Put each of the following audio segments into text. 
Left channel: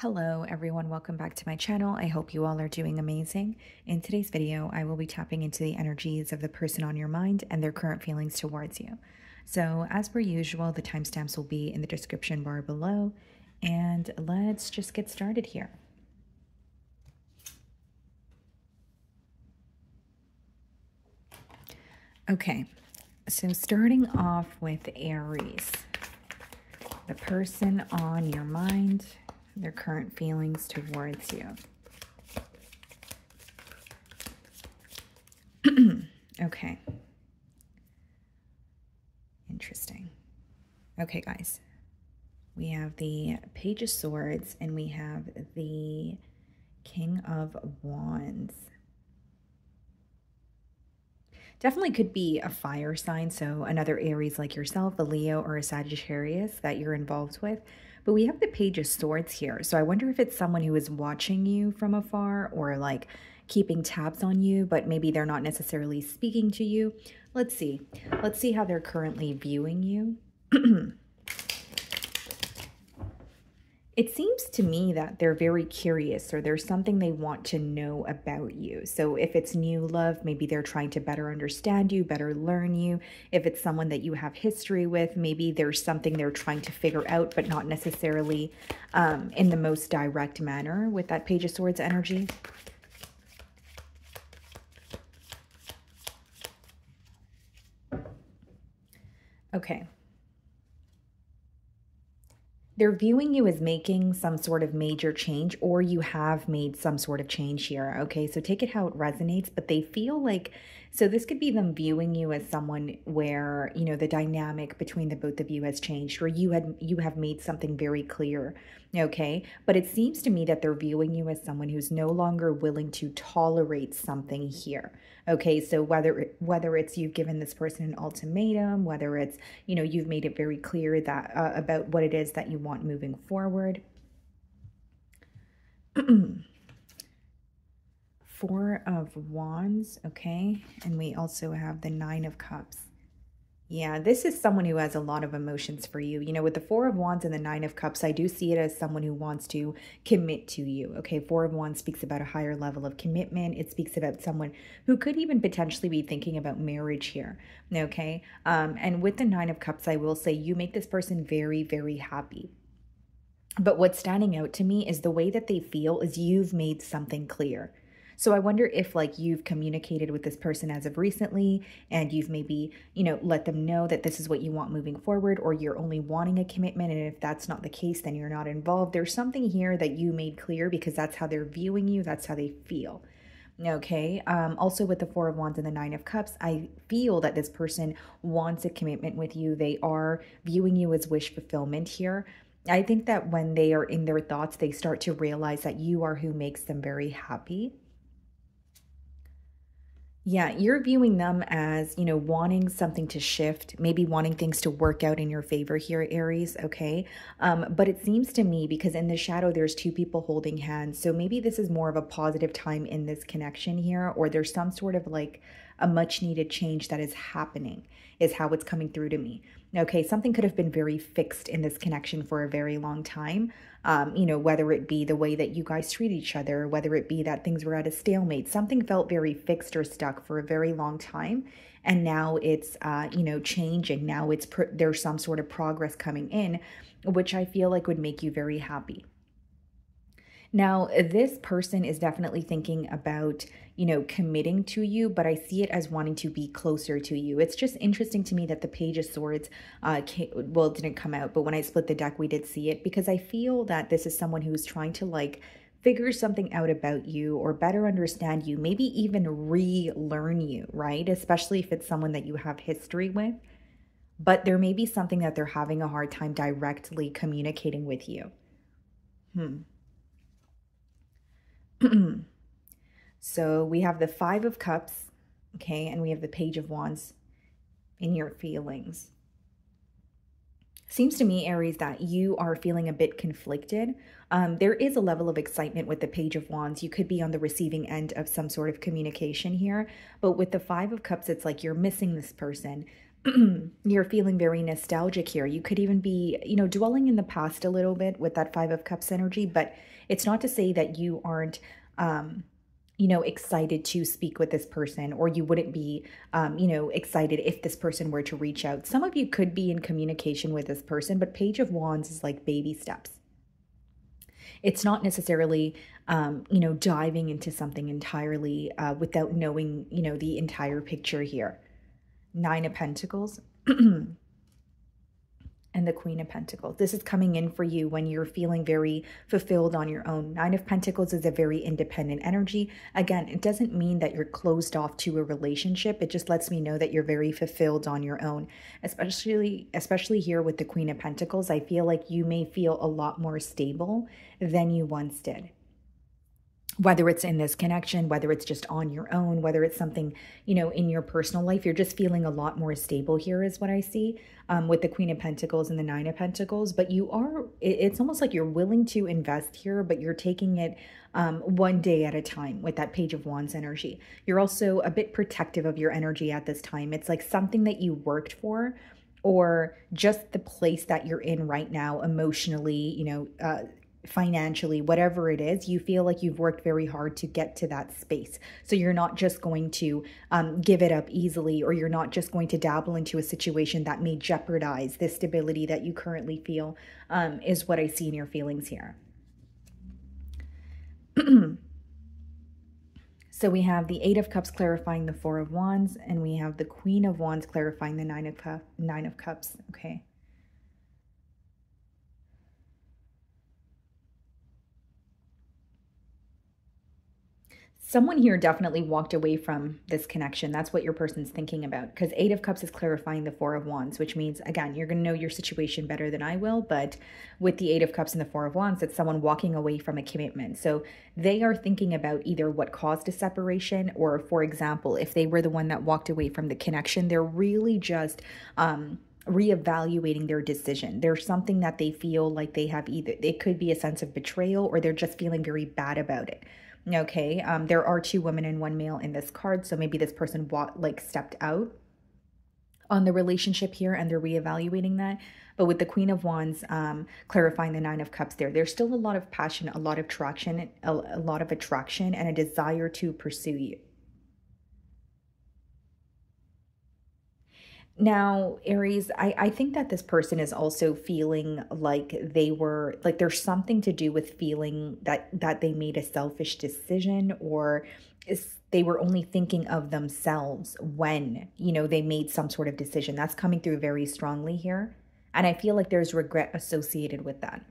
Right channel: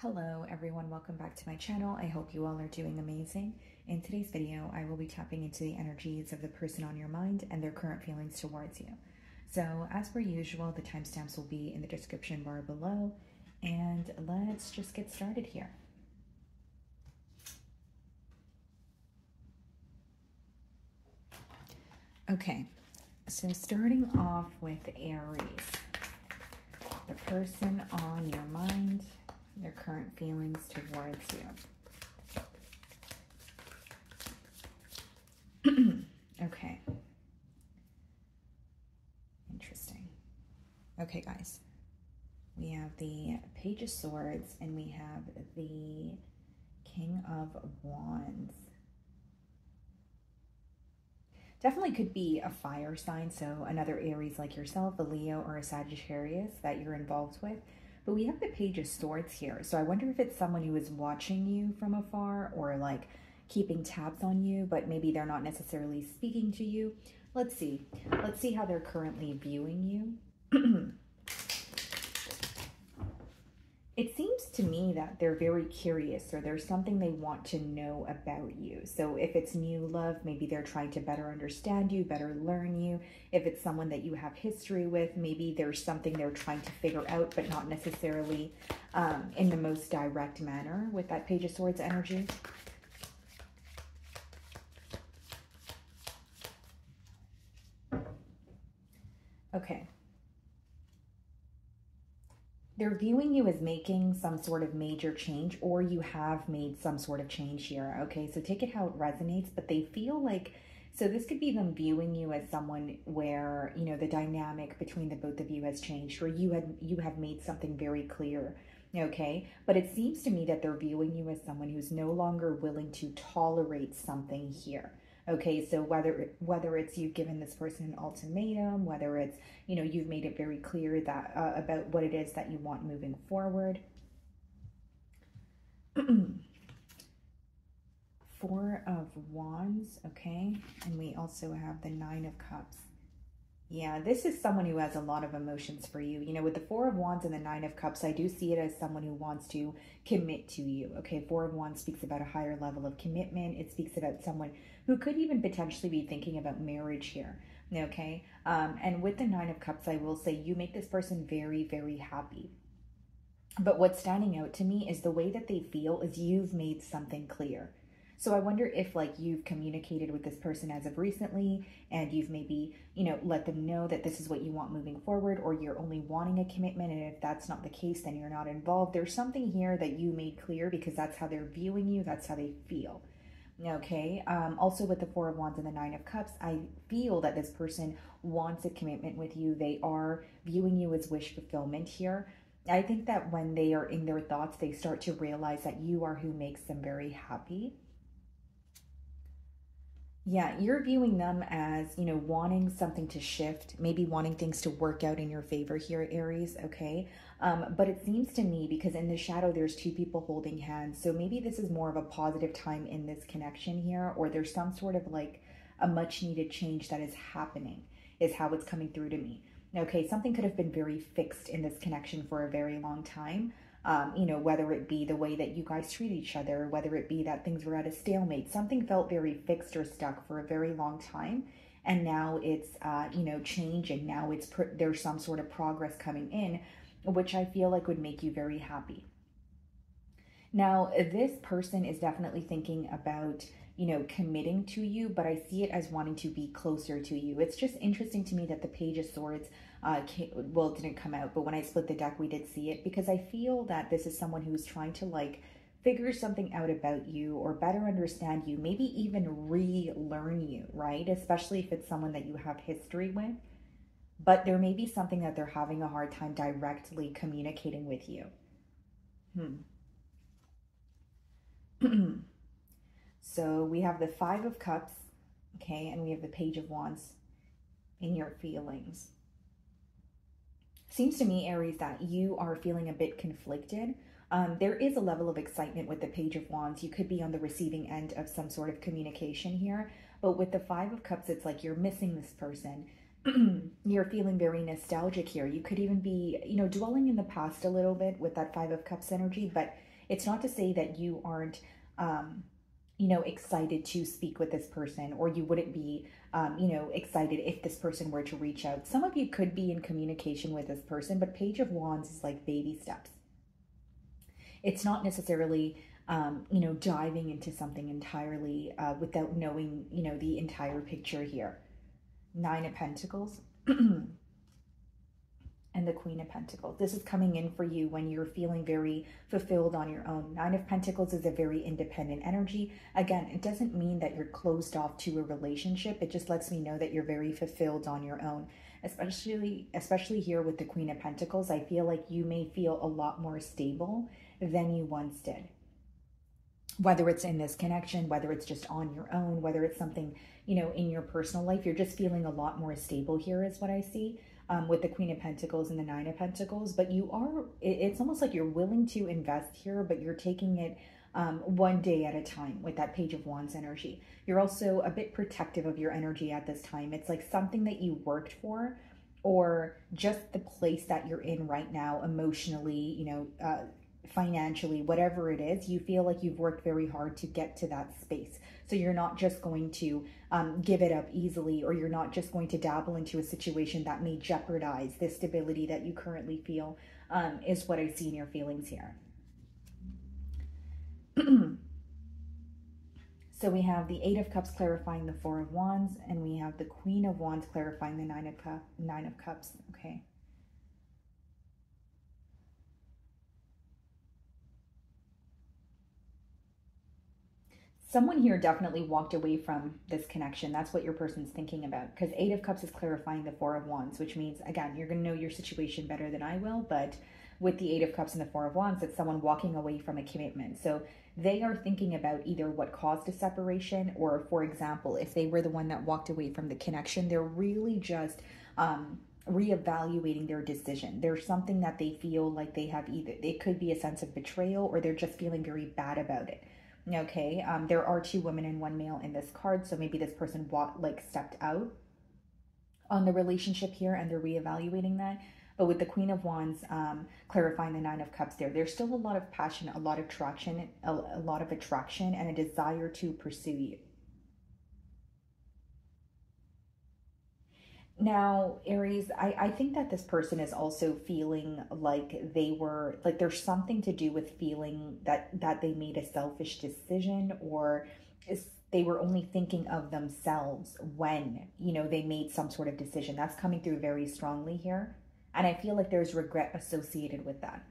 Hello everyone, welcome back to my channel. I hope you all are doing amazing. In today's video, I will be tapping into the energies of the person on your mind and their current feelings towards you. So as per usual, the timestamps will be in the description bar below, and let's just get started here. Okay, so starting off with Aries, the person on your mind, their current feelings towards you. Okay. Interesting. Okay, guys. We have the Page of Swords and we have the King of Wands. Definitely could be a fire sign, so another Aries like yourself, a Leo or a Sagittarius that you're involved with. But we have the Page of Swords here, so I wonder if it's someone who is watching you from afar or like keeping tabs on you, but maybe they're not necessarily speaking to you. Let's see. Let's see how they're currently viewing you. It seems to me that they're very curious, or there's something they want to know about you. So if it's new love, maybe they're trying to better understand you, better learn you. If it's someone that you have history with, maybe there's something they're trying to figure out, but not necessarily in the most direct manner with that Page of Swords energy. Okay. They're viewing you as making some sort of major change, or you have made some sort of change here. Okay, so take it how it resonates, but they feel like, so this could be them viewing you as someone where, you know, the dynamic between the both of you has changed, or you have made something very clear. Okay, but it seems to me that they're viewing you as someone who's no longer willing to tolerate something here. Okay, so whether it's you've given this person an ultimatum, whether it's, you know, you've made it very clear that about what it is that you want moving forward. Four of Wands, okay, and we also have the Nine of Cups. Yeah, this is someone who has a lot of emotions for you. You know, with the Four of Wands and the Nine of Cups, I do see it as someone who wants to commit to you. Okay, Four of Wands speaks about a higher level of commitment. It speaks about someone who could even potentially be thinking about marriage here. Okay, and with the Nine of Cups, I will say you make this person very, very happy. But what's standing out to me is the way that they feel is you've made something clear. So I wonder if like you've communicated with this person as of recently and you've maybe, you know, let them know that this is what you want moving forward, or you're only wanting a commitment. And if that's not the case, then you're not involved. There's something here that you made clear because that's how they're viewing you. That's how they feel. Okay. Also with the Four of Wands and the Nine of Cups, I feel that this person wants a commitment with you. They are viewing you as wish fulfillment here. I think that when they are in their thoughts, they start to realize that you are who makes them very happy. Yeah, you're viewing them as, you know, wanting something to shift, maybe wanting things to work out in your favor here, Aries, okay? But it seems to me, because in the shadow, there's two people holding hands. So maybe this is more of a positive time in this connection here, or there's some sort of like a much needed change that is happening, is how it's coming through to me. Okay, something could have been very fixed in this connection for a very long time. You know, whether it be the way that you guys treat each other, whether it be that things were at a stalemate, something felt very fixed or stuck for a very long time. And now it's, you know, changing. Now it's there's some sort of progress coming in, which I feel like would make you very happy. Now, this person is definitely thinking about, you know, committing to you, but I see it as wanting to be closer to you. It's just interesting to me that the Page of Swords, well, it didn't come out, but when I split the deck, we did see it, because I feel that this is someone who's trying to like figure something out about you or better understand you, maybe even relearn you, right? Especially if it's someone that you have history with. But there may be something that they're having a hard time directly communicating with you. So we have the Five of Cups, okay, and we have the Page of Wands in your feelings. Seems to me, Aries, that you are feeling a bit conflicted. There is a level of excitement with the Page of Wands. You could be on the receiving end of some sort of communication here, but with the Five of Cups, it's like you're missing this person. You're feeling very nostalgic here. You could even be, dwelling in the past a little bit with that Five of Cups energy, but it's not to say that you aren't, excited to speak with this person, or you wouldn't be, excited if this person were to reach out. Some of you could be in communication with this person, but Page of Wands is like baby steps. It's not necessarily, diving into something entirely without knowing, the entire picture here. Nine of Pentacles and the Queen of Pentacles. This is coming in for you when you're feeling very fulfilled on your own. Nine of Pentacles is a very independent energy. Again, it doesn't mean that you're closed off to a relationship. It just lets me know that you're very fulfilled on your own. Especially here with the Queen of Pentacles, I feel like you may feel a lot more stable than you once did. Whether it's in this connection, whether it's just on your own, whether it's something, in your personal life, you're just feeling a lot more stable here is what I see with the Queen of Pentacles and the Nine of Pentacles. But it's almost like you're willing to invest here, but you're taking it one day at a time with that Page of Wands energy. You're also a bit protective of your energy at this time. It's like something that you worked for, or just the place that you're in right now emotionally, financially, whatever it is, you feel like you've worked very hard to get to that space. So you're not just going to give it up easily, or you're not just going to dabble into a situation that may jeopardize the stability that you currently feel, is what I see in your feelings here. So we have the Eight of Cups clarifying the Four of Wands, and we have the Queen of Wands clarifying the Nine of Cups. Okay. Someone here definitely walked away from this connection. That's what your person's thinking about, because Eight of Cups is clarifying the Four of Wands, which means, again, you're going to know your situation better than I will, but with the Eight of Cups and the Four of Wands, it's someone walking away from a commitment. So they are thinking about either what caused a separation, or, for example, if they were the one that walked away from the connection, they're really just reevaluating their decision. There's something that they feel like they have, either it could be a sense of betrayal, or they're just feeling very bad about it. Okay, there are two women and one male in this card, so maybe this person stepped out on the relationship here, and they're reevaluating that. But with the Queen of Wands clarifying the Nine of Cups, there's still a lot of passion, a lot of traction, a lot of attraction, and a desire to pursue you. Now, Aries, I think that this person is also feeling like there's something to do with feeling that they made a selfish decision, or they were only thinking of themselves when, they made some sort of decision. That's coming through very strongly here. And I feel like there's regret associated with that.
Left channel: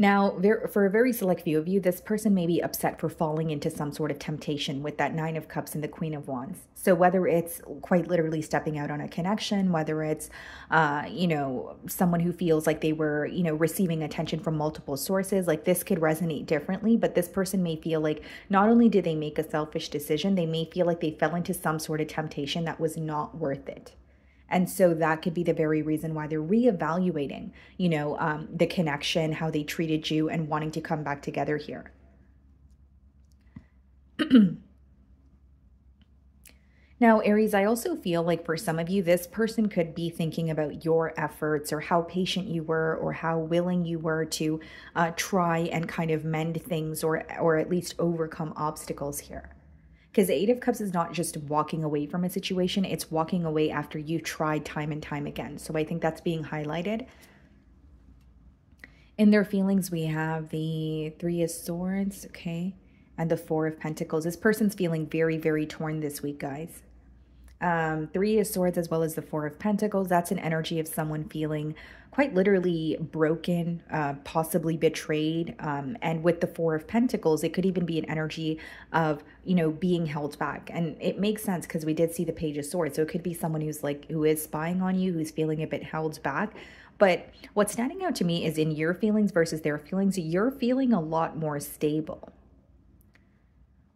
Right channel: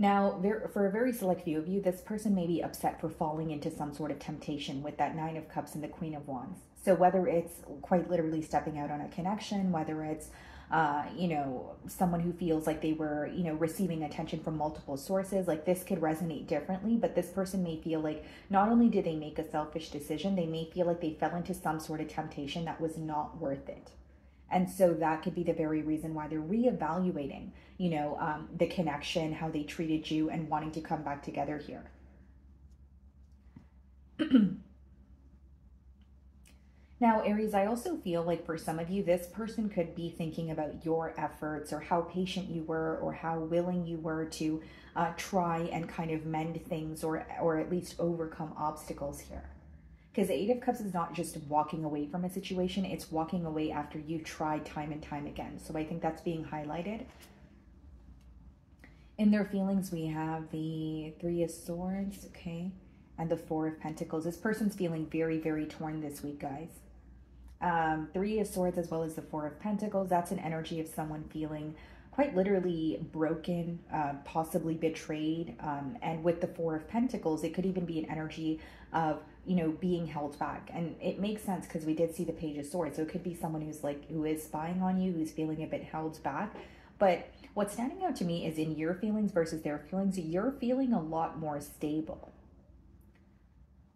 Now, for a very select few of you, this person may be upset for falling into some sort of temptation with that Nine of Cups and the Queen of Wands. So whether it's quite literally stepping out on a connection, whether it's, someone who feels like they were, receiving attention from multiple sources, like this could resonate differently, but this person may feel like not only did they make a selfish decision, they may feel like they fell into some sort of temptation that was not worth it. And so that could be the very reason why they're reevaluating, the connection, how they treated you, and wanting to come back together here. Now, Aries, I also feel like for some of you, this person could be thinking about your efforts, or how patient you were, or how willing you were to try and kind of mend things, or at least overcome obstacles here. Because the Eight of Cups is not just walking away from a situation, it's walking away after you've tried time and time again. So I think that's being highlighted. In their feelings, we have the Three of Swords, okay, and the Four of Pentacles. This person's feeling very, very torn this week, guys. Three of Swords as well as the Four of Pentacles, that's an energy of someone feeling quite literally broken, possibly betrayed. And with the Four of Pentacles, it could even be an energy of, being held back. And it makes sense because we did see the Page of Swords. So it could be someone who is spying on you, who's feeling a bit held back. But what's standing out to me is in your feelings versus their feelings, you're feeling a lot more stable.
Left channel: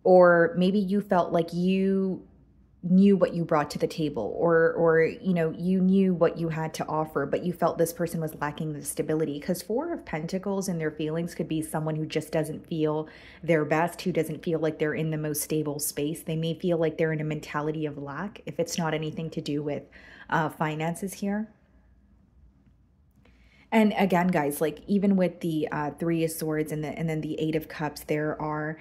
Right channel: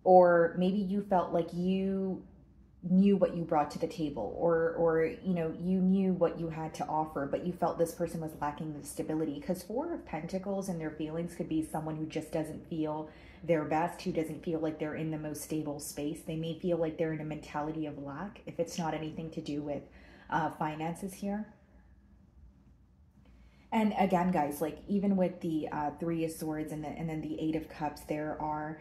Or maybe you felt like you knew what you brought to the table, or you know, you knew what you had to offer, but you felt this person was lacking the stability. Because Four of Pentacles and their feelings could be someone who just doesn't feel their best, who doesn't feel like they're in the most stable space. They may feel like they're in a mentality of lack if it's not anything to do with finances here. And again, guys, like even with the Three of Swords and then the Eight of Cups, there are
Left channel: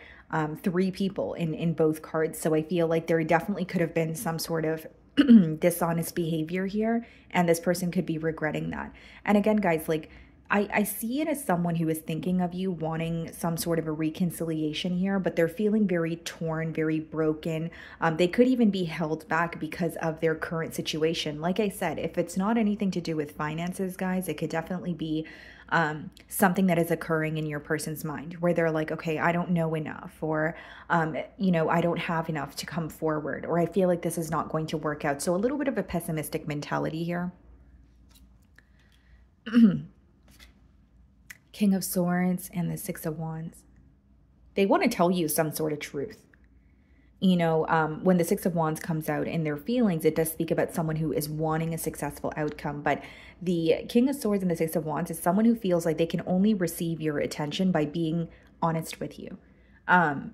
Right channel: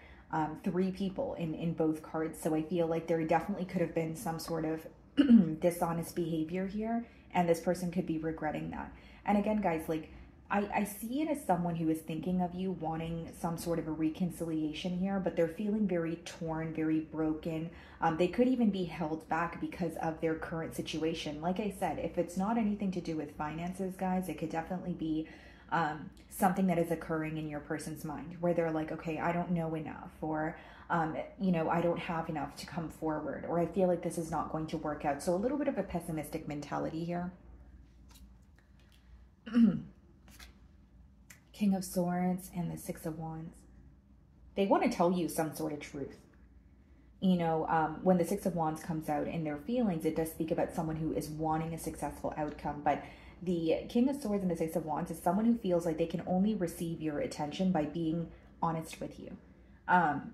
three people in both cards. So I feel like there definitely could have been some sort of dishonest behavior here, and this person could be regretting that. And again, guys, like I see it as someone who is thinking of you, wanting some sort of a reconciliation here, but they're feeling very torn, very broken. They could even be held back because of their current situation. Like I said, if it's not anything to do with finances, guys, it could definitely be something that is occurring in your person's mind where they're like, okay, I don't know enough, or, you know, I don't have enough to come forward, or I feel like this is not going to work out. So a little bit of a pessimistic mentality here. King of Swords and the Six of Wands. They want to tell you some sort of truth. You know, when the Six of Wands comes out in their feelings, it does speak about someone who is wanting a successful outcome. But the King of Swords and the Six of Wands is someone who feels like they can only receive your attention by being honest with you.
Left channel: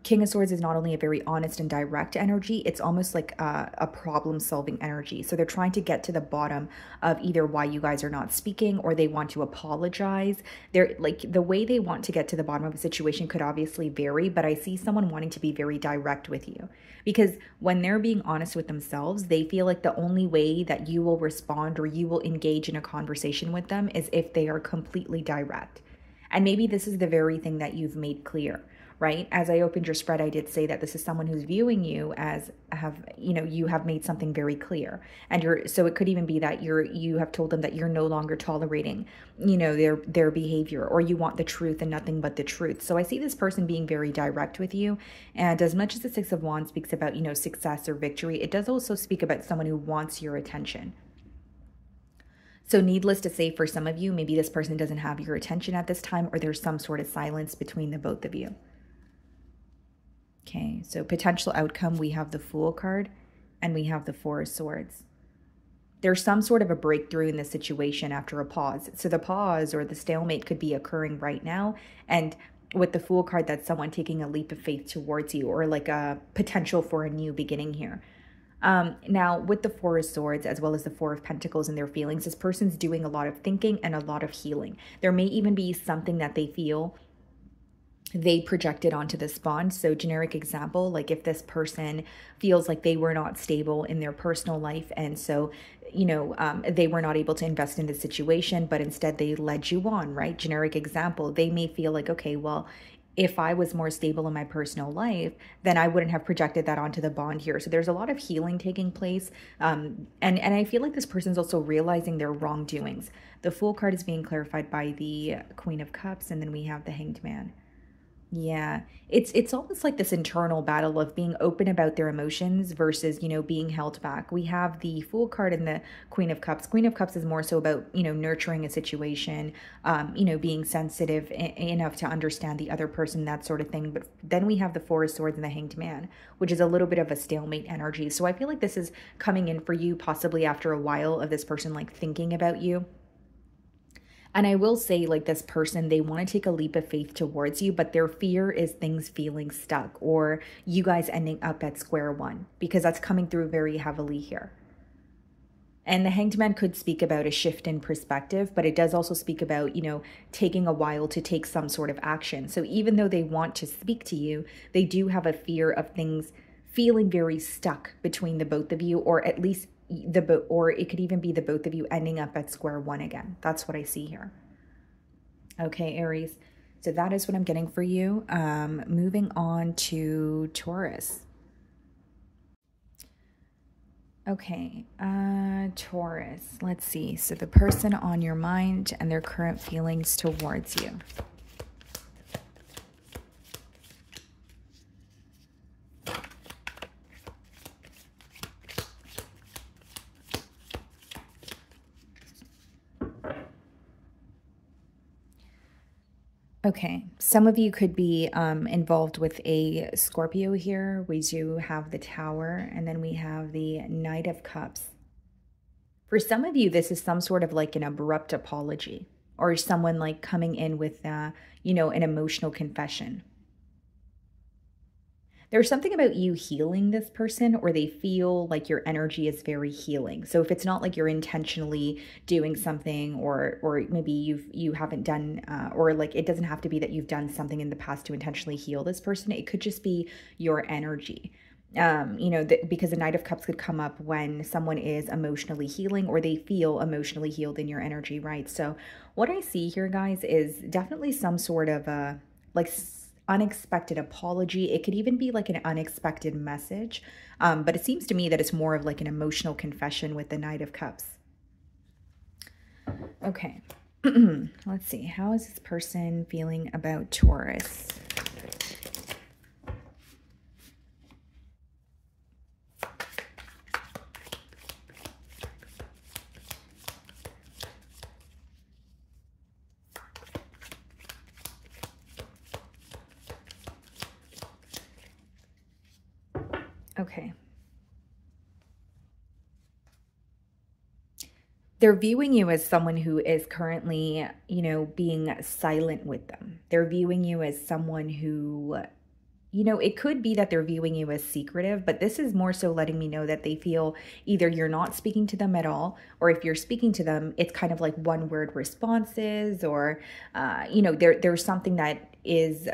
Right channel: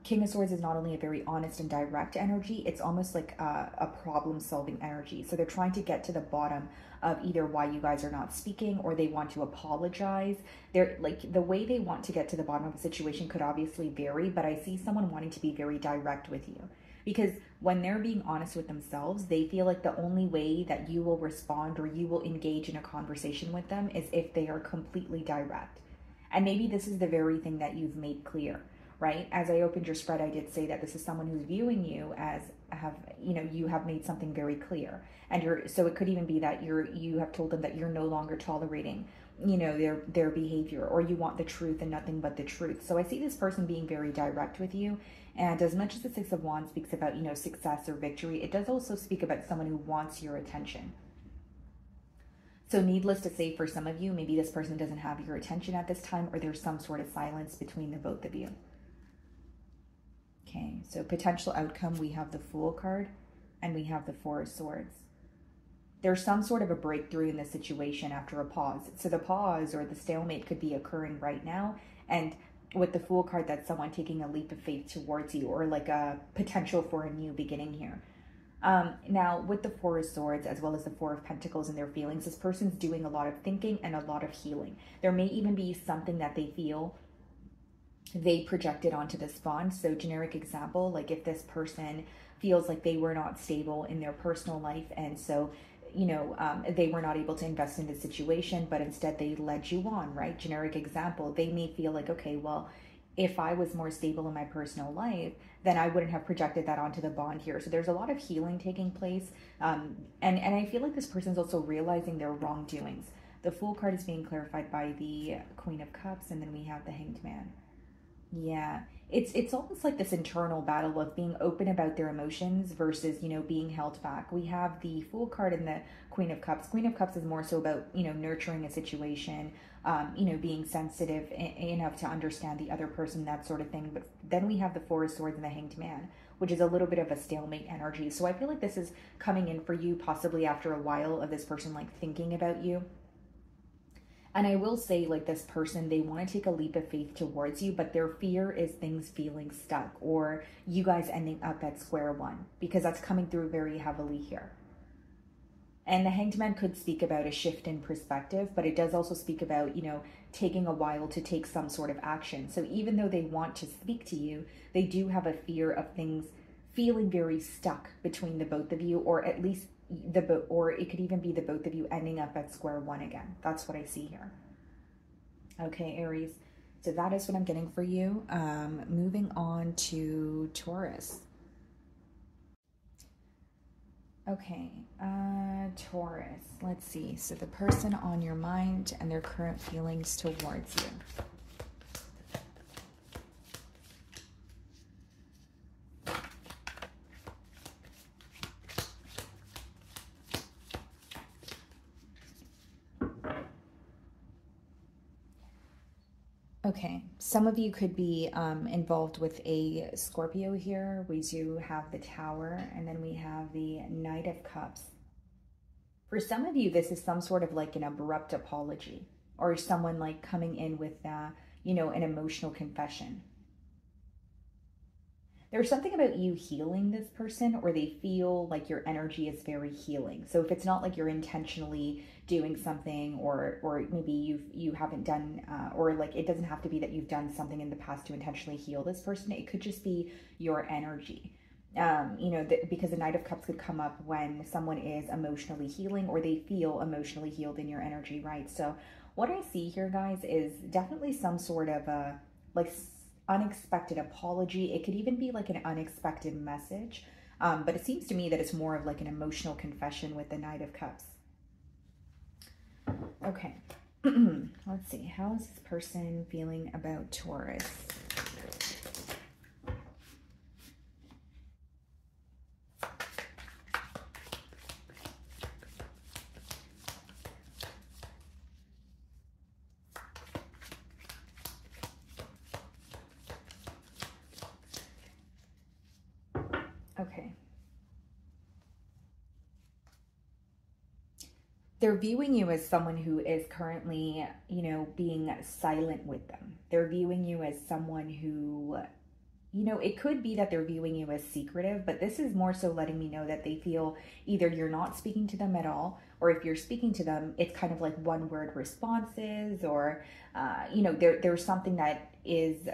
King of Swords is not only a very honest and direct energy, it's almost like a problem-solving energy. So they're trying to get to the bottom of either why you guys are not speaking, or they want to apologize. They're like, the way they want to get to the bottom of a situation could obviously vary, but I see someone wanting to be very direct with you. Because when they're being honest with themselves, they feel like the only way that you will respond or you will engage in a conversation with them is if they are completely direct. And maybe this is the very thing that you've made clear. Right? As I opened your spread, I did say that this is someone who's viewing you as you have made something very clear. And so it could even be that you have told them that you're no longer tolerating, you know, their behavior, or you want the truth and nothing but the truth. So I see this person being very direct with you. And as much as the Six of Wands speaks about, you know, success or victory, it does also speak about someone who wants your attention. So needless to say, for some of you, maybe this person doesn't have your attention at this time, or there's some sort of silence between the both of you. Okay, so potential outcome, we have the Fool card and we have the Four of Swords. There's some sort of a breakthrough in the situation after a pause. So the pause or the stalemate could be occurring right now. And with the Fool card, that's someone taking a leap of faith towards you, or like a potential for a new beginning here. Now, with the Four of Swords, as well as the Four of Pentacles and their feelings, this person's doing a lot of thinking and a lot of healing. There may even be something that they feel they projected onto this bond. So generic example, like if this person feels like they were not stable in their personal life, and so, you know, they were not able to invest in the situation, but instead they led you on, right? Generic example, they may feel like, okay, well, if I was more stable in my personal life, then I wouldn't have projected that onto the bond here. So there's a lot of healing taking place. And I feel like this person's also realizing their wrongdoings. The Fool card is being clarified by the Queen of Cups, and then we have the Hanged Man. Yeah, it's almost like this internal battle of being open about their emotions versus, you know, being held back. We have the Fool card and the Queen of Cups. Queen of Cups is more so about, you know, nurturing a situation, you know, being sensitive enough to understand the other person, that sort of thing. But then we have the Four of Swords and the Hanged Man, which is a little bit of a stalemate energy. So I feel like this is coming in for you possibly after a while of this person like thinking about you. And I will say, like, this person, they want to take a leap of faith towards you, but their fear is things feeling stuck, or you guys ending up at square one, because that's coming through very heavily here. And the Hanged Man could speak about a shift in perspective, but it does also speak about, you know, taking a while to take some sort of action. So even though they want to speak to you, they do have a fear of things feeling very stuck between the both of you, or at least or it could even be the both of you ending up at square one again. That's what I see here. Okay, Aries. So that is what I'm getting for you. Moving on to Taurus. Okay, Taurus. Let's see. So the person on your mind and their current feelings towards you. Okay, some of you could be involved with a Scorpio here. We do have the Tower, and then we have the Knight of Cups. For some of you, this is some sort of like an abrupt apology, or someone like coming in with, you know, an emotional confession. There's something about you healing this person, or they feel like your energy is very healing. So if it's not like you're intentionally doing something, or maybe you haven't done, or like it doesn't have to be that you've done something in the past to intentionally heal this person. It could just be your energy. You know, because the Knight of Cups could come up when someone is emotionally healing, or they feel emotionally healed in your energy, right? So what I see here, guys, is definitely some sort of like unexpected apology. It could even be like an unexpected message, but it seems to me that it's more of like an emotional confession with the Knight of Cups. Okay, let's see. How is this person feeling about Taurus? Okay. They're viewing you as someone who is currently, you know, being silent with them. They're viewing you as someone who, you know, it could be that they're viewing you as secretive, but this is more so letting me know that they feel either you're not speaking to them at all, or if you're speaking to them, it's kind of like one-word responses, or, you know, there's something that is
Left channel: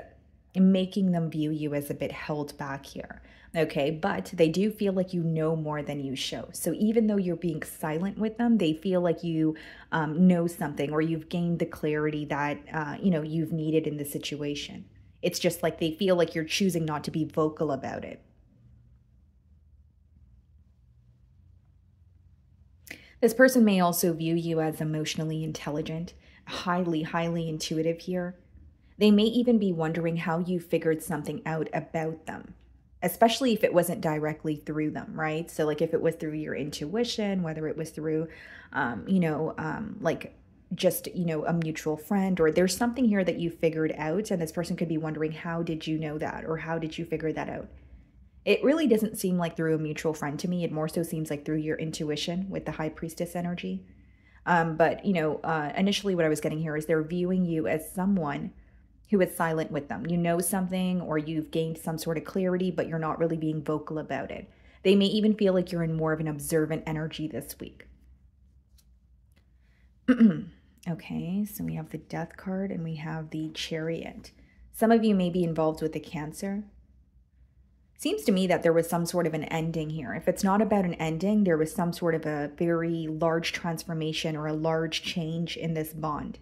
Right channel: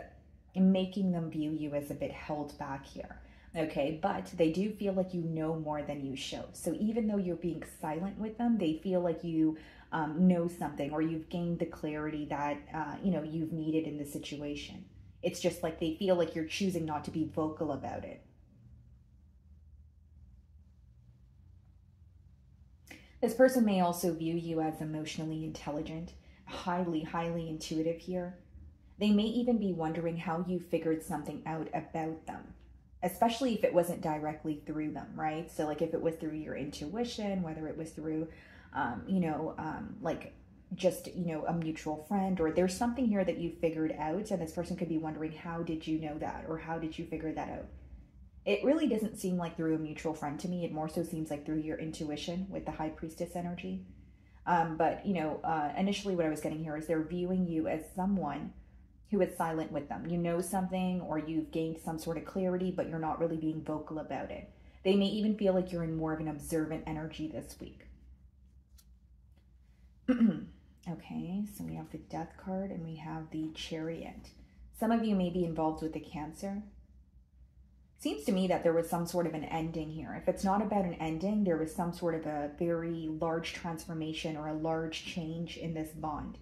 making them view you as a bit held back here. Okay, but they do feel like you know more than you show. So even though you're being silent with them, they feel like you know something, or you've gained the clarity that, you know, you've needed in the situation. It's just like they feel like you're choosing not to be vocal about it. This person may also view you as emotionally intelligent, highly intuitive here. They may even be wondering how you figured something out about them, especially if it wasn't directly through them, right? So like if it was through your intuition, whether it was through, you know, like just, you know, a mutual friend, or there's something here that you figured out, and this person could be wondering, how did you know that? Or how did you figure that out? It really doesn't seem like through a mutual friend to me. It more so seems like through your intuition with the High Priestess energy. But, you know, initially what I was getting here is they're viewing you as someone who is silent with them. You know something, or you've gained some sort of clarity, but you're not really being vocal about it. They may even feel like you're in more of an observant energy this week. Okay, so we have the Death card and we have the Chariot. Some of you may be involved with the Cancer. Seems to me that there was some sort of an ending here. If it's not about an ending, there was some sort of a very large transformation or a large change in this bond.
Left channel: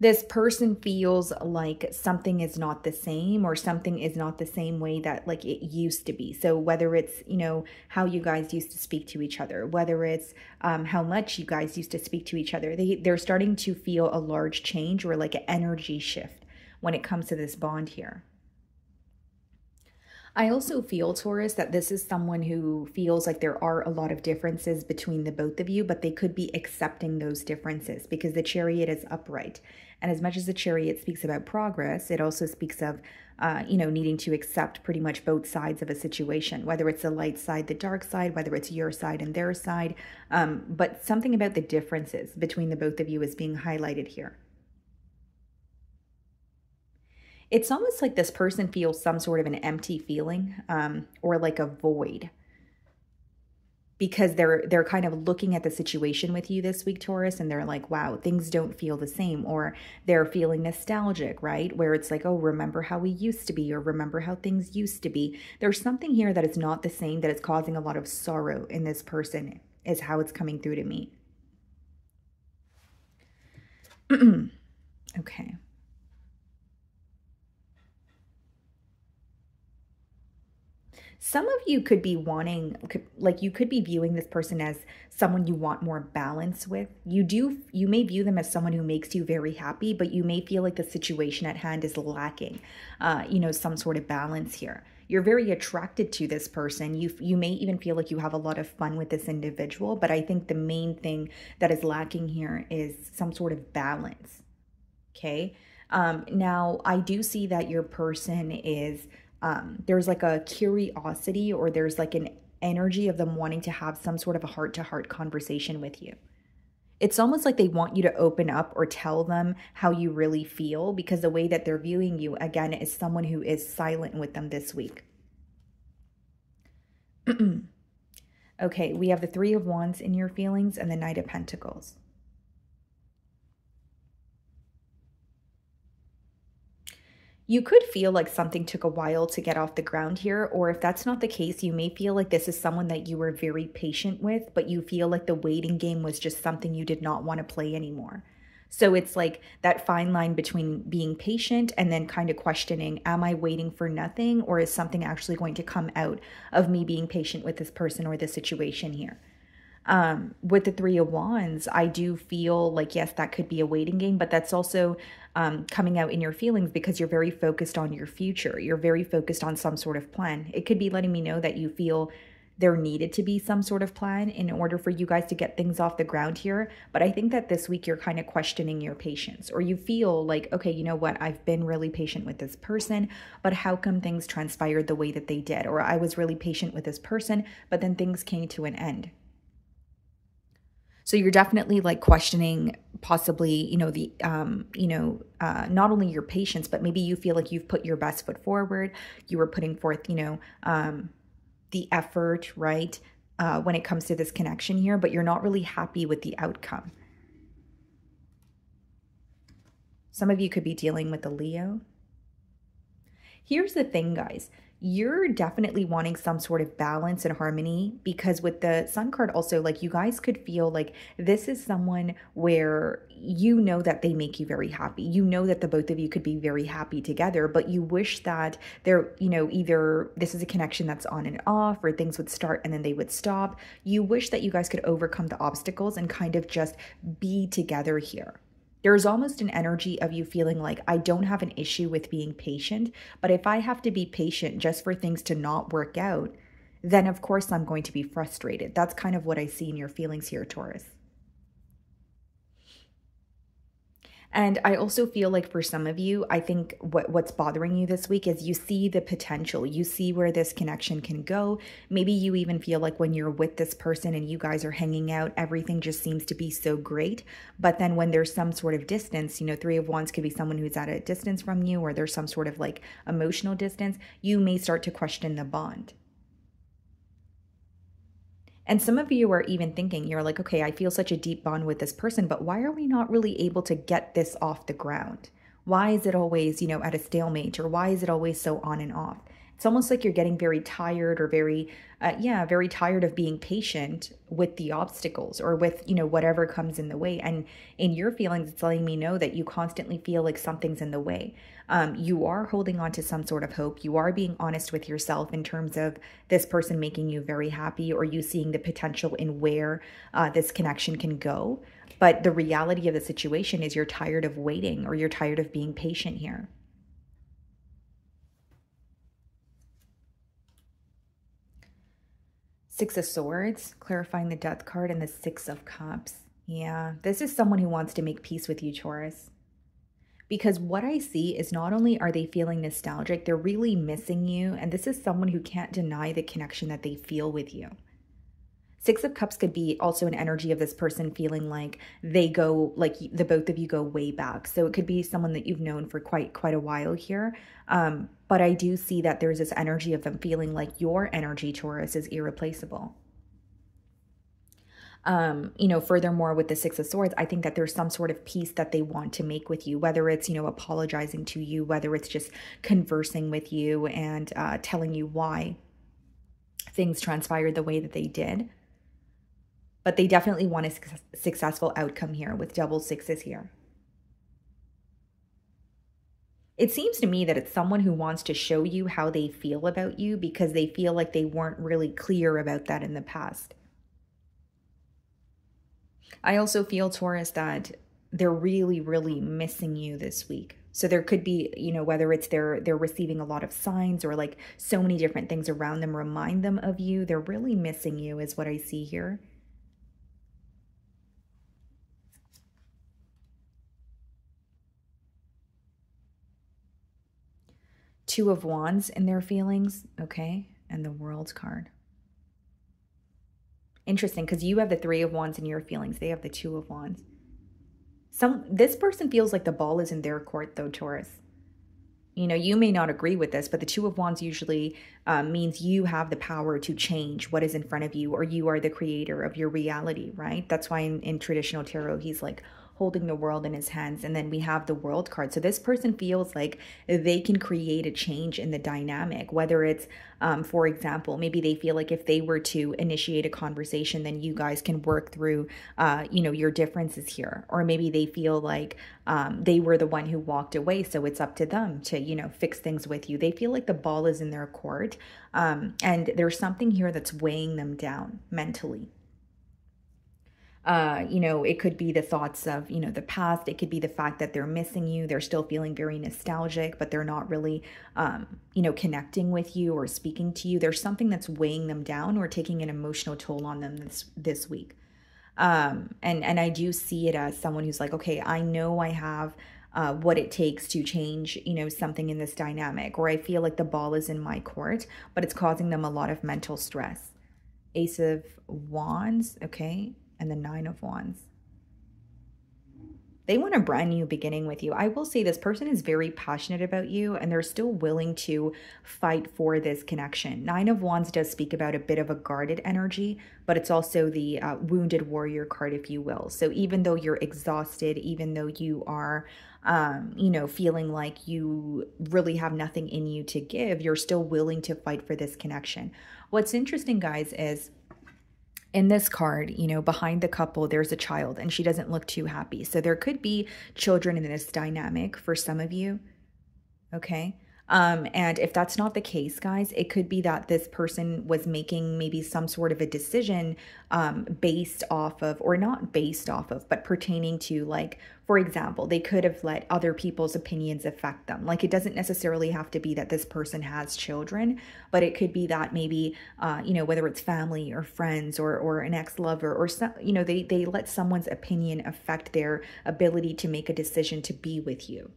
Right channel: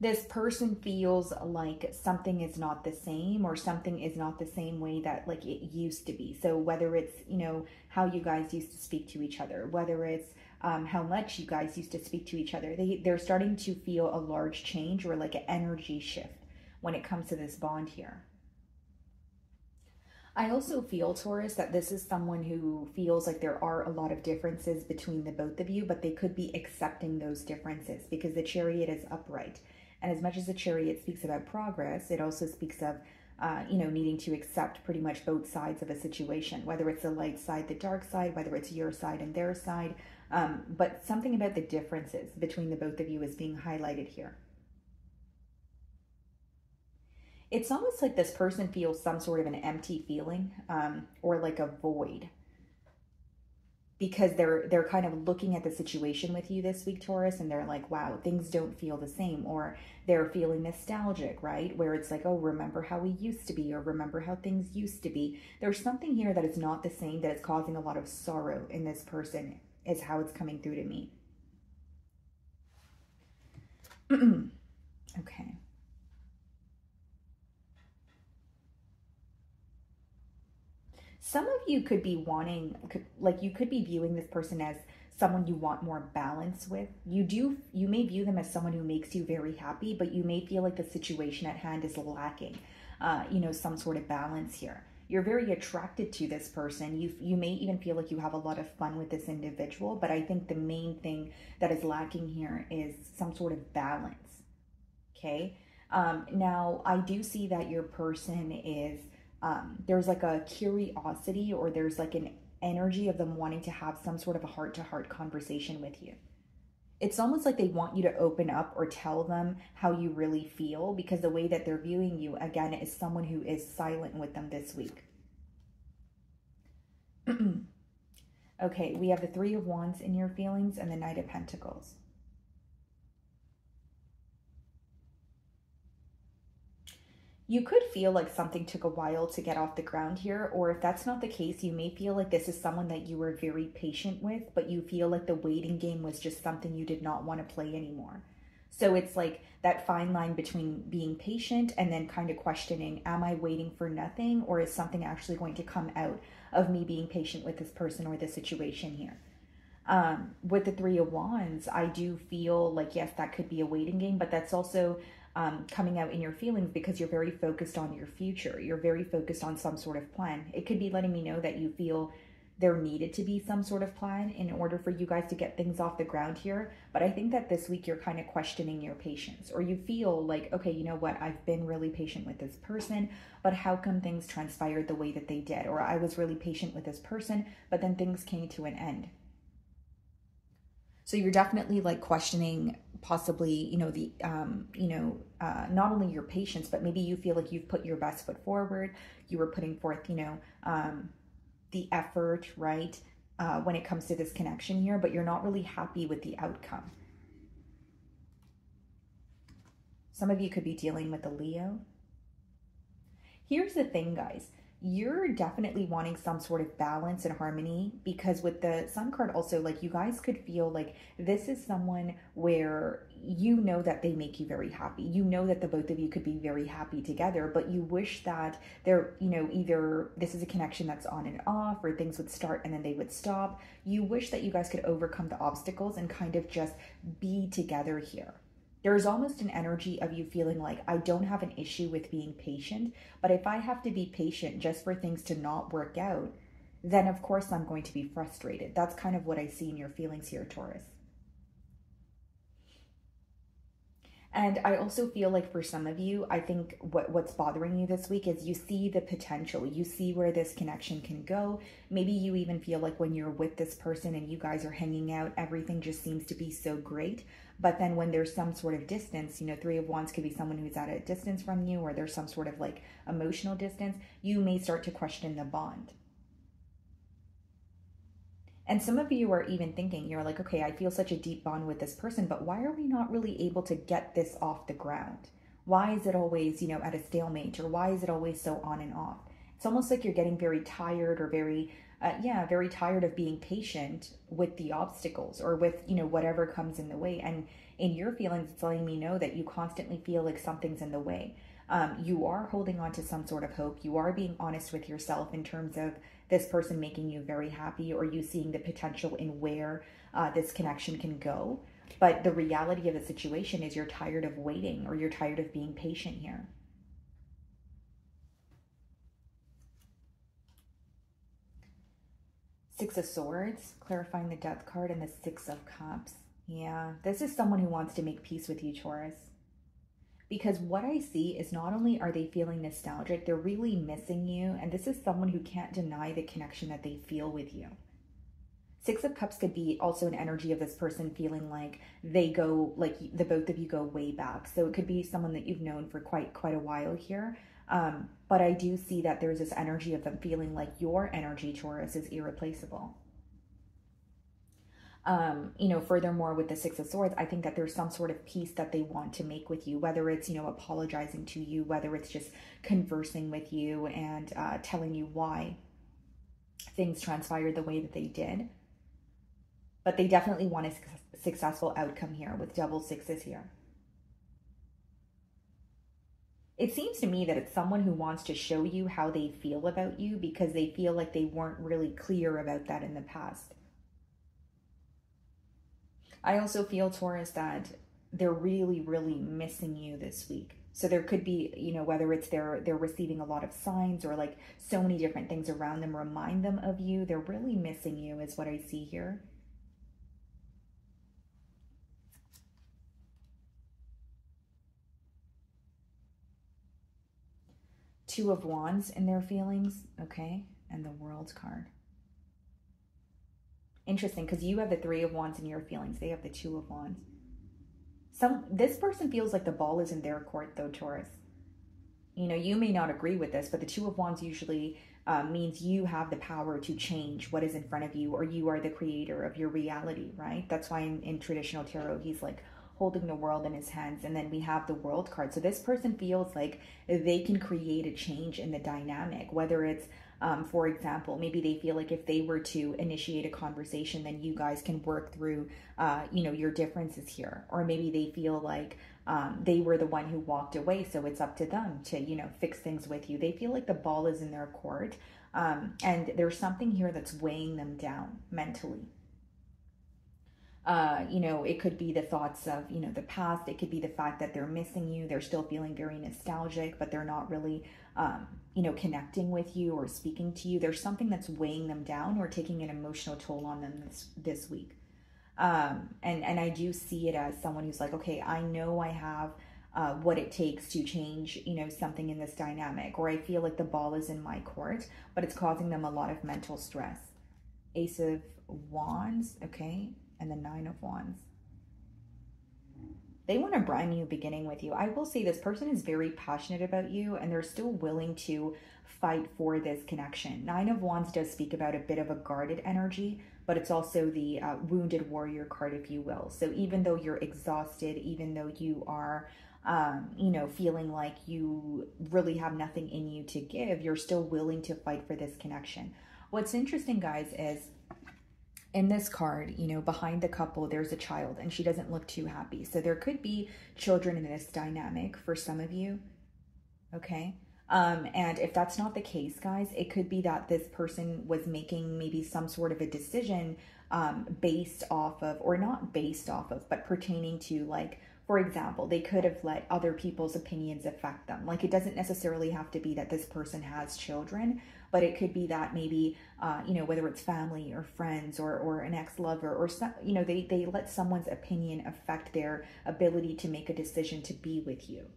This person feels like something is not the same, or something is not the same way that like it used to be. So whether it's, you know, how you guys used to speak to each other, whether it's how much you guys used to speak to each other, they're starting to feel a large change, or like an energy shift when it comes to this bond here. I also feel, Taurus, that this is someone who feels like there are a lot of differences between the both of you, but they could be accepting those differences because the Chariot is upright. And as much as the Chariot speaks about progress, it also speaks of, you know, needing to accept pretty much both sides of a situation, whether it's the light side, the dark side, whether it's your side and their side. But something about the differences between the both of you is being highlighted here. It's almost like this person feels some sort of an empty feeling, or like a void, because they're kind of looking at the situation with you this week, Taurus, and they're like, wow, things don't feel the same, or they're feeling nostalgic, right? Where it's like, oh, remember how we used to be, or remember how things used to be. There's something here that is not the same, that is causing a lot of sorrow in this person, is how it's coming through to me. Okay. Some of you could be wanting, like you could be viewing this person as someone you want more balance with. You may view them as someone who makes you very happy, but you may feel like the situation at hand is lacking, you know, some sort of balance here. You're very attracted to this person. You may even feel like you have a lot of fun with this individual, but I think the main thing that is lacking here is some sort of balance. Okay. Now I do see that your person is, there's like a curiosity, or there's like an energy of them wanting to have some sort of a heart-to-heart conversation with you. It's almost like they want you to open up or tell them how you really feel, because the way that they're viewing you, again, is someone who is silent with them this week. Okay, we have the Three of Wands in your feelings and the Knight of Pentacles. You could feel like something took a while to get off the ground here, or if that's not the case, you may feel like this is someone that you were very patient with, but you feel like the waiting game was just something you did not want to play anymore. So it's like that fine line between being patient and then kind of questioning, am I waiting for nothing, or is something actually going to come out of me being patient with this person or this situation here? With the Three of Wands, I do feel like, yes, that could be a waiting game, but that's also coming out in your feelings because you're very focused on your future. You're very focused on some sort of plan. It could be letting me know that you feel there needed to be some sort of plan in order for you guys to get things off the ground here. But I think that this week you're kind of questioning your patience, or you feel like, okay, you know what? I've been really patient with this person, but how come things transpired the way that they did? Or I was really patient with this person, but then things came to an end. So you're definitely like questioning possibly, you know, the, not only your patience, but maybe you feel like you've put your best foot forward. You were putting forth, the effort, right? When it comes to this connection here, but you're not really happy with the outcome. Some of you could be dealing with a Leo. Here's the thing, guys. You're definitely wanting some sort of balance and harmony, because with the Sun card also, like, you guys could feel like this is someone where you know that they make you very happy. You know that the both of you could be very happy together, but you wish that they're, either this is a connection that's on and off, or things would start and then they would stop. You wish that you guys could overcome the obstacles and kind of just be together here. There's almost an energy of you feeling like, I don't have an issue with being patient, but if I have to be patient just for things to not work out, then of course I'm going to be frustrated. That's kind of what I see in your feelings here, Taurus. And I also feel like for some of you, I think what's bothering you this week is you see the potential. You see where this connection can go. Maybe you even feel like when you're with this person and you guys are hanging out, everything just seems to be so great. But then when there's some sort of distance, Three of Wands could be someone who's at a distance from you, or there's some sort of like emotional distance, you may start to question the bond. And some of you are even thinking, you're like, okay, I feel such a deep bond with this person, but why are we not really able to get this off the ground? Why is it always, at a stalemate, or why is it always so on and off? It's almost like you're getting very tired, or very tired of being patient with the obstacles, or with, whatever comes in the way. And in your feelings, it's letting me know that you constantly feel like something's in the way. You are holding on to some sort of hope. You are being honest with yourself in terms of this person making you very happy, or you seeing the potential in where this connection can go. But the reality of the situation is you're tired of waiting, or you're tired of being patient here. Six of Swords, clarifying the Death card, and the Six of Cups. Yeah, this is someone who wants to make peace with you, Taurus. Because what I see is not only are they feeling nostalgic, they're really missing you. And this is someone who can't deny the connection that they feel with you. Six of Cups could be also an energy of this person feeling like they go, like the both of you go way back. So it could be someone that you've known for quite a while here. But I do see that there's this energy of them feeling like your energy, Taurus, is irreplaceable. Furthermore, with the Six of Swords, I think that there's some sort of peace that they want to make with you, whether it's, apologizing to you, whether it's just conversing with you and telling you why things transpired the way that they did. But they definitely want a successful outcome here with double sixes here. It seems to me that it's someone who wants to show you how they feel about you, because they feel like they weren't really clear about that in the past. I also feel, Taurus, that they're really, really missing you this week. So there could be, whether it's they're receiving a lot of signs, or like so many different things around them remind them of you. They're really missing you is what I see here. Two of Wands in their feelings, okay? And the World card. Interesting, because you have the Three of Wands in your feelings. They have the Two of Wands. This person feels like the ball is in their court, though, Taurus. You know, you may not agree with this, but the Two of Wands usually means you have the power to change what is in front of you, or you are the creator of your reality, right? That's why in traditional tarot, he's like holding the world in his hands. And then we have the World card. So this person feels like they can create a change in the dynamic, whether it's, for example, maybe they feel like if they were to initiate a conversation, then you guys can work through, you know, your differences here. Or maybe they feel like they were the one who walked away, so it's up to them to, you know, fix things with you. They feel like the ball is in their court. And there's something here that's weighing them down mentally. You know, it could be the thoughts of, you know, the past. It could be the fact that they're missing you. They're still feeling very nostalgic, but they're not really, you know, connecting with you or speaking to you. There's something that's weighing them down or taking an emotional toll on them this week. And I do see it as someone who's like, okay, I know I have what it takes to change, you know, something in this dynamic, or I feel like the ball is in my court, but it's causing them a lot of mental stress. Ace of Wands, okay, and the Nine of Wands. They want a brand new beginning with you. I will say this person is very passionate about you, and they're still willing to fight for this connection. Nine of Wands does speak about a bit of a guarded energy, but it's also the wounded warrior card, if you will. So even though you're exhausted, even though you are, you know, feeling like you really have nothing in you to give, you're still willing to fight for this connection. What's interesting, guys, is in this card, you know, behind the couple, there's a child, and she doesn't look too happy. So there could be children in this dynamic for some of you, okay? And if that's not the case, guys, it could be that this person was making maybe some sort of a decision based off of, or not based off of, but pertaining to, like, for example, they could have let other people's opinions affect them. Like, it doesn't necessarily have to be that this person has children, but it could be that maybe, you know, whether it's family or friends or an ex-lover or some, you know, they let someone's opinion affect their ability to make a decision to be with you.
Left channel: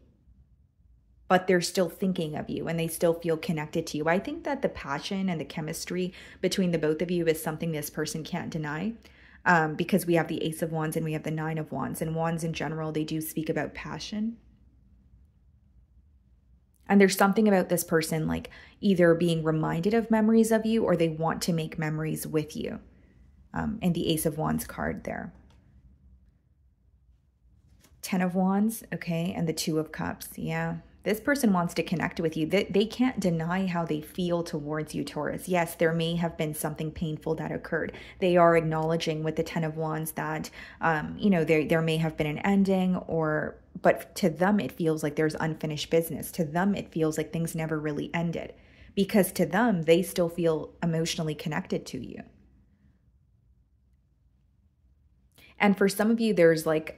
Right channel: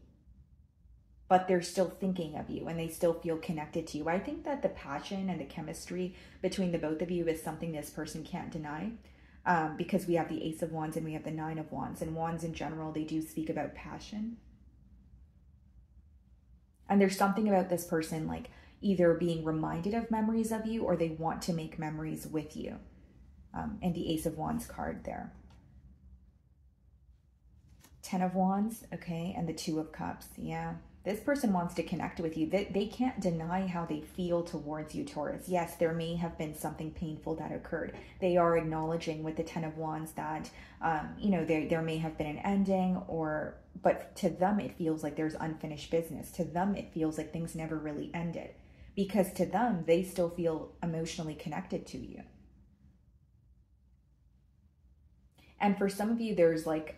But they're still thinking of you and they still feel connected to you. I think that the passion and the chemistry between the both of you is something this person can't deny, because we have the Ace of Wands and we have the Nine of Wands. And wands in general, they do speak about passion. And there's something about this person, like either being reminded of memories of you, or they want to make memories with you. And the Ace of Wands card there. Ten of Wands, okay, and the Two of Cups, yeah. This person wants to connect with you. They can't deny how they feel towards you, Taurus. Yes, there may have been something painful that occurred. They are acknowledging with the Ten of Wands that, you know, there may have been an ending, but to them, it feels like there's unfinished business. To them, it feels like things never really ended, because to them, they still feel emotionally connected to you. And for some of you, there's like,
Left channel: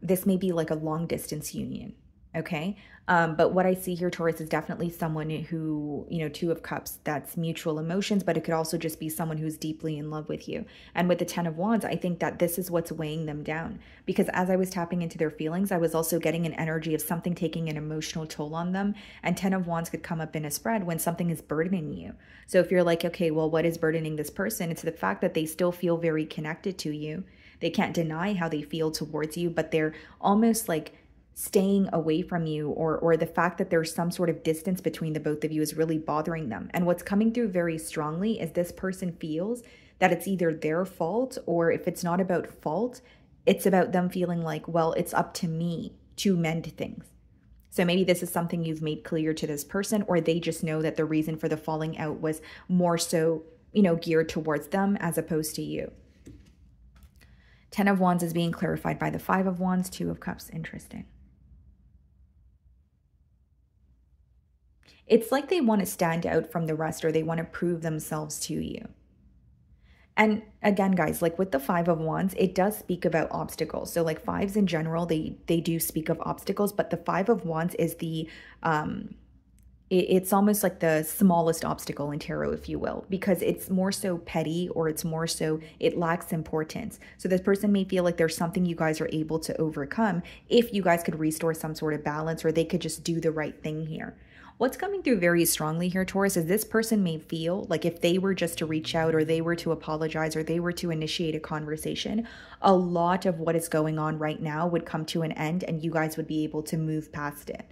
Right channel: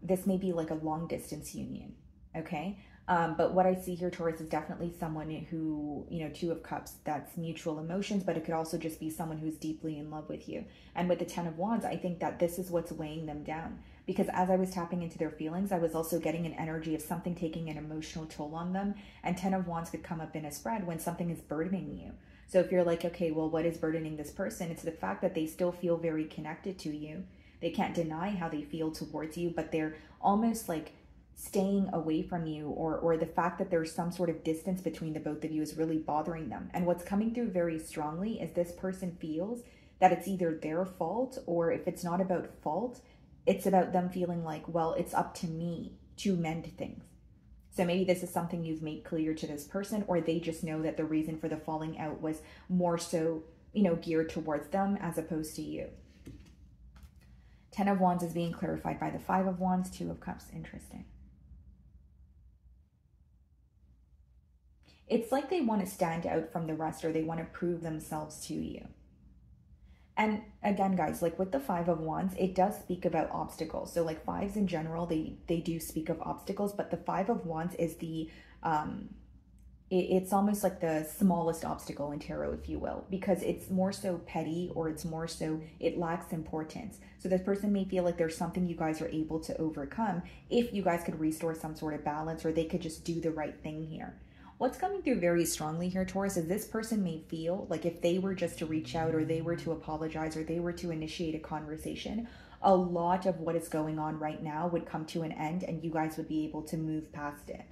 this may be like a long distance union, okay? But what I see here, Taurus, is definitely someone who, you know, Two of Cups, that's mutual emotions, but it could also just be someone who's deeply in love with you. And with the Ten of Wands, I think that this is what's weighing them down, because as I was tapping into their feelings, I was also getting an energy of something taking an emotional toll on them. And Ten of Wands could come up in a spread when something is burdening you. So if you're like, okay, well, what is burdening this person? It's the fact that they still feel very connected to you. They can't deny how they feel towards you, but they're almost like staying away from you, or the fact that there's some sort of distance between the both of you is really bothering them. And what's coming through very strongly is this person feels that it's either their fault, or if it's not about fault, it's about them feeling like, well, it's up to me to mend things. So maybe this is something you've made clear to this person, or they just know that the reason for the falling out was more so, you know, geared towards them as opposed to you. Ten of Wands is being clarified by the Five of Wands, Two of Cups. Interesting. It's like they want to stand out from the rest, or they want to prove themselves to you. And again, guys, like with the Five of Wands, it does speak about obstacles. So like fives in general, they do speak of obstacles, but the Five of Wands is the, it's almost like the smallest obstacle in tarot, if you will, because it's more so petty, or it's more so, it lacks importance. So this person may feel like there's something you guys are able to overcome if you guys could restore some sort of balance, or they could just do the right thing here. What's coming through very strongly here, Taurus, is this person may feel like if they were just to reach out or they were to apologize or they were to initiate a conversation, a lot of what is going on right now would come to an end and you guys would be able to move past it.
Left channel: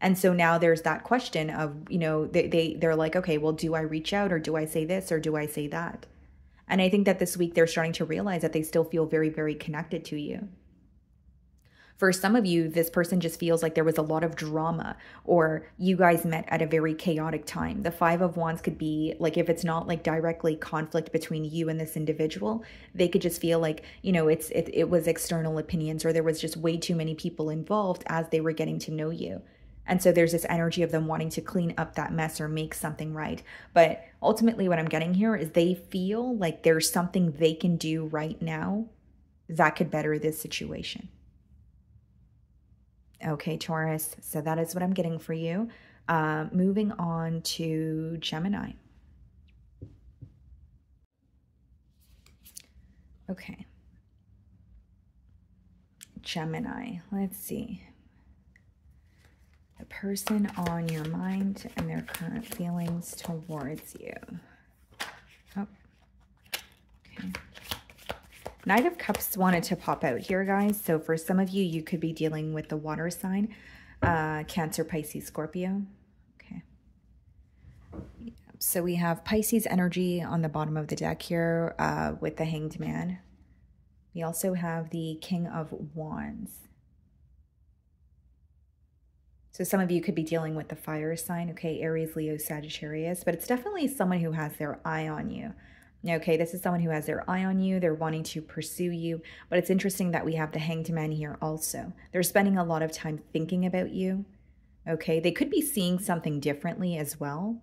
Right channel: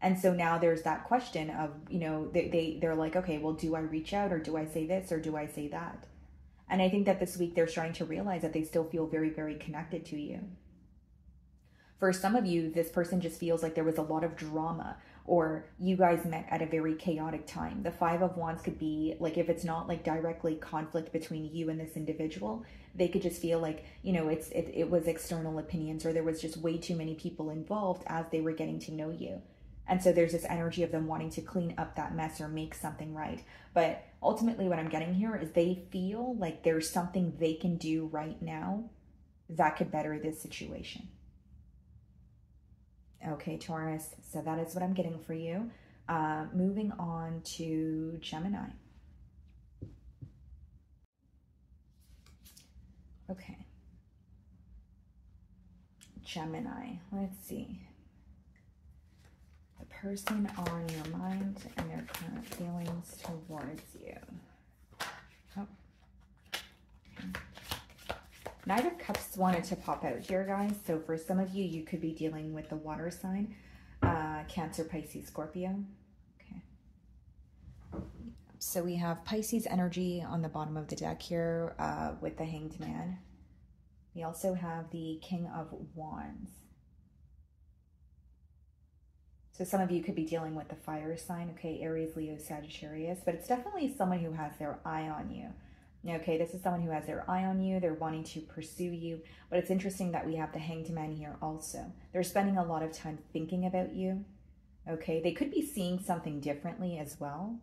And so now there's that question of, you know, they're like, okay, well, do I reach out or do I say this or do I say that? And I think that this week they're starting to realize that they still feel very, very connected to you. For some of you, this person just feels like there was a lot of drama or you guys met at a very chaotic time. The Five of Wands could be like, if it's not like directly conflict between you and this individual, they could just feel like, you know, it was external opinions or there was just way too many people involved as they were getting to know you. And so there's this energy of them wanting to clean up that mess or make something right. But ultimately what I'm getting here is they feel like there's something they can do right now that could better this situation. Okay, Taurus, so that is what I'm getting for you. Moving on to Gemini. Okay. Gemini, let's see. The person on your mind and their current feelings towards you. Oh, okay. Knight of Cups wanted to pop out here, guys. So for some of you, you could be dealing with the water sign, Cancer, Pisces, Scorpio. Okay. Yeah. So we have Pisces energy on the bottom of the deck here with the Hanged Man. We also have the King of Wands. So some of you could be dealing with the fire sign, okay, Aries, Leo, Sagittarius, but it's definitely someone who has their eye on you. Okay, this is someone who has their eye on you. They're wanting to pursue you, but it's interesting that we have the Hanged Man here also. They're spending a lot of time thinking about you, okay? They could be seeing something differently as well.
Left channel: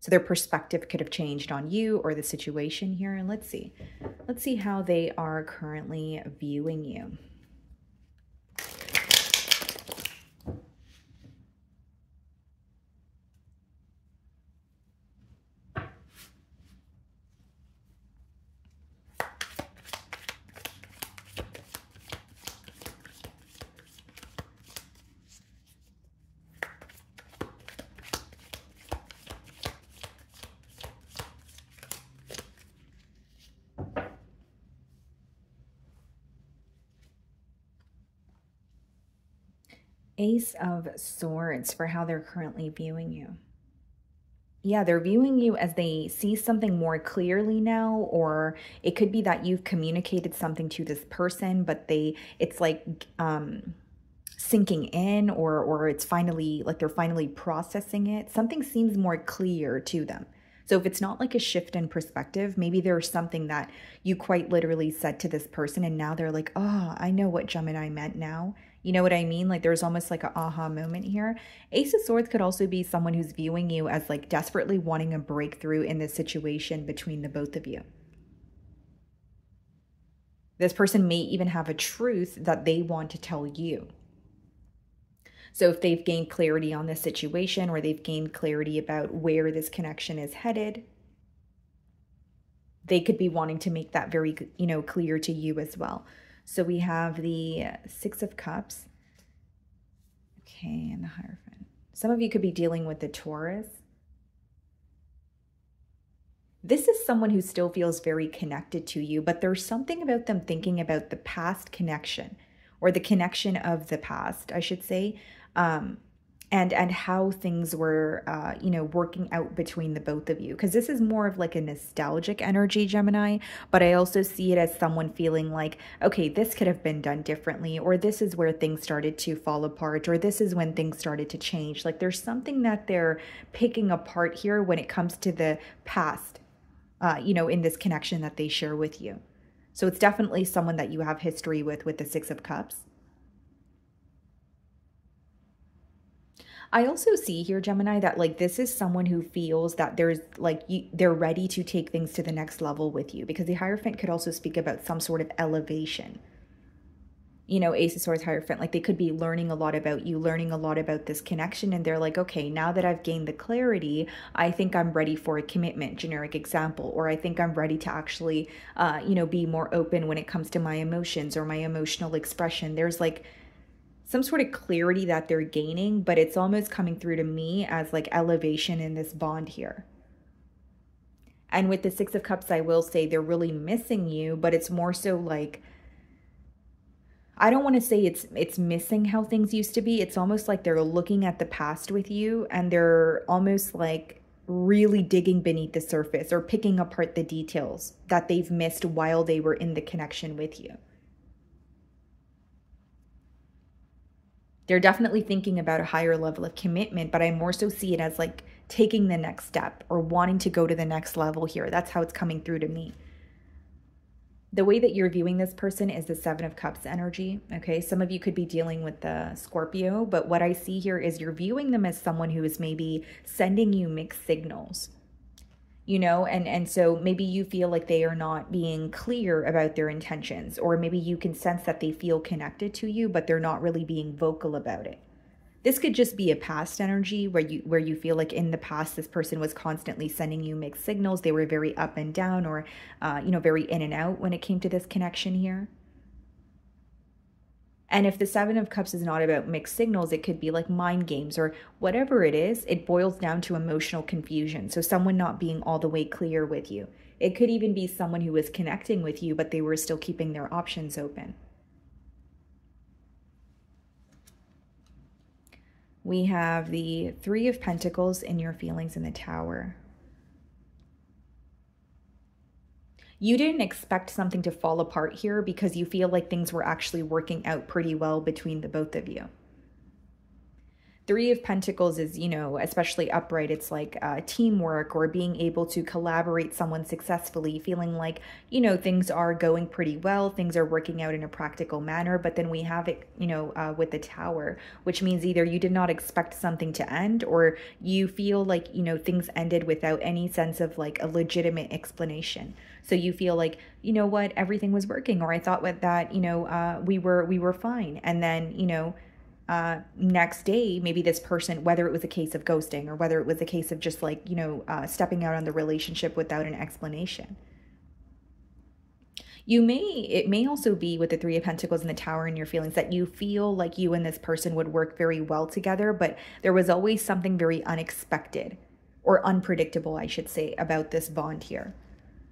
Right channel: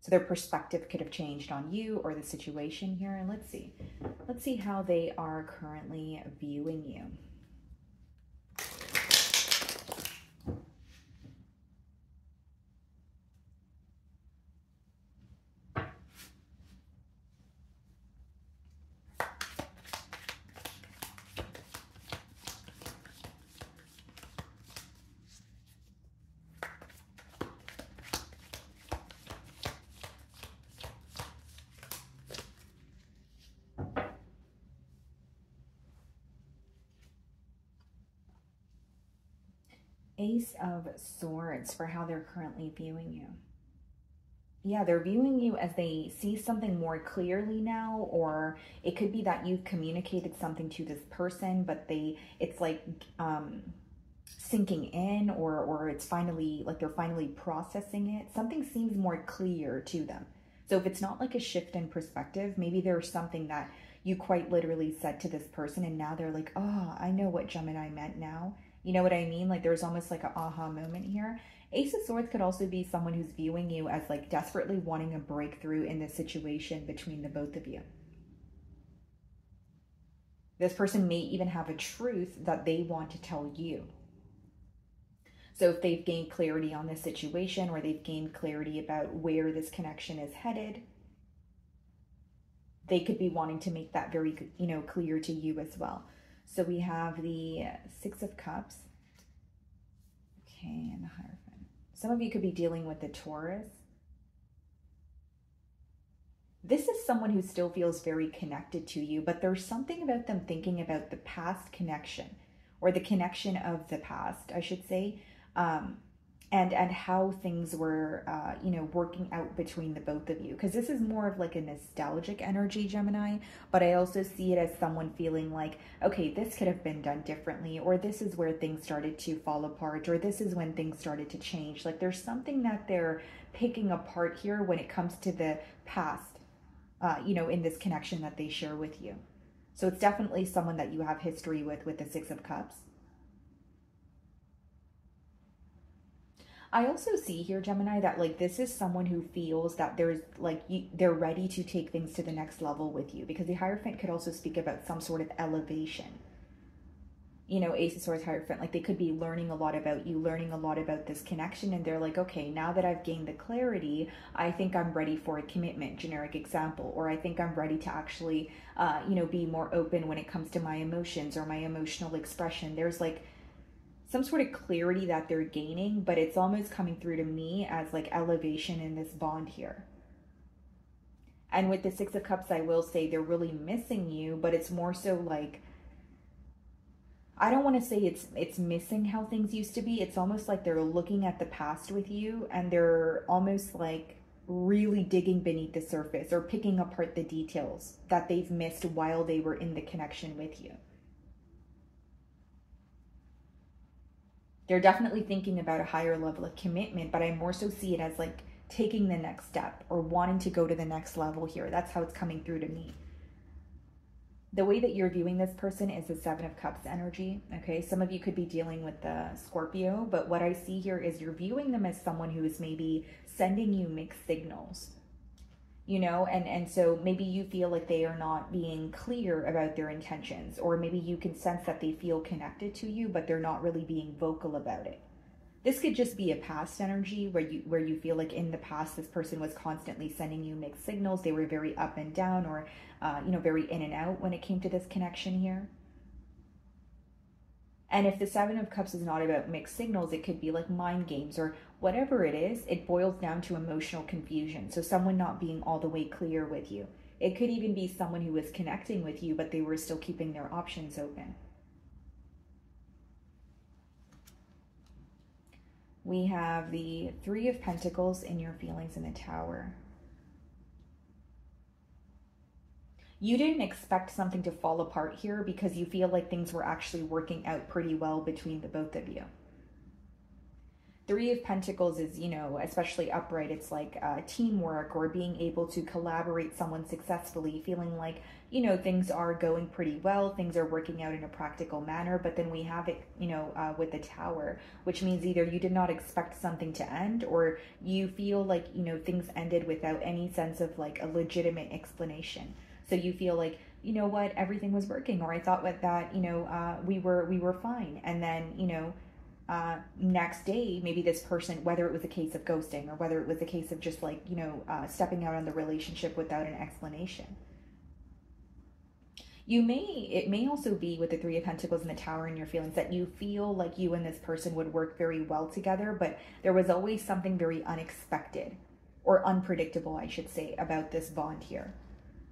So their perspective could have changed on you or the situation here. And let's see. Let's see how they are currently viewing you. Ace of Swords for how they're currently viewing you. Yeah, they're viewing you as they see something more clearly now, or it could be that you've communicated something to this person, but it's like sinking in, or it's finally like they're finally processing it. Something seems more clear to them. So if it's not like a shift in perspective, maybe there's something that you quite literally said to this person and now they're like, oh, I know what Gemini meant now. You know what I mean? Like there's almost like an aha moment here. Ace of Swords could also be someone who's viewing you as like desperately wanting a breakthrough in this situation between the both of you. This person may even have a truth that they want to tell you. So if they've gained clarity on this situation or they've gained clarity about where this connection is headed, they could be wanting to make that very, you know, clear to you as well. So we have the Six of Cups. Okay, and the Hierophant. Some of you could be dealing with the Taurus. This is someone who still feels very connected to you, but there's something about them thinking about the past connection, or the connection of the past, I should say, and how things were, you know, working out between the both of you. Because this is more of like a nostalgic energy, Gemini, but I also see it as someone feeling like, okay, this could have been done differently, or this is where things started to fall apart, or this is when things started to change. Like there's something that they're picking apart here when it comes to the past, you know, in this connection that they share with you. So it's definitely someone that you have history with the Six of Cups. I also see here, Gemini, that like this is someone who feels that there's like they're ready to take things to the next level with you, because the Hierophant could also speak about some sort of elevation. You know, Ace of Swords, Hierophant, like they could be learning a lot about you, learning a lot about this connection, and they're like, okay, now that I've gained the clarity, I think I'm ready for a commitment, generic example, or I think I'm ready to actually, you know, be more open when it comes to my emotions or my emotional expression. There's like some sort of clarity that they're gaining, but it's almost coming through to me as like elevation in this bond here. And with the Six of Cups, I will say they're really missing you, but it's more so like, I don't want to say it's missing how things used to be. It's almost like they're looking at the past with you, and they're almost like really digging beneath the surface or picking apart the details that they've missed while they were in the connection with you. They're definitely thinking about a higher level of commitment, but I more so see it as like taking the next step or wanting to go to the next level here. That's how it's coming through to me. The way that you're viewing this person is the Seven of Cups energy, okay? Some of you could be dealing with the Scorpio, but what I see here is you're viewing them as someone who is maybe sending you mixed signals, you know? And so maybe you feel like they are not being clear about their intentions, or maybe you can sense that they feel connected to you, but they're not really being vocal about it. This could just be a past energy where you feel like in the past this person was constantly sending you mixed signals. They were very up and down, or you know, very in and out when it came to this connection here. And if the Seven of Cups is not about mixed signals, it could be like mind games or whatever it is. It boils down to emotional confusion. So someone not being all the way clear with you. It could even be someone who was connecting with you, but they were still keeping their options open. We have the Three of Pentacles in your feelings in the Tower. You didn't expect something to fall apart here because you feel like things were actually working out pretty well between the both of you. Three of Pentacles is, you know, especially upright, it's like teamwork or being able to collaborate someone successfully, feeling like, you know, things are going pretty well, things are working out in a practical manner. But then we have it, you know, with the Tower, which means either you did not expect something to end, or you feel like, you know, things ended without any sense of like a legitimate explanation. So you feel like, you know what, everything was working, or I thought with that, you know, we were fine. And then, you know, next day, maybe this person, whether it was a case of ghosting or whether it was a case of just like, you know, stepping out on the relationship without an explanation. It may also be with the Three of Pentacles and the Tower in your feelings that you feel like you and this person would work very well together, but there was always something very unexpected or unpredictable, I should say, about this bond here.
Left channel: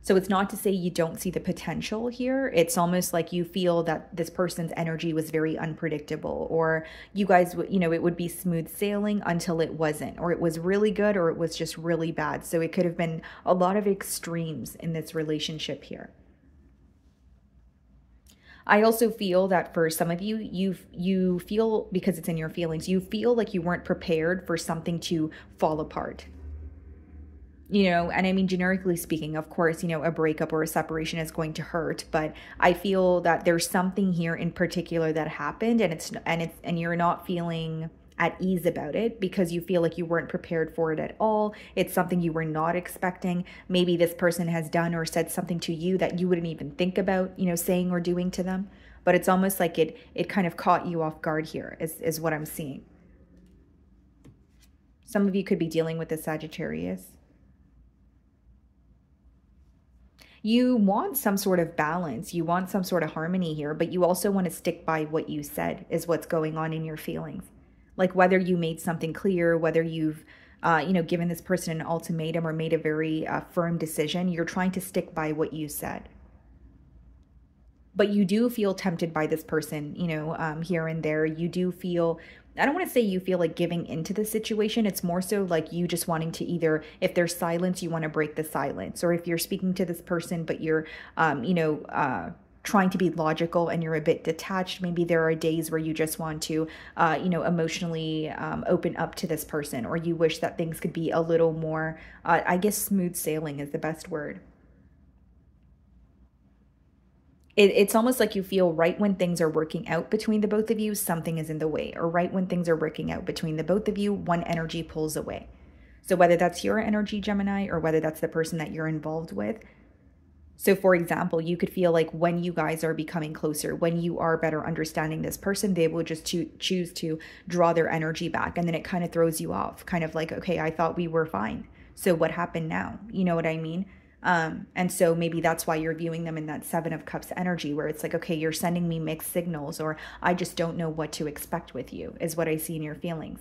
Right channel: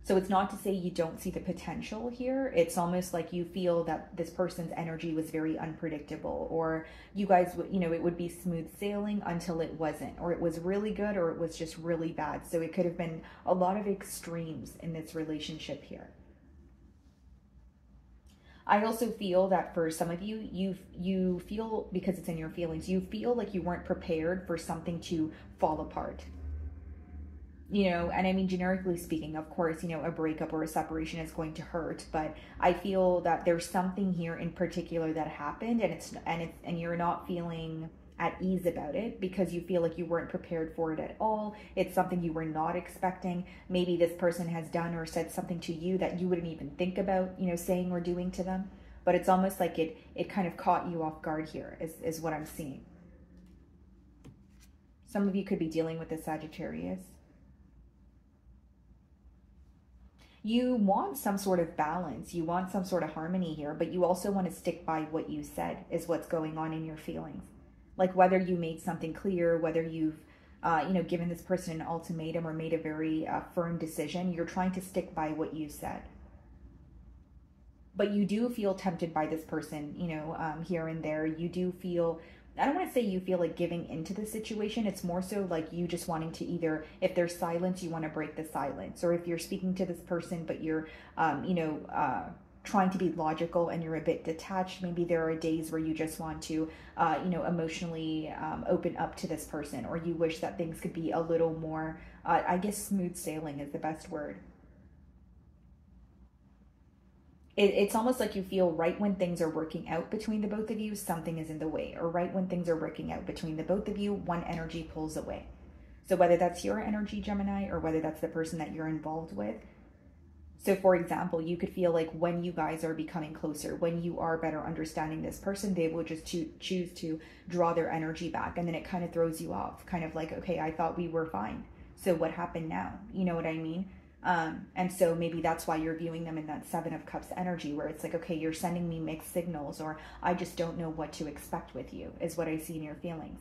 So it's not to say you don't see the potential here. It's almost like you feel that this person's energy was very unpredictable, or you guys, you know, it would be smooth sailing until it wasn't, or it was really good, or it was just really bad. So it could have been a lot of extremes in this relationship here. I also feel that for some of you, you feel, because it's in your feelings, you feel like you weren't prepared for something to fall apart. You know, and I mean, generically speaking, of course, you know, a breakup or a separation is going to hurt, but I feel that there's something here in particular that happened, and you're not feeling at ease about it because you feel like you weren't prepared for it at all. It's something you were not expecting. Maybe this person has done or said something to you that you wouldn't even think about, you know, saying or doing to them. But it's almost like it kind of caught you off guard here, is what I'm seeing. Some of you could be dealing with a Sagittarius. You want some sort of balance. You want some sort of harmony here, but you also want to stick by what you said is what's going on in your feelings. Like whether you made something clear, whether you've, you know, given this person an ultimatum or made a very firm decision, you're trying to stick by what you said. But you do feel tempted by this person, you know, here and there. You do feel, I don't want to say you feel like giving into the situation. It's more so like you just wanting to either, if there's silence, you want to break the silence. Or if you're speaking to this person, but you're, you know, trying to be logical and you're a bit detached, maybe there are days where you just want to, you know, emotionally open up to this person, or you wish that things could be a little more, I guess smooth sailing is the best word. It's almost like you feel right when things are working out between the both of you, something is in the way, or right when things are working out between the both of you, one energy pulls away. So whether that's your energy, Gemini, or whether that's the person that you're involved with. So for example, you could feel like when you guys are becoming closer, when you are better understanding this person, they will just choose to draw their energy back. And then it kind of throws you off, kind of like, okay, I thought we were fine. So what happened now? You know what I mean? And so maybe that's why you're viewing them in that Seven of Cups energy, where it's like, okay, you're sending me mixed signals, or I just don't know what to expect with you, is what I see in your feelings.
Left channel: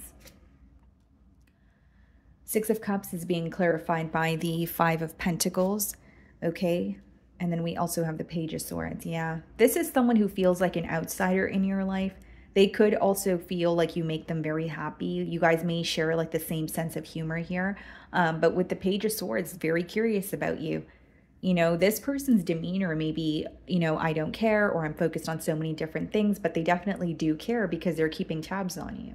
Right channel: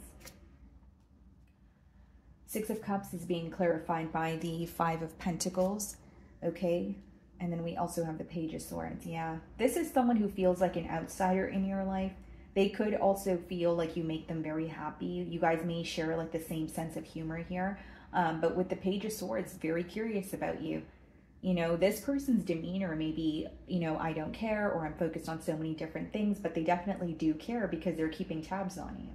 Six of Cups is being clarified by the Five of Pentacles, okay? And then we also have the Page of Swords, yeah. This is someone who feels like an outsider in your life. They could also feel like you make them very happy. You guys may share like the same sense of humor here. But with the Page of Swords, very curious about you. You know, this person's demeanor may be, you know, I don't care, or I'm focused on so many different things, but they definitely do care because they're keeping tabs on you.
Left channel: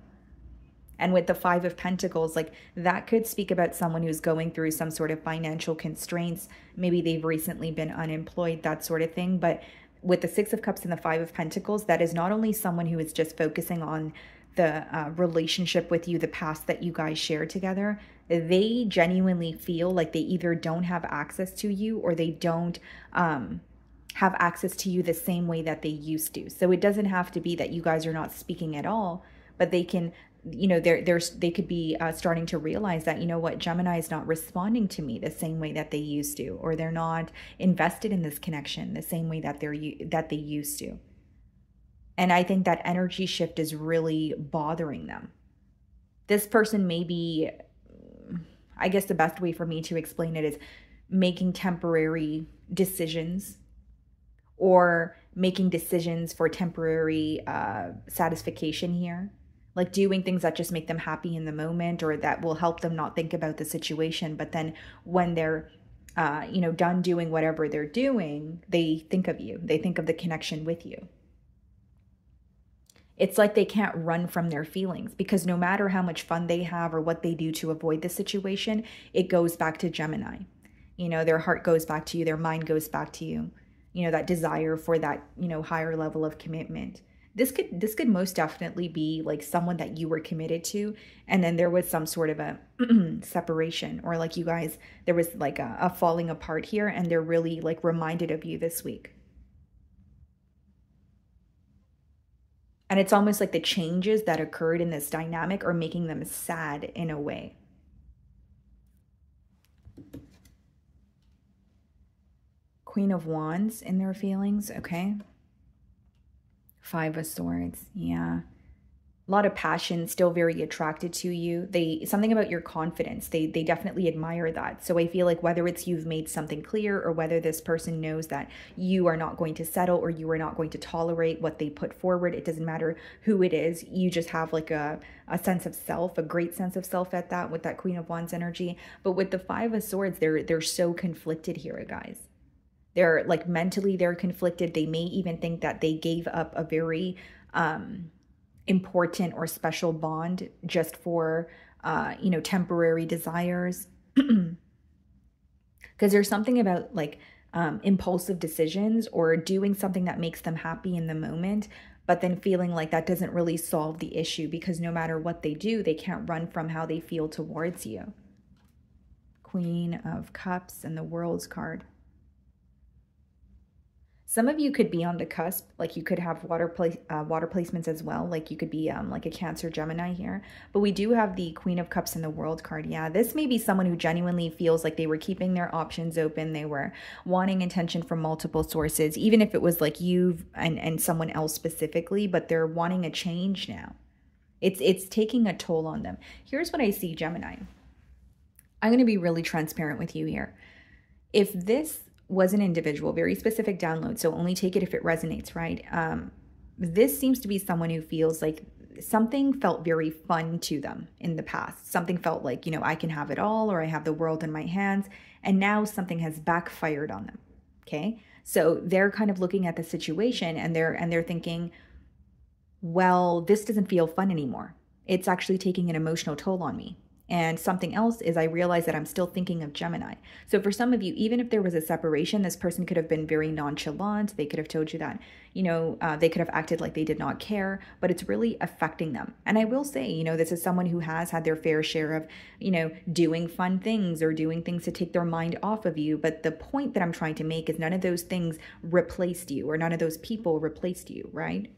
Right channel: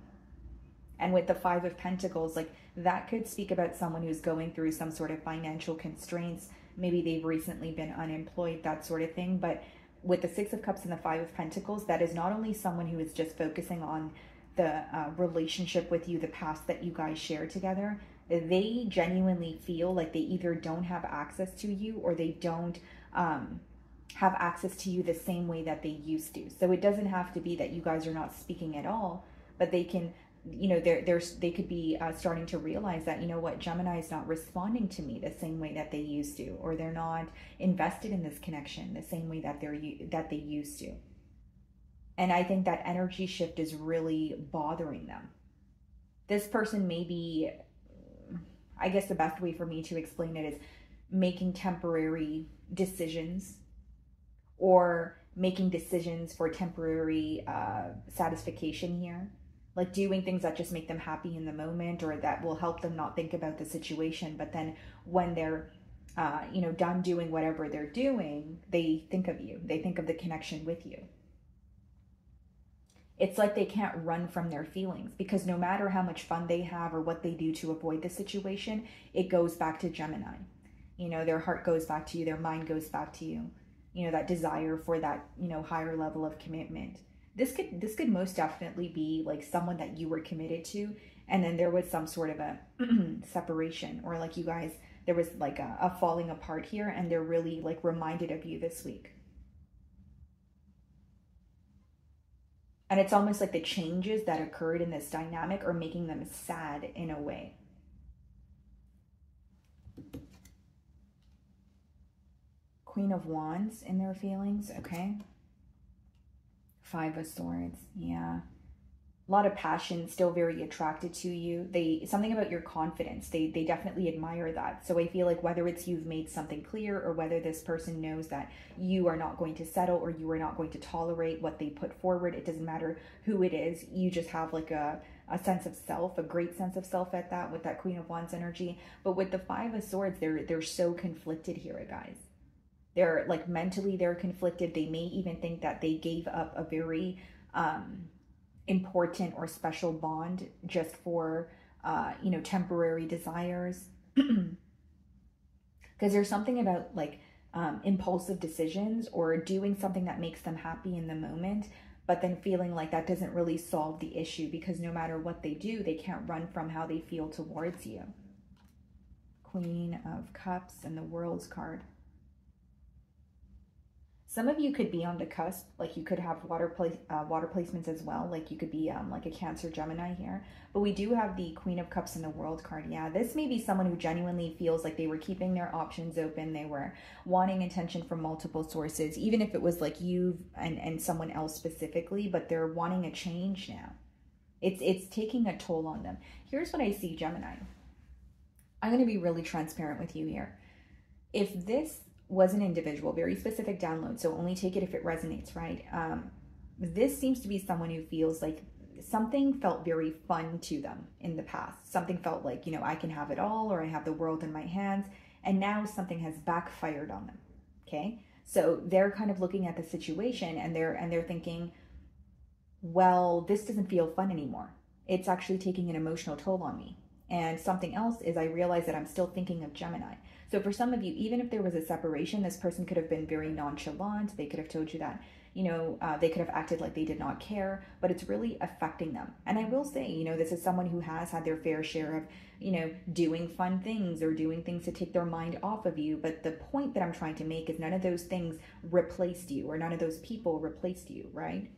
And with the Five of Pentacles, like that could speak about someone who's going through some sort of financial constraints. Maybe they've recently been unemployed, that sort of thing. But with the Six of Cups and the Five of Pentacles, that is not only someone who is just focusing on the relationship with you, the past that you guys share together. They genuinely feel like they either don't have access to you, or they don't have access to you the same way that they used to. So it doesn't have to be that you guys are not speaking at all, but they can, you know, they could be starting to realize that, you know what, Gemini is not responding to me the same way that they used to, or they're not invested in this connection the same way that they used to. And I think that energy shift is really bothering them. This person may be, I guess the best way for me to explain it is making temporary decisions, or making decisions for temporary satisfaction here. Like doing things that just make them happy in the moment, or that will help them not think about the situation. But then when they're, you know, done doing whatever they're doing, they think of you. They think of the connection with you. It's like they can't run from their feelings, because no matter how much fun they have or what they do to avoid the situation, it goes back to Gemini. You know, their heart goes back to you. Their mind goes back to you. You know, that desire for that, you know, higher level of commitment. This could most definitely be like someone that you were committed to, and then there was some sort of a separation, or like you guys, there was like a falling apart here, and they're really like reminded of you this week. And it's almost like the changes that occurred in this dynamic are making them sad in a way. Queen of Wands in their feelings, okay? Five of Swords, yeah. A lot of passion, still very attracted to you. Something about your confidence, they definitely admire that. So I feel like whether it's you've made something clear, or whether this person knows that you are not going to settle, or you are not going to tolerate what they put forward, it doesn't matter who it is. You just have like a sense of self, a great sense of self at that, with that Queen of Wands energy. But with the Five of Swords, they're so conflicted here, guys. They're like mentally, they're conflicted. They may even think that they gave up a very important or special bond just for, you know, temporary desires. Because there's something about like impulsive decisions, or doing something that makes them happy in the moment, but then feeling like that doesn't really solve the issue, because no matter what they do, they can't run from how they feel towards you. Queen of Cups and the World's card. Some of you could be on the cusp, like you could have water placements as well. Like you could be like a Cancer, Gemini here. But we do have the Queen of Cups and the World card. Yeah, this may be someone who genuinely feels like they were keeping their options open. They were wanting attention from multiple sources, even if it was like you and someone else specifically, but they're wanting a change now. It's taking a toll on them. Here's what I see, Gemini. I'm going to be really transparent with you here. If this was an individual, very specific download, so only take it if it resonates, right? This seems to be someone who feels like something felt very fun to them in the past. Something felt like, you know, I can have it all, or I have the world in my hands, and now something has backfired on them, okay? So they're kind of looking at the situation, and they're thinking, well, this doesn't feel fun anymore. It's actually taking an emotional toll on me. And something else is I realize that I'm still thinking of Gemini. So for some of you, even if there was a separation, this person could have been very nonchalant. They could have told you that, you know, they could have acted like they did not care, but it's really affecting them. And I will say, you know, this is someone who has had their fair share of, you know, doing fun things or doing things to take their mind off of you. But the point that I'm trying to make is none of those things replaced you, or none of those people replaced you, right?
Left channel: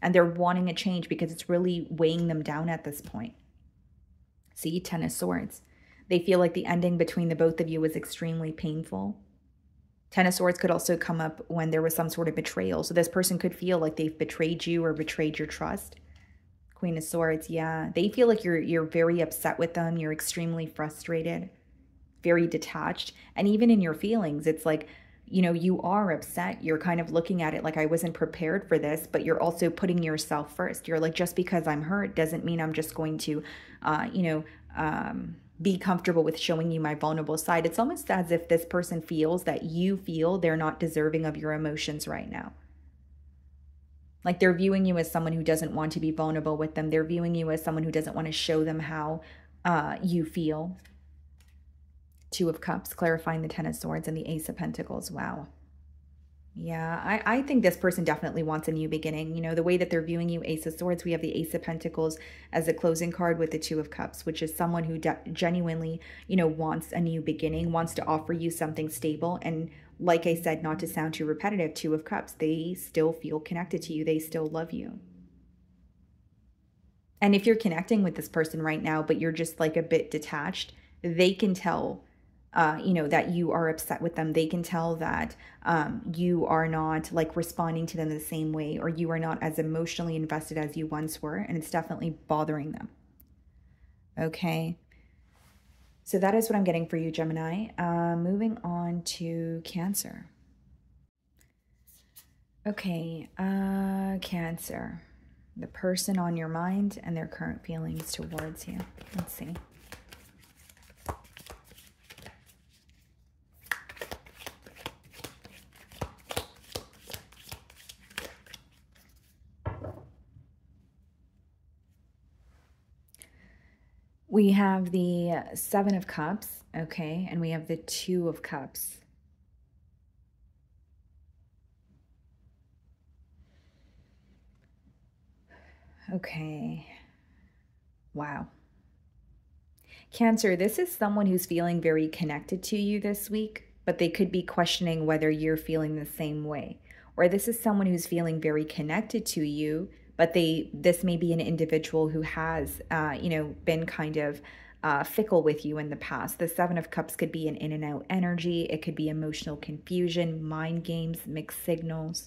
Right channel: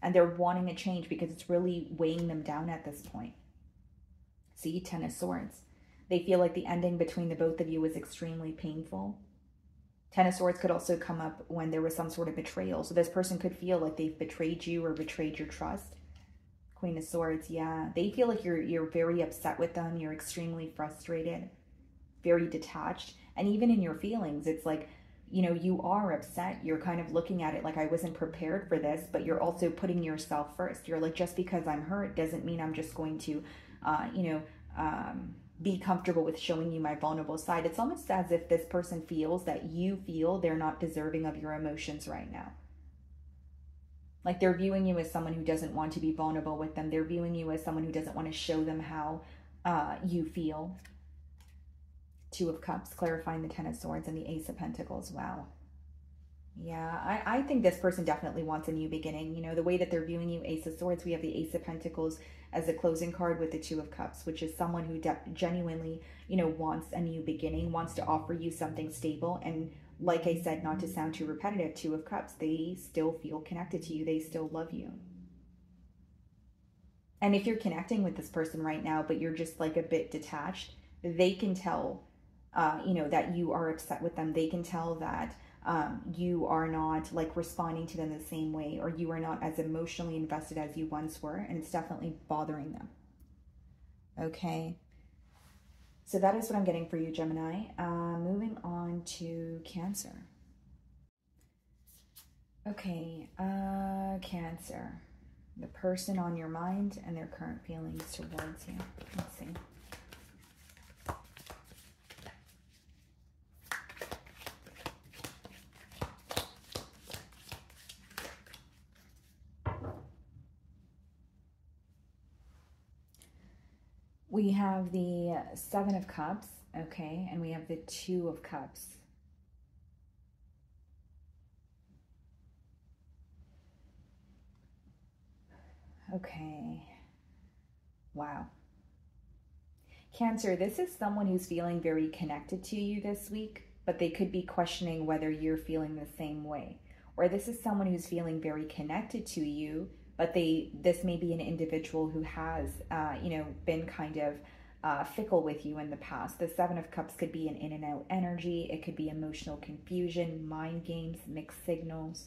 And they're wanting a change because it's really weighing them down at this point. See, Ten of Swords. They feel like the ending between the both of you was extremely painful. Ten of Swords could also come up when there was some sort of betrayal. So this person could feel like they've betrayed you or betrayed your trust. Queen of Swords, yeah. They feel like you're very upset with them. You're extremely frustrated, very detached. And even in your feelings, it's like, you know, you are upset. You're kind of looking at it like, I wasn't prepared for this, but you're also putting yourself first. You're like, just because I'm hurt doesn't mean I'm just going to, be comfortable with showing you my vulnerable side. It's almost as if this person feels that you feel they're not deserving of your emotions right now. Like they're viewing you as someone who doesn't want to be vulnerable with them. They're viewing you as someone who doesn't want to show them how you feel. Two of Cups, clarifying the Ten of Swords and the Ace of Pentacles. Wow. Yeah, I think this person definitely wants a new beginning. You know, the way that they're viewing you, Ace of Swords, we have the Ace of Pentacles as a closing card with the Two of Cups, which is someone who genuinely, you know, wants a new beginning, wants to offer you something stable. And like I said, not to sound too repetitive, Two of Cups, they still feel connected to you. They still love you. And if you're connecting with this person right now, but you're just like a bit detached, they can tell you know, that you are upset with them. They can tell that you are not like responding to them the same way, or you are not as emotionally invested as you once were, and it's definitely bothering them. Okay. So that is what I'm getting for you, Gemini. Moving on to Cancer. Okay, Cancer. The person on your mind and their current feelings towards you. Let's see. We have the Seven of Cups, okay, and we have the Two of Cups. Okay, wow. Cancer, this is someone who's feeling very connected to you this week, but they could be questioning whether you're feeling the same way. Or this is someone who's feeling very connected to you, but this may be an individual who has, you know, been kind of fickle with you in the past. The Seven of Cups could be an in and out energy. It could be emotional confusion, mind games, mixed signals.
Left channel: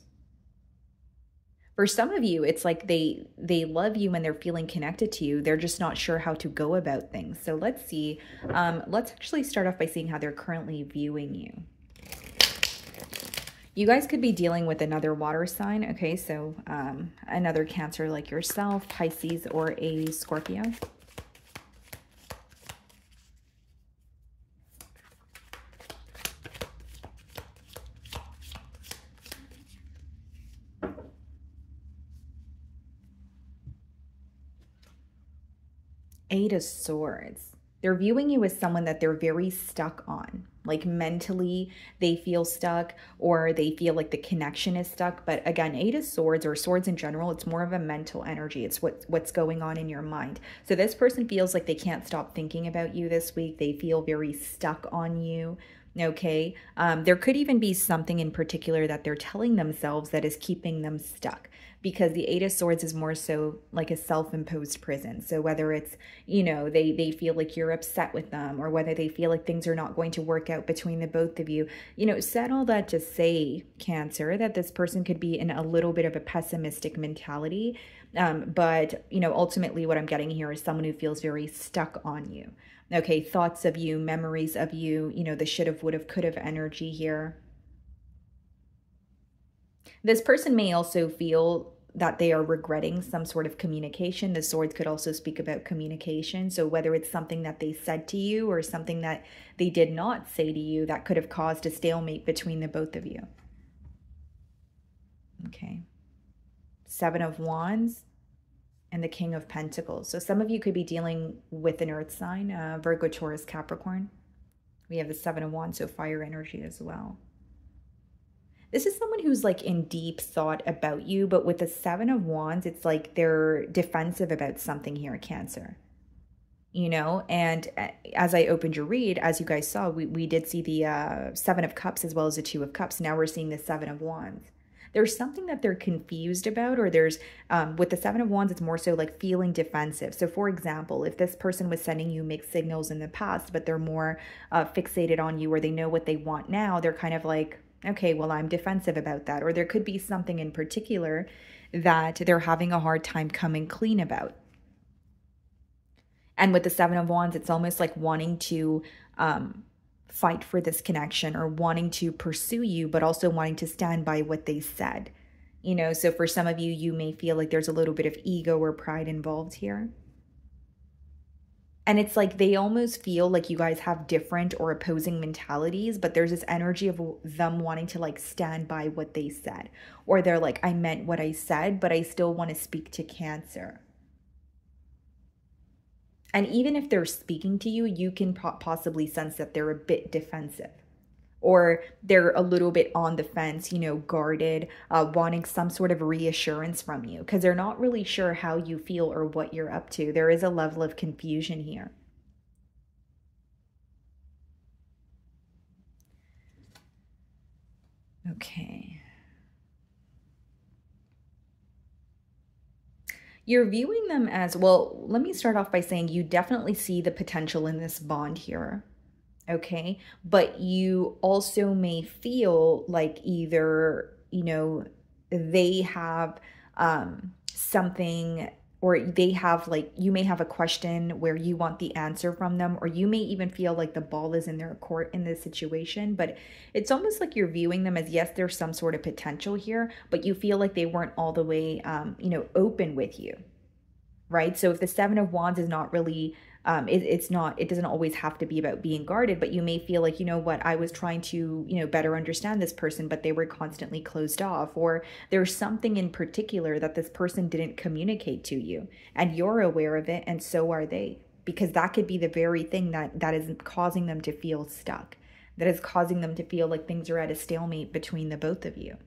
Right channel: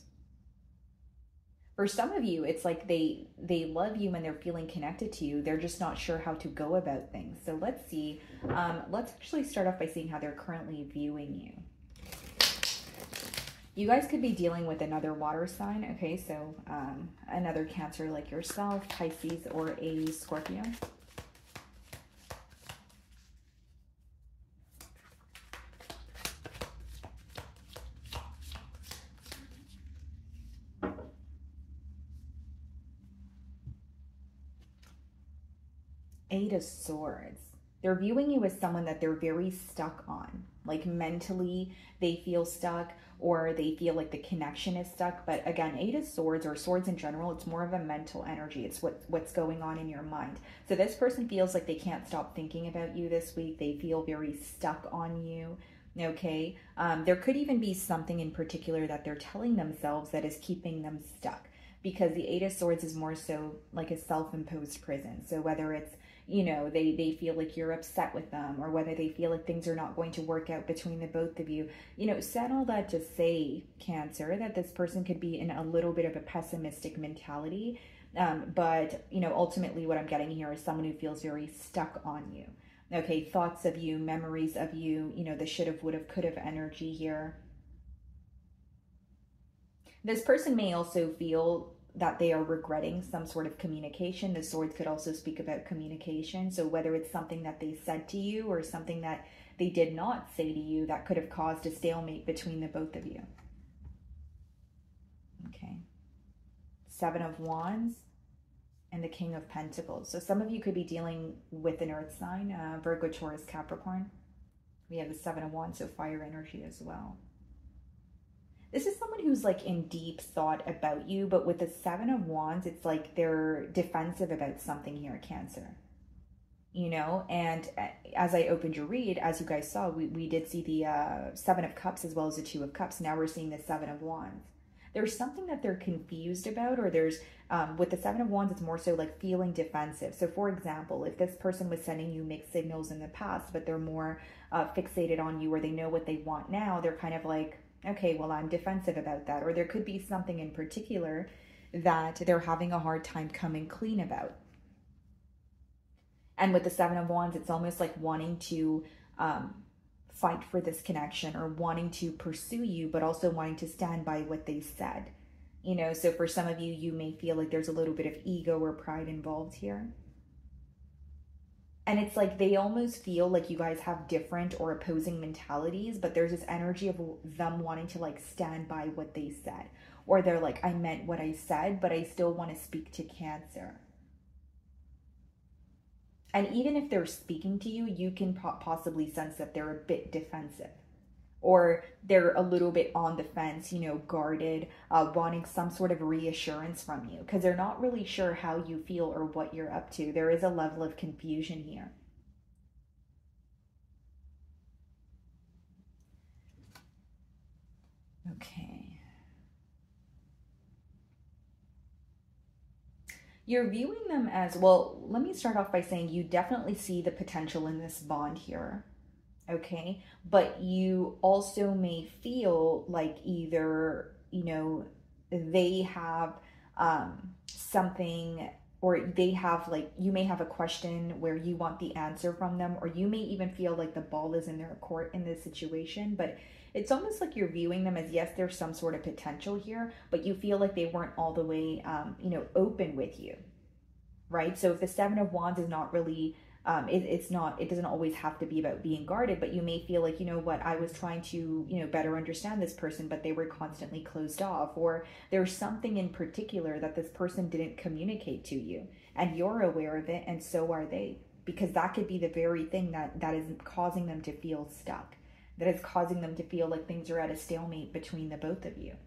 For some of you, it's like they love you and they're feeling connected to you. They're just not sure how to go about things. So let's see. Let's actually start off by seeing how they're currently viewing you. You guys could be dealing with another water sign, okay? So another Cancer like yourself, Pisces, or a Scorpio. Eight of Swords. They're viewing you as someone that they're very stuck on. Like mentally, they feel stuck, or they feel like the connection is stuck. But again, Eight of Swords, or swords in general, it's more of a mental energy. It's what's going on in your mind. So this person feels like they can't stop thinking about you this week. They feel very stuck on you. Okay. There could even be something in particular that they're telling themselves that is keeping them stuck, because the Eight of Swords is more so like a self-imposed prison. So whether it's, you know, they feel like you're upset with them, or whether they feel like things are not going to work out between the both of you, you know, said all that to say, Cancer, that this person could be in a little bit of a pessimistic mentality. But, you know, ultimately what I'm getting here is someone who feels very stuck on you. Okay, thoughts of you, memories of you, you know, the should have, would have, could have energy here. This person may also feel that they are regretting some sort of communication. The Swords could also speak about communication. So whether it's something that they said to you or something that they did not say to you, that could have caused a stalemate between the both of you. Okay. Seven of Wands and the King of Pentacles. So some of you could be dealing with an earth sign, Virgo, Taurus, Capricorn. We have the Seven of Wands, so fire energy as well. This is someone who's like in deep thought about you, but with the Seven of Wands, it's like they're defensive about something here, Cancer. You know, and as I opened your read, as you guys saw, we did see the Seven of Cups as well as the Two of Cups. Now we're seeing the Seven of Wands. There's something that they're confused about, or there's, with the Seven of Wands, it's more so like feeling defensive. So for example, if this person was sending you mixed signals in the past, but they're more fixated on you, or they know what they want now, they're kind of like, Okay, well, I'm defensive about that. Or there could be something in particular that they're having a hard time coming clean about. And with the Seven of Wands, it's almost like wanting to fight for this connection or wanting to pursue you, but also wanting to stand by what they said. You know, so for some of you, you may feel like there's a little bit of ego or pride involved here. And it's like they almost feel like you guys have different or opposing mentalities, but there's this energy of them wanting to like stand by what they said. Or they're like, I meant what I said, but I still want to speak to Cancer. And even if they're speaking to you, you can possibly sense that they're a bit defensive. Or they're a little bit on the fence, you know, guarded, wanting some sort of reassurance from you because they're not really sure how you feel or what you're up to. There is a level of confusion here. Okay. You're viewing them as, well, let me start off by saying you definitely see the potential in this bond here. Okay, but you also may feel like either, you know, they have something, or they have like, you may have a question where you want the answer from them, or you may even feel like the ball is in their court in this situation. But it's almost like you're viewing them as, yes, there's some sort of potential here, but you feel like they weren't all the way, you know, open with you, right? So if the Seven of Wands is not really, it doesn't always have to be about being guarded, but you may feel like, you know what, I was trying to, you know, better understand this person, but they were constantly closed off, or there's something in particular that this person didn't communicate to you and you're aware of it, and so are they, because that could be the very thing that is causing them to feel stuck, that is causing them to feel like things are at a stalemate between the both of you.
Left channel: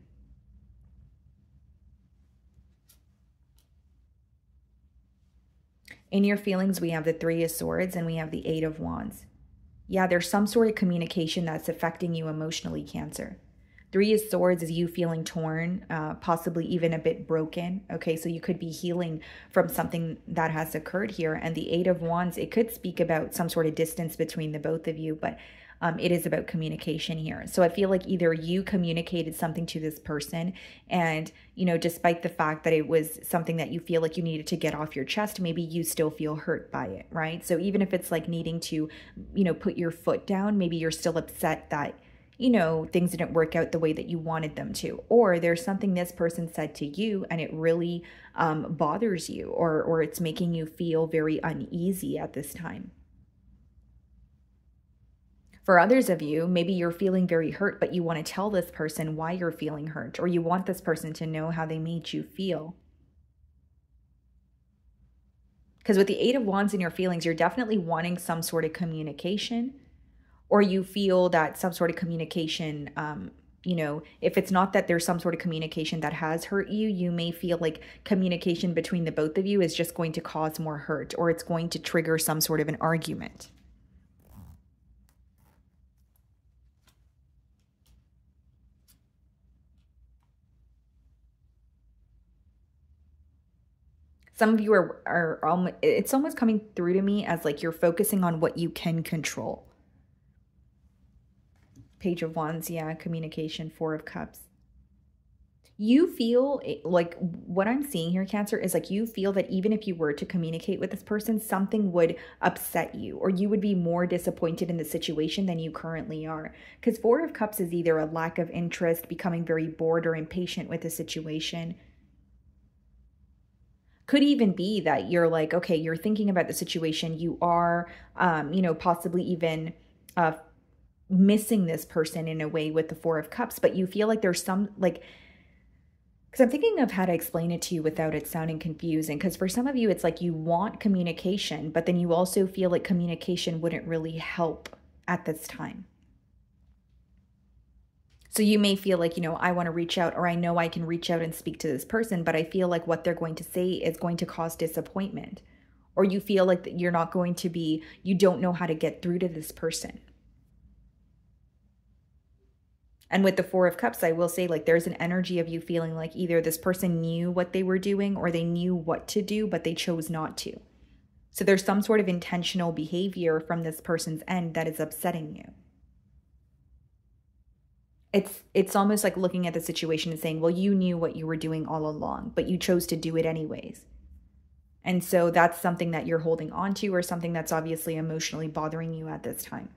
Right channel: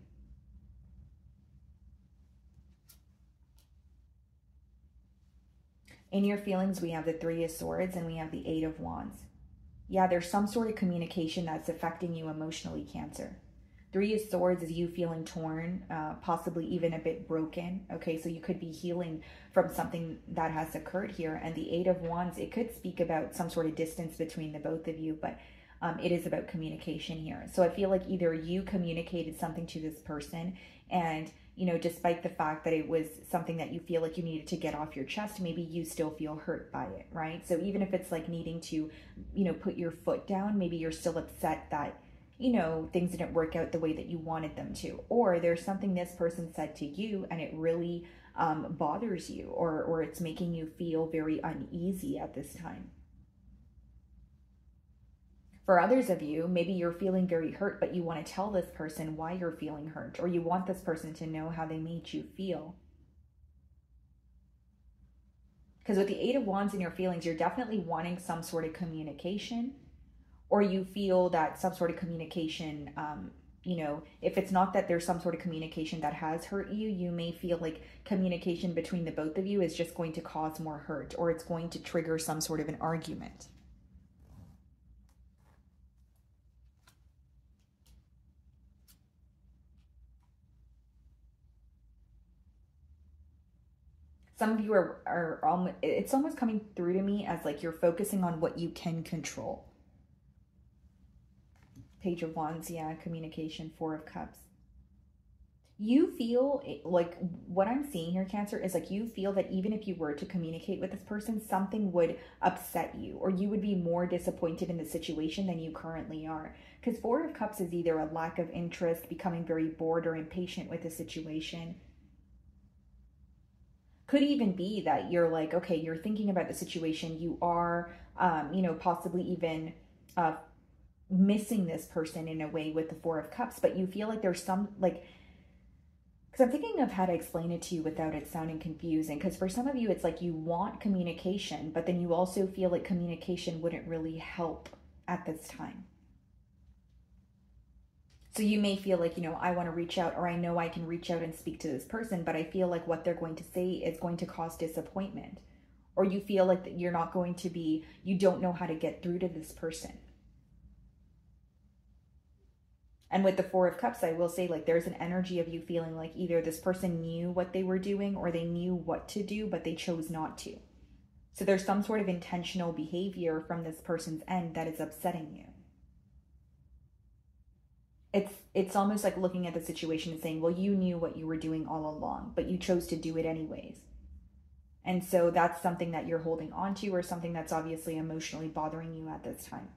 In your feelings, we have the Three of Swords and we have the Eight of Wands. Yeah, there's some sort of communication that's affecting you emotionally, Cancer. Three of Swords is you feeling torn, possibly even a bit broken. Okay, so you could be healing from something that has occurred here. And the Eight of Wands, it could speak about some sort of distance between the both of you, but it is about communication here. So I feel like either you communicated something to this person and, you know, despite the fact that it was something that you feel like you needed to get off your chest, maybe you still feel hurt by it, right? So even if it's like needing to, you know, put your foot down, maybe you're still upset that, you know, things didn't work out the way that you wanted them to. Or there's something this person said to you and it really bothers you, or it's making you feel very uneasy at this time. For others of you, maybe you're feeling very hurt, but you want to tell this person why you're feeling hurt, or you want this person to know how they made you feel. Because with the Eight of Wands in your feelings, you're definitely wanting some sort of communication, or you feel that some sort of communication, you know, if it's not that there's some sort of communication that has hurt you, you may feel like communication between the both of you is just going to cause more hurt, or it's going to trigger some sort of an argument. Some of you are it's almost coming through to me as like you're focusing on what you can control. Page of Wands, yeah, communication, Four of Cups. You feel like what I'm seeing here, Cancer, is like you feel that even if you were to communicate with this person, something would upset you, or you would be more disappointed in the situation than you currently are. Because Four of Cups is either a lack of interest, becoming very bored or impatient with the situation. Could even be that you're like, okay, you're thinking about the situation. You are, you know, possibly even missing this person in a way with the Four of Cups, but you feel like there's some, like, because I'm thinking of how to explain it to you without it sounding confusing. Because for some of you, it's like you want communication, but then you also feel like communication wouldn't really help at this time. So you may feel like, you know, I want to reach out, or I know I can reach out and speak to this person, but I feel like what they're going to say is going to cause disappointment. Or you feel like that you're not going to be, you don't know how to get through to this person. And with the Four of Cups, I will say, like, there's an energy of you feeling like either this person knew what they were doing or they knew what to do, but they chose not to. So there's some sort of intentional behavior from this person's end that is upsetting you. it's almost like looking at the situation and saying, well, you knew what you were doing all along, but you chose to do it anyways. And so that's something that you're holding on to, or something that's obviously emotionally bothering you at this time.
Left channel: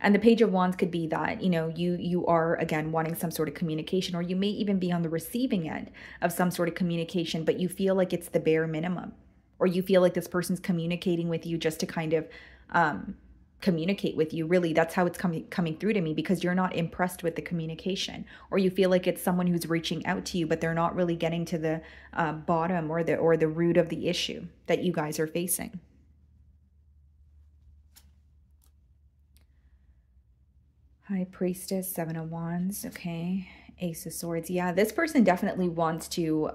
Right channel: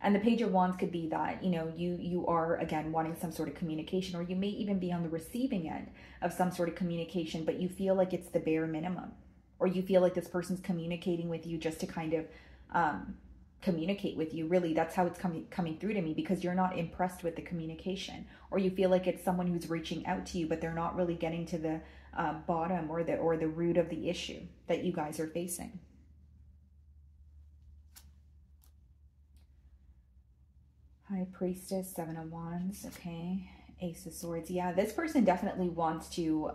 And the Page of Wands could be that, you know, you are, again, wanting some sort of communication, or you may even be on the receiving end of some sort of communication, but you feel like it's the bare minimum, or you feel like this person's communicating with you just to kind of communicate with you. Really, that's how it's coming through to me, because you're not impressed with the communication, or you feel like it's someone who's reaching out to you, but they're not really getting to the bottom or the root of the issue that you guys are facing. High Priestess, Seven of Wands, okay. Ace of Swords. Yeah, this person definitely wants to,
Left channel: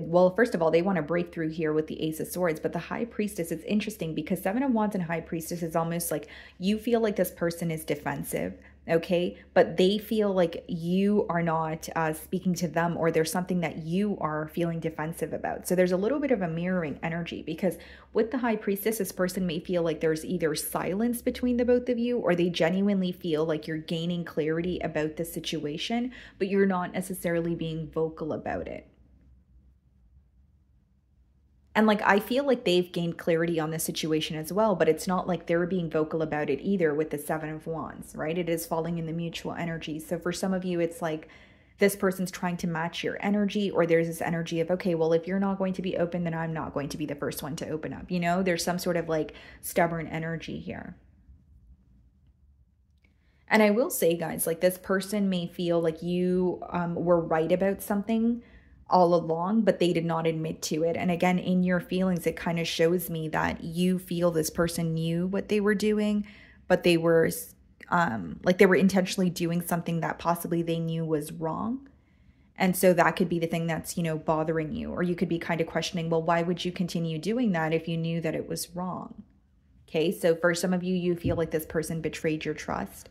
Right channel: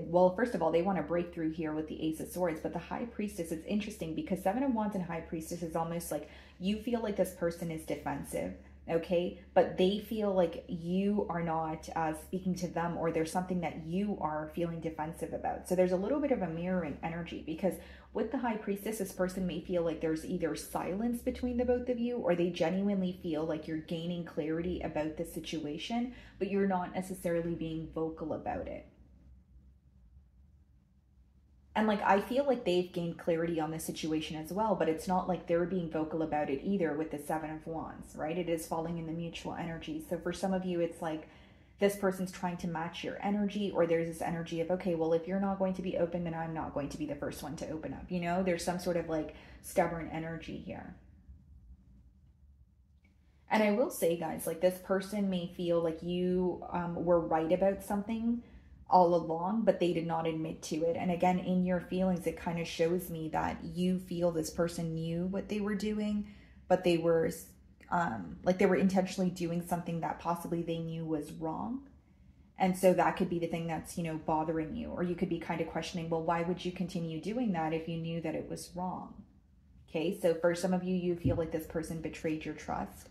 well, first of all, they want to break through here with the Ace of Swords, but the High Priestess, it's interesting because Seven of Wands and High Priestess is almost like you feel like this person is defensive, okay? But they feel like you are not speaking to them, or there's something that you are feeling defensive about. So there's a little bit of a mirroring energy, because with the High Priestess, this person may feel like there's either silence between the both of you, or they genuinely feel like you're gaining clarity about the situation, but you're not necessarily being vocal about it. And like, I feel like they've gained clarity on the situation as well, but it's not like they're being vocal about it either with the Seven of Wands, right? It is falling in the mutual energy. So for some of you, it's like this person's trying to match your energy, or there's this energy of, okay, well, if you're not going to be open, then I'm not going to be the first one to open up. You know, there's some sort of like stubborn energy here. And I will say, guys, like this person may feel like you were right about something all along, but they did not admit to it. And again, in your feelings, it kind of shows me that you feel this person knew what they were doing, but they were like they were intentionally doing something that possibly they knew was wrong. And so that could be the thing that's, you know, bothering you. Or you could be kind of questioning, well, why would you continue doing that if you knew that it was wrong? Okay, so for some of you, you feel like this person betrayed your trust.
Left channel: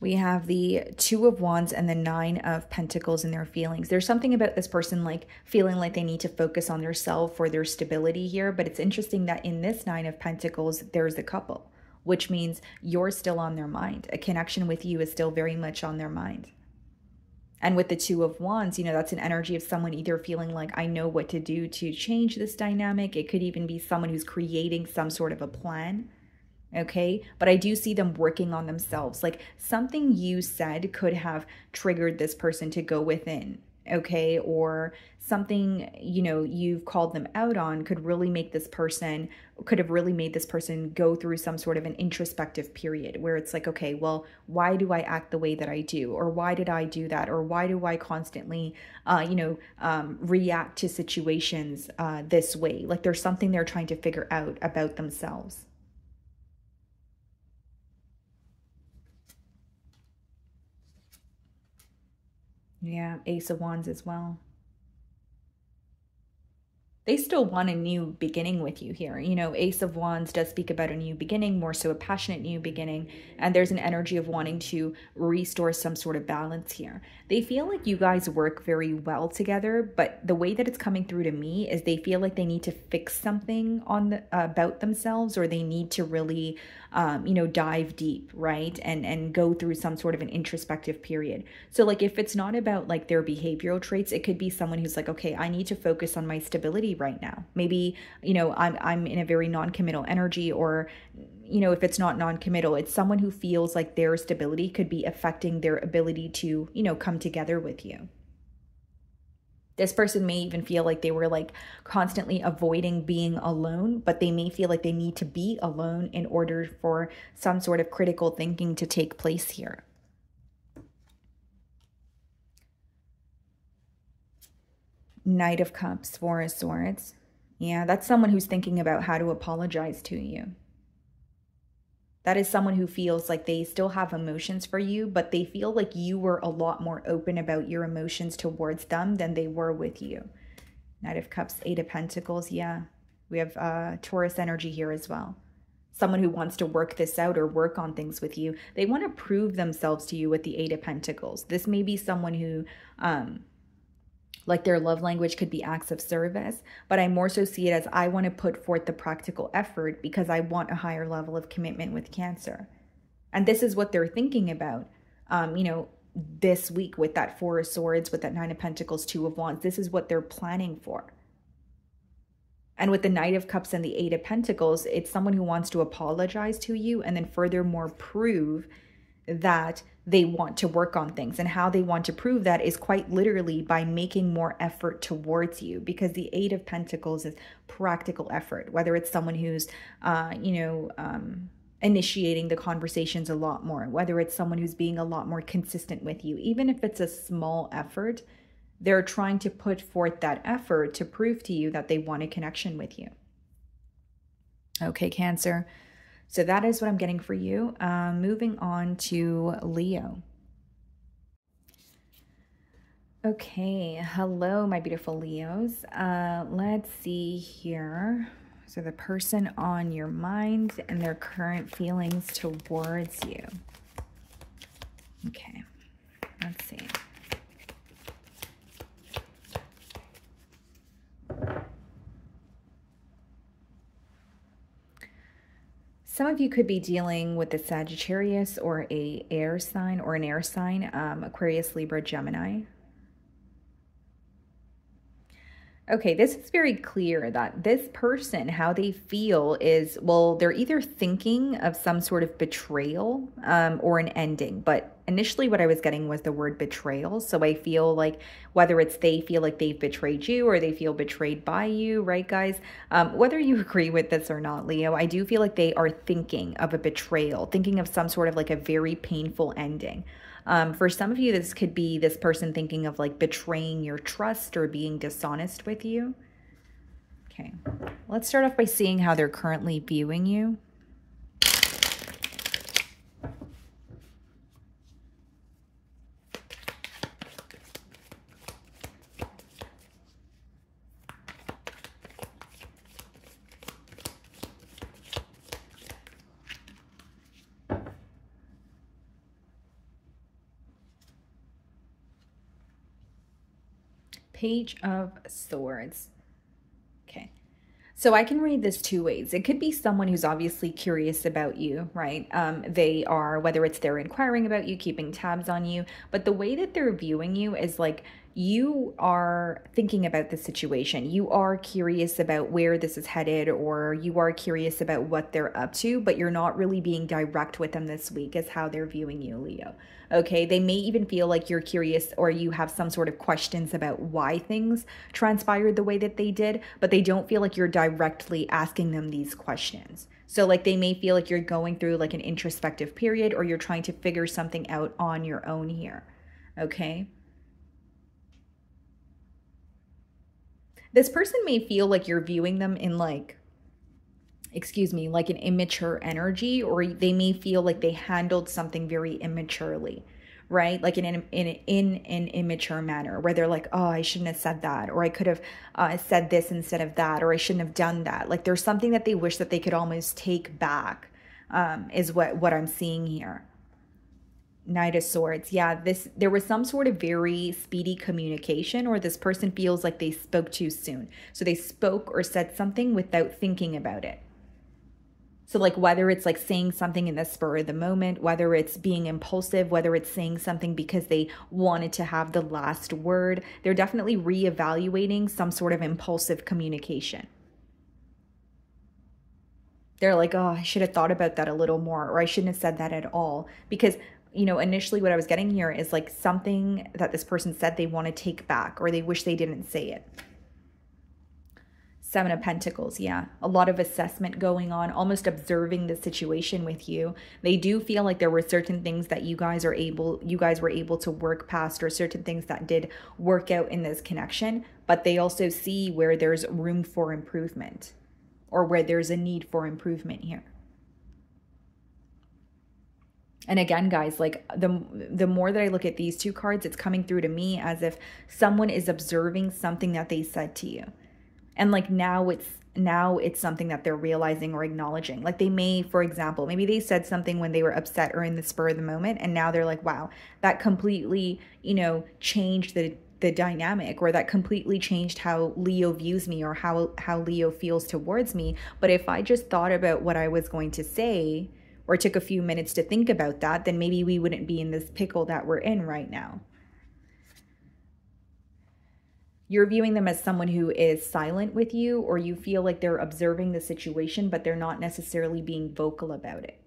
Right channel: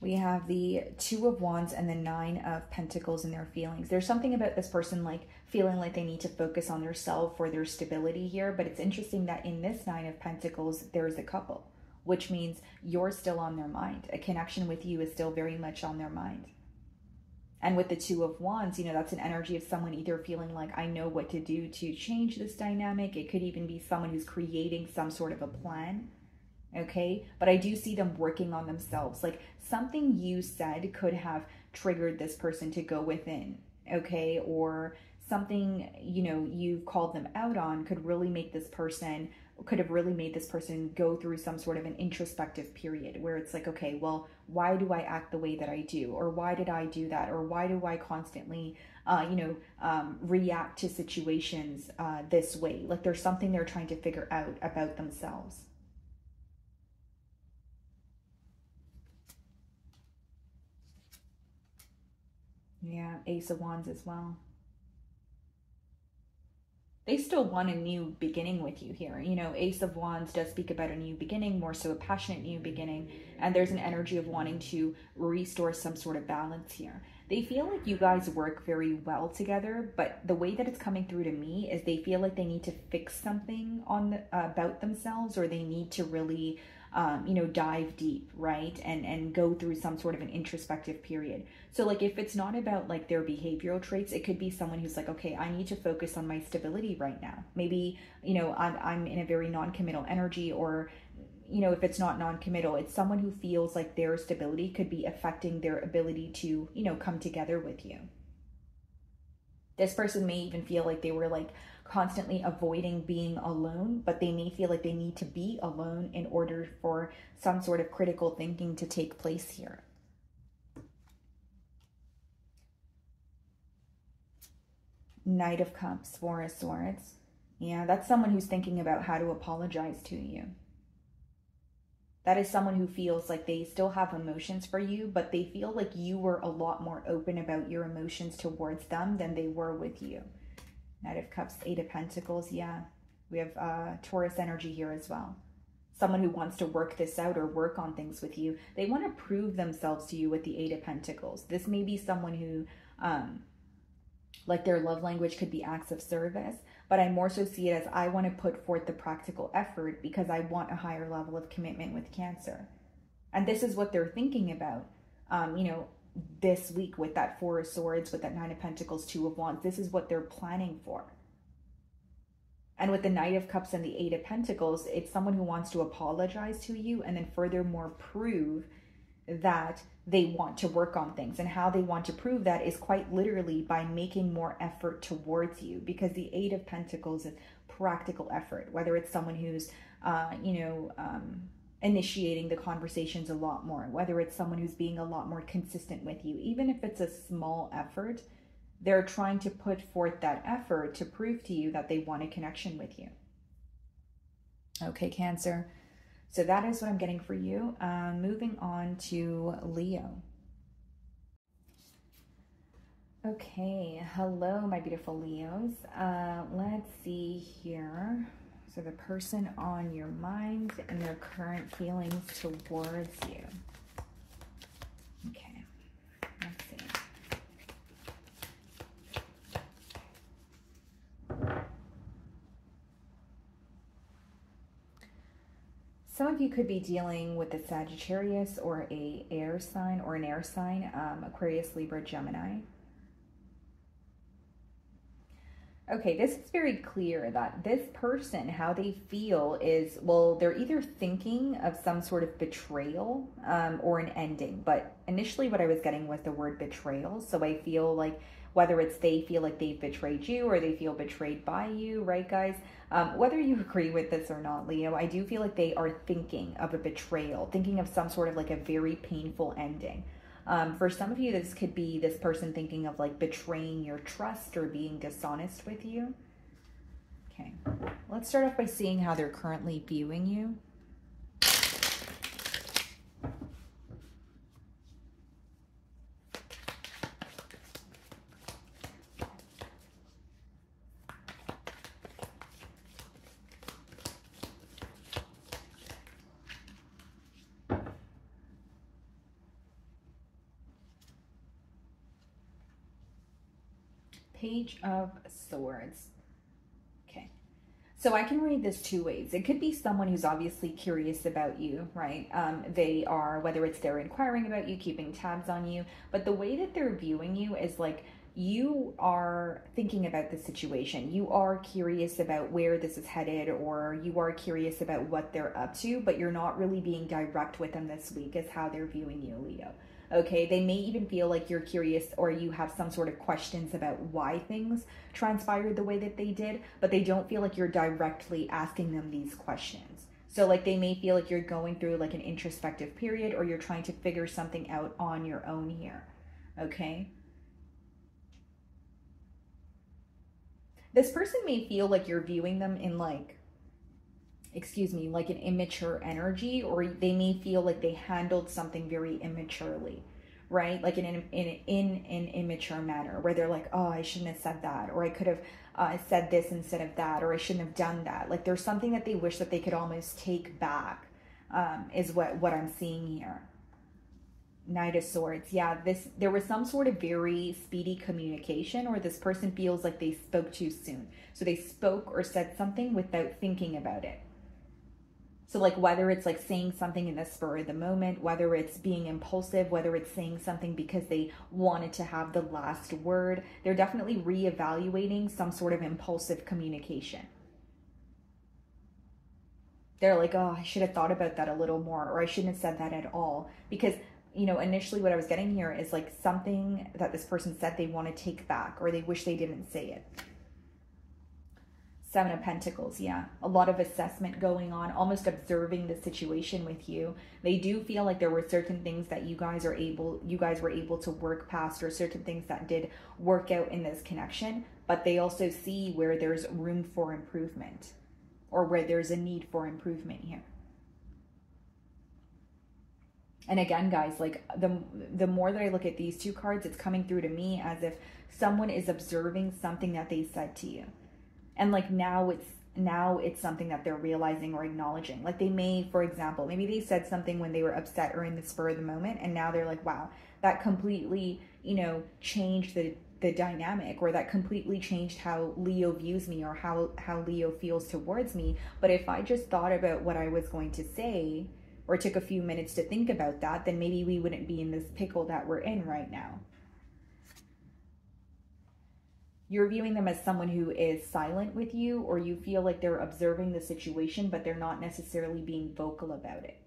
We have the Two of Wands and the Nine of Pentacles in their feelings. There's something about this person like feeling like they need to focus on their self or their stability here. But it's interesting that in this Nine of Pentacles, there's a couple, which means you're still on their mind. A connection with you is still very much on their mind. And with the Two of Wands, you know, that's an energy of someone either feeling like, I know what to do to change this dynamic. It could even be someone who's creating some sort of a plan. Okay, but I do see them working on themselves. Like something you said could have triggered this person to go within, okay, or something, you know, you've called them out on could really make this person, could have really made this person go through some sort of an introspective period where it's like, okay, well, why do I act the way that I do? Or why did I do that? Or why do I constantly, react to situations this way? Like there's something they're trying to figure out about themselves. Yeah, Ace of Wands as well. They still want a new beginning with you here. You know, Ace of Wands does speak about a new beginning, more so a passionate new beginning. And there's an energy of wanting to restore some sort of balance here. They feel like you guys work very well together, but the way that it's coming through to me is they feel like they need to fix something on about themselves, or they need to really dive deep, right? And go through some sort of an introspective period. So like if it's not about like their behavioral traits, it could be someone who's like, okay, I need to focus on my stability right now. Maybe, you know, I'm in a very non-committal energy, or, you know, if it's not non-committal, it's someone who feels like their stability could be affecting their ability to, you know, come together with you. This person may even feel like they were like constantly avoiding being alone, but they may feel like they need to be alone in order for some sort of critical thinking to take place here. Knight of Cups, Four of Swords. Yeah, that's someone who's thinking about how to apologize to you. That is someone who feels like they still have emotions for you, but they feel like you were a lot more open about your emotions towards them than they were with you. Knight of Cups, Eight of Pentacles. Yeah, we have Taurus energy here as well. Someone who wants to work this out or work on things with you. They want to prove themselves to you with the Eight of Pentacles. This may be someone who Like their love language could be acts of service, but I more so see it as I want to put forth the practical effort because I want a higher level of commitment with Cancer. And this is what they're thinking about, you know, this week with that Four of Swords, with that Nine of Pentacles, Two of Wands. This is what they're planning for. And with the Knight of Cups and the Eight of Pentacles, it's someone who wants to apologize to you and then furthermore prove that they want to work on things. And how they want to prove that is quite literally by making more effort towards you, because the Eight of Pentacles is practical effort, whether it's someone who's, initiating the conversations a lot more, whether it's someone who's being a lot more consistent with you, even if it's a small effort, they're trying to put forth that effort to prove to you that they want a connection with you. Okay, Cancer. So that is what I'm getting for you. Moving on to Leo. Okay, hello, my beautiful Leos. Let's see here. So the person on your mind and their current feelings towards you. Okay, let's see. Some of you could be dealing with a Sagittarius or an air sign, Aquarius, Libra, Gemini. Okay, this is very clear that this person, how they feel is, well, they're either thinking of some sort of betrayal or an ending. But initially what I was getting was the word betrayal. So I feel like whether it's they feel like they've betrayed you or they feel betrayed by you, right, guys? Whether you agree with this or not, Leo, I do feel like they are thinking of a betrayal, thinking of some sort of like a very painful ending. For some of you, this could be this person thinking of like betraying your trust or being dishonest with you. Okay, let's start off by seeing how they're currently viewing you. Page of Swords. Okay, so I can read this two ways. It could be someone who's obviously curious about you, right? They are, whether it's they're inquiring about you, keeping tabs on you, but the way that they're viewing you is like you are thinking about the situation. You are curious about where this is headed, or you are curious about what they're up to, but you're not really being direct with them this week is how they're viewing you, Leo. Okay, they may even feel like you're curious or you have some sort of questions about why things transpired the way that they did, but they don't feel like you're directly asking them these questions. So like they may feel like you're going through like an introspective period, or you're trying to figure something out on your own here. Okay. This person may feel like you're viewing them in like, like an immature energy, or they may feel like they handled something very immaturely, right? Like in an immature manner where they're like, oh, I shouldn't have said that, or I could have said this instead of that, or I shouldn't have done that. Like there's something that they wish that they could almost take back, is what I'm seeing here. Knight of Swords. Yeah, there was some sort of very speedy communication, or this person feels like they spoke too soon. So they spoke or said something without thinking about it. So like whether it's like saying something in the spur of the moment, whether it's being impulsive, whether it's saying something because they wanted to have the last word, they're definitely reevaluating some sort of impulsive communication. They're like, oh, I should have thought about that a little more, or I shouldn't have said that at all. Because, you know, initially what I was getting here is like something that this person said they want to take back, or they wish they didn't say it. Seven of Pentacles, yeah. A lot of assessment going on, almost observing the situation with you. They do feel like there were certain things that you guys were able to work past, or certain things that did work out in this connection, but they also see where there's room for improvement, or where there's a need for improvement here. And again, guys, like the more that I look at these two cards, it's coming through to me as if someone is observing something that they said to you. And like now it's something that they're realizing or acknowledging. Like they may, for example, maybe they said something when they were upset or in the spur of the moment, and now they're like, wow, that completely, you know, changed the the dynamic, or that completely changed how Leo views me, or how Leo feels towards me. But if I just thought about what I was going to say, or took a few minutes to think about that, then maybe we wouldn't be in this pickle that we're in right now. You're viewing them as someone who is silent with you, or you feel like they're observing the situation, but they're not necessarily being vocal about it.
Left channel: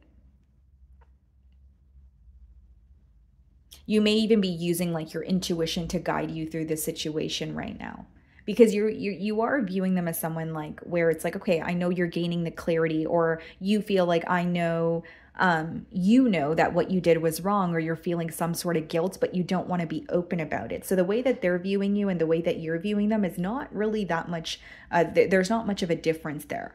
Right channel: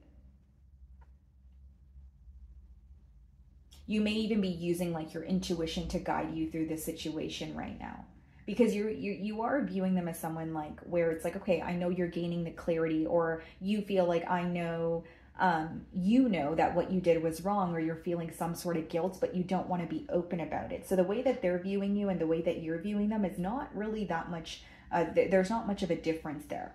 You may even be using like your intuition to guide you through the situation right now, because you are viewing them as someone like where it's like, okay, I know you're gaining the clarity, or you feel like I know, you know that what you did was wrong, or you're feeling some sort of guilt, but you don't want to be open about it. So the way that they're viewing you and the way that you're viewing them is not really that much, there's not much of a difference there.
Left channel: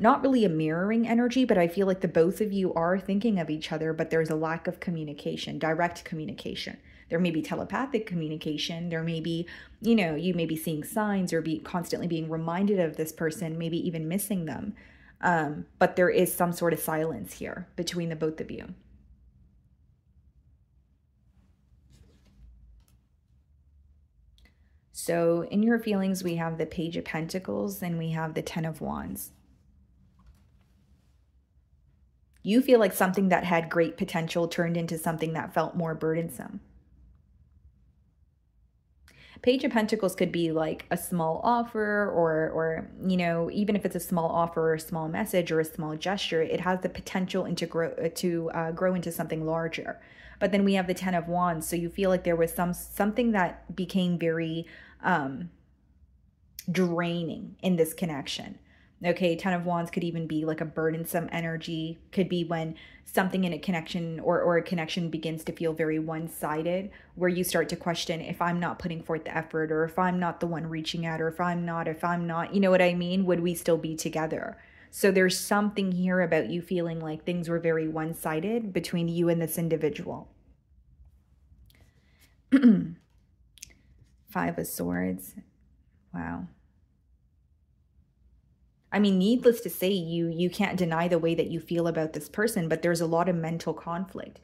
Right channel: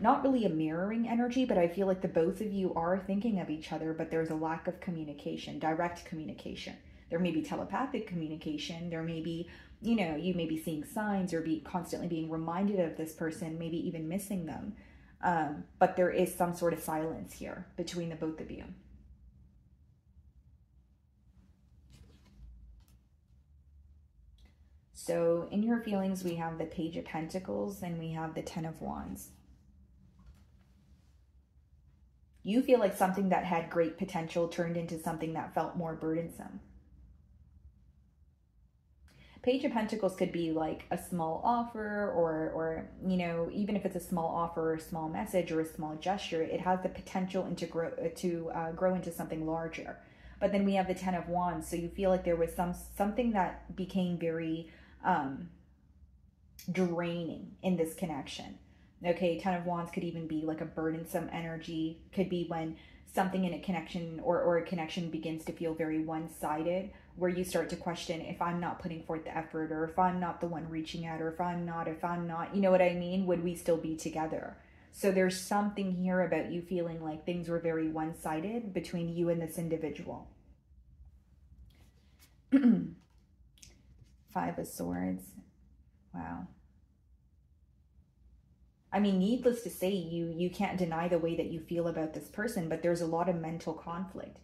Not really a mirroring energy, but I feel like the both of you are thinking of each other, but there's a lack of communication, direct communication. There may be telepathic communication. There may be, you know, you may be seeing signs, or be constantly being reminded of this person, maybe even missing them. But there is some sort of silence here between the both of you. So in your feelings, we have the Page of Pentacles and we have the Ten of Wands. You feel like something that had great potential turned into something that felt more burdensome. Page of Pentacles could be like a small offer, or you know, even if it's a small offer or a small message or a small gesture, it has the potential to grow into something larger. But then we have the Ten of Wands, so you feel like there was something that became very draining in this connection. Okay, Ten of Wands could even be like a burdensome energy. Could be when something in a connection or a connection begins to feel very one-sided, where you start to question, if I'm not putting forth the effort, or if I'm not the one reaching out, or if I'm not, you know what I mean? Would we still be together? So there's something here about you feeling like things were very one-sided between you and this individual. Five of Swords. Wow. I mean, needless to say, you can't deny the way that you feel about this person, but there's a lot of mental conflict.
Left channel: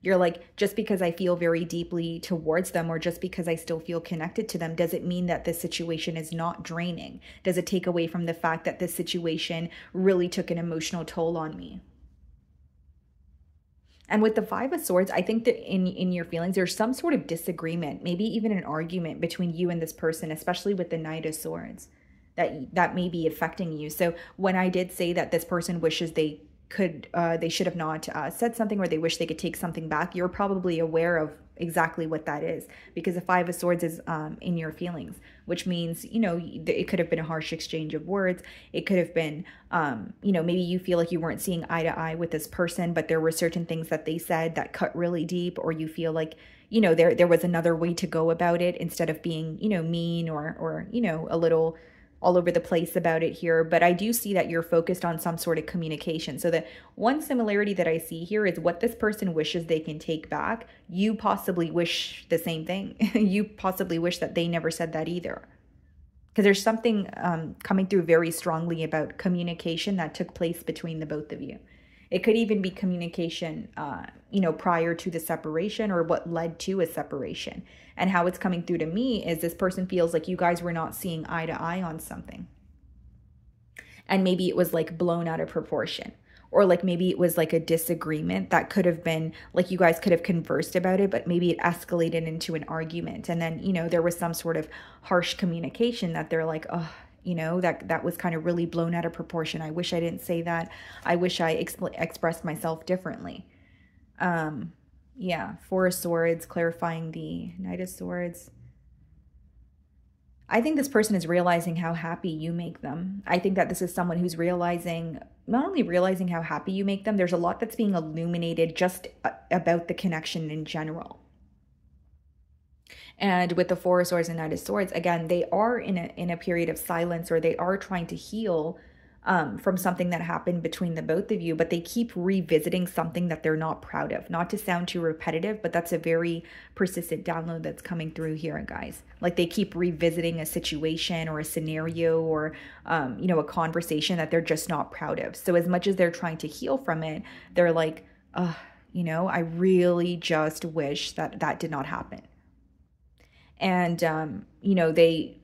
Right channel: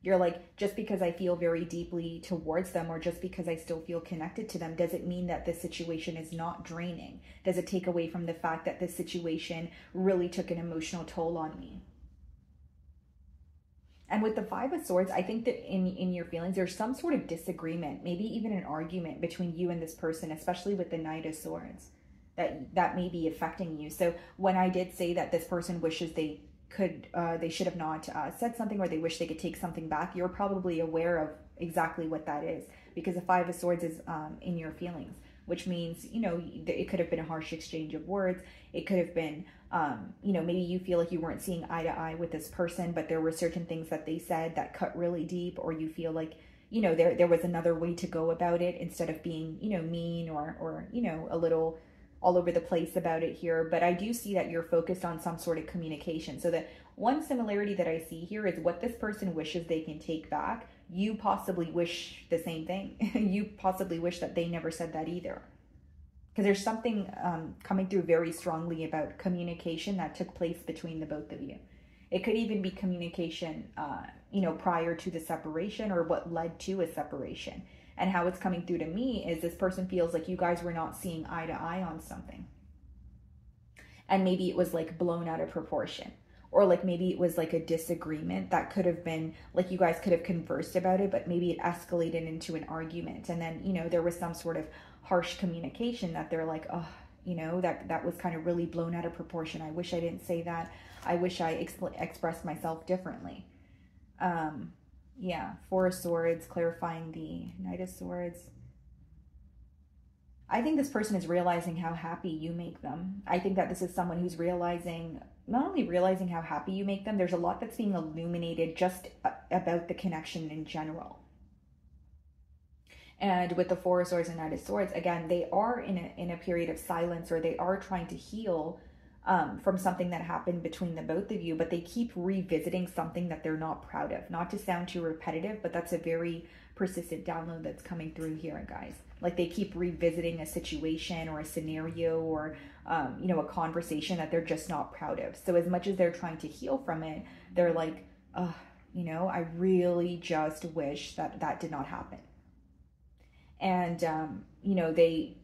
You're like, just because I feel very deeply towards them, or just because I still feel connected to them, does it mean that this situation is not draining? Does it take away from the fact that this situation really took an emotional toll on me? And with the Five of Swords, I think that in your feelings, there's some sort of disagreement, maybe even an argument between you and this person, especially with the Knight of Swords. That may be affecting you. So when I did say that this person wishes they should have not said something, or they wish they could take something back, you're probably aware of exactly what that is, because the Five of Swords is in your feelings, which means, you know, it could have been a harsh exchange of words. It could have been, you know, maybe you feel like you weren't seeing eye to eye with this person, but there were certain things that they said that cut really deep, or you feel like, you know, there was another way to go about it, instead of being, you know, mean or you know, a little all over the place about it here. But I do see that you're focused on some sort of communication. So the one similarity that I see here is what this person wishes they can take back. You possibly wish the same thing. You possibly wish that they never said that either. Because there's something coming through very strongly about communication that took place between the both of you. It could even be communication, you know, prior to the separation, or what led to a separation. And how it's coming through to me is this person feels like you guys were not seeing eye to eye on something. And maybe it was like blown out of proportion. Or like maybe it was like a disagreement that could have been like you guys could have conversed about it, but maybe it escalated into an argument. And then, you know, there was some sort of harsh communication that they're like, oh, you know, that was kind of really blown out of proportion. I wish I didn't say that. I wish I expressed myself differently. Yeah, Four of Swords, clarifying the Knight of Swords. I think this person is realizing how happy you make them. I think that this is someone who's realizing, not only realizing how happy you make them, there's a lot that's being illuminated just about the connection in general. And with the Four of Swords and Knight of Swords, again, they are in a period of silence, or they are trying to heal from something that happened between the both of you, but they keep revisiting something that they're not proud of. Not to sound too repetitive, but that's a very persistent download that's coming through here, guys. Like they keep revisiting a situation or a scenario, or you know, a conversation that they're just not proud of. So as much as they're trying to heal from it, they're like, you know, I really just wish that that did not happen. And, you know, they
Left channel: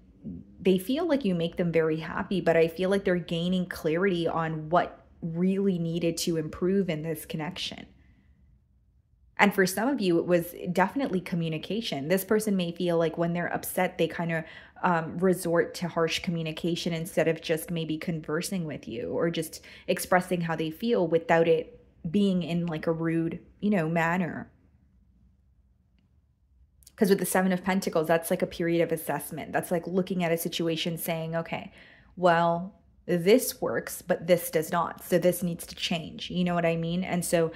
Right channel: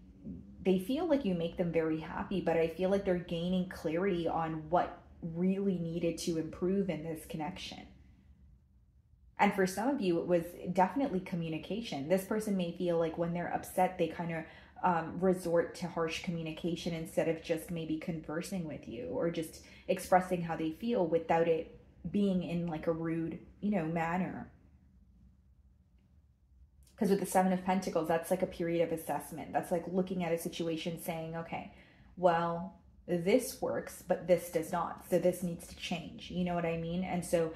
feel like you make them very happy, but I feel like they're gaining clarity on what really needed to improve in this connection. And for some of you, it was definitely communication. This person may feel like when they're upset, they kind of resort to harsh communication instead of just maybe conversing with you or just expressing how they feel without it being in like a rude, you know, manner. Because with the Seven of Pentacles, that's like a period of assessment. That's like looking at a situation saying, okay, well, this works, but this does not. So this needs to change. You know what I mean? And so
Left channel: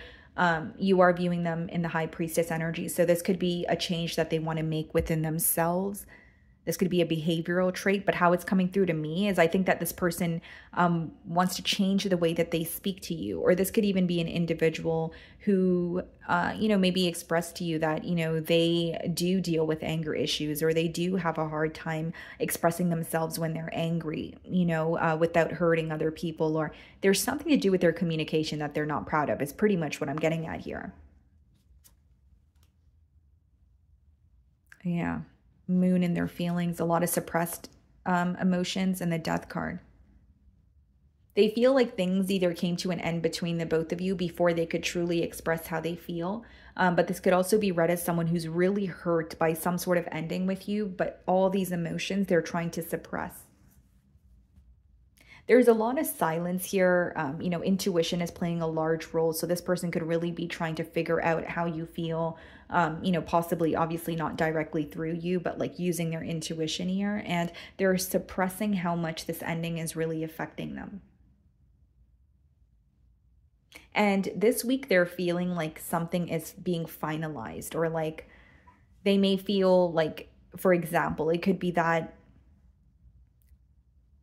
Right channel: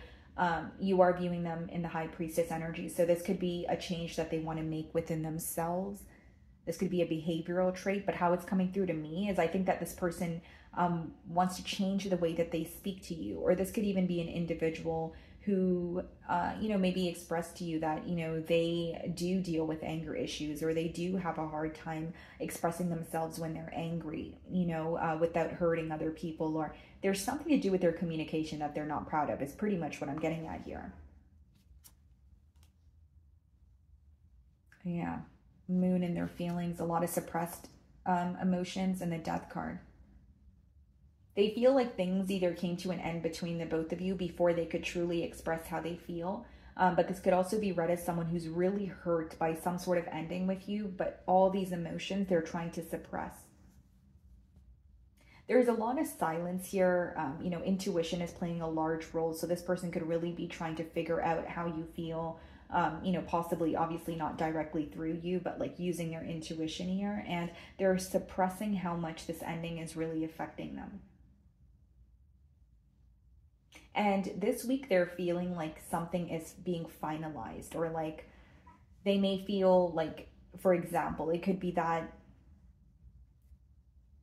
you are viewing them in the High Priestess energy. So this could be a change that they want to make within themselves. This could be a behavioral trait, but how it's coming through to me is I think that this person wants to change the way that they speak to you. Or this could even be an individual who, you know, maybe expressed to you that, you know, they do deal with anger issues, or they do have a hard time expressing themselves when they're angry, you know, without hurting other people, or there's something to do with their communication that they're not proud of. It's pretty much what I'm getting at here. Yeah. Moon in their feelings, a lot of suppressed emotions, and the Death card. They feel like things either came to an end between the both of you before they could truly express how they feel. But this could also be read as someone who's really hurt by some sort of ending with you, but all these emotions they're trying to suppress. There's a lot of silence here. You know, intuition is playing a large role. So this person could really be trying to figure out how you feel, you know, possibly obviously not directly through you, but like using their intuition here. And they're suppressing how much this ending is really affecting them. And this week they're feeling like something is being finalized, or like they may feel like, for example, it could be that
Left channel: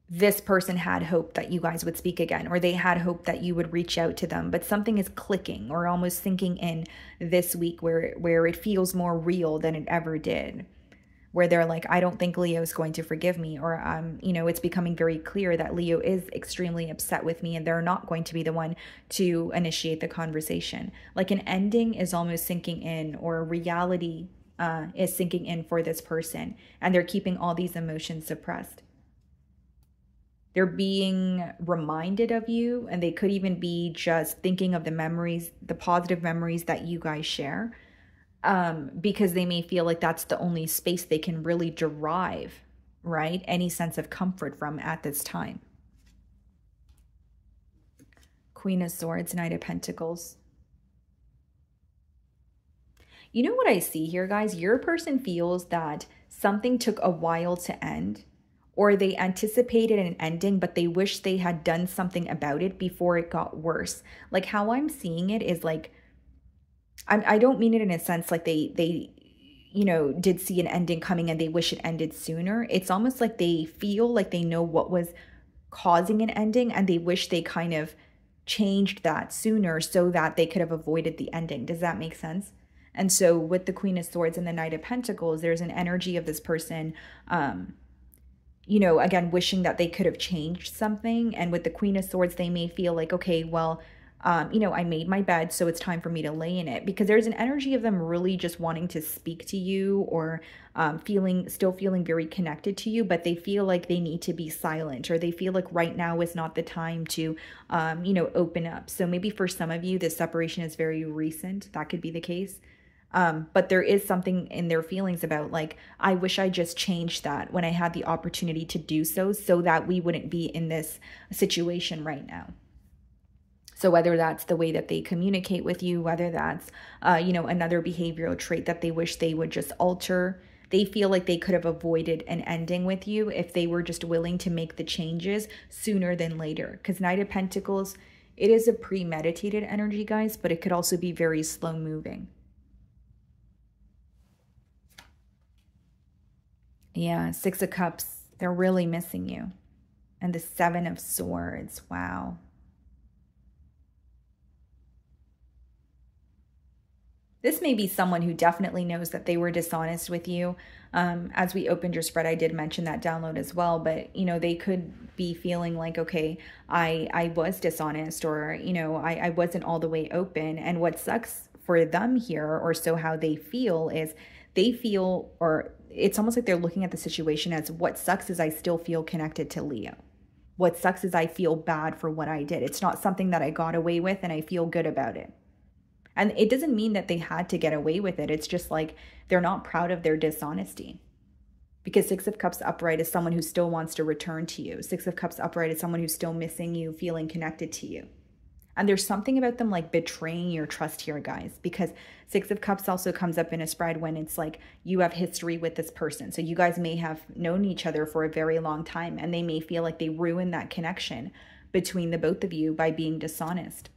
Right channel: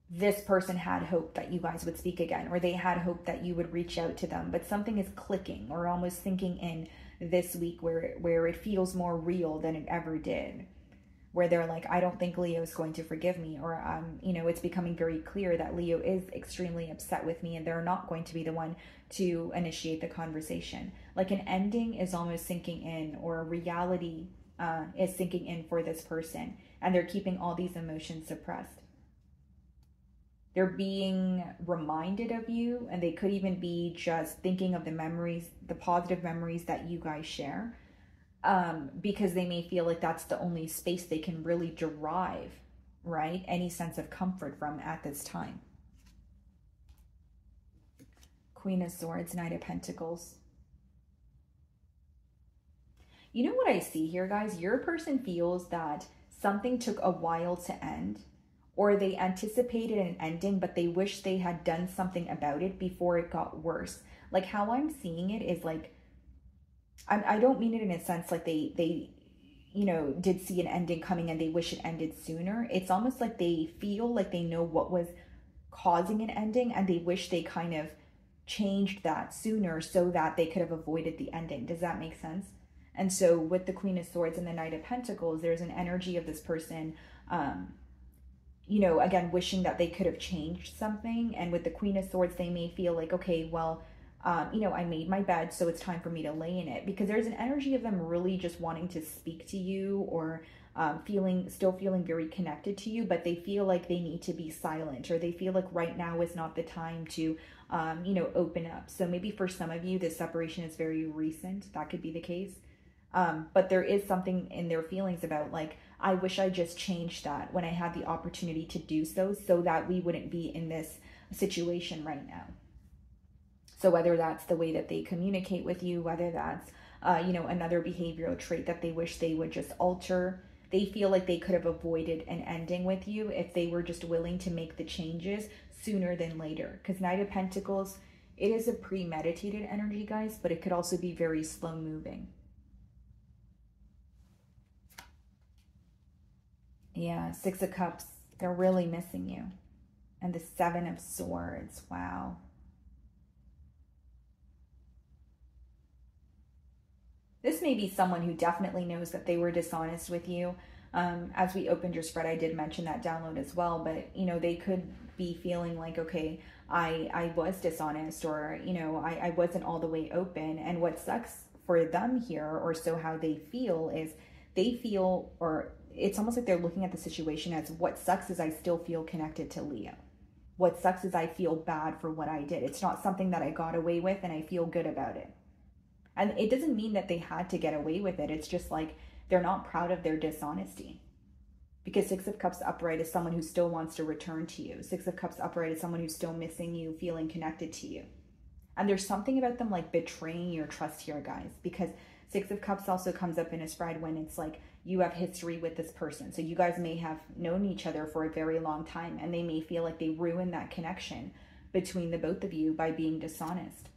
this person had hope that you guys would speak again, or they had hope that you would reach out to them, but something is clicking or almost sinking in this week where it feels more real than it ever did, where they're like, I don't think Leo is going to forgive me, or you know, it's becoming very clear that Leo is extremely upset with me and they're not going to be the one to initiate the conversation. Like an ending is almost sinking in, or reality is sinking in for this person, and they're keeping all these emotions suppressed. They're being reminded of you, and they could even be just thinking of the memories, the positive memories that you guys share, because they may feel like that's the only space they can really derive, right, any sense of comfort from at this time. Queen of Swords, Knight of Pentacles. You know what I see here, guys? Your person feels that something took a while to end, or they anticipated an ending, but they wish they had done something about it before it got worse. Like how I'm seeing it is like, I don't mean it in a sense like they you know, did see an ending coming and they wish it ended sooner. It's almost like they feel like they know what was causing an ending, and they wish they kind of changed that sooner so that they could have avoided the ending. Does that make sense? And so with the Queen of Swords and the Knight of Pentacles, there's an energy of this person, you know, again, wishing that they could have changed something. And with the Queen of Swords, they may feel like, okay, well, you know, I made my bed, so it's time for me to lay in it. Because there's an energy of them really just wanting to speak to you, or still feeling very connected to you, but they feel like they need to be silent, or they feel like right now is not the time to, you know, open up. So maybe for some of you, this separation is very recent. That could be the case. But there is something in their feelings about like, I wish I just changed that when I had the opportunity to do so that we wouldn't be in this situation right now. So whether that's the way that they communicate with you, whether that's, you know, another behavioral trait that they wish they would just alter, they feel like they could have avoided an ending with you if they were just willing to make the changes sooner than later. Because Knight of Pentacles, it is a premeditated energy, guys, but it could also be very slow moving. Yeah, Six of Cups, they're really missing you. And the Seven of Swords, wow. This may be someone who definitely knows that they were dishonest with you. As we opened your spread, I did mention that download as well, but, you know, they could be feeling like, okay, I was dishonest, or, you know, I wasn't all the way open. And what sucks for them here, or so how they feel, is they feel, or it's almost like they're looking at the situation as, what sucks is I still feel connected to Leo. What sucks is I feel bad for what I did. It's not something that I got away with and I feel good about it. And it doesn't mean that they had to get away with it. It's just like they're not proud of their dishonesty. Because Six of Cups upright is someone who still wants to return to you. Six of Cups upright is someone who's still missing you, feeling connected to you. And there's something about them like betraying your trust here, guys, because Six of Cups also comes up in a spread when it's like you have history with this person. So you guys may have known each other for a very long time, and they may feel like they ruined that connection between the both of you by being dishonest.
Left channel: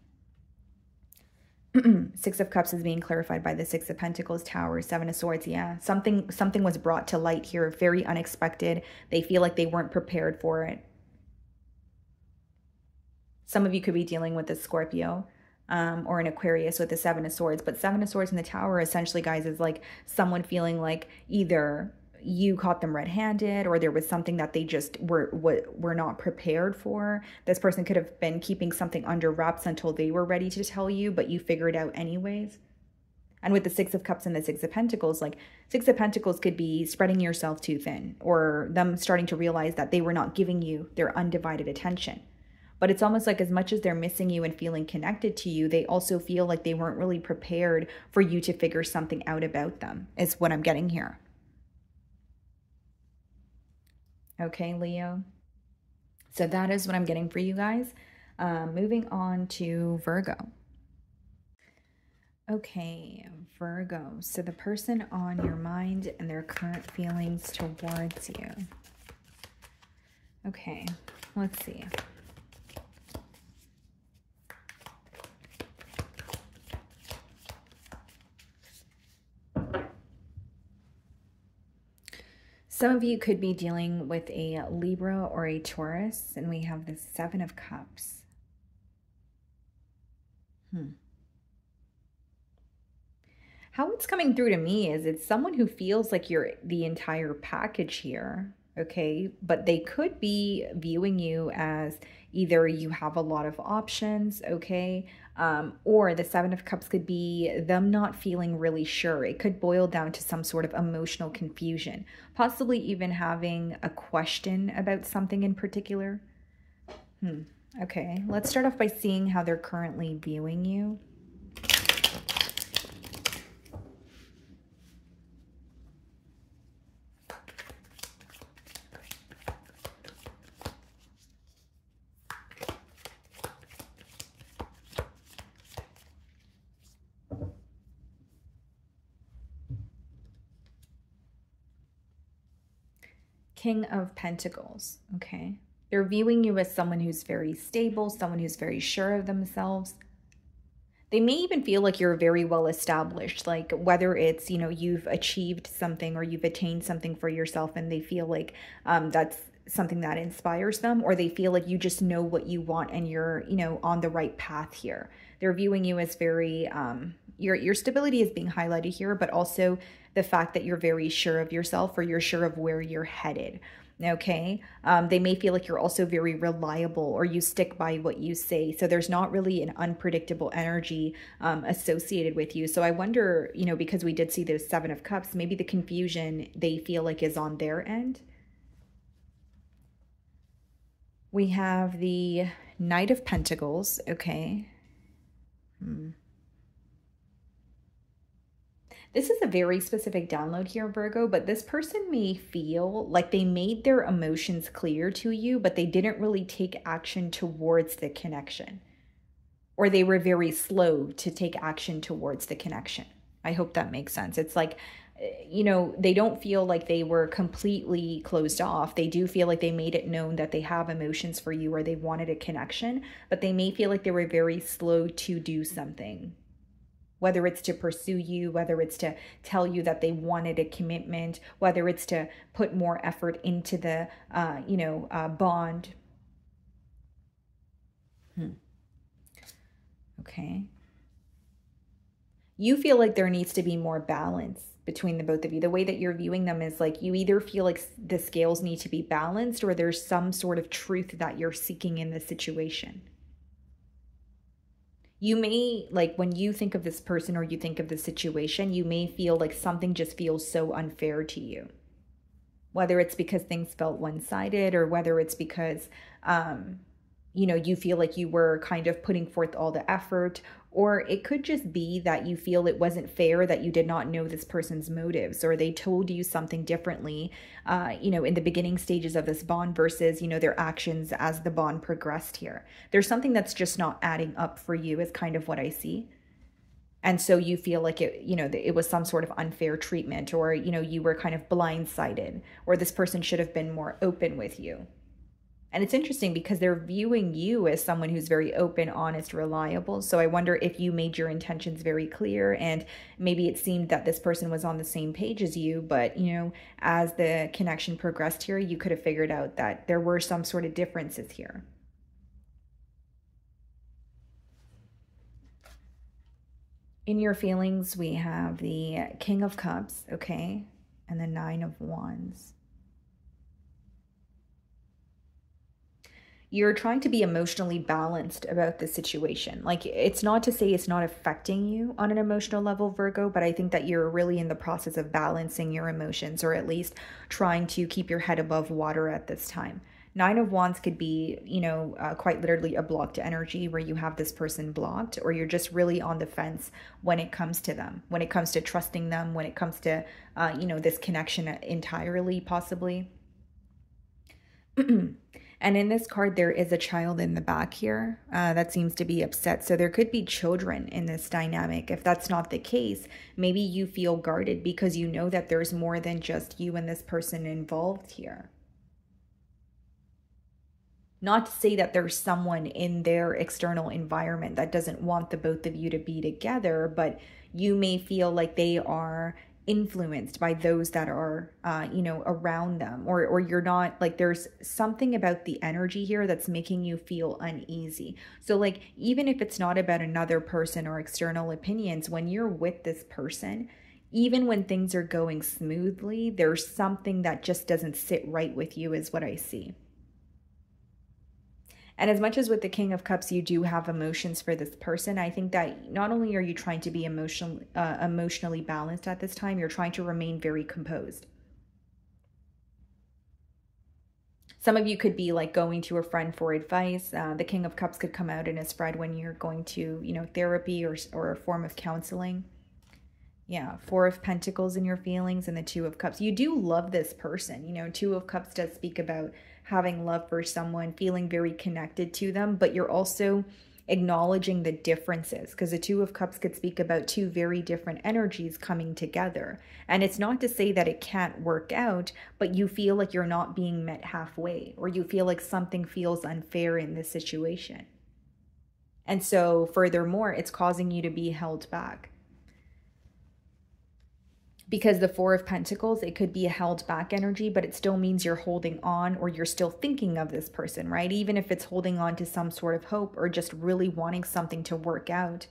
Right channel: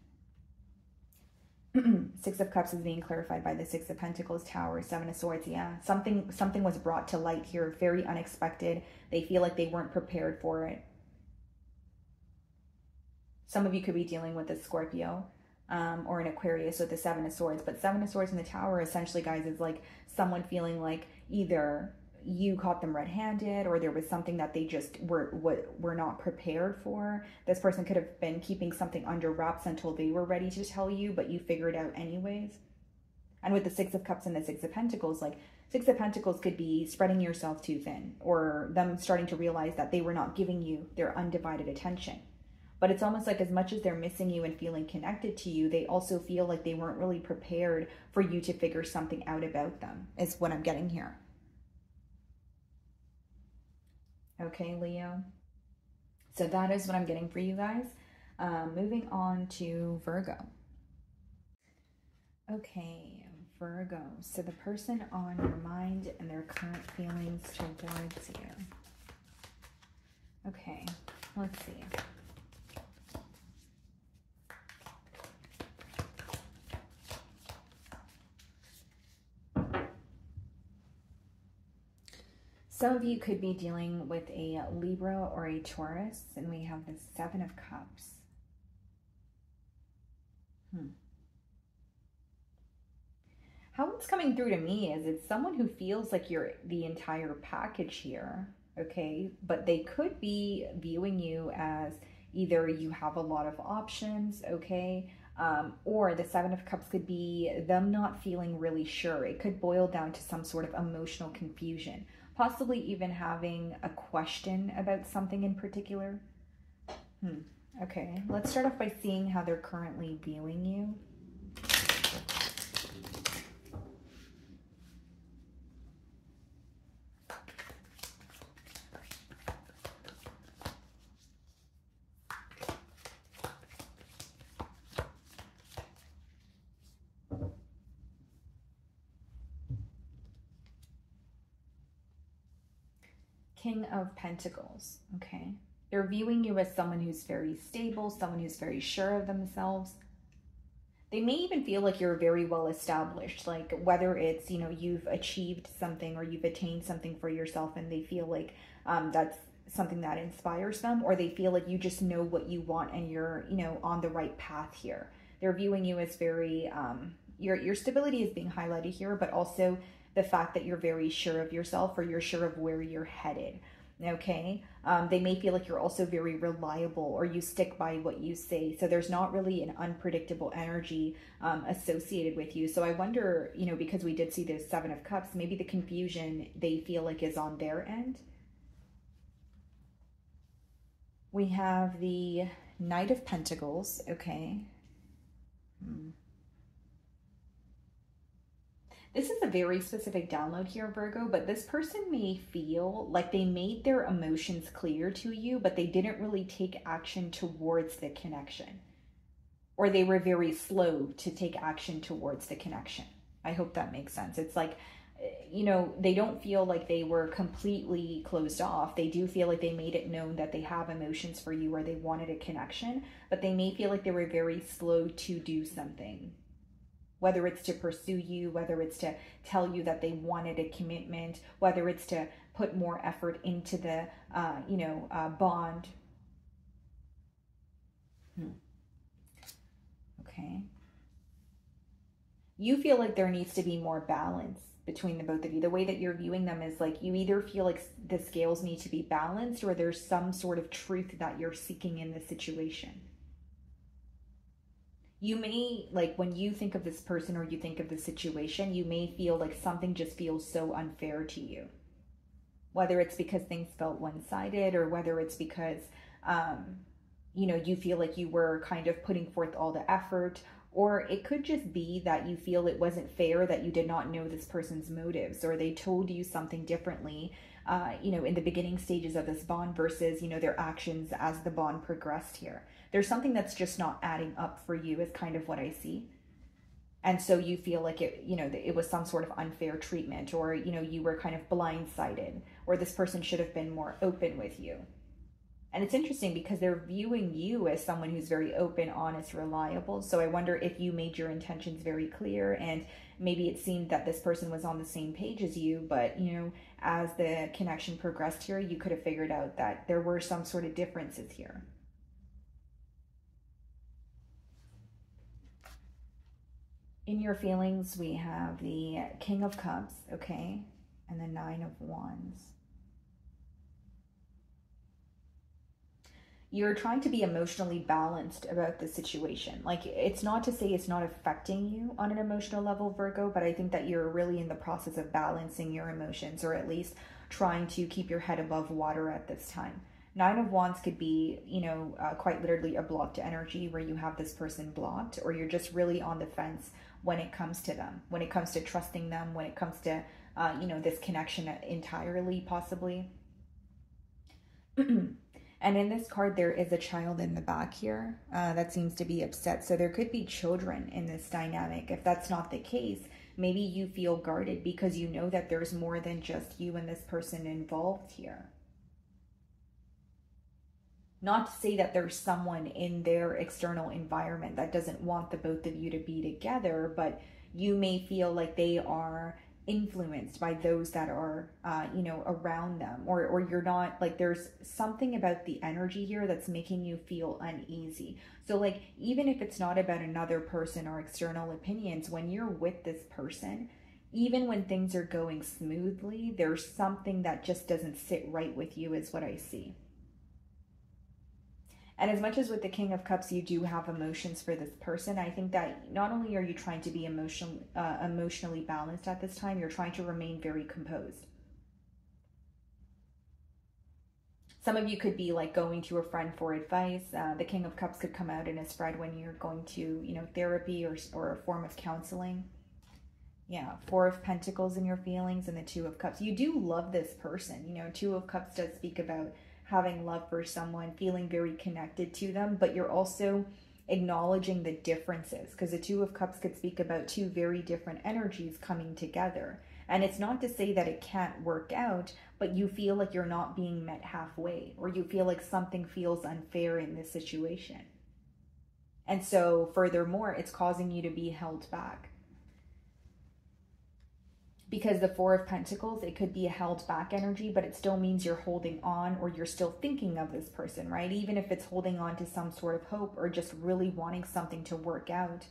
Six of Cups is being clarified by the Six of Pentacles, Tower, Seven of Swords. Yeah, something was brought to light here, very unexpected. They feel like they weren't prepared for it. Some of you could be dealing with a Scorpio or an Aquarius with the Seven of Swords. But Seven of Swords in the Tower, essentially, guys, is like someone feeling like either you caught them red-handed or there was something that they just were not prepared for. This person could have been keeping something under wraps until they were ready to tell you, but you figured it out anyways. And with the Six of Cups and the Six of Pentacles, like Six of Pentacles could be spreading yourself too thin, or them starting to realize that they were not giving you their undivided attention. But it's almost like as much as they're missing you and feeling connected to you, they also feel like they weren't really prepared for you to figure something out about them, is what I'm getting here. Okay, Leo. So that is what I'm getting for you guys. Moving on to Virgo. Okay, Virgo. So the person on your mind and their current feelings towards you. Okay, let's see. Some of you could be dealing with a Libra or a Taurus, and we have the Seven of Cups. How it's coming through to me is it's someone who feels like you're the entire package here, okay? But they could be viewing you as either you have a lot of options, okay? Or the Seven of Cups could be them not feeling really sure. It could boil down to some sort of emotional confusion, possibly even having a question about something in particular. Okay, let's start off by seeing how they're currently viewing you. King of Pentacles, okay? They're viewing you as someone who's very stable, someone who's very sure of themselves. They may even feel like you're very well established, like whether it's, you know, you've achieved something or you've attained something for yourself and they feel like that's something that inspires them, or they feel like you just know what you want and you're, you know, on the right path here. They're viewing you as very, your stability is being highlighted here, but also the fact that you're very sure of yourself or you're sure of where you're headed, okay? They may feel like you're also very reliable or you stick by what you say. So there's not really an unpredictable energy associated with you. So I wonder, you know, because we did see the Seven of Cups, maybe the confusion they feel like is on their end. We have the Knight of Pentacles, okay? This is a very specific download here, Virgo, but this person may feel like they made their emotions clear to you, but they didn't really take action towards the connection. Or they were very slow to take action towards the connection. I hope that makes sense. It's like, you know, they don't feel like they were completely closed off. They do feel like they made it known that they have emotions for you or they wanted a connection, but they may feel like they were very slow to do something. Whether it's to pursue you, whether it's to tell you that they wanted a commitment, whether it's to put more effort into the, bond. Okay. You feel like there needs to be more balance between the both of you. The way that you're viewing them is like you either feel like the scales need to be balanced or there's some sort of truth that you're seeking in the situation. You may, like when you think of this person or you think of the situation, you may feel like something just feels so unfair to you. whether it's because things felt one-sided or whether it's because, you know, you feel like you were kind of putting forth all the effort, or it could just be that you feel it wasn't fair, that you did not know this person's motives, or they told you something differently, you know, in the beginning stages of this bond versus, you know, their actions as the bond progressed here. There's something that's just not adding up for you is kind of what I see. And so you feel like it, you know, it was some sort of unfair treatment, or, you know, you were kind of blindsided, or this person should have been more open with you. And it's interesting because they're viewing you as someone who's very open, honest, reliable. So I wonder if you made your intentions very clear, and maybe it seemed that this person was on the same page as you, but, you know, as the connection progressed here, you could have figured out that there were some sort of differences here. In your feelings, we have the King of Cups, okay, and the Nine of Wands. You're trying to be emotionally balanced about the situation. Like, it's not to say it's not affecting you on an emotional level, Virgo, but I think that you're really in the process of balancing your emotions, or at least trying to keep your head above water at this time. Nine of Wands could be, you know, quite literally a blocked energy where you have this person blocked, or you're just really on the fence when it comes to them, when it comes to trusting them, when it comes to, you know, this connection entirely, possibly. And in this card, there is a child in the back here that seems to be upset. So there could be children in this dynamic. If that's not the case, maybe you feel guarded because you know that there's more than just you and this person involved here. Not to say that there's someone in their external environment that doesn't want the both of you to be together, but you may feel like they are influenced by those that are, you know, around them, or you're not, like, there's something about the energy here that's making you feel uneasy. So like, even if it's not about another person or external opinions, when you're with this person, even when things are going smoothly, there's something that just doesn't sit right with you, is what I see. And as much as with the King of Cups, you do have emotions for this person, I think that not only are you trying to be emotionally balanced at this time, you're trying to remain very composed. Some of you could be like going to a friend for advice. The King of Cups could come out in a spread when you're going to, you know, therapy or a form of counseling. Yeah, Four of Pentacles in your feelings, and the Two of Cups. You do love this person. You know, Two of Cups does speak about having love for someone, feeling very connected to them, but you're also acknowledging the differences, because the Two of Cups could speak about two very different energies coming together. And it's not to say that it can't work out, but you feel like you're not being met halfway, or you feel like something feels unfair in this situation. And so furthermore, it's causing you to be held back. Because the Four of Pentacles, it could be a held back energy, but it still means you're holding on, or you're still thinking of this person, right? Even if it's holding on to some sort of hope, or just really wanting something to work out.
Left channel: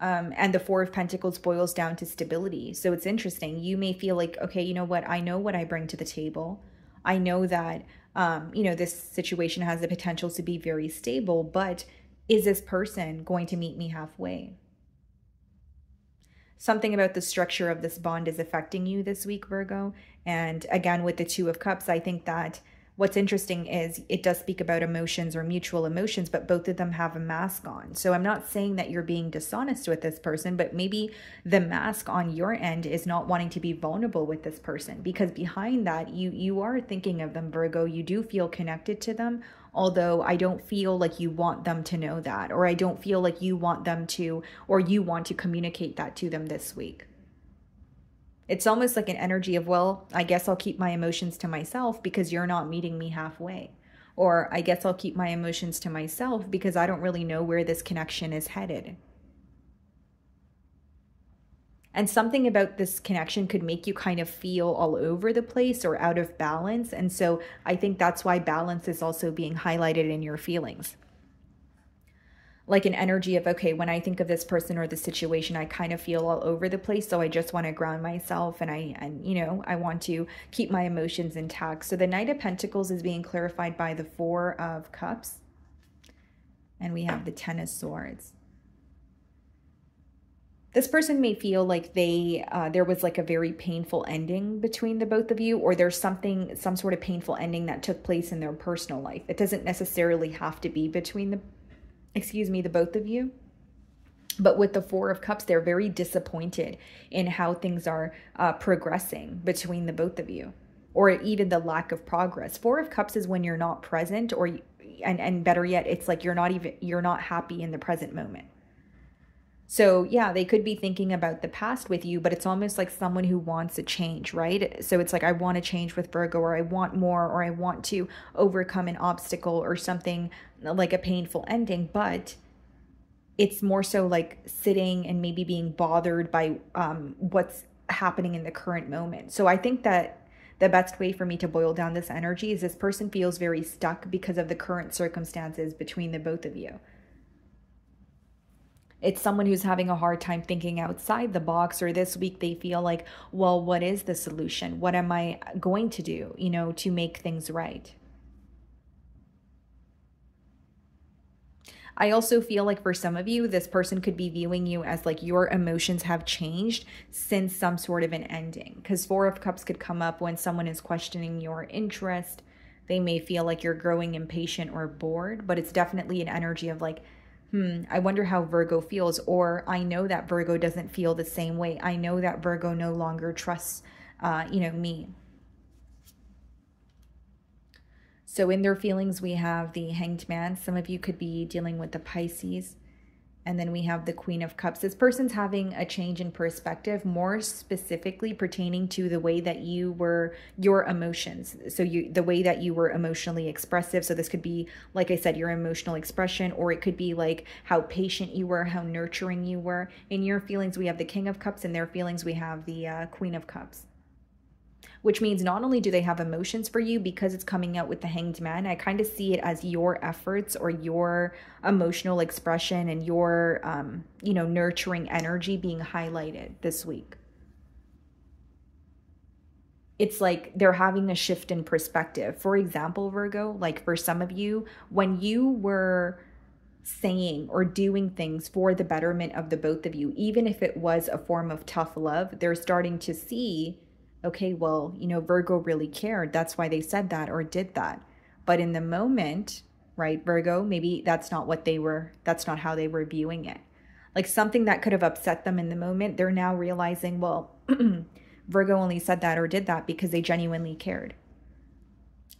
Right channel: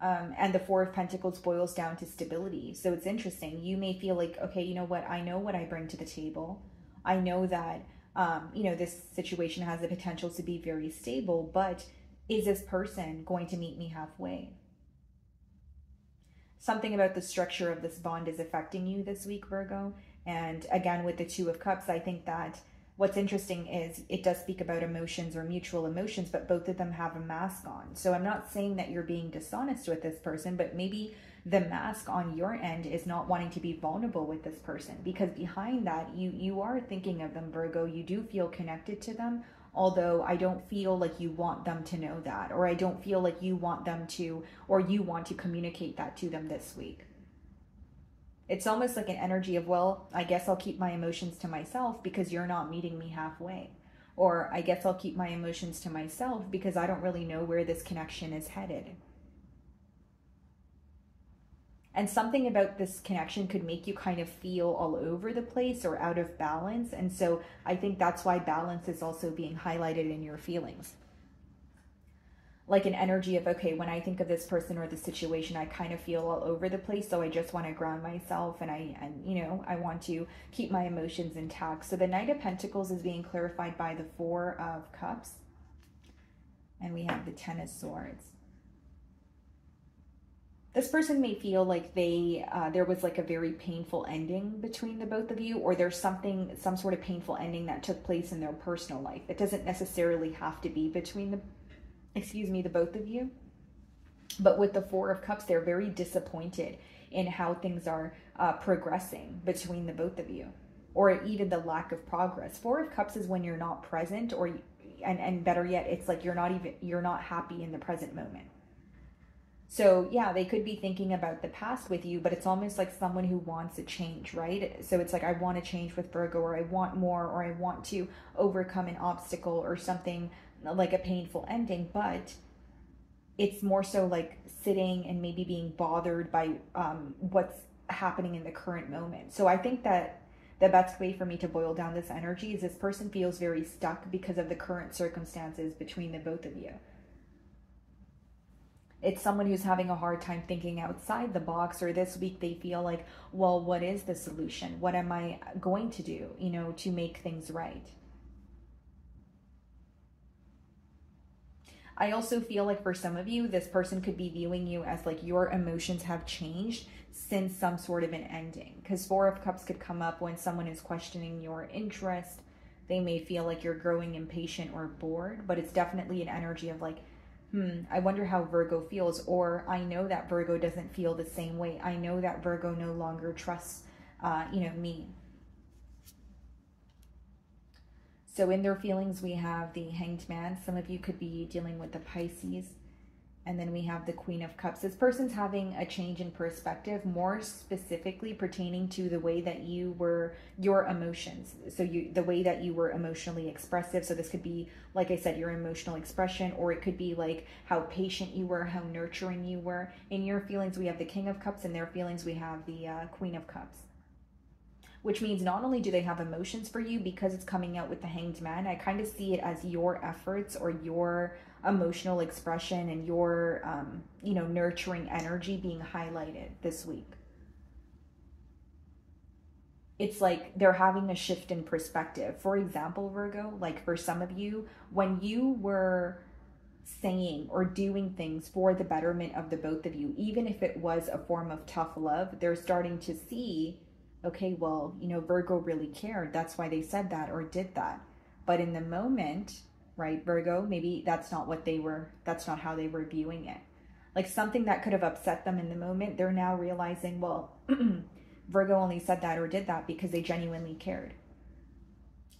And the Four of Pentacles boils down to stability. So it's interesting. You may feel like, okay, you know what? I know what I bring to the table. I know that, you know, this situation has the potential to be very stable, but is this person going to meet me halfway? Something about the structure of this bond is affecting you this week, Virgo. And again, with the Two of Cups, I think that what's interesting is it does speak about emotions or mutual emotions, but both of them have a mask on. So I'm not saying that you're being dishonest with this person, but maybe the mask on your end is not wanting to be vulnerable with this person, because behind that, you are thinking of them, Virgo. You do feel connected to them, although I don't feel like you want them to know that, or I don't feel like you want them to, or you want to communicate that to them this week. It's almost like an energy of, well, I guess I'll keep my emotions to myself because you're not meeting me halfway. Or I guess I'll keep my emotions to myself because I don't really know where this connection is headed. And something about this connection could make you kind of feel all over the place or out of balance. And so I think that's why balance is also being highlighted in your feelings. Like an energy of, okay, when I think of this person or the situation, I kind of feel all over the place. So I just want to ground myself, and you know, I want to keep my emotions intact. So the Knight of Pentacles is being clarified by the Four of Cups. And we have the Ten of Swords. This person may feel like there was like a very painful ending between the both of you, or there's some sort of painful ending that took place in their personal life. It doesn't necessarily have to be between the both of you. But with the Four of Cups, they're very disappointed in how things are progressing between the both of you, or even the lack of progress. Four of Cups is when you're not present, and better yet, it's like you're not happy in the present moment. So yeah, they could be thinking about the past with you, but it's almost like someone who wants a change, right? So it's like, I want to change with Virgo, or I want more, or I want to overcome an obstacle or something like a painful ending. But it's more so like sitting and maybe being bothered by what's happening in the current moment. So I think that the best way for me to boil down this energy is this person feels very stuck because of the current circumstances between the both of you. It's someone who's having a hard time thinking outside the box, or this week they feel like, well, what is the solution? What am I going to do, to make things right? I also feel like for some of you, this person could be viewing you as like your emotions have changed since some sort of an ending. Because Four of Cups could come up when someone is questioning your interest. They may feel like you're growing impatient or bored, but it's definitely an energy of like, I wonder how Virgo feels, or I know that Virgo doesn't feel the same way. I know that Virgo no longer trusts, me. So in their feelings, we have the Hanged Man. Some of you could be dealing with the Pisces. And then we have the Queen of Cups. This person's having a change in perspective, more specifically pertaining to the way that your emotions. So the way that you were emotionally expressive. So this could be, like I said, your emotional expression, or it could be like how patient you were, how nurturing you were. In your feelings, we have the King of Cups. In their feelings, we have the Queen of Cups. Which means not only do they have emotions for you, because it's coming out with the Hanged Man, I kind of see it as your efforts or your emotional expression and your, nurturing energy being highlighted this week. It's like they're having a shift in perspective. For example, Virgo, like for some of you, when you were saying or doing things for the betterment of the both of you, even if it was a form of tough love, they're starting to see, okay, well, Virgo really cared. That's why they said that or did that. But in the moment, right, Virgo, maybe that's not how they were viewing it. Like something that could have upset them in the moment, they're now realizing, well, Virgo only said that or did that because they genuinely cared.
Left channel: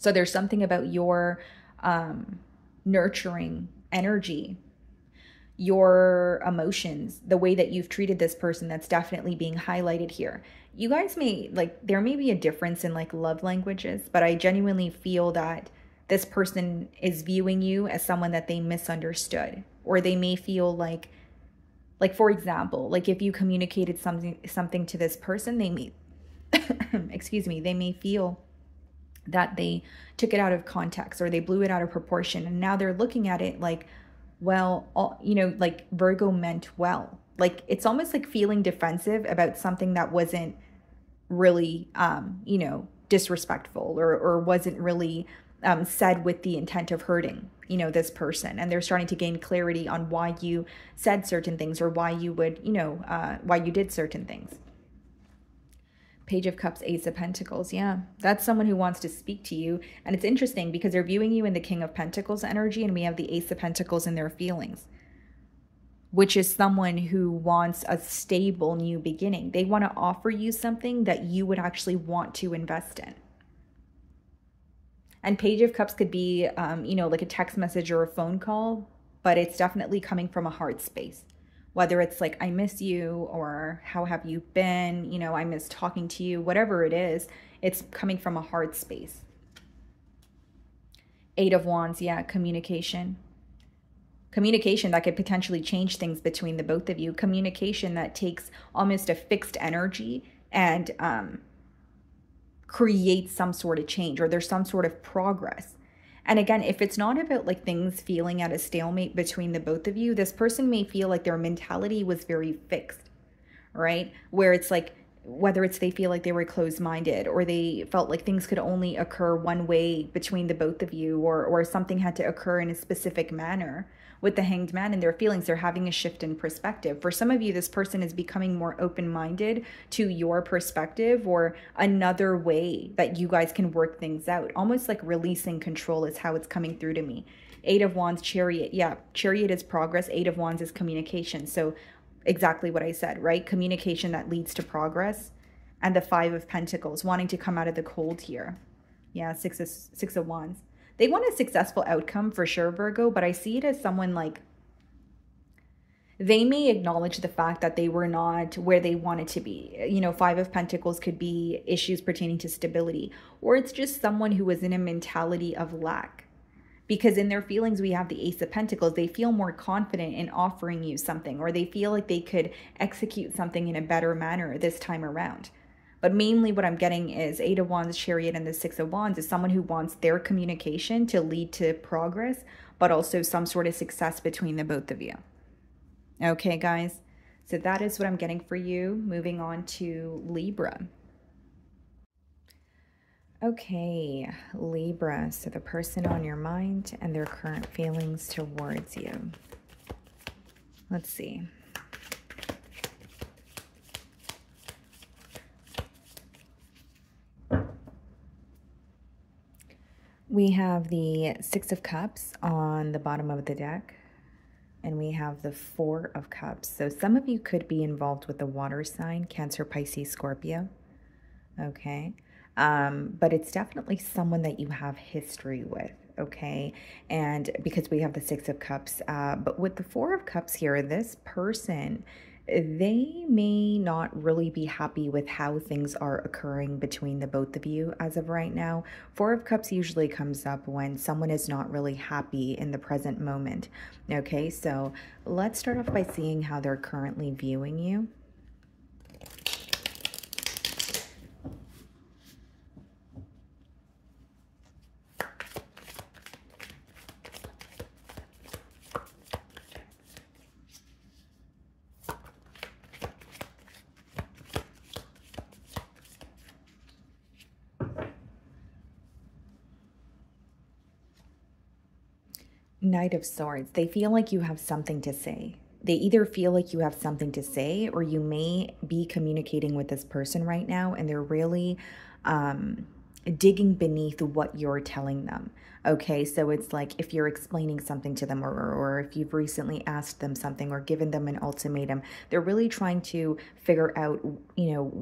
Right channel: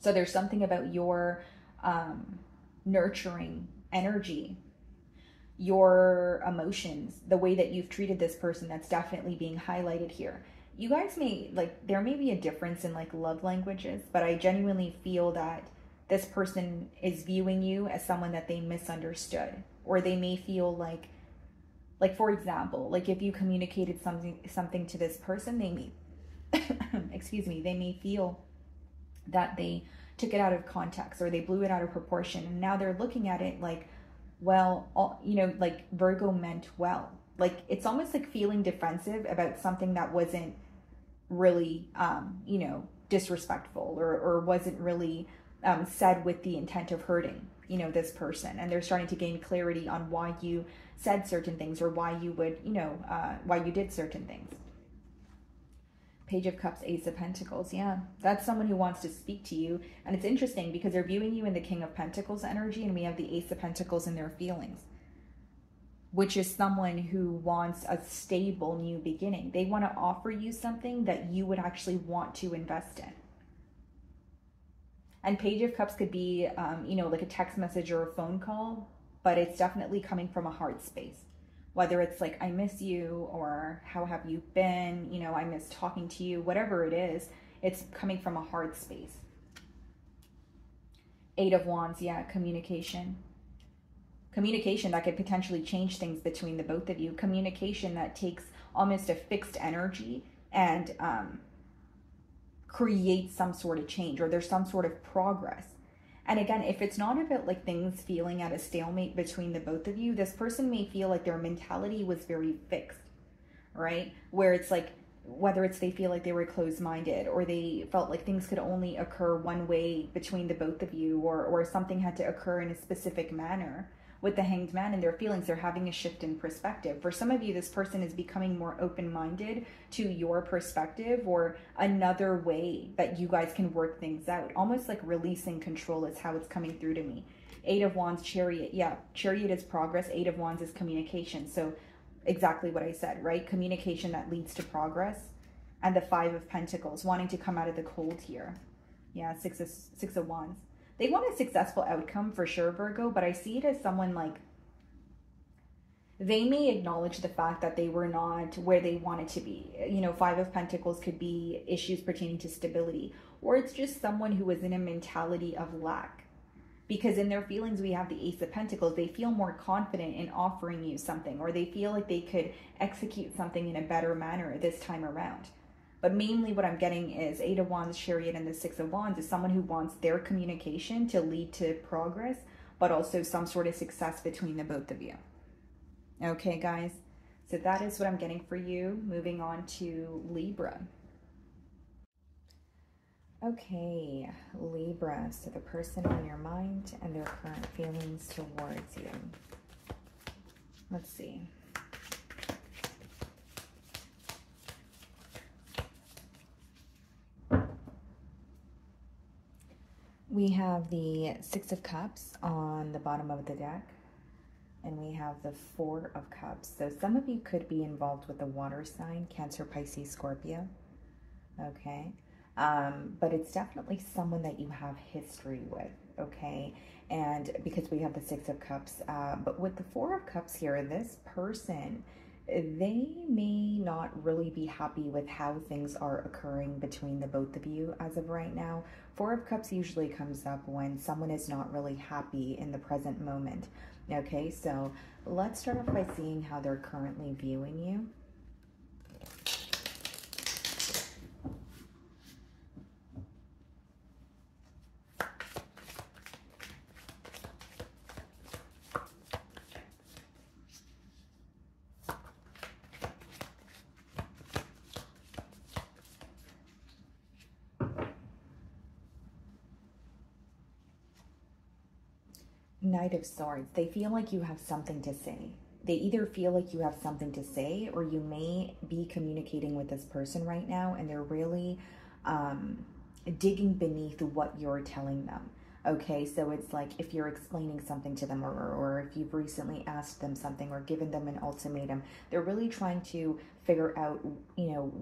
So there's something about your nurturing energy, your emotions, the way that you've treated this person, that's definitely being highlighted here. You guys may, there may be a difference in love languages, but I genuinely feel that this person is viewing you as someone that they misunderstood, or they may feel like for example, if you communicated something to this person, they may, excuse me, they may feel that they took it out of context, or they blew it out of proportion. And now they're looking at it like, well, Virgo meant well. It's almost like feeling defensive about something that wasn't really, disrespectful, or wasn't really said with the intent of hurting, this person. And they're starting to gain clarity on why you said certain things, or why you would, why you did certain things. Page of Cups, Ace of Pentacles. Yeah, that's someone who wants to speak to you. And it's interesting because they're viewing you in the King of Pentacles energy, and we have the Ace of Pentacles in their feelings, which is someone who wants a stable new beginning. They want to offer you something that you would actually want to invest in. And Page of Cups could be, like a text message or a phone call, but it's definitely coming from a heart space. Whether it's like, I miss you, or how have you been? I miss talking to you, whatever it is, it's coming from a heart space. Eight of Wands, yeah, communication. Communication that could potentially change things between the both of you. Communication that takes almost a fixed energy and creates some sort of change, or there's some sort of progress. And again, if it's not about things feeling at a stalemate between the both of you, this person may feel like their mentality was very fixed, right? Where it's whether it's they feel like they were closed-minded, or they felt like things could only occur one way between the both of you, or something had to occur in a specific manner. with the Hanged Man and their feelings. They're having a shift in perspective. For some of you, this person is becoming more open-minded to your perspective or another way that you guys can work things out. Almost like releasing control is how it's coming through to me. Eight of Wands, Chariot. Yeah, Chariot is progress. Eight of Wands is communication. So exactly what I said, right? Communication that leads to progress. And the Five of Pentacles, wanting to come out of the cold here. Yeah, Six of Wands. They want a successful outcome for sure, Virgo, but I see it as someone like, they may acknowledge the fact that they were not where they wanted to be. You know, Five of Pentacles could be issues pertaining to stability, or it's just someone who is in a mentality of lack. Because in their feelings, we have the Ace of Pentacles. They feel more confident in offering you something, or they feel like they could execute something in a better manner this time around. But mainly what I'm getting is Eight of Wands, Chariot, and the Six of Wands is someone who wants their communication to lead to progress, but also some sort of success between the both of you. Okay, guys. So that is what I'm getting for you. Moving on to Libra. Okay, Libra. So the person on your mind and their current feelings towards you. Let's see. We have the Six of Cups on the bottom of the deck, and we have the Four of Cups. So some of you could be involved with the water sign, Cancer, Pisces, Scorpio. Okay. But it's definitely someone that you have history with, okay? And because we have the Six of Cups, but with the Four of Cups here, this person, they may not really be happy with how things are occurring between the both of you as of right now. Four of Cups usually comes up when someone is not really happy in the present moment, okay? So let's start off by seeing how they're currently viewing you. Knight of Swords. They feel like you have something to say. They either feel like you have something to say, or you may be communicating with this person right now and they're really digging beneath what you're telling them. Okay, so it's like if you're explaining something to them, or if you've recently asked them something or given them an ultimatum, they're really trying to figure out, you know,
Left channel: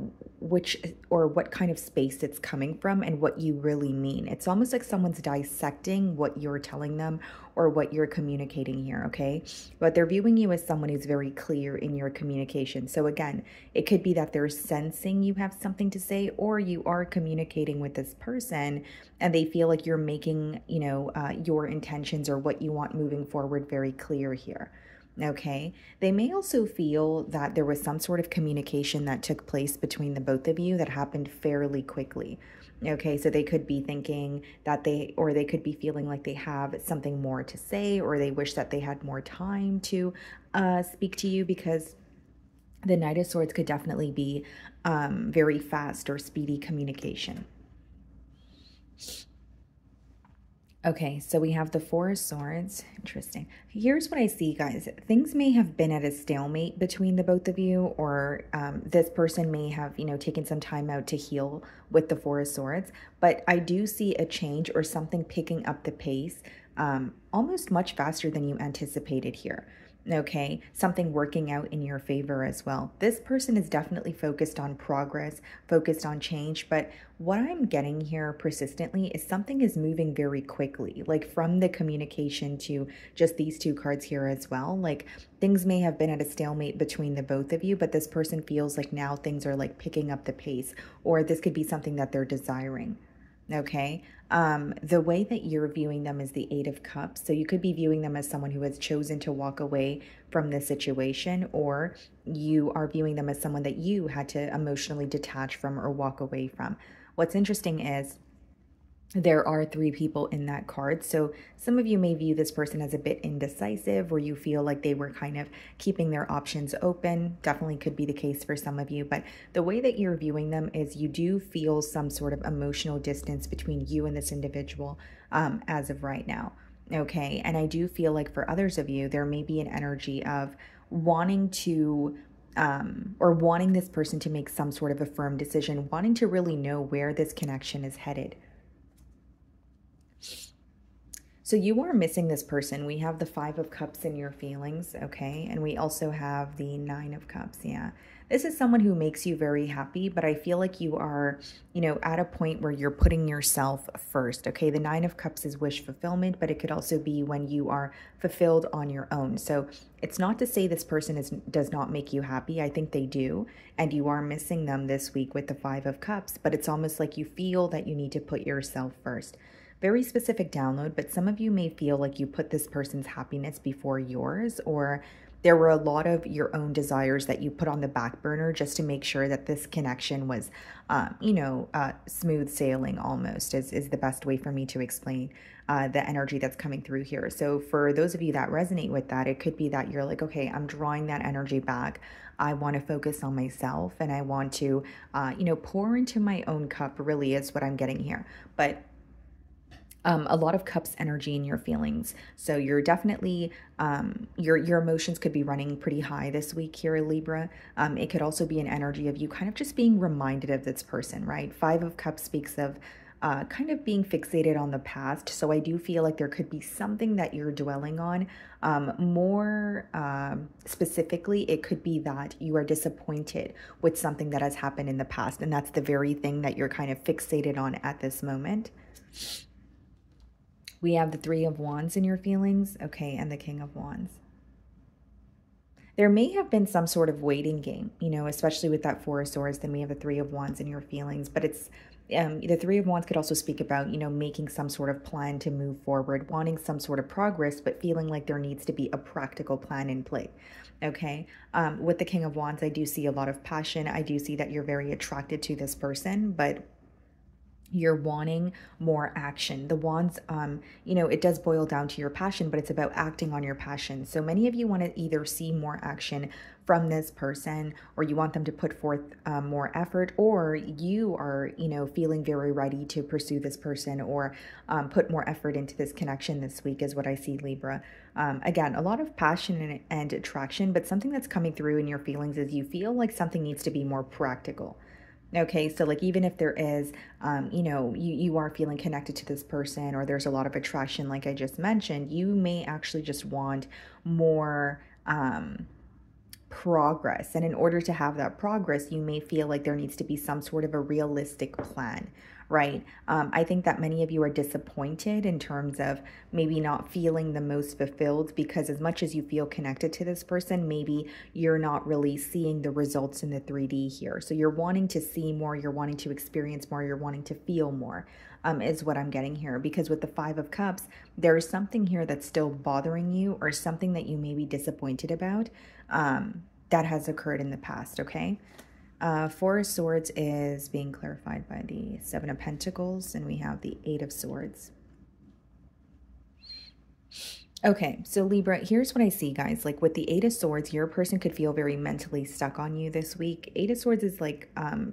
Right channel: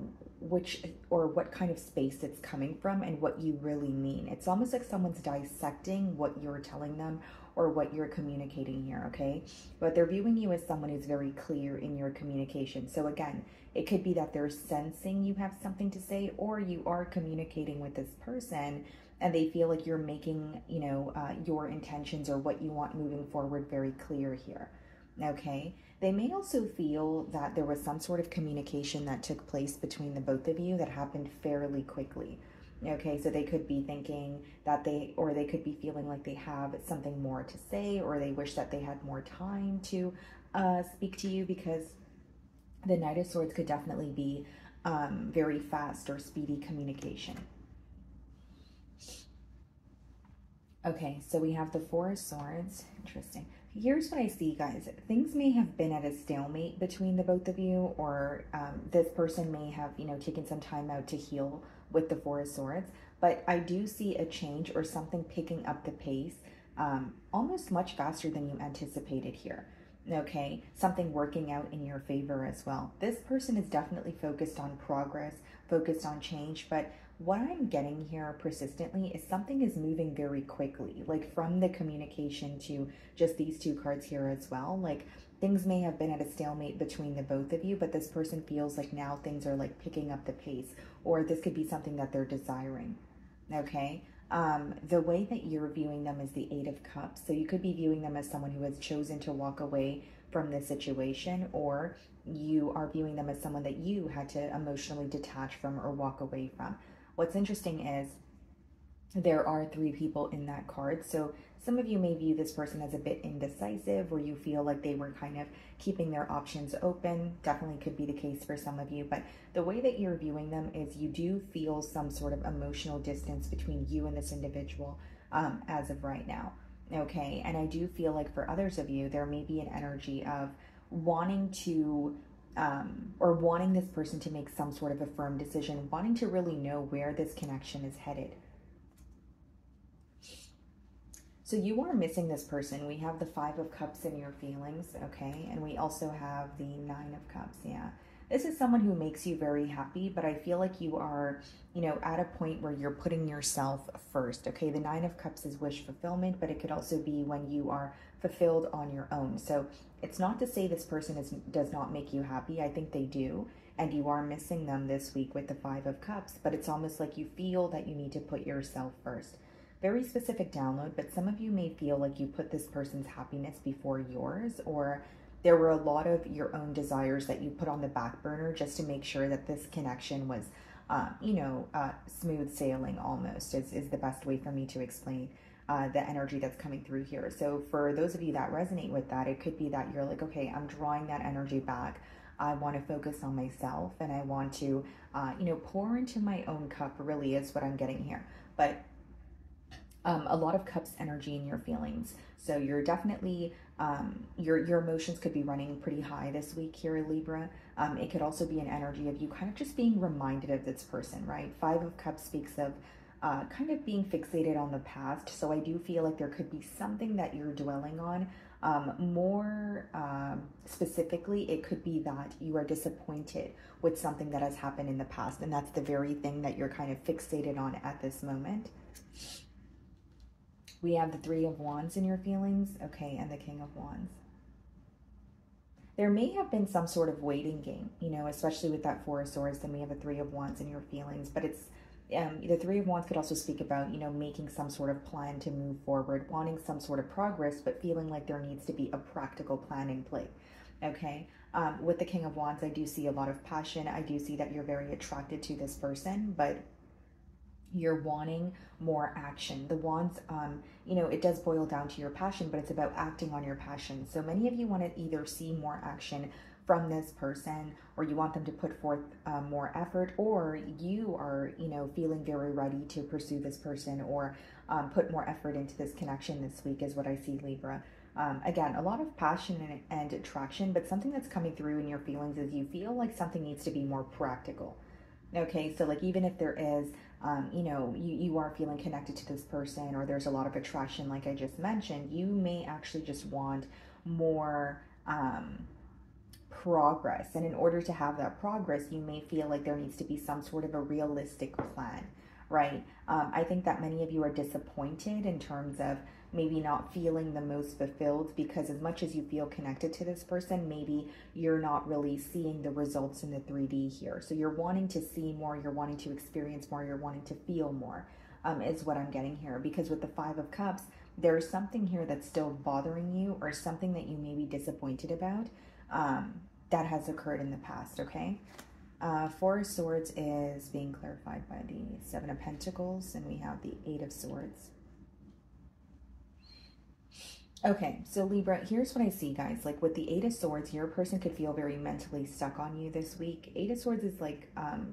which or what kind of space it's coming from and what you really mean. It's almost like someone's dissecting what you're telling them or what you're communicating here, okay? But they're viewing you as someone who's very clear in your communication. So again, it could be that they're sensing you have something to say, or you are communicating with this person and they feel like you're making, you know, your intentions or what you want moving forward very clear here. Okay, they may also feel that there was some sort of communication that took place between the both of you that happened fairly quickly. Okay, so they could be thinking that they could be feeling like they have something more to say, or they wish that they had more time to speak to you, because the Knight of Swords could definitely be very fast or speedy communication. Okay, so we have the Four of Swords. Interesting. Here's what I see, guys. Things may have been at a stalemate between the both of you, or this person may have, you know, taken some time out to heal with the Four of Swords. But I do see a change or something picking up the pace almost much faster than you anticipated here. Okay, something working out in your favor as well. This person is definitely focused on progress, focused on change, but what I'm getting here persistently is something is moving very quickly, like from the communication to just these two cards here as well. Like things may have been at a stalemate between the both of you, but this person feels like now things are like picking up the pace, or this could be something that they're desiring. Okay, the way that you're viewing them is the Eight of Cups. So you could be viewing them as someone who has chosen to walk away from this situation, or you are viewing them as someone that you had to emotionally detach from or walk away from. What's interesting is there are three people in that card. So some of you may view this person as a bit indecisive, or you feel like they were kind of keeping their options open. Definitely could be the case for some of you, but the way that you're viewing them is you do feel some sort of emotional distance between you and this individual as of right now. Okay. And I do feel like for others of you, there may be an energy of wanting to, or wanting this person to make some sort of a firm decision, wanting to really know where this connection is headed. So you are missing this person. We have the 5 of Cups in your feelings, okay? And we also have the 9 of Cups, yeah. This is someone who makes you very happy, but I feel like you are, you know, at a point where you're putting yourself first, okay? The 9 of Cups is wish fulfillment, but it could also be when you are fulfilled on your own. So it's not to say this person does not make you happy. I think they do, and you are missing them this week with the 5 of Cups, but it's almost like you feel that you need to put yourself first. Very specific download, but some of you may feel like you put this person's happiness before yours, or there were a lot of your own desires that you put on the back burner just to make sure that this connection was, smooth sailing almost is the best way for me to explain the energy that's coming through here. So for those of you that resonate with that, it could be that you're like, okay, I'm drawing that energy back. I want to focus on myself and I want to, pour into my own cup, really is what I'm getting here. But a lot of cups energy in your feelings. So you're definitely, your emotions could be running pretty high this week here, Libra. It could also be an energy of you kind of just being reminded of this person, right? 5 of Cups speaks of kind of being fixated on the past. So I do feel like there could be something that you're dwelling on. More specifically, it could be that you are disappointed with something that has happened in the past. And that's the very thing that you're kind of fixated on at this moment. We have the 3 of Wands in your feelings, okay, and the King of Wands. There may have been some sort of waiting game, you know, especially with that 4 of Swords. Then we have the 3 of Wands in your feelings, but it's, the 3 of Wands could also speak about, you know, making some sort of plan to move forward, wanting some sort of progress, but feeling like there needs to be a practical plan in play. Okay. With the King of Wands, I do see a lot of passion. I do see that you're very attracted to this person, but you're wanting more action. The Wands, it does boil down to your passion, but it's about acting on your passion. So many of you want to either see more action from this person, or you want them to put forth more effort, or you are, feeling very ready to pursue this person or put more effort into this connection this week is what I see, Libra. Again, a lot of passion and attraction, but something that's coming through in your feelings is you feel like something needs to be more practical. Okay, so like even if there is, you are feeling connected to this person, or there's a lot of attraction, like I just mentioned, you may actually just want more progress. And in order to have that progress, you may feel like there needs to be some sort of a realistic plan, right? I think that many of you are disappointed in terms of maybe not feeling the most fulfilled, because as much as you feel connected to this person, maybe you're not really seeing the results in the 3D here. So you're wanting to see more, you're wanting to experience more, you're wanting to feel more, is what I'm getting here. Because with the 5 of Cups, there's something here that's still bothering you, or something that you may be disappointed about that has occurred in the past, okay? 4 of Swords is being clarified by the 7 of Pentacles, and we have the 8 of Swords. Okay, so Libra, here's what I see, guys. Like with the 8 of Swords, your person could feel very mentally stuck on you this week. 8 of Swords is like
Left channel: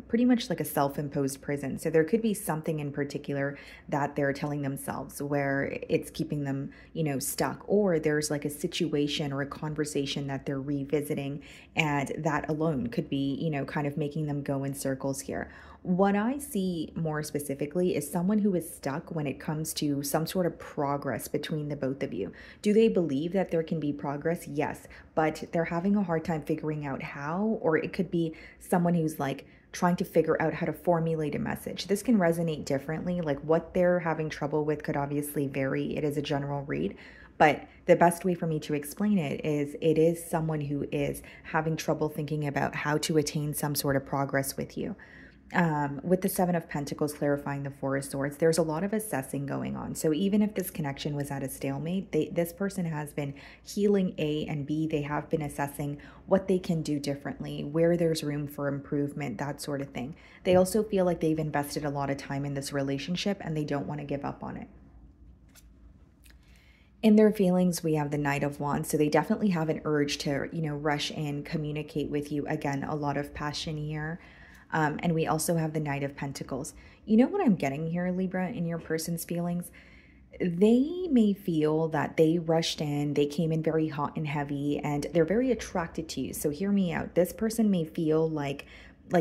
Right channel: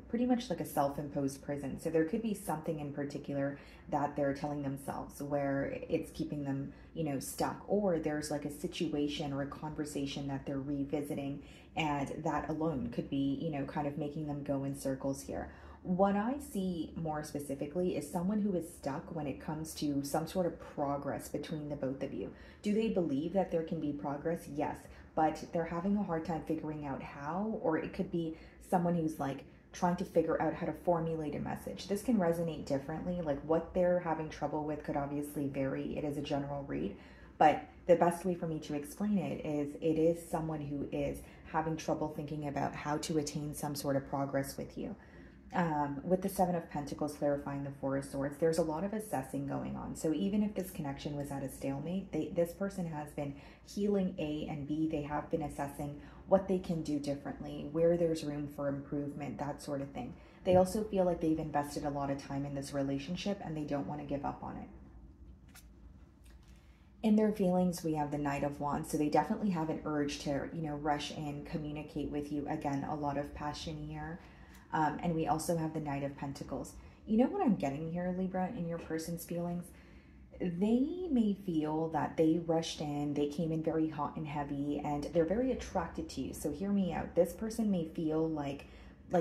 pretty much like a self-imposed prison. So there could be something in particular that they're telling themselves where it's keeping them, stuck. Or there's like a situation or a conversation that they're revisiting, and that alone could be, kind of making them go in circles here. What I see more specifically is someone who is stuck when it comes to some sort of progress between the both of you. Do they believe that there can be progress? Yes, but they're having a hard time figuring out how, or it could be someone who's like trying to figure out how to formulate a message. This can resonate differently. Like what they're having trouble with could obviously vary. It is a general read. But the best way for me to explain it is someone who is having trouble thinking about how to attain some sort of progress with you. With the 7 of Pentacles clarifying the 4 of Swords, there's a lot of assessing going on. So even if this connection was at a stalemate, this person has been healing A, and B, they have been assessing what they can do differently, where there's room for improvement, that sort of thing. They also feel like they've invested a lot of time in this relationship and they don't want to give up on it. In their feelings, we have the Knight of Wands. So they definitely have an urge to, rush in, communicate with you. Again, a lot of passion here. And we also have the Knight of Pentacles. You know what I'm getting here, Libra, in your person's feelings? they may feel that they rushed in, they came in very hot and heavy, and they're very attracted to you. So hear me out. This person may feel like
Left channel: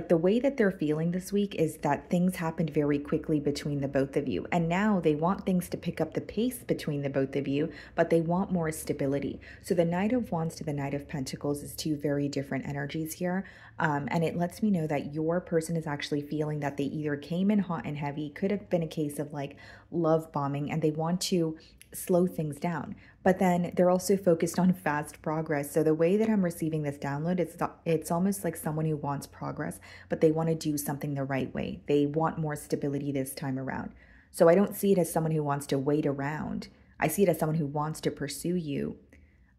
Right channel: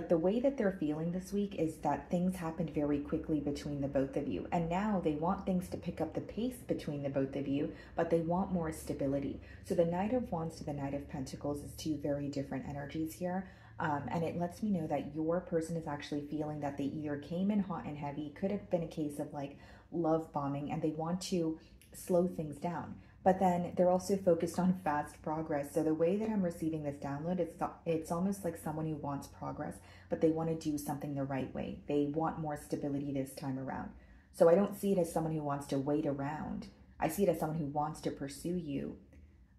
the way that they're feeling this week is that things happened very quickly between the both of you. And now they want things to pick up the pace between the both of you, but they want more stability. So the Knight of Wands to the Knight of Pentacles is two very different energies here. And it lets me know that your person is actually feeling that they either came in hot and heavy, could have been a case of like love bombing, and they want to slow things down. But then they're also focused on fast progress. So the way that I'm receiving this download, it's almost like someone who wants progress, but they want to do something the right way. They want more stability this time around. So I don't see it as someone who wants to wait around. I see it as someone who wants to pursue you,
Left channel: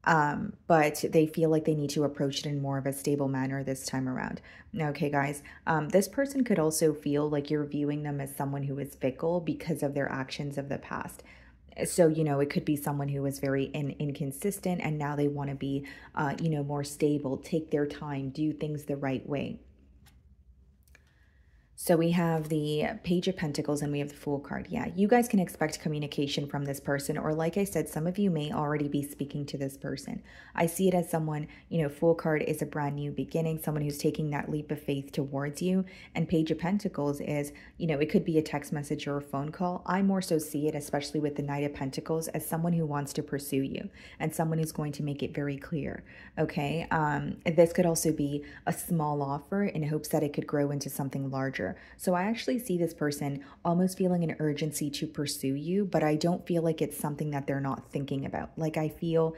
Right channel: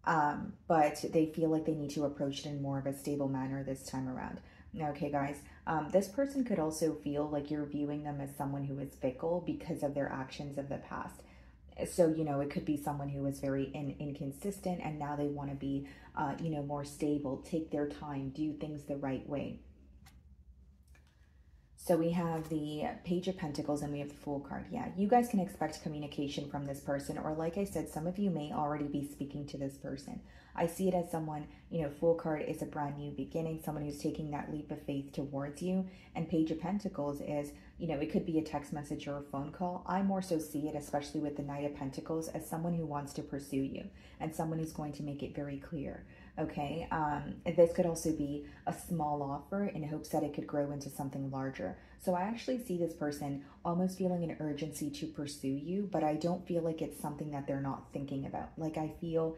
but they feel like they need to approach it in more of a stable manner this time around. Okay, guys, this person could also feel like you're viewing them as someone who is fickle because of their actions of the past. So, you know, it could be someone who is very inconsistent, and now they want to be, you know, more stable, take their time, do things the right way. So we have the Page of Pentacles and we have the Fool card. Yeah, you guys can expect communication from this person, or like I said, some of you may already be speaking to this person. I see it as someone, you know, Fool card is a brand new beginning, someone who's taking that leap of faith towards you. And Page of Pentacles is, you know, it could be a text message or a phone call. I more so see it, especially with the Knight of Pentacles, as someone who wants to pursue you and someone who's going to make it very clear. Okay, this could also be a small offer in hopes that it could grow into something larger. So I actually see this person almost feeling an urgency to pursue you, but I don't feel like it's something that they're not thinking about. Like I feel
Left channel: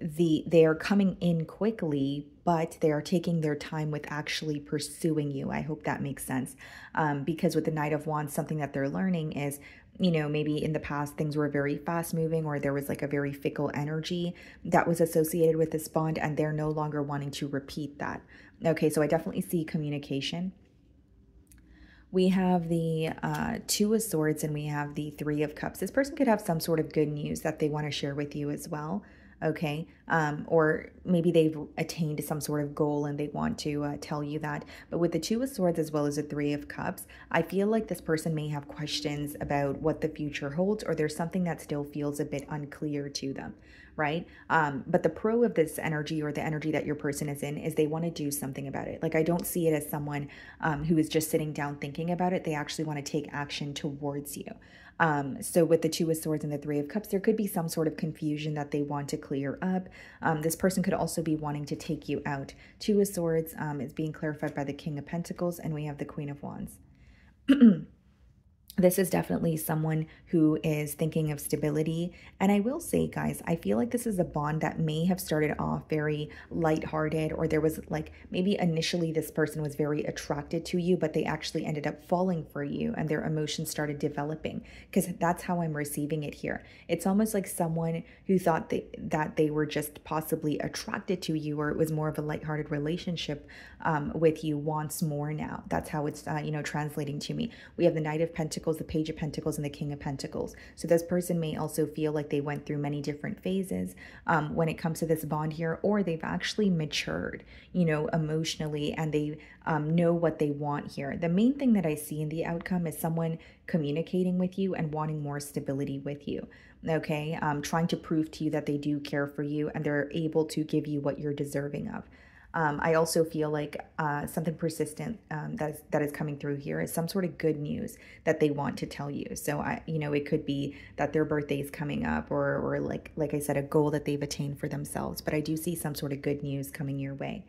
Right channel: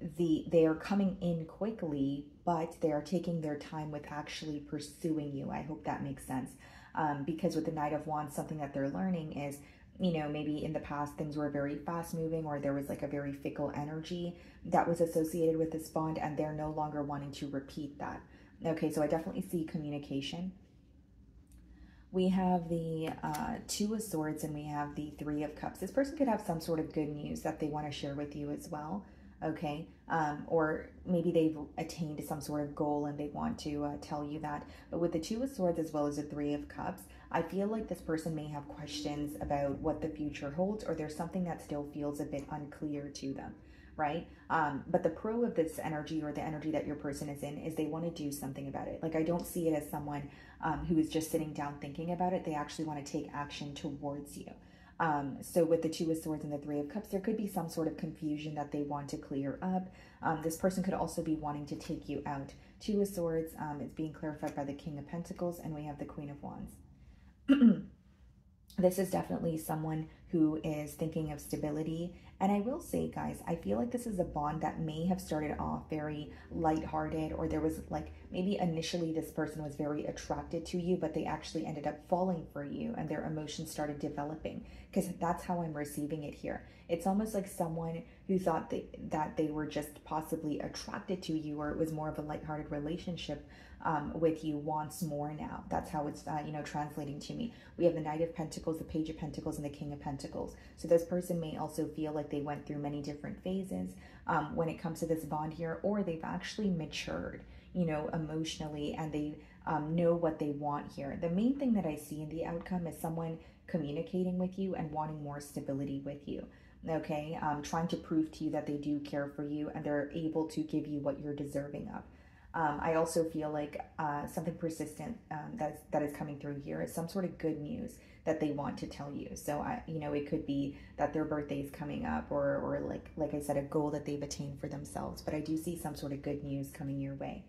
they are coming in quickly, but they are taking their time with actually pursuing you. I hope that makes sense. Because with the Knight of Wands, something that they're learning is, you know, maybe in the past things were very fast moving, or there was like a very fickle energy that was associated with this bond, and they're no longer wanting to repeat that. Okay, so I definitely see communication. We have the Two of Swords and we have the Three of Cups. This person could have some sort of good news that they want to share with you as well. Okay, or maybe they've attained some sort of goal and they want to tell you that. But with the Two of Swords as well as the Three of Cups, I feel like this person may have questions about what the future holds, or there's something that still feels a bit unclear to them, right? But the pro of this energy, or the energy that your person is in, is they want to do something about it. Like I don't see it as someone who is just sitting down thinking about it. They actually want to take action towards you. So with the Two of Swords and the Three of Cups, there could be some sort of confusion that they want to clear up. This person could also be wanting to take you out. Two of Swords is being clarified by the King of Pentacles, and we have the Queen of Wands. This is definitely someone who is thinking of stability. And I will say, guys, I feel like this is a bond that may have started off very lighthearted, or there was like maybe initially this person was very attracted to you, but they actually ended up falling for you and their emotions started developing, because that's how I'm receiving it here. It's almost like someone who thought that they were just possibly attracted to you, or it was more of a lighthearted relationship with you, wants more now. That's how it's, you know, translating to me. We have the Knight of Pentacles, the Page of Pentacles, and the King of Pentacles. So this person may also feel like they went through many different phases when it comes to this bond here, or they've actually matured, you know, emotionally, and they know what they want here. The main thing that I see in the outcome is someone communicating with you and wanting more stability with you. Okay, trying to prove to you that they do care for you and they're able to give you what you're deserving of. I also feel like something persistent that is coming through here is some sort of good news that they want to tell you. So you know, it could be that their birthday is coming up, or like I said, a goal that they've attained for themselves. But I do see some sort of good news coming your way.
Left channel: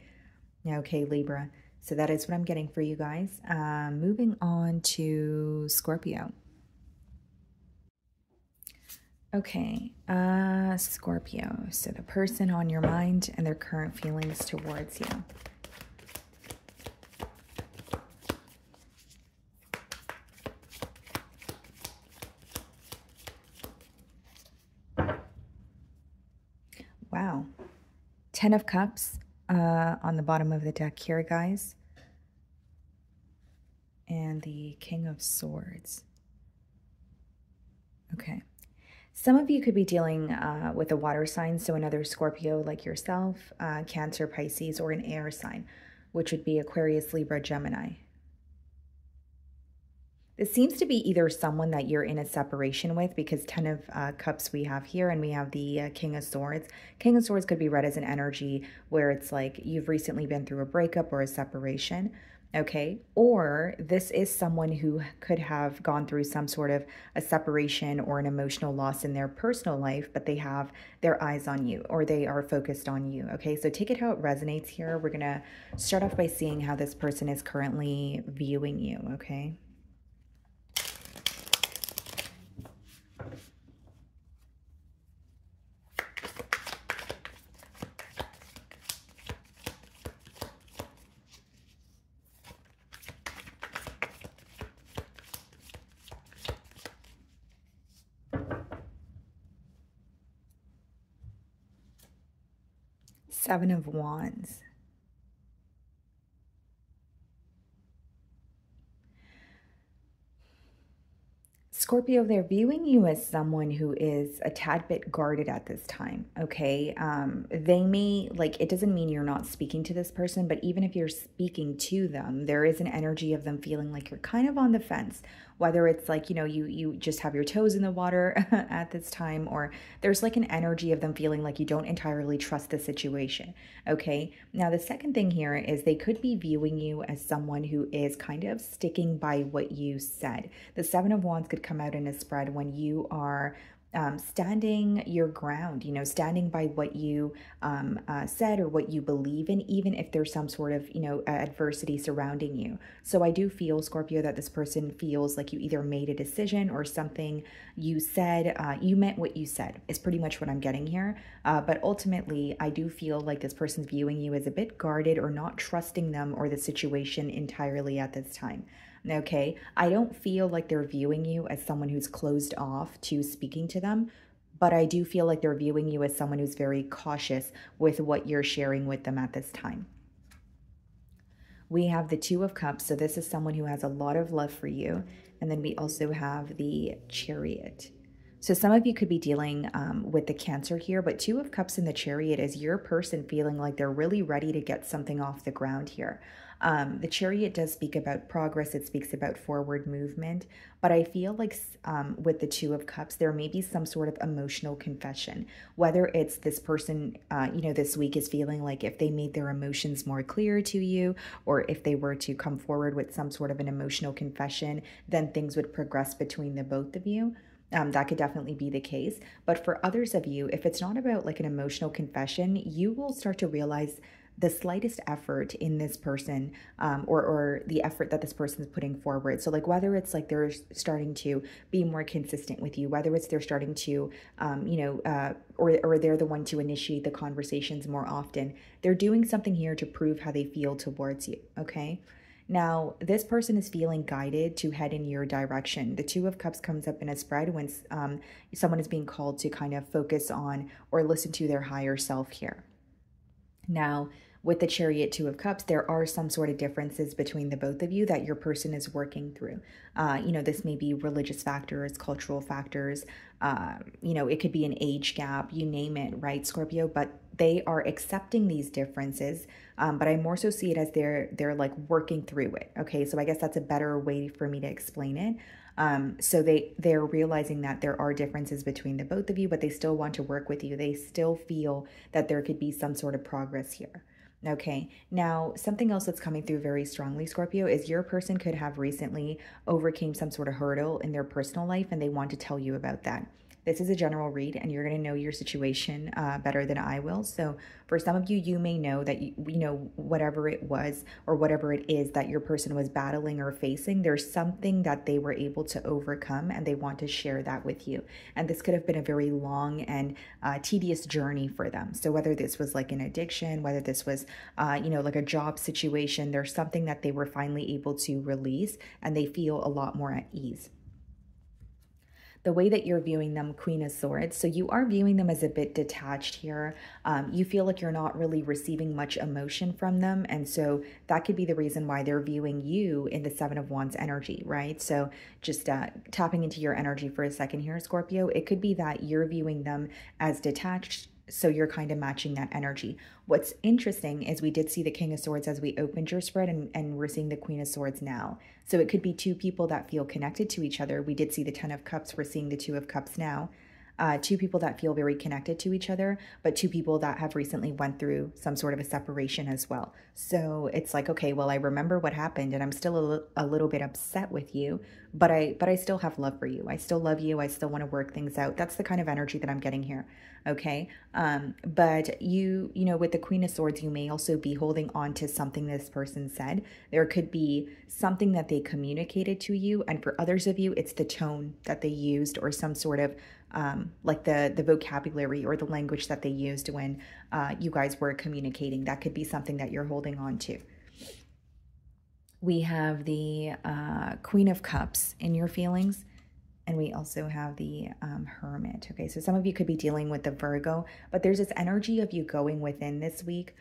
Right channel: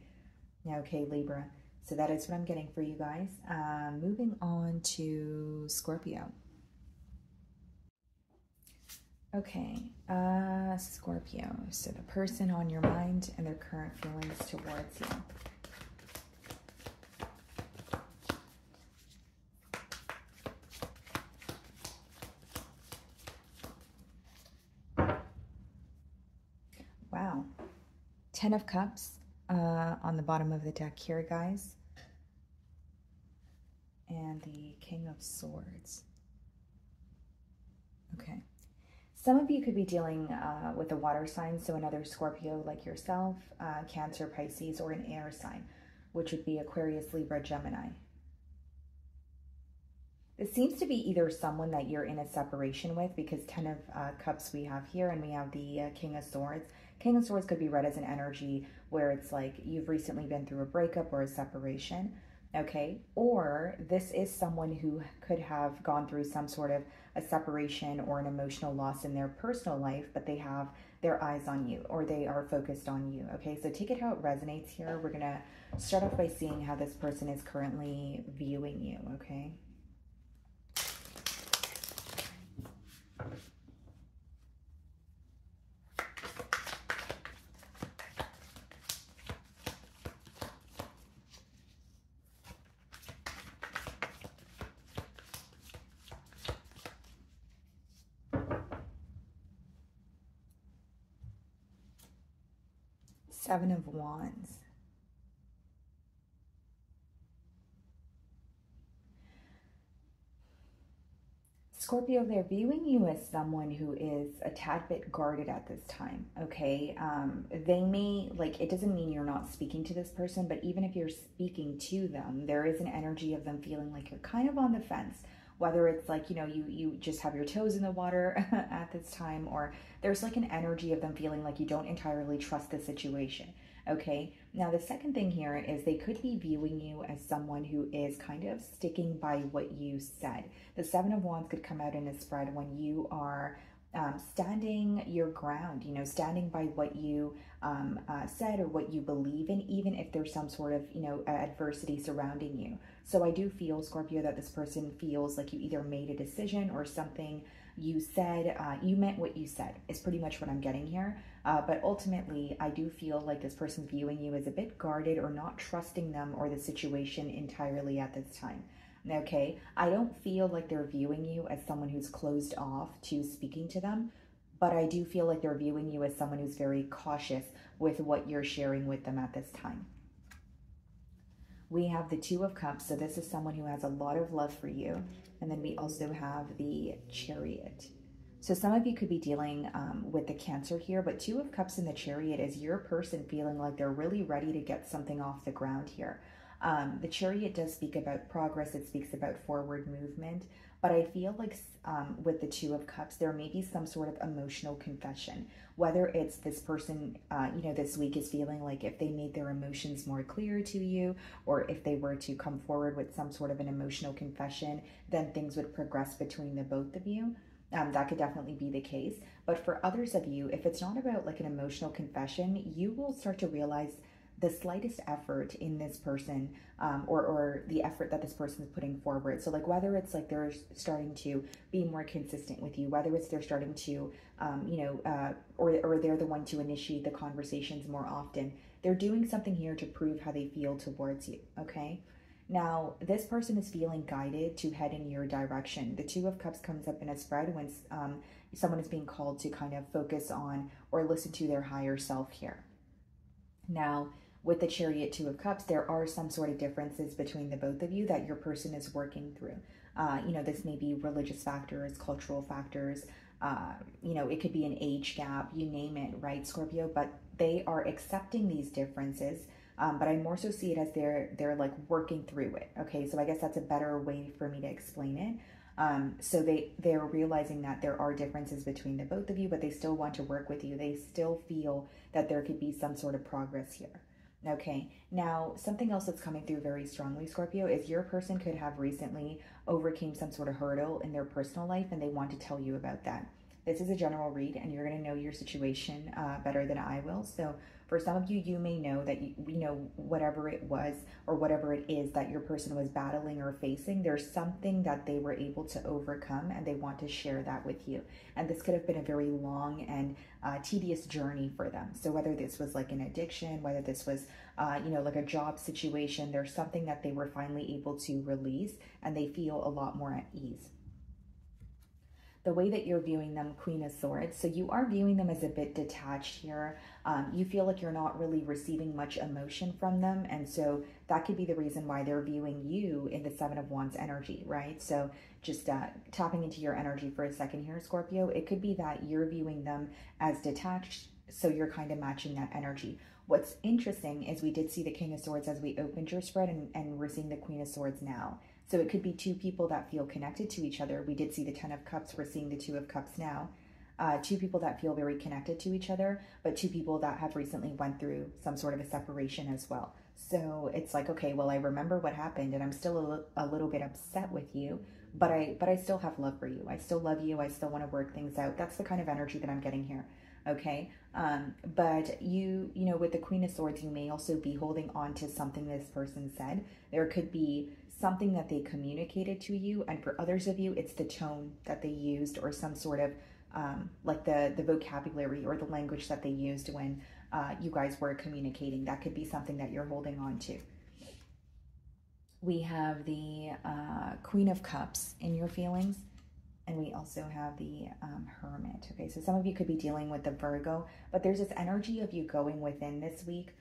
Okay, Libra. So that is what I'm getting for you guys. Moving on to Scorpio. Okay, Scorpio. So the person on your mind and their current feelings towards you. Wow. 10 of Cups on the bottom of the deck here, guys. And the King of Swords. Okay. Some of you could be dealing with a water sign, so another Scorpio like yourself, Cancer, Pisces, or an air sign, which would be Aquarius, Libra, Gemini. This seems to be either someone that you're in a separation with, because 10 of Cups we have here, and we have the King of Swords. King of Swords could be read as an energy where it's like you've recently been through a breakup or a separation, okay? Or this is someone who could have gone through some sort of a separation or an emotional loss in their personal life, but they have their eyes on you, or they are focused on you, okay? So take it how it resonates here. We're gonna start off by seeing how this person is currently viewing you, okay? Seven of Wands. Scorpio, they're viewing you as someone who is a tad bit guarded at this time, okay? They may, like, it doesn't mean you're not speaking to this person, but even if you're speaking to them, there is an energy of them feeling like you're kind of on the fence, whether it's like, you know, you just have your toes in the water at this time, or there's like an energy of them feeling like you don't entirely trust the situation, okay? Now, the second thing here is they could be viewing you as someone who is kind of sticking by what you said. The Seven of Wands could come out in a spread when you are standing your ground, you know, standing by what you said or what you believe in, even if there's some sort of, you know, adversity surrounding you. So I do feel, Scorpio, that this person feels like you either made a decision or something you said, you meant what you said, is pretty much what I'm getting here. But ultimately, I do feel like this person's viewing you as a bit guarded or not trusting them or the situation entirely at this time. Okay, I don't feel like they're viewing you as someone who's closed off to speaking to them, but I do feel like they're viewing you as someone who's very cautious with what you're sharing with them at this time. We have the Two of Cups, so this is someone who has a lot of love for you. And then we also have the Chariot. So some of you could be dealing with the Cancer here, but Two of Cups in the Chariot is your person feeling like they're really ready to get something off the ground here. The Chariot does speak about progress. It speaks about forward movement, but I feel like with the Two of Cups, there may be some sort of emotional confession, whether it's this person, you know, this week is feeling like if they made their emotions more clear to you, or if they were to come forward with some sort of an emotional confession, then things would progress between the both of you. That could definitely be the case. But for others of you, if it's not about like an emotional confession, you will start to realize the slightest effort in this person, or the effort that this person is putting forward. So like whether it's like they're starting to be more consistent with you, whether it's they're starting to, you know, or they're the one to initiate the conversations more often, they're doing something here to prove how they feel towards you, okay? Now, this person is feeling guided to head in your direction. The Two of Cups comes up in a spread when someone is being called to kind of focus on or listen to their higher self here. Now, with the Chariot, Two of Cups, there are some sort of differences between the both of you that your person is working through. You know, this may be religious factors, cultural factors, you know, it could be an age gap, you name it, right, Scorpio? But they are accepting these differences, but I more so see it as they're like working through it, okay? So I guess that's a better way for me to explain it. So they're realizing that there are differences between the both of you, but they still want to work with you. They still feel that there could be some sort of progress here. Okay, now something else that's coming through very strongly, Scorpio, is your person could have recently overcame some sort of hurdle in their personal life and they want to tell you about that. This is a general read and you're going to know your situation better than I will. So for some of you, you may know that, you know, whatever it was or whatever it is that your person was battling or facing, there's something that they were able to overcome and they want to share that with you. And this could have been a very long and tedious journey for them. So whether this was like an addiction, whether this was, you know, like a job situation, there's something that they were finally able to release and they feel a lot more at ease. The way that you're viewing them, Queen of Swords, so you are viewing them as a bit detached here. You feel like you're not really receiving much emotion from them, and so that could be the reason why they're viewing you in the Seven of Wands energy, right? So just tapping into your energy for a second here, Scorpio, it could be that you're viewing them as detached, so you're kind of matching that energy. What's interesting is we did see the King of Swords as we opened your spread, and we're seeing the Queen of Swords now. So it could be two people that feel connected to each other. We did see the 10 of Cups. We're seeing the 2 of Cups now. Two people that feel very connected to each other, but two people that have recently went through some sort of a separation as well. So it's like, okay, well, I remember what happened and I'm still a little bit upset with you, but I still have love for you. I still love you. I still want to work things out. That's the kind of energy that I'm getting here. Okay. But you know, with the Queen of Swords, you may also be holding on to something this person said. There could be something that they communicated to you. And for others of you, it's the tone that they used or some sort of like the vocabulary or the language that they used when you guys were communicating. That could be something that you're holding on to. We have the Queen of Cups in your feelings, and we also have the Hermit. Okay, so some of you could be dealing with the Virgo, but there's this energy of you going within this week.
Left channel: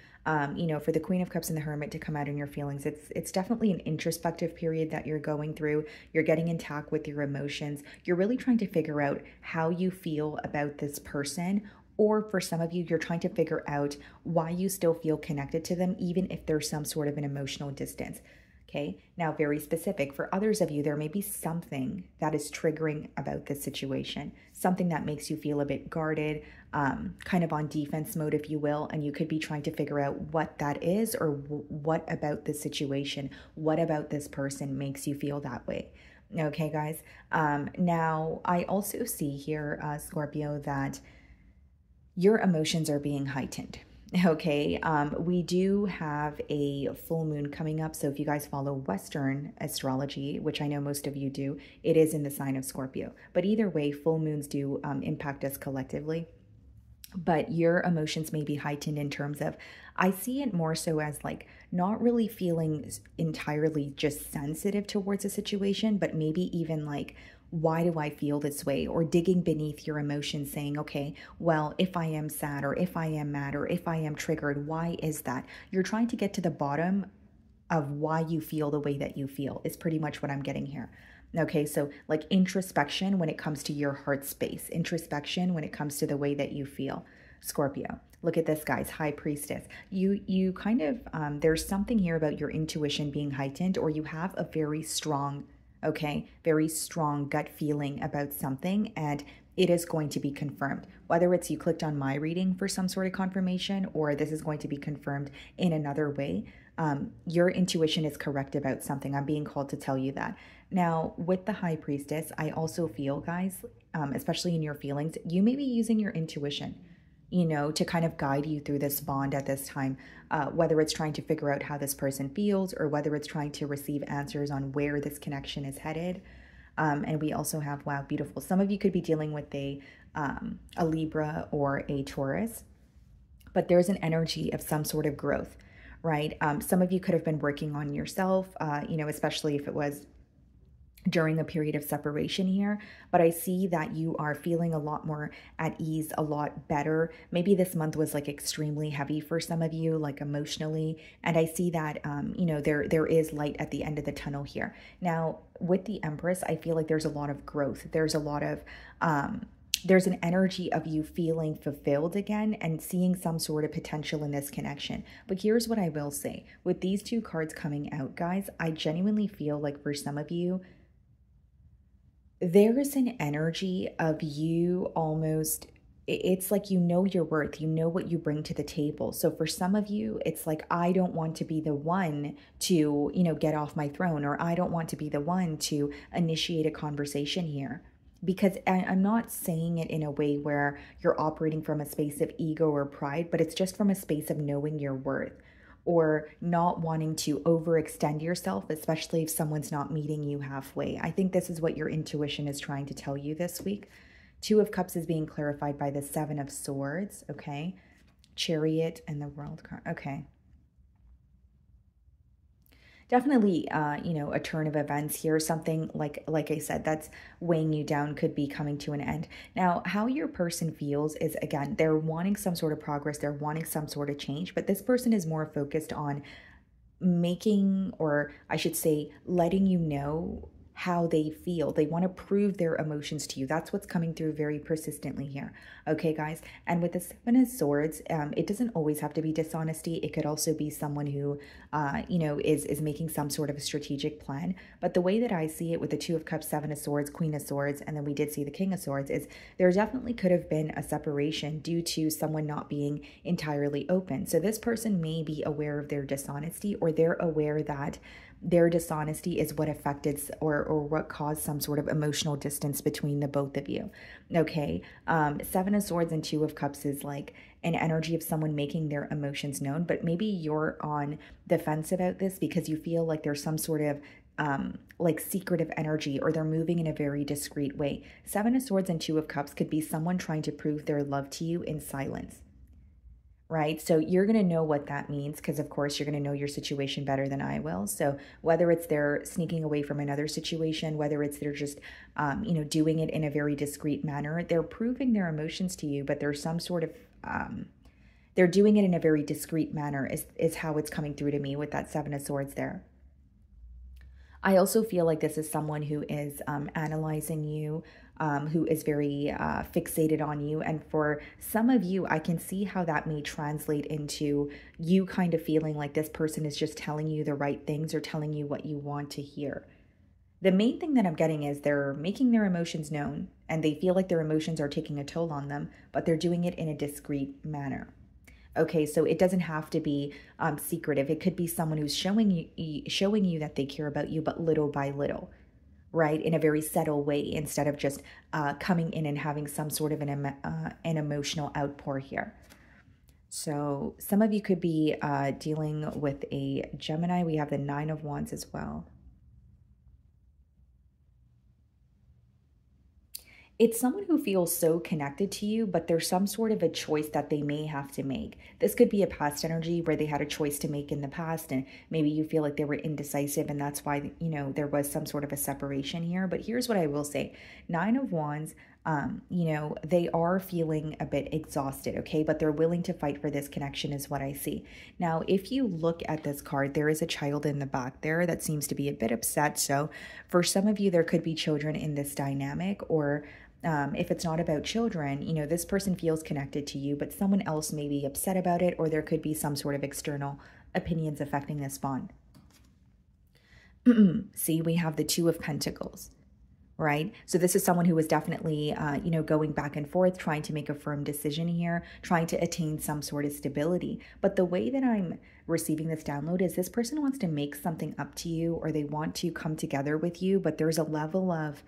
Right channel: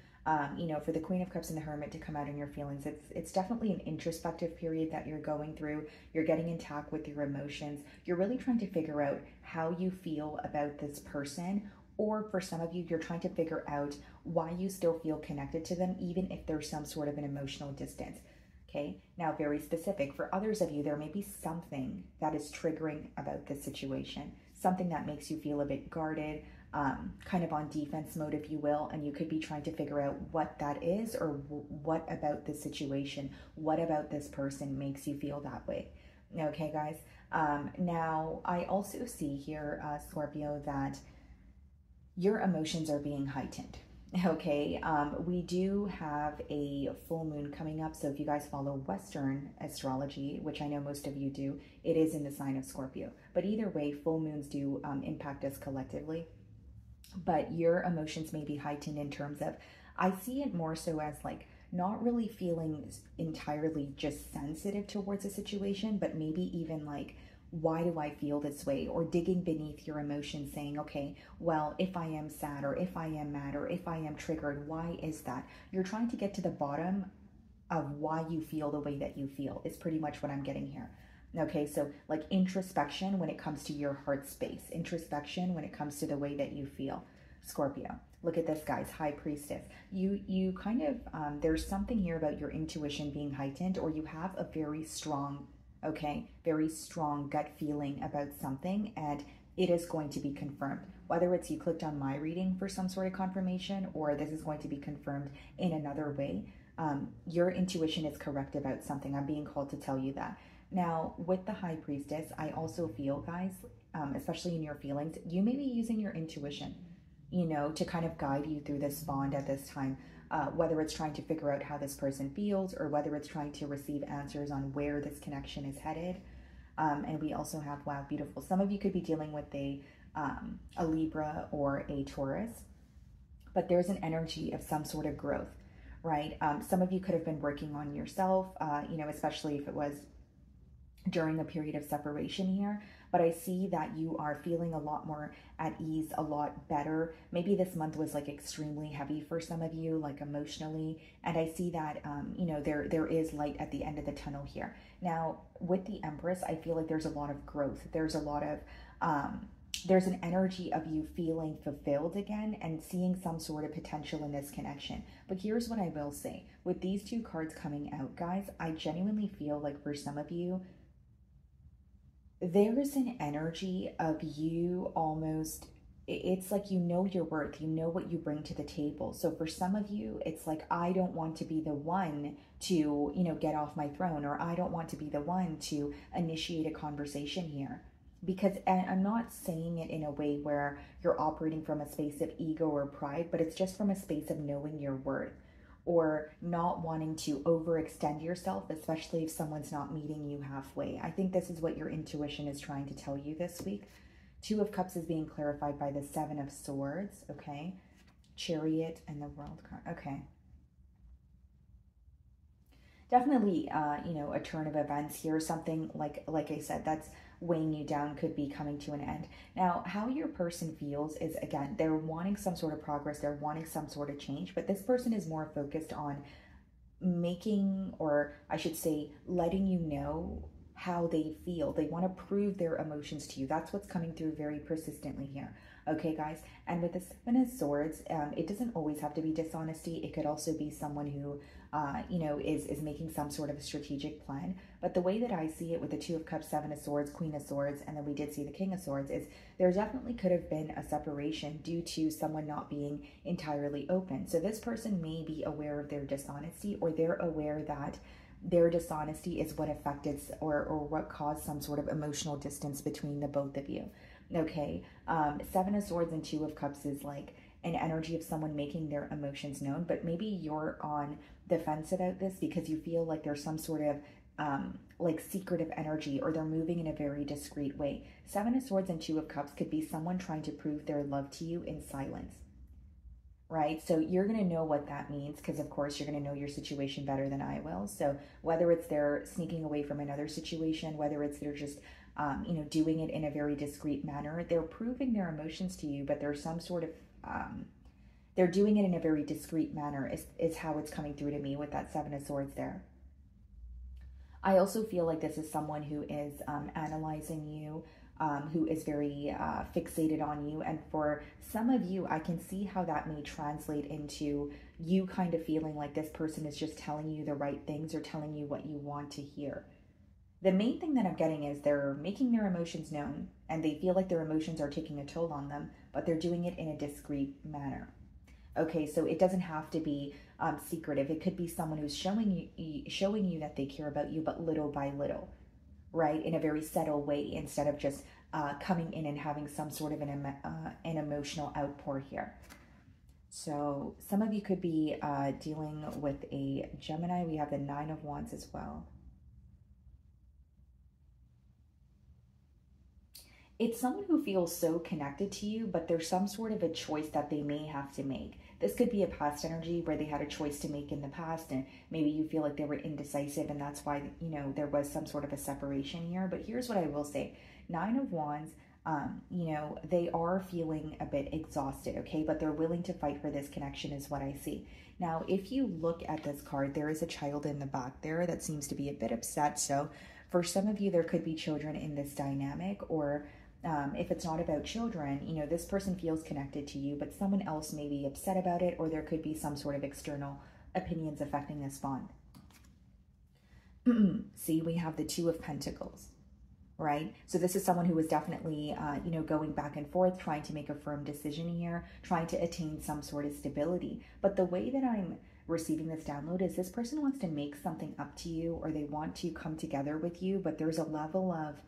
You know, for the Queen of Cups and the Hermit to come out in your feelings, it's definitely an introspective period that you're going through. You're getting in touch with your emotions. You're really trying to figure out how you feel about this person, or for some of you, you're trying to figure out why you still feel connected to them, even if there's some sort of an emotional distance. Okay, now very specific. For others of you, there may be something that is triggering about this situation, something that makes you feel a bit guarded, kind of on defense mode, if you will, and you could be trying to figure out what that is, or what about the situation, what about this person makes you feel that way. Okay, guys. Now, I also see here, Scorpio, that your emotions are being heightened. Okay, we do have a full moon coming up. So if you guys follow Western astrology, which I know most of you do, it is in the sign of Scorpio. But either way, full moons do impact us collectively. But your emotions may be heightened in terms of, I see it more so as like not really feeling entirely just sensitive towards a situation, but maybe even like, why do I feel this way? Or digging beneath your emotions, saying, okay, well, if I am sad, or if I am mad, or if I am triggered, why is that? You're trying to get to the bottom of why you feel the way that you feel, is pretty much what I'm getting here. Okay, so like introspection when it comes to your heart space, introspection when it comes to the way that you feel, Scorpio. Look at this, guys, High Priestess. You kind of, there's something here about your intuition being heightened, or you have a very strong, okay, very strong gut feeling about something, and it is going to be confirmed. Whether it's you clicked on my reading for some sort of confirmation, or this is going to be confirmed in another way, your intuition is correct about something. I'm being called to tell you that. Now, with the High Priestess, I also feel, guys, especially in your feelings, you may be using your intuition, you know, to kind of guide you through this bond at this time, whether it's trying to figure out how this person feels, or whether it's trying to receive answers on where this connection is headed. And we also have, wow, beautiful. Some of you could be dealing with a Libra or a Taurus, but there's an energy of some sort of growth, right? Some of you could have been working on yourself, you know, especially if it was during a period of separation here, but I see that you are feeling a lot more at ease, a lot better. Maybe this month was like extremely heavy for some of you, like emotionally, and I see that, you know, there is light at the end of the tunnel here. Now, with the Empress, I feel like there's a lot of growth. There's a lot of, there's an energy of you feeling fulfilled again and seeing some sort of potential in this connection. But here's what I will say. With these two cards coming out, guys, I genuinely feel like for some of you, there is an energy of you almost, it's like you know your worth, you know what you bring to the table. So for some of you, it's like, I don't want to be the one to, you know, get off my throne, or I don't want to be the one to initiate a conversation here. Because I'm not saying it in a way where you're operating from a space of ego or pride, but it's just from a space of knowing your worth, or not wanting to overextend yourself, especially if someone's not meeting you halfway. I think this is what your intuition is trying to tell you this week. Two of Cups is being clarified by the Seven of Swords, okay? Chariot and the World card, okay. Definitely, you know, a turn of events here. Something like I said, that's weighing you down could be coming to an end. Now, how your person feels is, again, they're wanting some sort of progress. They're wanting some sort of change, but this person is more focused on making, or I should say, letting you know how they feel. They want to prove their emotions to you. That's what's coming through very persistently here. Okay, guys. And with the Seven of Swords, it doesn't always have to be dishonesty. It could also be someone who, you know, is making some sort of a strategic plan. But the way that I see it with the Two of Cups, Seven of Swords, Queen of Swords, and then we did see the King of Swords, is there definitely could have been a separation due to someone not being entirely open. So this person may be aware of their dishonesty, or they're aware that their dishonesty is what affected or what caused some sort of emotional distance between the both of you. Okay, Seven of Swords and Two of Cups is like an energy of someone making their emotions known, but maybe you're on the fence about this because you feel like there's some sort of like secretive energy, or they're moving in a very discreet way. Seven of Swords and Two of Cups could be someone trying to prove their love to you in silence. Right? So you're going to know what that means because, of course, you're going to know your situation better than I will. So whether it's they're sneaking away from another situation, whether it's they're just, you know, doing it in a very discreet manner, they're proving their emotions to you, but there's some sort of, they're doing it in a very discreet manner is how it's coming through to me with that Seven of Swords there. I also feel like this is someone who is analyzing you, who is very fixated on you. And for some of you, I can see how that may translate into you kind of feeling like this person is just telling you the right things or telling you what you want to hear. The main thing that I'm getting is they're making their emotions known and they feel like their emotions are taking a toll on them, but they're doing it in a discreet manner. Okay, so it doesn't have to be secretive. It could be someone who's showing you that they care about you, but little by little, right? In a very subtle way, instead of just coming in and having some sort of an emotional outpour here. So some of you could be dealing with a Gemini. We have the Nine of Wands as well. It's someone who feels so connected to you, but there's some sort of a choice that they may have to make. This could be a past energy where they had a choice to make in the past, and maybe you feel like they were indecisive, and that's why, you know, there was some sort of a separation here. But here's what I will say. Nine of Wands, you know, they are feeling a bit exhausted, okay? But they're willing to fight for this connection is what I see. Now, if you look at this card, there is a child in the back there that seems to be a bit upset. So for some of you, there could be children in this dynamic, or if it's not about children, you know, this person feels connected to you, but someone else may be upset about it, or there could be some sort of external opinions affecting this bond. See, we have the Two of Pentacles, right? So this is someone who is definitely, you know, going back and forth, trying to make a firm decision here, trying to attain some sort of stability. But the way that I'm receiving this download is this person wants to make something up to you, or they want to come together with you, but there's a level of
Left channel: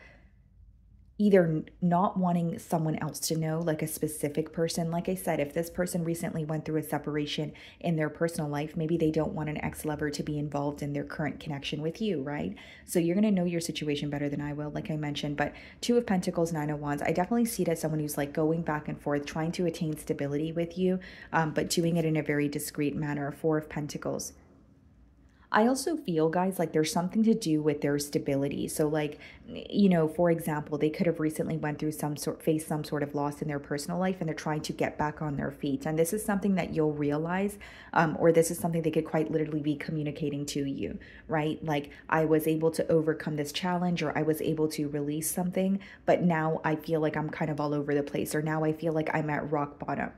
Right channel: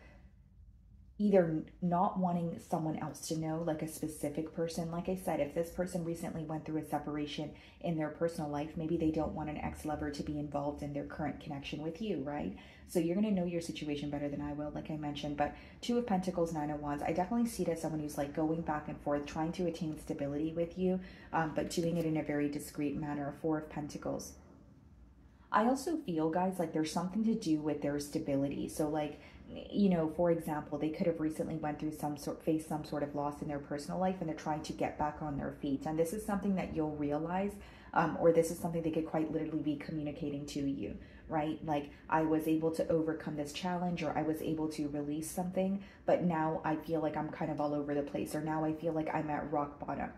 either not wanting someone else to know, like a specific person. Like I said, if this person recently went through a separation in their personal life, maybe they don't want an ex-lover to be involved in their current connection with you, right? So you're going to know your situation better than I will, like I mentioned. But Two of Pentacles, Nine of Wands, I definitely see it as someone who's like going back and forth, trying to attain stability with you, but doing it in a very discreet manner. Four of Pentacles. I also feel, guys, like there's something to do with their stability. So like, you know, for example, they could have recently went through faced some sort of loss in their personal life, and they're trying to get back on their feet. And this is something that you'll realize, or this is something they could quite literally be communicating to you, right? Like, I was able to overcome this challenge, or I was able to release something, but now I feel like I'm kind of all over the place, or now I feel like I'm at rock bottom.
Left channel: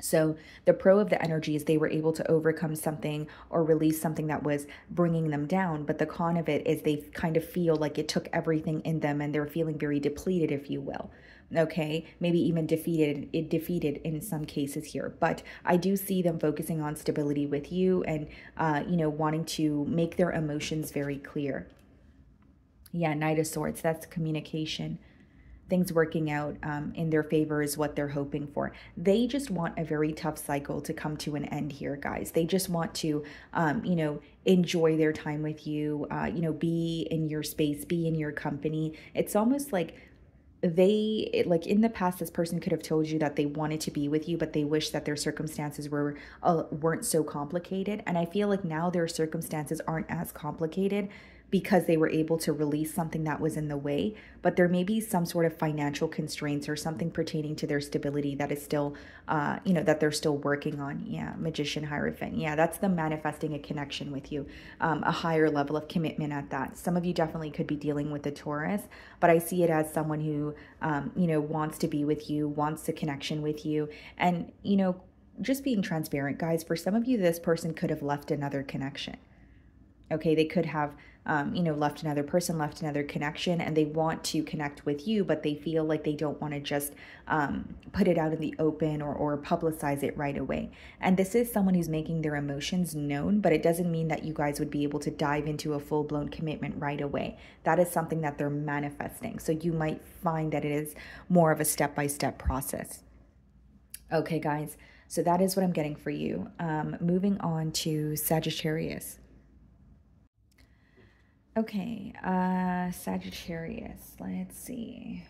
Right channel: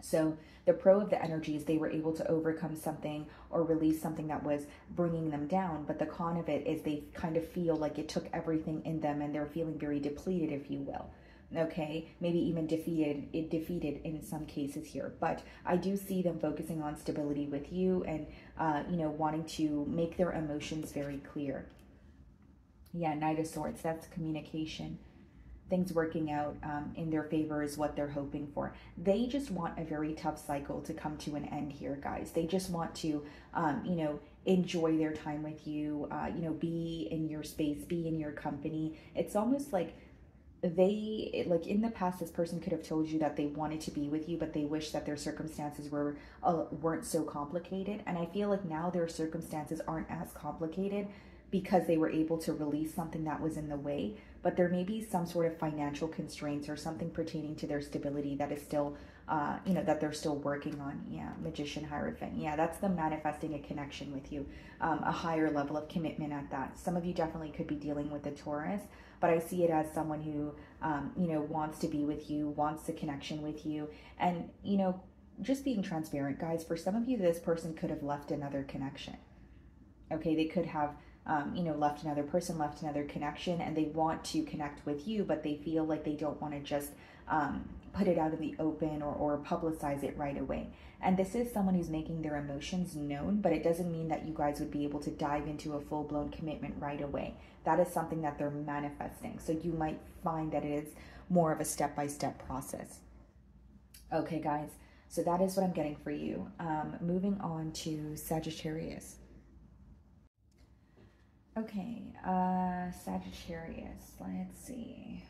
So the pro of the energy is they were able to overcome something or release something that was bringing them down. But the con of it is they kind of feel like it took everything in them, and they're feeling very depleted, if you will. Okay, maybe even defeated in some cases here. But I do see them focusing on stability with you, and, you know, wanting to make their emotions very clear. Yeah, Knight of Swords, that's communication. Things working out in their favor is what they're hoping for. They just want a very tough cycle to come to an end here, guys. They just want to, you know, enjoy their time with you, you know, be in your space, be in your company. It's almost like like in the past, this person could have told you that they wanted to be with you, but they wish that their circumstances weren't so complicated. And I feel like now their circumstances aren't as complicated, because they were able to release something that was in the way, but there may be some sort of financial constraints or something pertaining to their stability that is still, that they're still working on. Yeah, Magician, Hierophant. Yeah, that's them manifesting a connection with you, a higher level of commitment at that. Some of you definitely could be dealing with the Taurus, but I see it as someone who, wants to be with you, wants a connection with you, and, just being transparent, guys, for some of you, this person could have left another connection. Okay, they could have, left another person, left another connection, and they want to connect with you, but they feel like they don't want to just put it out in the open or publicize it right away. And this is someone who's making their emotions known, but it doesn't mean that you guys would be able to dive into a full-blown commitment right away. That is something that they're manifesting. So you might find that it is more of a step-by-step process. Okay, guys, so that is what I'm getting for you. Moving on to Sagittarius. Okay, Sagittarius, let's see.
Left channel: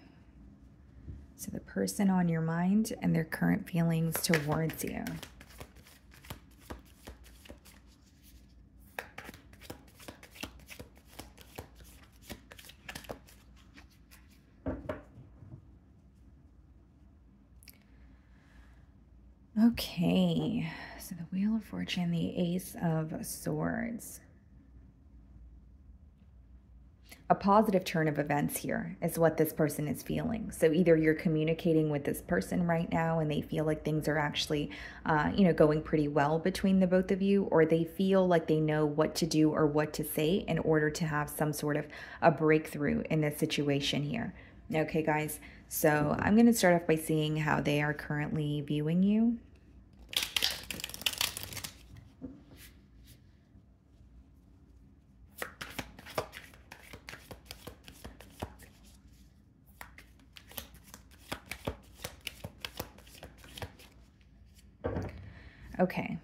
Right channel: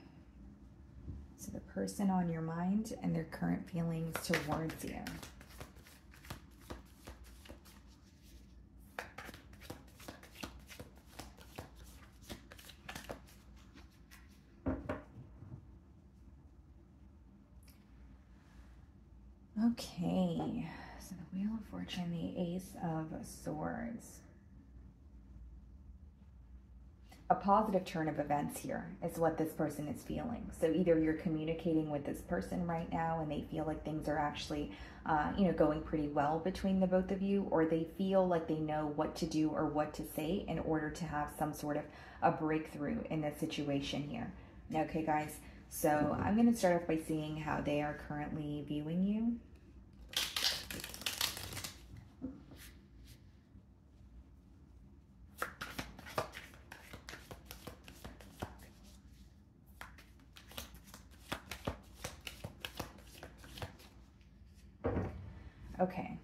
So the person on your mind and their current feelings towards you. Okay, so the Wheel of Fortune, the Ace of Swords. A positive turn of events here is what this person is feeling. So either you're communicating with this person right now and they feel like things are actually, going pretty well between the both of you, or they feel like they know what to do or what to say in order to have some sort of a breakthrough in this situation here. Okay, guys, so I'm going to start off by seeing how they are currently viewing you. Okay.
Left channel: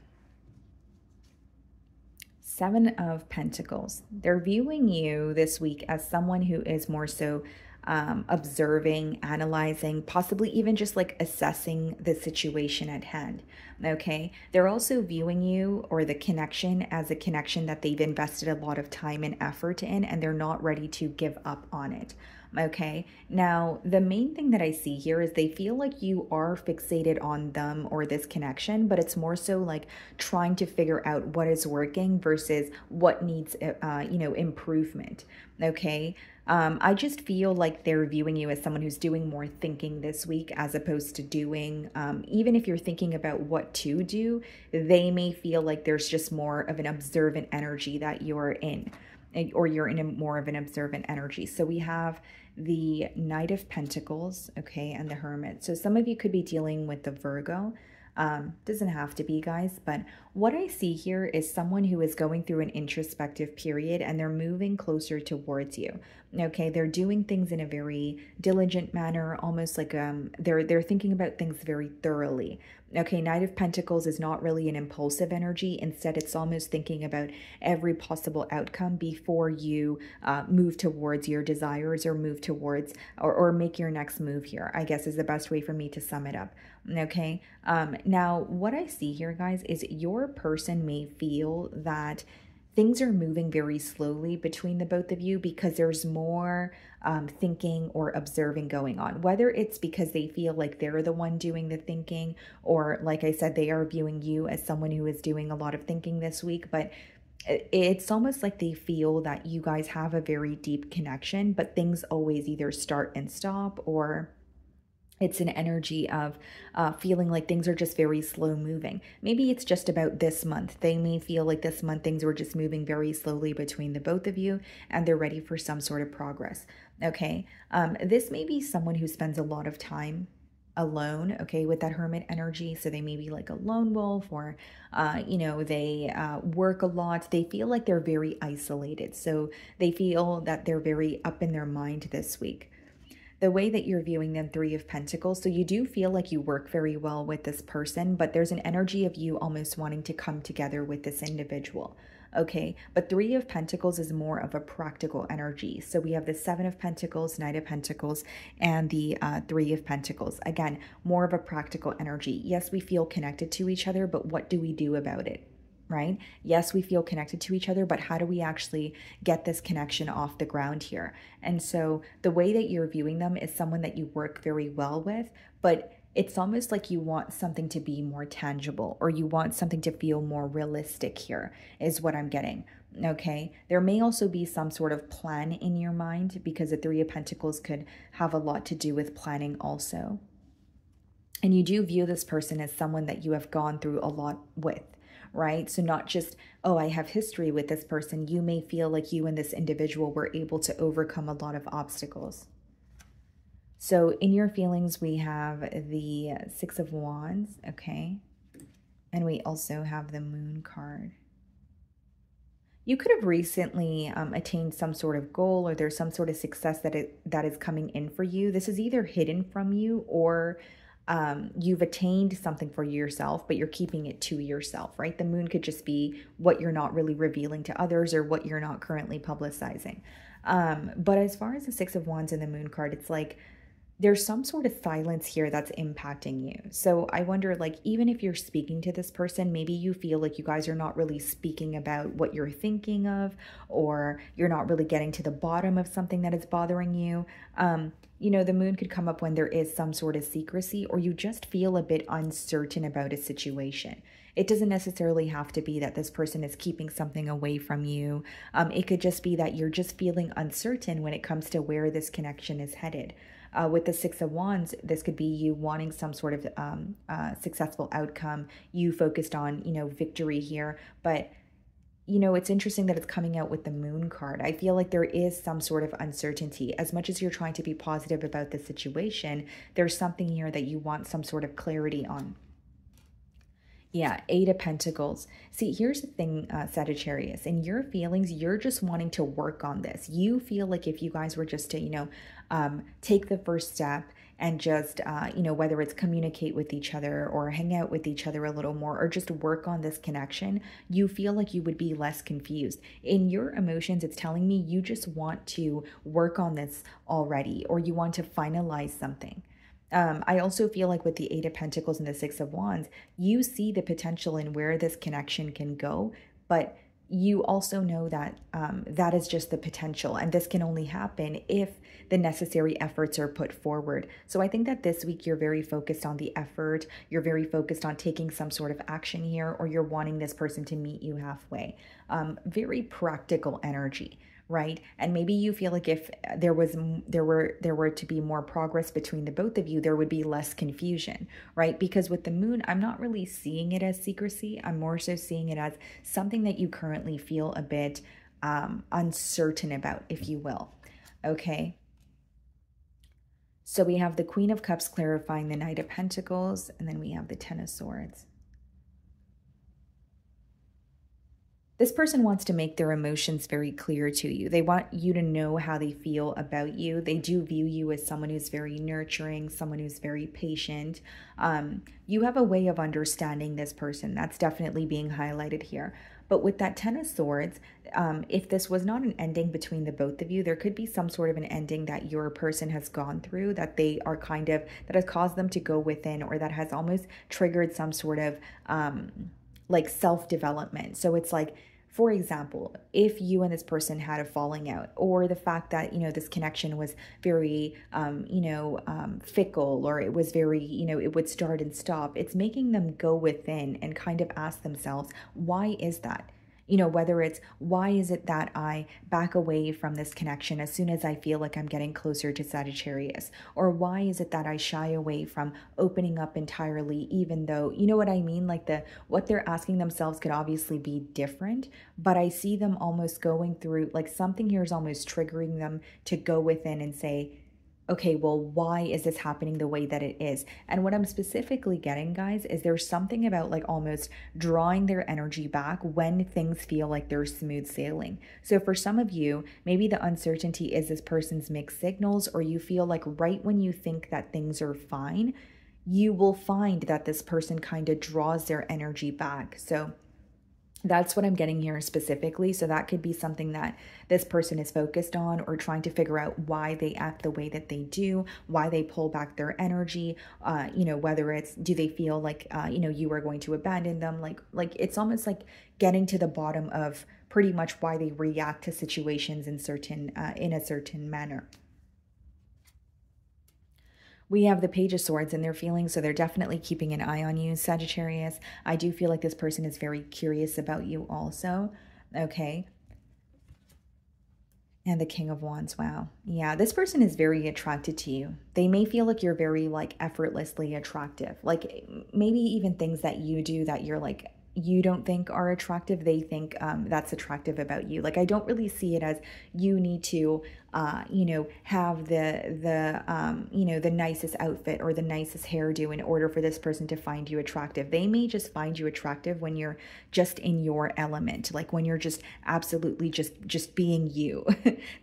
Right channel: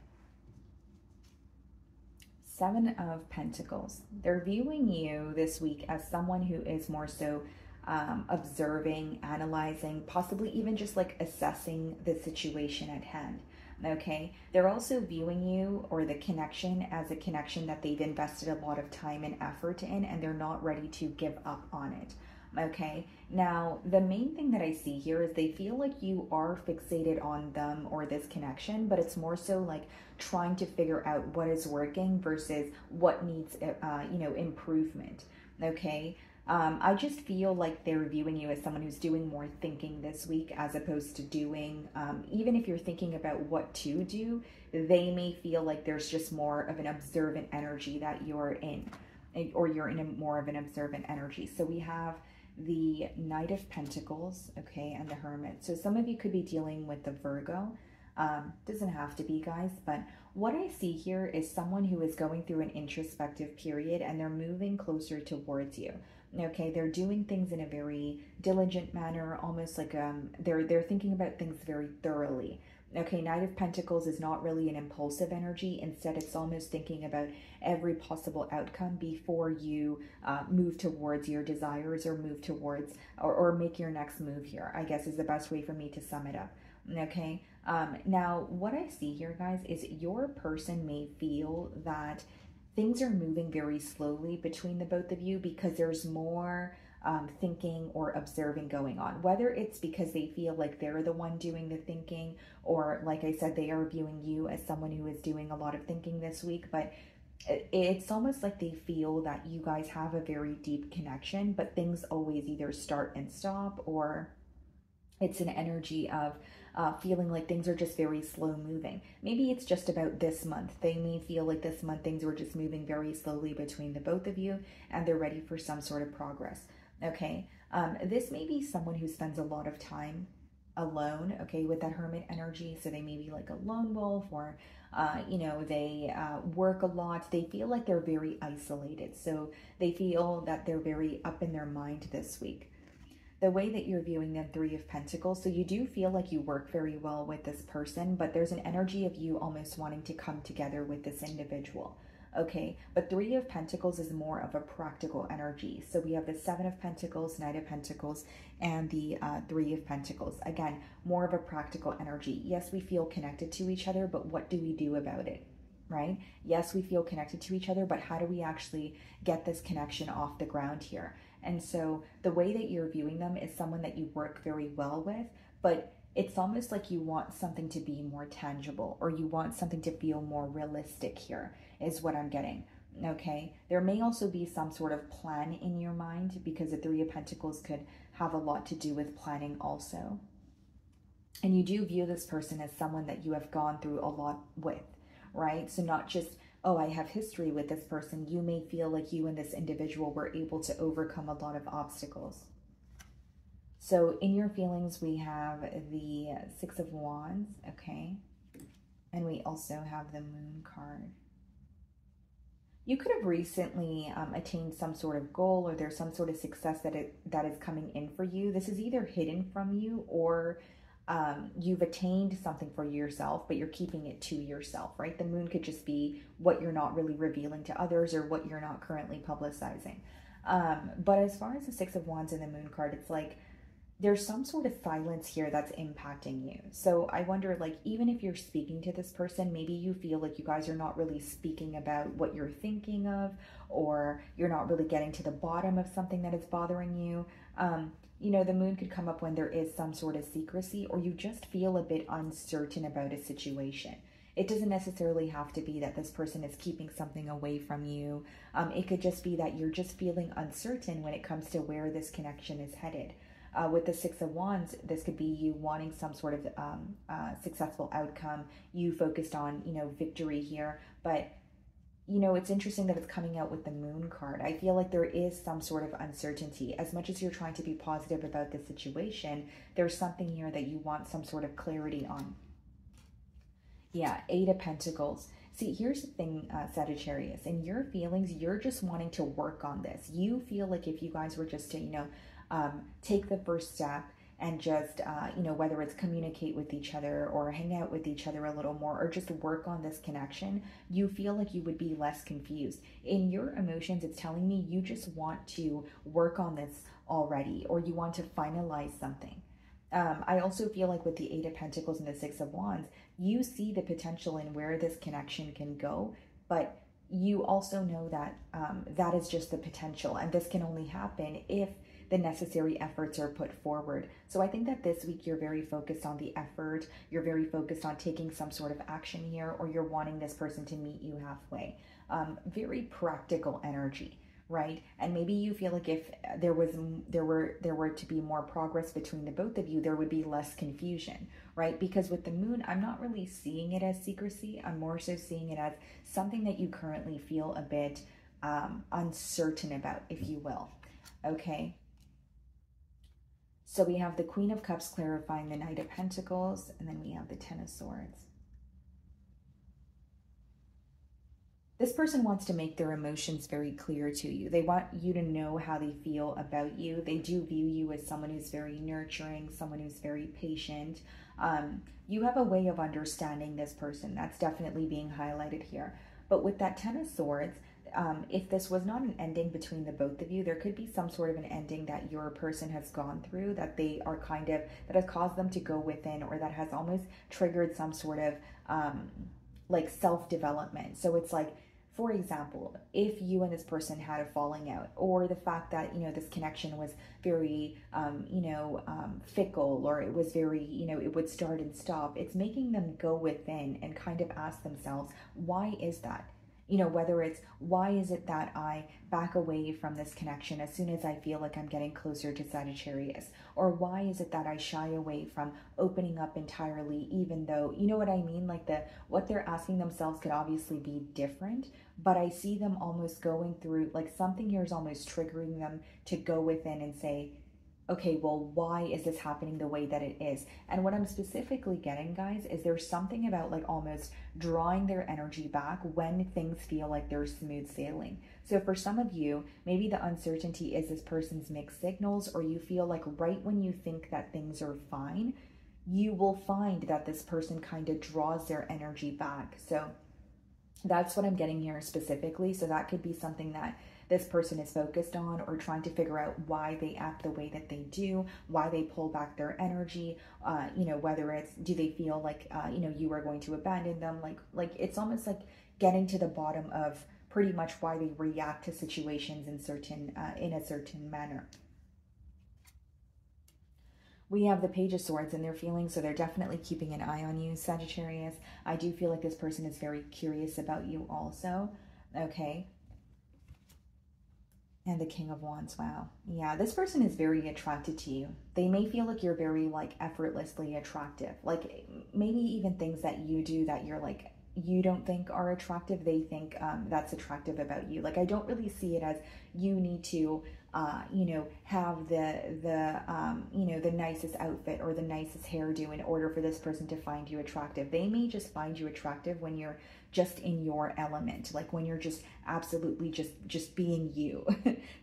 Seven of Pentacles. They're viewing you this week as someone who is more so observing, analyzing, possibly even just like assessing the situation at hand. Okay. They're also viewing you or the connection as a connection that they've invested a lot of time and effort in, and they're not ready to give up on it. Okay, now the main thing that I see here is they feel like you are fixated on them or this connection, but it's more so like trying to figure out what is working versus what needs, improvement. Okay, I just feel like they're viewing you as someone who's doing more thinking this week as opposed to doing, even if you're thinking about what to do, they may feel like there's just more of an observant energy that you're in, or you're in a more of an observant energy. So we have the Knight of Pentacles, okay, and the Hermit. So some of you could be dealing with the Virgo. Doesn't have to be, guys, but what I see here is someone who is going through an introspective period and they're moving closer towards you. Okay, they're doing things in a very diligent manner, almost like they're thinking about things very thoroughly. Okay, Knight of Pentacles is not really an impulsive energy. Instead, it's almost thinking about every possible outcome before you move towards your desires or move towards or make your next move here, I guess is the best way for me to sum it up. Okay, now what I see here, guys, is your person may feel that things are moving very slowly between the both of you because there's more thinking or observing going on, whether it's because they feel like they're the one doing the thinking, or like I said, they are viewing you as someone who is doing a lot of thinking this week. But it's almost like they feel that you guys have a very deep connection, but things always either start and stop, or it's an energy of feeling like things are just very slow moving. Maybe it's just about this month. They may feel like this month things were just moving very slowly between the both of you and they're ready for some sort of progress. Okay, this may be someone who spends a lot of time alone, okay, with that Hermit energy. So they may be like a lone wolf, or, they work a lot. They feel like they're very isolated. So they feel that they're very up in their mind this week. The way that you're viewing them, Three of Pentacles, so you do feel like you work very well with this person, but there's an energy of you almost wanting to come together with this individual. Okay, but Three of Pentacles is more of a practical energy. So we have the Seven of Pentacles, Knight of Pentacles, and the Three of Pentacles. Again, more of a practical energy. Yes, we feel connected to each other, but what do we do about it? right? Yes, we feel connected to each other, but how do we actually get this connection off the ground here? And so the way that you're viewing them is someone that you work very well with, but it's almost like you want something to be more tangible, or you want something to feel more realistic here, is what I'm getting. Okay, there may also be some sort of plan in your mind, because the Three of Pentacles could have a lot to do with planning also. And you do view this person as someone that you have gone through a lot with, right? So not just, oh, I have history with this person. You may feel like you and this individual were able to overcome a lot of obstacles. So in your feelings, we have the Six of Wands, okay? And we also have the Moon card. You could have recently attained some sort of goal, or there's some sort of success that is coming in for you. This is either hidden from you, or you've attained something for yourself, but you're keeping it to yourself, right? The moon could just be what you're not really revealing to others, or what you're not currently publicizing. But as far as the Six of Wands and the Moon card, it's like there's some sort of silence here that's impacting you. So I wonder, like, even if you're speaking to this person, maybe you feel like you guys are not really speaking about what you're thinking of, or you're not really getting to the bottom of something that is bothering you. You know, the moon could come up when there is some sort of secrecy, or you just feel a bit uncertain about a situation. It doesn't necessarily have to be that this person is keeping something away from you. It could just be that you're just feeling uncertain when it comes to where this connection is headed. With the Six of Wands, this could be you wanting some sort of successful outcome. You focused on, you know, victory here. But, you know, it's interesting that it's coming out with the Moon card. I feel like there is some sort of uncertainty. As much as you're trying to be positive about the situation, there's something here that you want some sort of clarity on. Yeah, Eight of Pentacles. See, here's the thing, Sagittarius. In your feelings, you're just wanting to work on this. You feel like if you guys were just to, you know, take the first step and just, you know, whether it's communicate with each other or hang out with each other a little more, or just work on this connection, you feel like you would be less confused. In your emotions, it's telling me you just want to work on this already, or you want to finalize something. I also feel like with the Eight of Pentacles and the Six of Wands, you see the potential in where this connection can go, but you also know that that is just the potential, and this can only happen if the necessary efforts are put forward. So I think that this week you're very focused on the effort, you're very focused on taking some sort of action here, or you're wanting this person to meet you halfway. Very practical energy, right? And maybe you feel like if there were to be more progress between the both of you, there would be less confusion, right? Because with the moon, I'm not really seeing it as secrecy. I'm more so seeing it as something that you currently feel a bit uncertain about, if you will. Okay. So we have the Queen of Cups clarifying the Knight of Pentacles, and then we have the Ten of Swords. This person wants to make their emotions very clear to you. They want you to know how they feel about you. They do view you as someone who's very nurturing, someone who's very patient. You have a way of understanding this person. That's definitely being highlighted here. But with that Ten of Swords, if this was not an ending between the both of you, there could be some sort of an ending that your person has gone through, that they are kind of, that has caused them to go within, or that has almost triggered some sort of like self-development. So it's like, for example, if you and this person had a falling out, or the fact that, you know, this connection was very, fickle, or it was very, you know, it would start and stop, it's making them go within and kind of ask themselves, why is that? You know, whether it's, why is it that I back away from this connection as soon as I feel like I'm getting closer to Sagittarius? Or why is it that I shy away from opening up entirely, even though, you know what I mean? Like what they're asking themselves could obviously be different, but I see them almost going through, like something here is almost triggering them to go within and say, okay, well, why is this happening the way that it is? And what I'm specifically getting, guys, is there's something about like almost drawing their energy back when things feel like they're smooth sailing. So for some of you, maybe the uncertainty is this person's mixed signals, or you feel like right when you think that things are fine, you will find that this person kind of draws their energy back. So That's what I'm getting here specifically. So that could be something that this person is focused on, or trying to figure out why they act the way that they do, why they pull back their energy. You know, whether it's, do they feel like, you know, you are going to abandon them? Like it's almost like getting to the bottom of pretty much why they react to situations in a certain manner. We have the Page of Swords in their feelings, so they're definitely keeping an eye on you, Sagittarius. I do feel like this person is very curious about you also, okay? And the King of Wands, wow. Yeah, this person is very attracted to you. They may feel like you're very, like, effortlessly attractive. Like, maybe even things that you do that you're, like, you don't think are attractive, they think that's attractive about you. Like, I don't really see it as you need to you know, have you know, the nicest outfit or the nicest hairdo in order for this person to find you attractive. They may just find you attractive when you're just in your element, like when you're just absolutely just being you.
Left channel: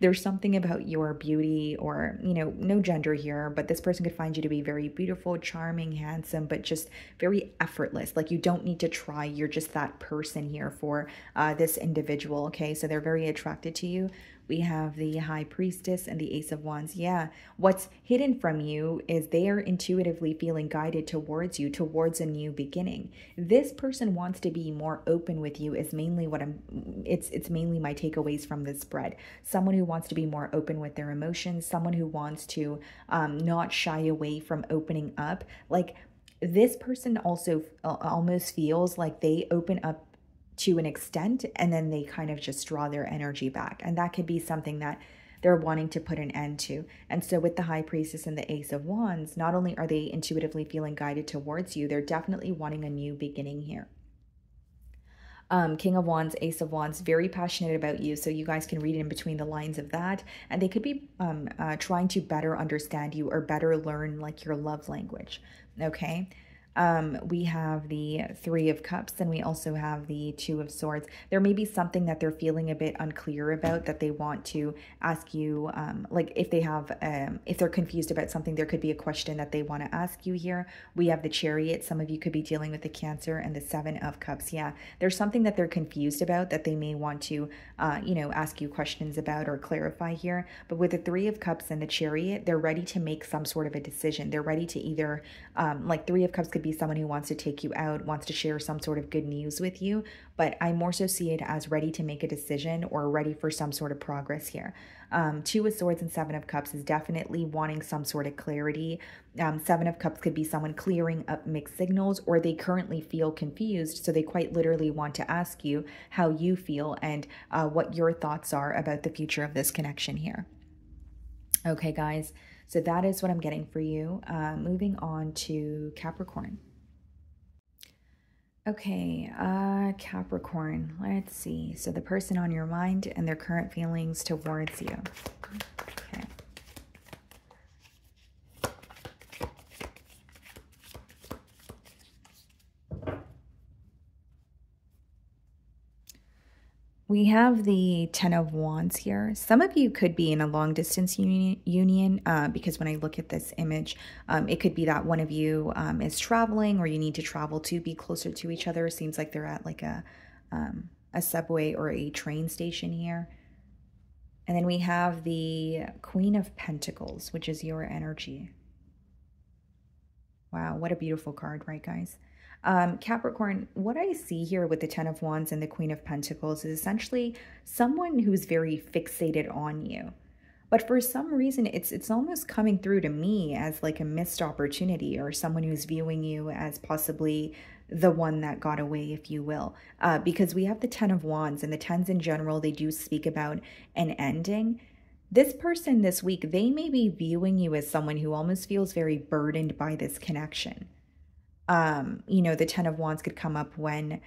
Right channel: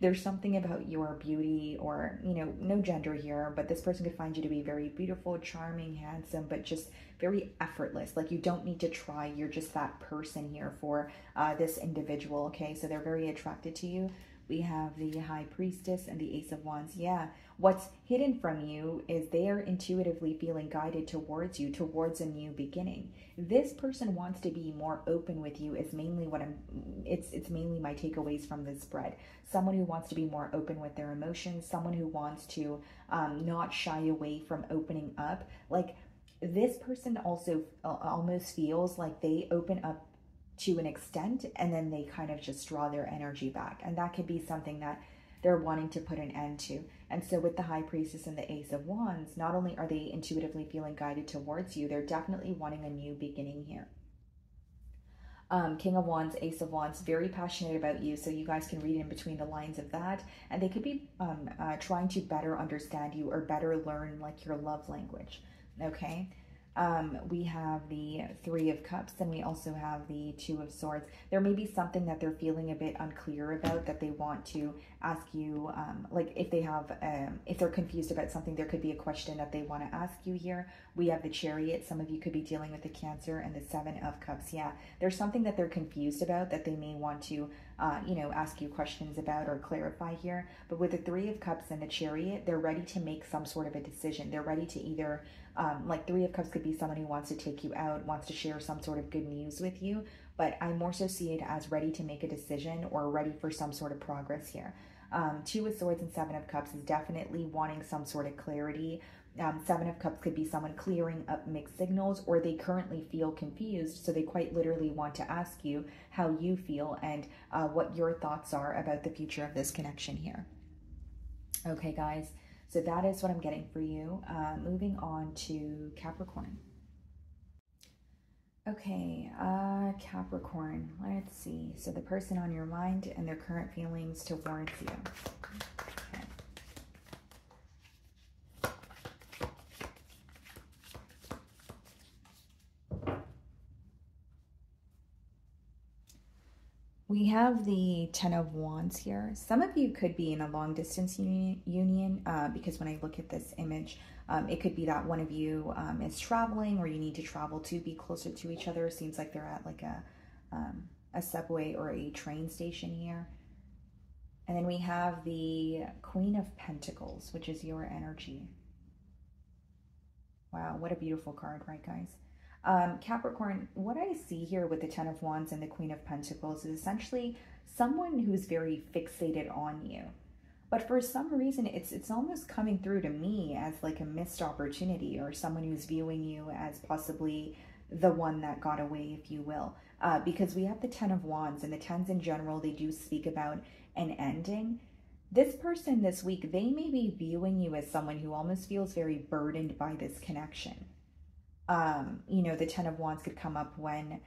There's something about your beauty, or, you know, no gender here, but this person could find you to be very beautiful, charming, handsome, but just very effortless. Like, you don't need to try, you're just that person here for this individual, okay? So they're very attracted to you. We have the High Priestess and the Ace of Wands. Yeah, what's hidden from you is they are intuitively feeling guided towards you, towards a new beginning. This person wants to be more open with you is mainly what it's mainly my takeaways from this spread. Someone who wants to be more open with their emotions, someone who wants to not shy away from opening up. Like, this person also almost feels like they open up to an extent, and then they kind of just draw their energy back. And that could be something that they're wanting to put an end to. And so with the High Priestess and the Ace of Wands, not only are they intuitively feeling guided towards you, they're definitely wanting a new beginning here. King of Wands, Ace of Wands, very passionate about you. So you guys can read in between the lines of that. And they could be trying to better understand you, or better learn, like, your love language. Okay. We have the Three of Cups, and we also have the Two of Swords. There may be something that they're feeling a bit unclear about that they want to ask you. Like, if they have, if they're confused about something, there could be a question that they want to ask you here. We have the Chariot. Some of you could be dealing with the Cancer, and the Seven of Cups. Yeah, there's something that they're confused about that they may want to, you know, ask you questions about or clarify here. But with the Three of Cups and the Chariot, they're ready to make some sort of a decision. They're ready to either, like, Three of Cups could be someone who wants to take you out, wants to share some sort of good news with you, but I more so see it as ready to make a decision or ready for some sort of progress here. Two of Swords and Seven of Cups is definitely wanting some sort of clarity. Seven of Cups could be someone clearing up mixed signals, or they currently feel confused, so they quite literally want to ask you how you feel and what your thoughts are about the future of this connection here. Okay, guys, so that is what I'm getting for you. Moving on to Capricorn. Okay, Capricorn, let's see. So the person on your mind and their current feelings towards you. Okay. We have the Ten of Wands here. Some of you could be in a long distance union because when I look at this image, it could be that one of you is traveling, or you need to travel to be closer to each other. It seems like they're at like a subway or a train station here. And then we have the Queen of Pentacles, which is your energy. Wow, what a beautiful card, right, guys? Capricorn, what I see here with the Ten of Wands and the Queen of Pentacles is essentially someone who's very fixated on you. But for some reason, it's almost coming through to me as like a missed opportunity, or someone who's viewing you as possibly the one that got away, if you will. Because we have the Ten of Wands, and the Tens in general, they do speak about an ending. This person this week, they may be viewing you as someone who almost feels very burdened by this connection. You know, the Ten of Wands could come up when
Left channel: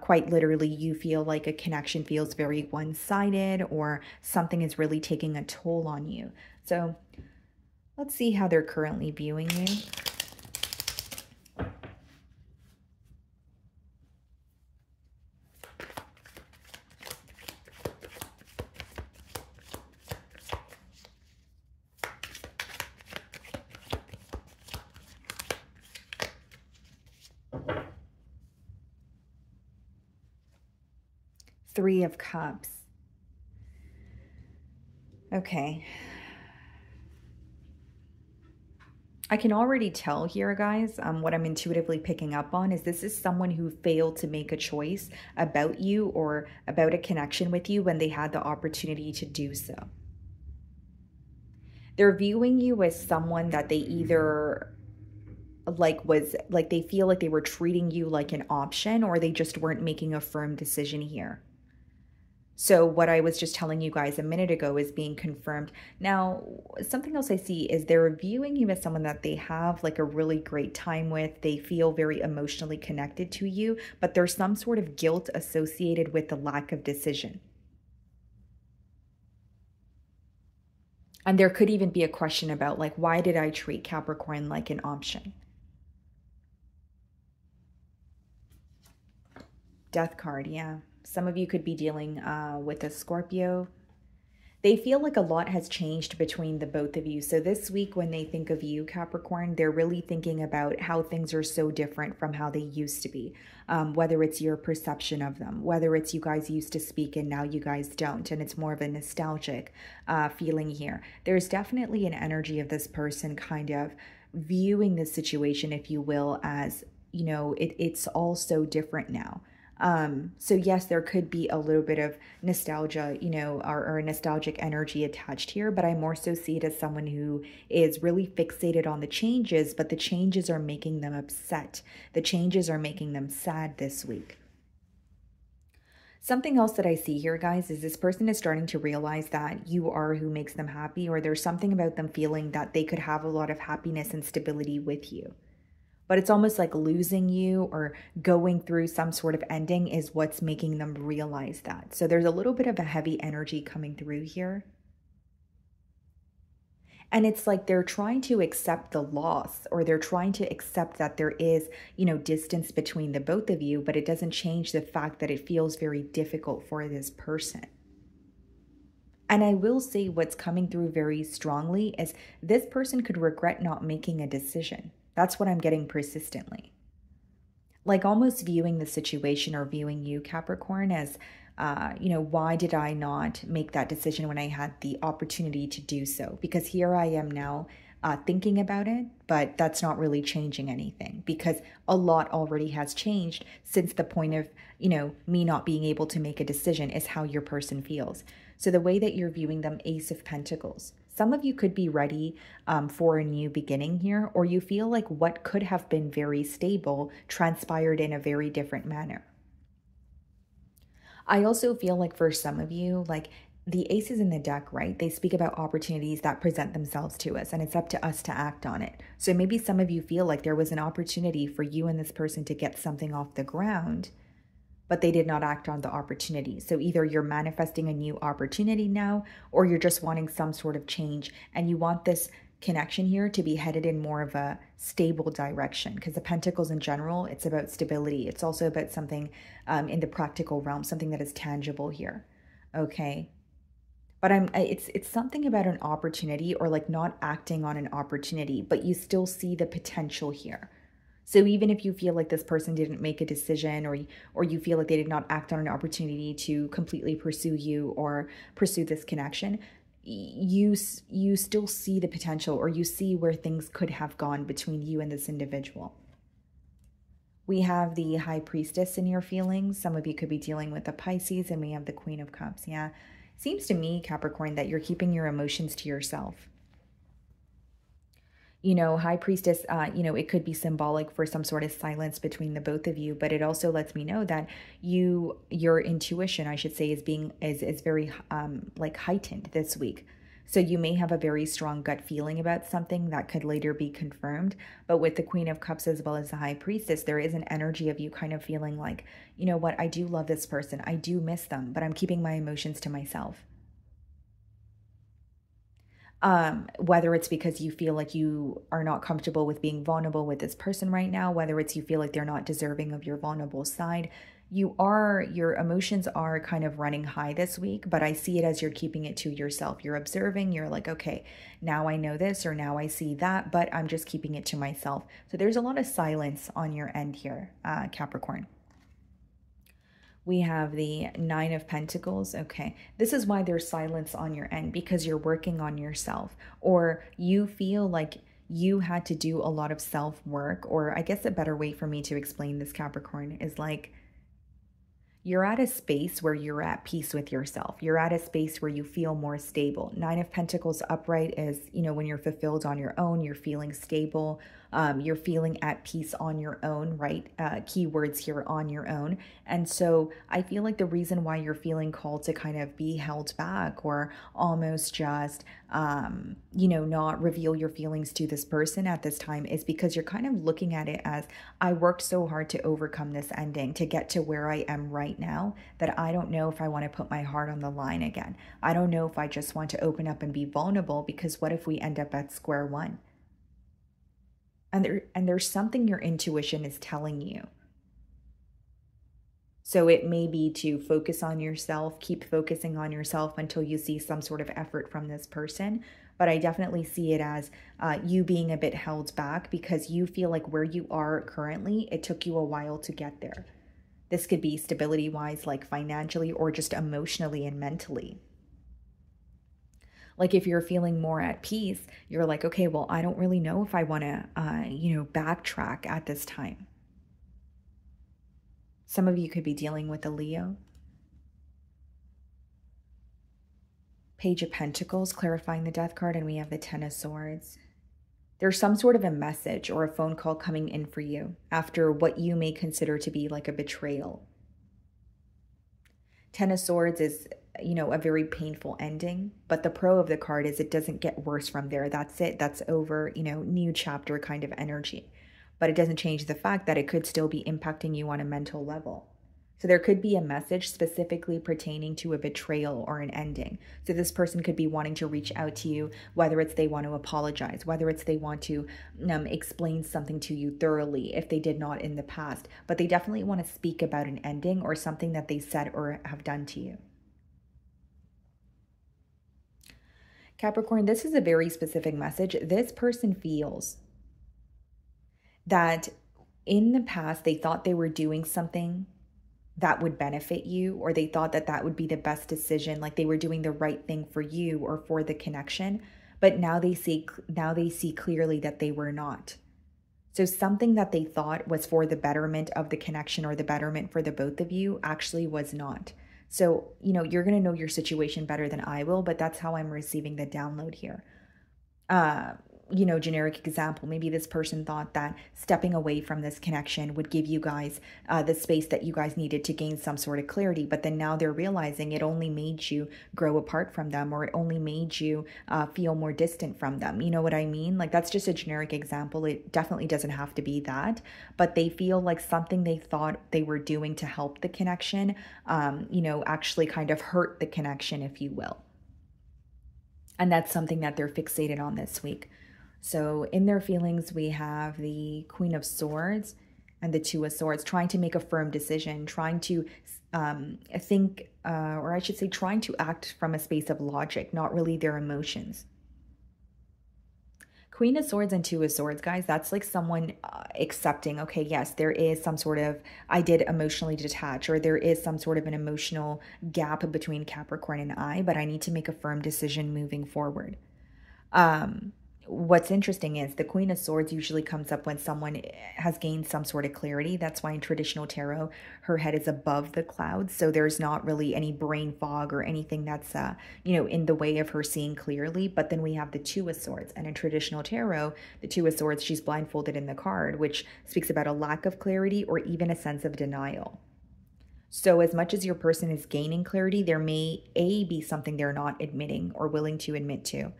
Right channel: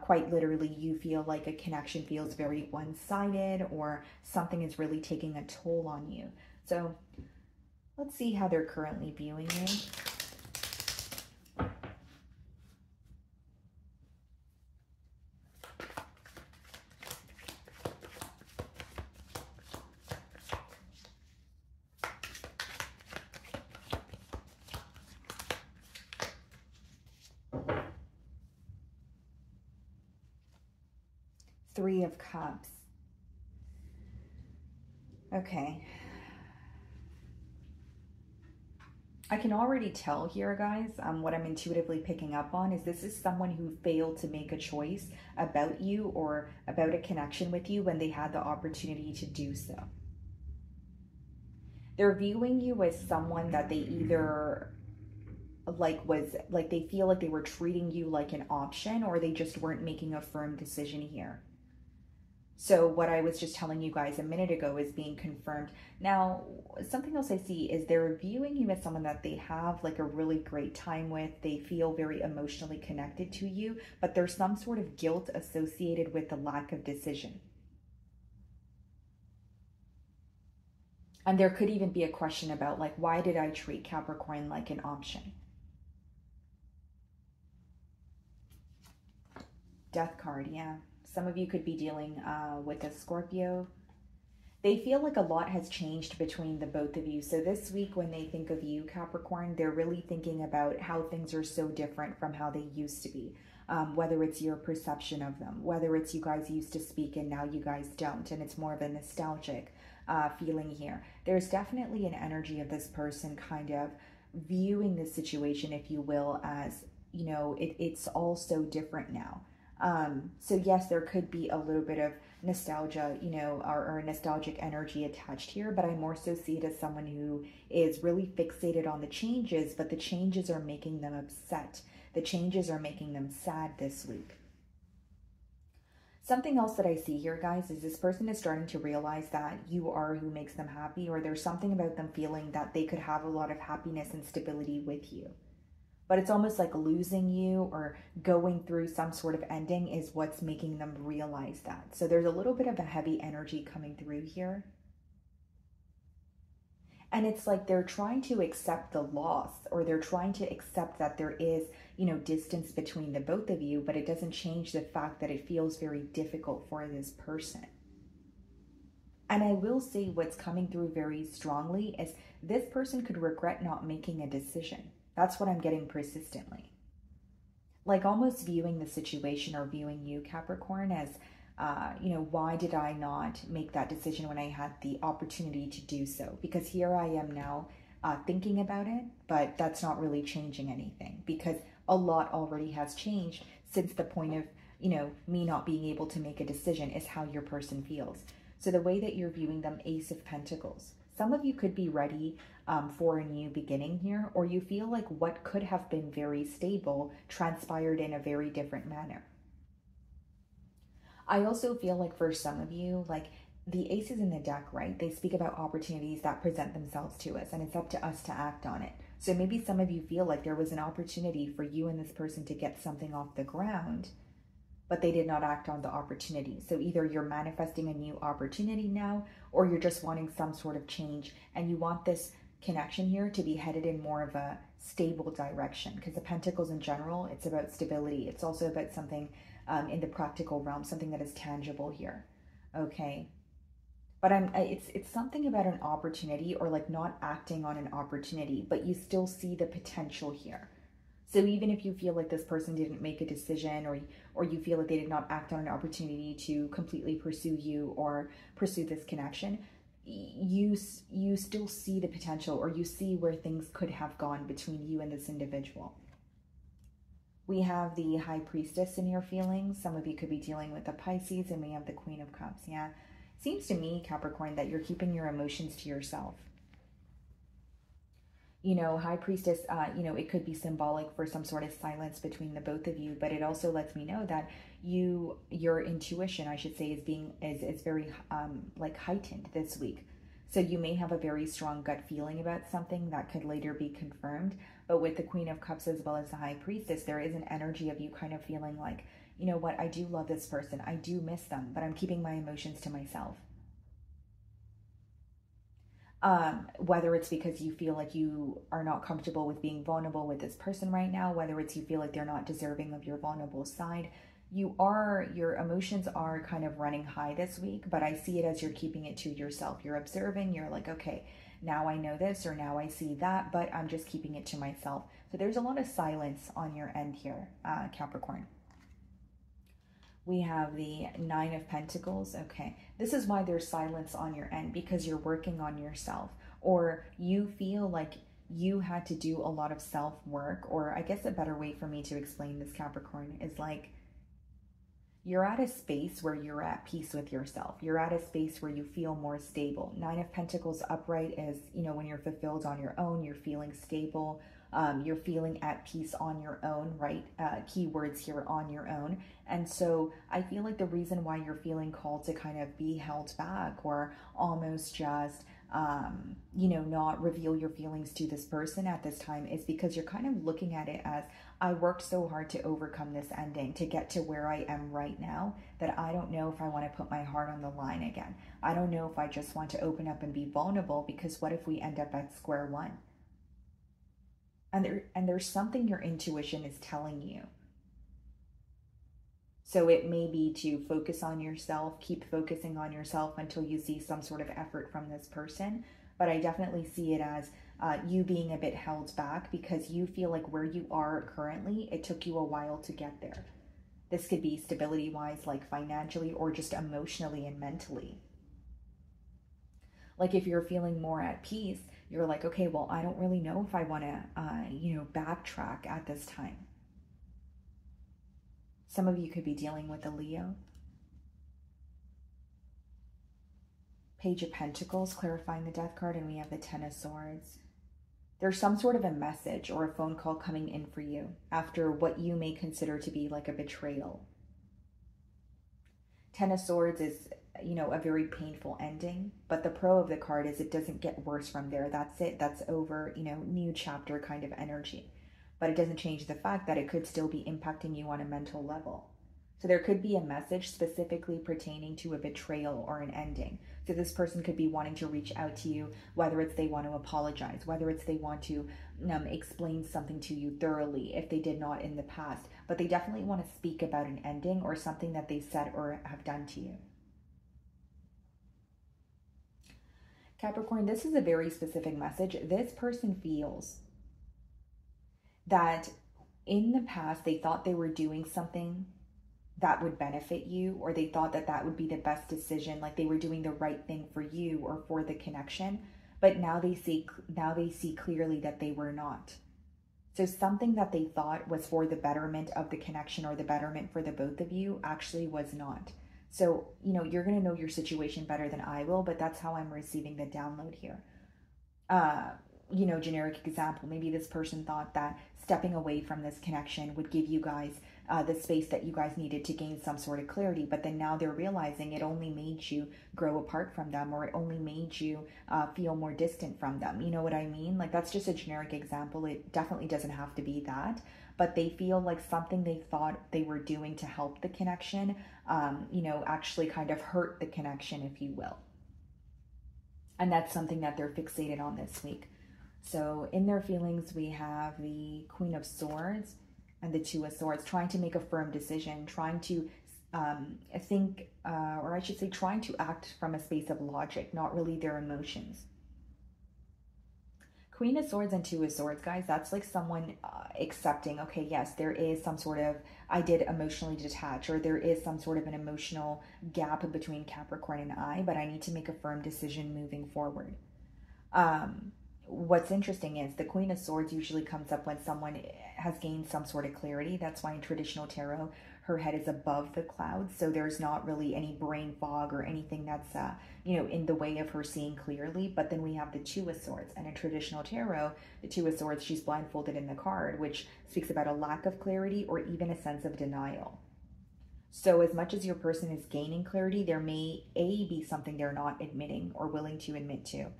quite literally you feel like a connection feels very one-sided, or something is really taking a toll on you. So let's see how they're currently viewing you. Three of Cups. Okay. I can already tell here, guys, what I'm intuitively picking up on is this is someone who failed to make a choice about you or about a connection with you when they had the opportunity to do so. They're viewing you as someone that they either they feel like they were treating you like an option, or they just weren't making a firm decision here. So what I was just telling you guys a minute ago is being confirmed. Now, something else I see is they're viewing you as someone that they have like a really great time with. They feel very emotionally connected to you, but there's some sort of guilt associated with the lack of decision. And there could even be a question about like, why did I treat Capricorn like an option? Death card, yeah. Some of you could be dealing with a Scorpio. They feel like a lot has changed between the both of you. So this week when they think of you, Capricorn, they're really thinking about how things are so different from how they used to be. Whether it's your perception of them, whether it's you guys used to speak and now you guys don't, and it's more of a nostalgic feeling here. There's definitely an energy of this person kind of viewing this situation, if you will, as, you know, it's all so different now. So yes, there could be a little bit of nostalgia, you know, or a nostalgic energy attached here, but I more so see it as someone who is really fixated on the changes, but the changes are making them upset. The changes are making them sad this week. Something else that I see here, guys, is this person is starting to realize that you are who makes them happy, or there's something about them feeling that they could have a lot of happiness and stability with you. But it's almost like losing you or going through some sort of ending is what's making them realize that. So there's a little bit of a heavy energy coming through here. And it's like they're trying to accept the loss, or they're trying to accept that there is, you know, distance between the both of you, but it doesn't change the fact that it feels very difficult for this person. And I will say what's coming through very strongly is this person could regret not making a decision. That's what I'm getting persistently. Like almost viewing the situation or viewing you, Capricorn, as, you know, why did I not make that decision when I had the opportunity to do so? Because here I am now thinking about it, but that's not really changing anything because a lot already has changed since the point of, you know, me not being able to make a decision is how your person feels. So the way that you're viewing them, Ace of Pentacles. Some of you could be ready for a new beginning here, or you feel like what could have been very stable transpired in a very different manner. I also feel like for some of you, like the aces in the deck, right? They speak about opportunities that present themselves to us, and it's up to us to act on it. So maybe some of you feel like there was an opportunity for you and this person to get something off the ground, but they did not act on the opportunity. So either you're manifesting a new opportunity now, or you're just wanting some sort of change, and you want this connection here to be headed in more of a stable direction, because the Pentacles in general, it's about stability. It's also about something in the practical realm, something that is tangible here, okay? But it's something about an opportunity, or like not acting on an opportunity, but you still see the potential here. So even if you feel like this person didn't make a decision, or you feel like they did not act on an opportunity to completely pursue you or pursue this connection, you still see the potential, or you see where things could have gone between you and this individual. We have the High Priestess in your feelings. Some of you could be dealing with the Pisces, and we have the Queen of Cups. Yeah, seems to me, Capricorn, that you're keeping your emotions to yourself. You know, High Priestess, you know, it could be symbolic for some sort of silence between the both of you, but it also lets me know that your intuition, I should say, is very like heightened this week. So you may have a very strong gut feeling about something that could later be confirmed. But with the Queen of Cups as well as the High Priestess, there is an energy of you kind of feeling like, you know what, I do love this person, I do miss them, but I'm keeping my emotions to myself. Whether it's because you feel like you are not comfortable with being vulnerable with this person right now, whether it's you feel like they're not deserving of your vulnerable side, your emotions are kind of running high this week, but I see it as you're keeping it to yourself. You're observing, you're like, okay, now I know this, or now I see that, but I'm just keeping it to myself. So there's a lot of silence on your end here, Capricorn. We have the Nine of Pentacles. Okay, this is why there's silence on your end, because you're working on yourself, or you feel like you had to do a lot of self-work. Or I guess a better way for me to explain this, Capricorn, is like you're at a space where you're at peace with yourself. You're at a space where you feel more stable. Nine of Pentacles upright is, you know, when you're fulfilled on your own, you're feeling stable. You're feeling at peace on your own, right? Keywords here, on your own. And so I feel like the reason why you're feeling called to kind of be held back, or almost just, you know, not reveal your feelings to this person at this time, is because you're kind of looking at it as, I worked so hard to overcome this ending, to get to where I am right now, that I don't know if I want to put my heart on the line again. I don't know if I just want to open up and be vulnerable, because what if we end up at square one? And there's something your intuition is telling you. So it may be to focus on yourself, keep focusing on yourself until you see some sort of effort from this person. But I definitely see it as you being a bit held back, because you feel like where you are currently, it took you a while to get there. This could be stability-wise, like financially, or just emotionally and mentally. Like if you're feeling more at peace, you're like, okay, well, I don't really know if I want to, you know, backtrack at this time. Some of you could be dealing with a Leo. Page of Pentacles, clarifying the Death card, and we have the Ten of Swords. There's some sort of a message or a phone call coming in for you after what you may consider to be like a betrayal. Ten of Swords is, you know, a very painful ending, but the pro of the card is it doesn't get worse from there. That's it. That's over, you know, new chapter kind of energy. But it doesn't change the fact that it could still be impacting you on a mental level. So there could be a message specifically pertaining to a betrayal or an ending. So this person could be wanting to reach out to you, whether it's they want to apologize, whether it's they want to explain something to you thoroughly if they did not in the past. But they definitely want to speak about an ending or something that they said or have done to you. Capricorn, this is a very specific message. This person feels that in the past they thought they were doing something that would benefit you, or they thought that that would be the best decision, like they were doing the right thing for you or for the connection, but now they see clearly that they were not. So something that they thought was for the betterment of the connection or the betterment for the both of you actually was not. So, you know, you're going to know your situation better than I will, but that's how I'm receiving the download here. You know, generic example, maybe this person thought that stepping away from this connection would give you guys the space that you guys needed to gain some sort of clarity, but then now they're realizing it only made you grow apart from them, or it only made you feel more distant from them. You know what I mean? Like, that's just a generic example. It definitely doesn't have to be that, but they feel like something they thought they were doing to help the connection, you know, actually kind of hurt the connection, if you will. And that's something that they're fixated on this week. So in their feelings, we have the Queen of Swords and the Two of Swords, trying to make a firm decision, trying to think, or I should say, trying to act from a space of logic, not really their emotions. Queen of Swords and Two of Swords, guys, that's like someone accepting, okay, yes, there is some sort of, I did emotionally detach, or there is some sort of an emotional gap between Capricorn and I, but I need to make a firm decision moving forward. What's interesting is the Queen of Swords usually comes up when someone has gained some sort of clarity. That's why in traditional tarot, her head is above the clouds. So there's not really any brain fog or anything that's, you know, in the way of her seeing clearly. But then we have the Two of Swords. And in traditional tarot, the Two of Swords, she's blindfolded in the card, which speaks about a lack of clarity or even a sense of denial. So as much as your person is gaining clarity, there may A, be something they're not admitting or willing to admit to,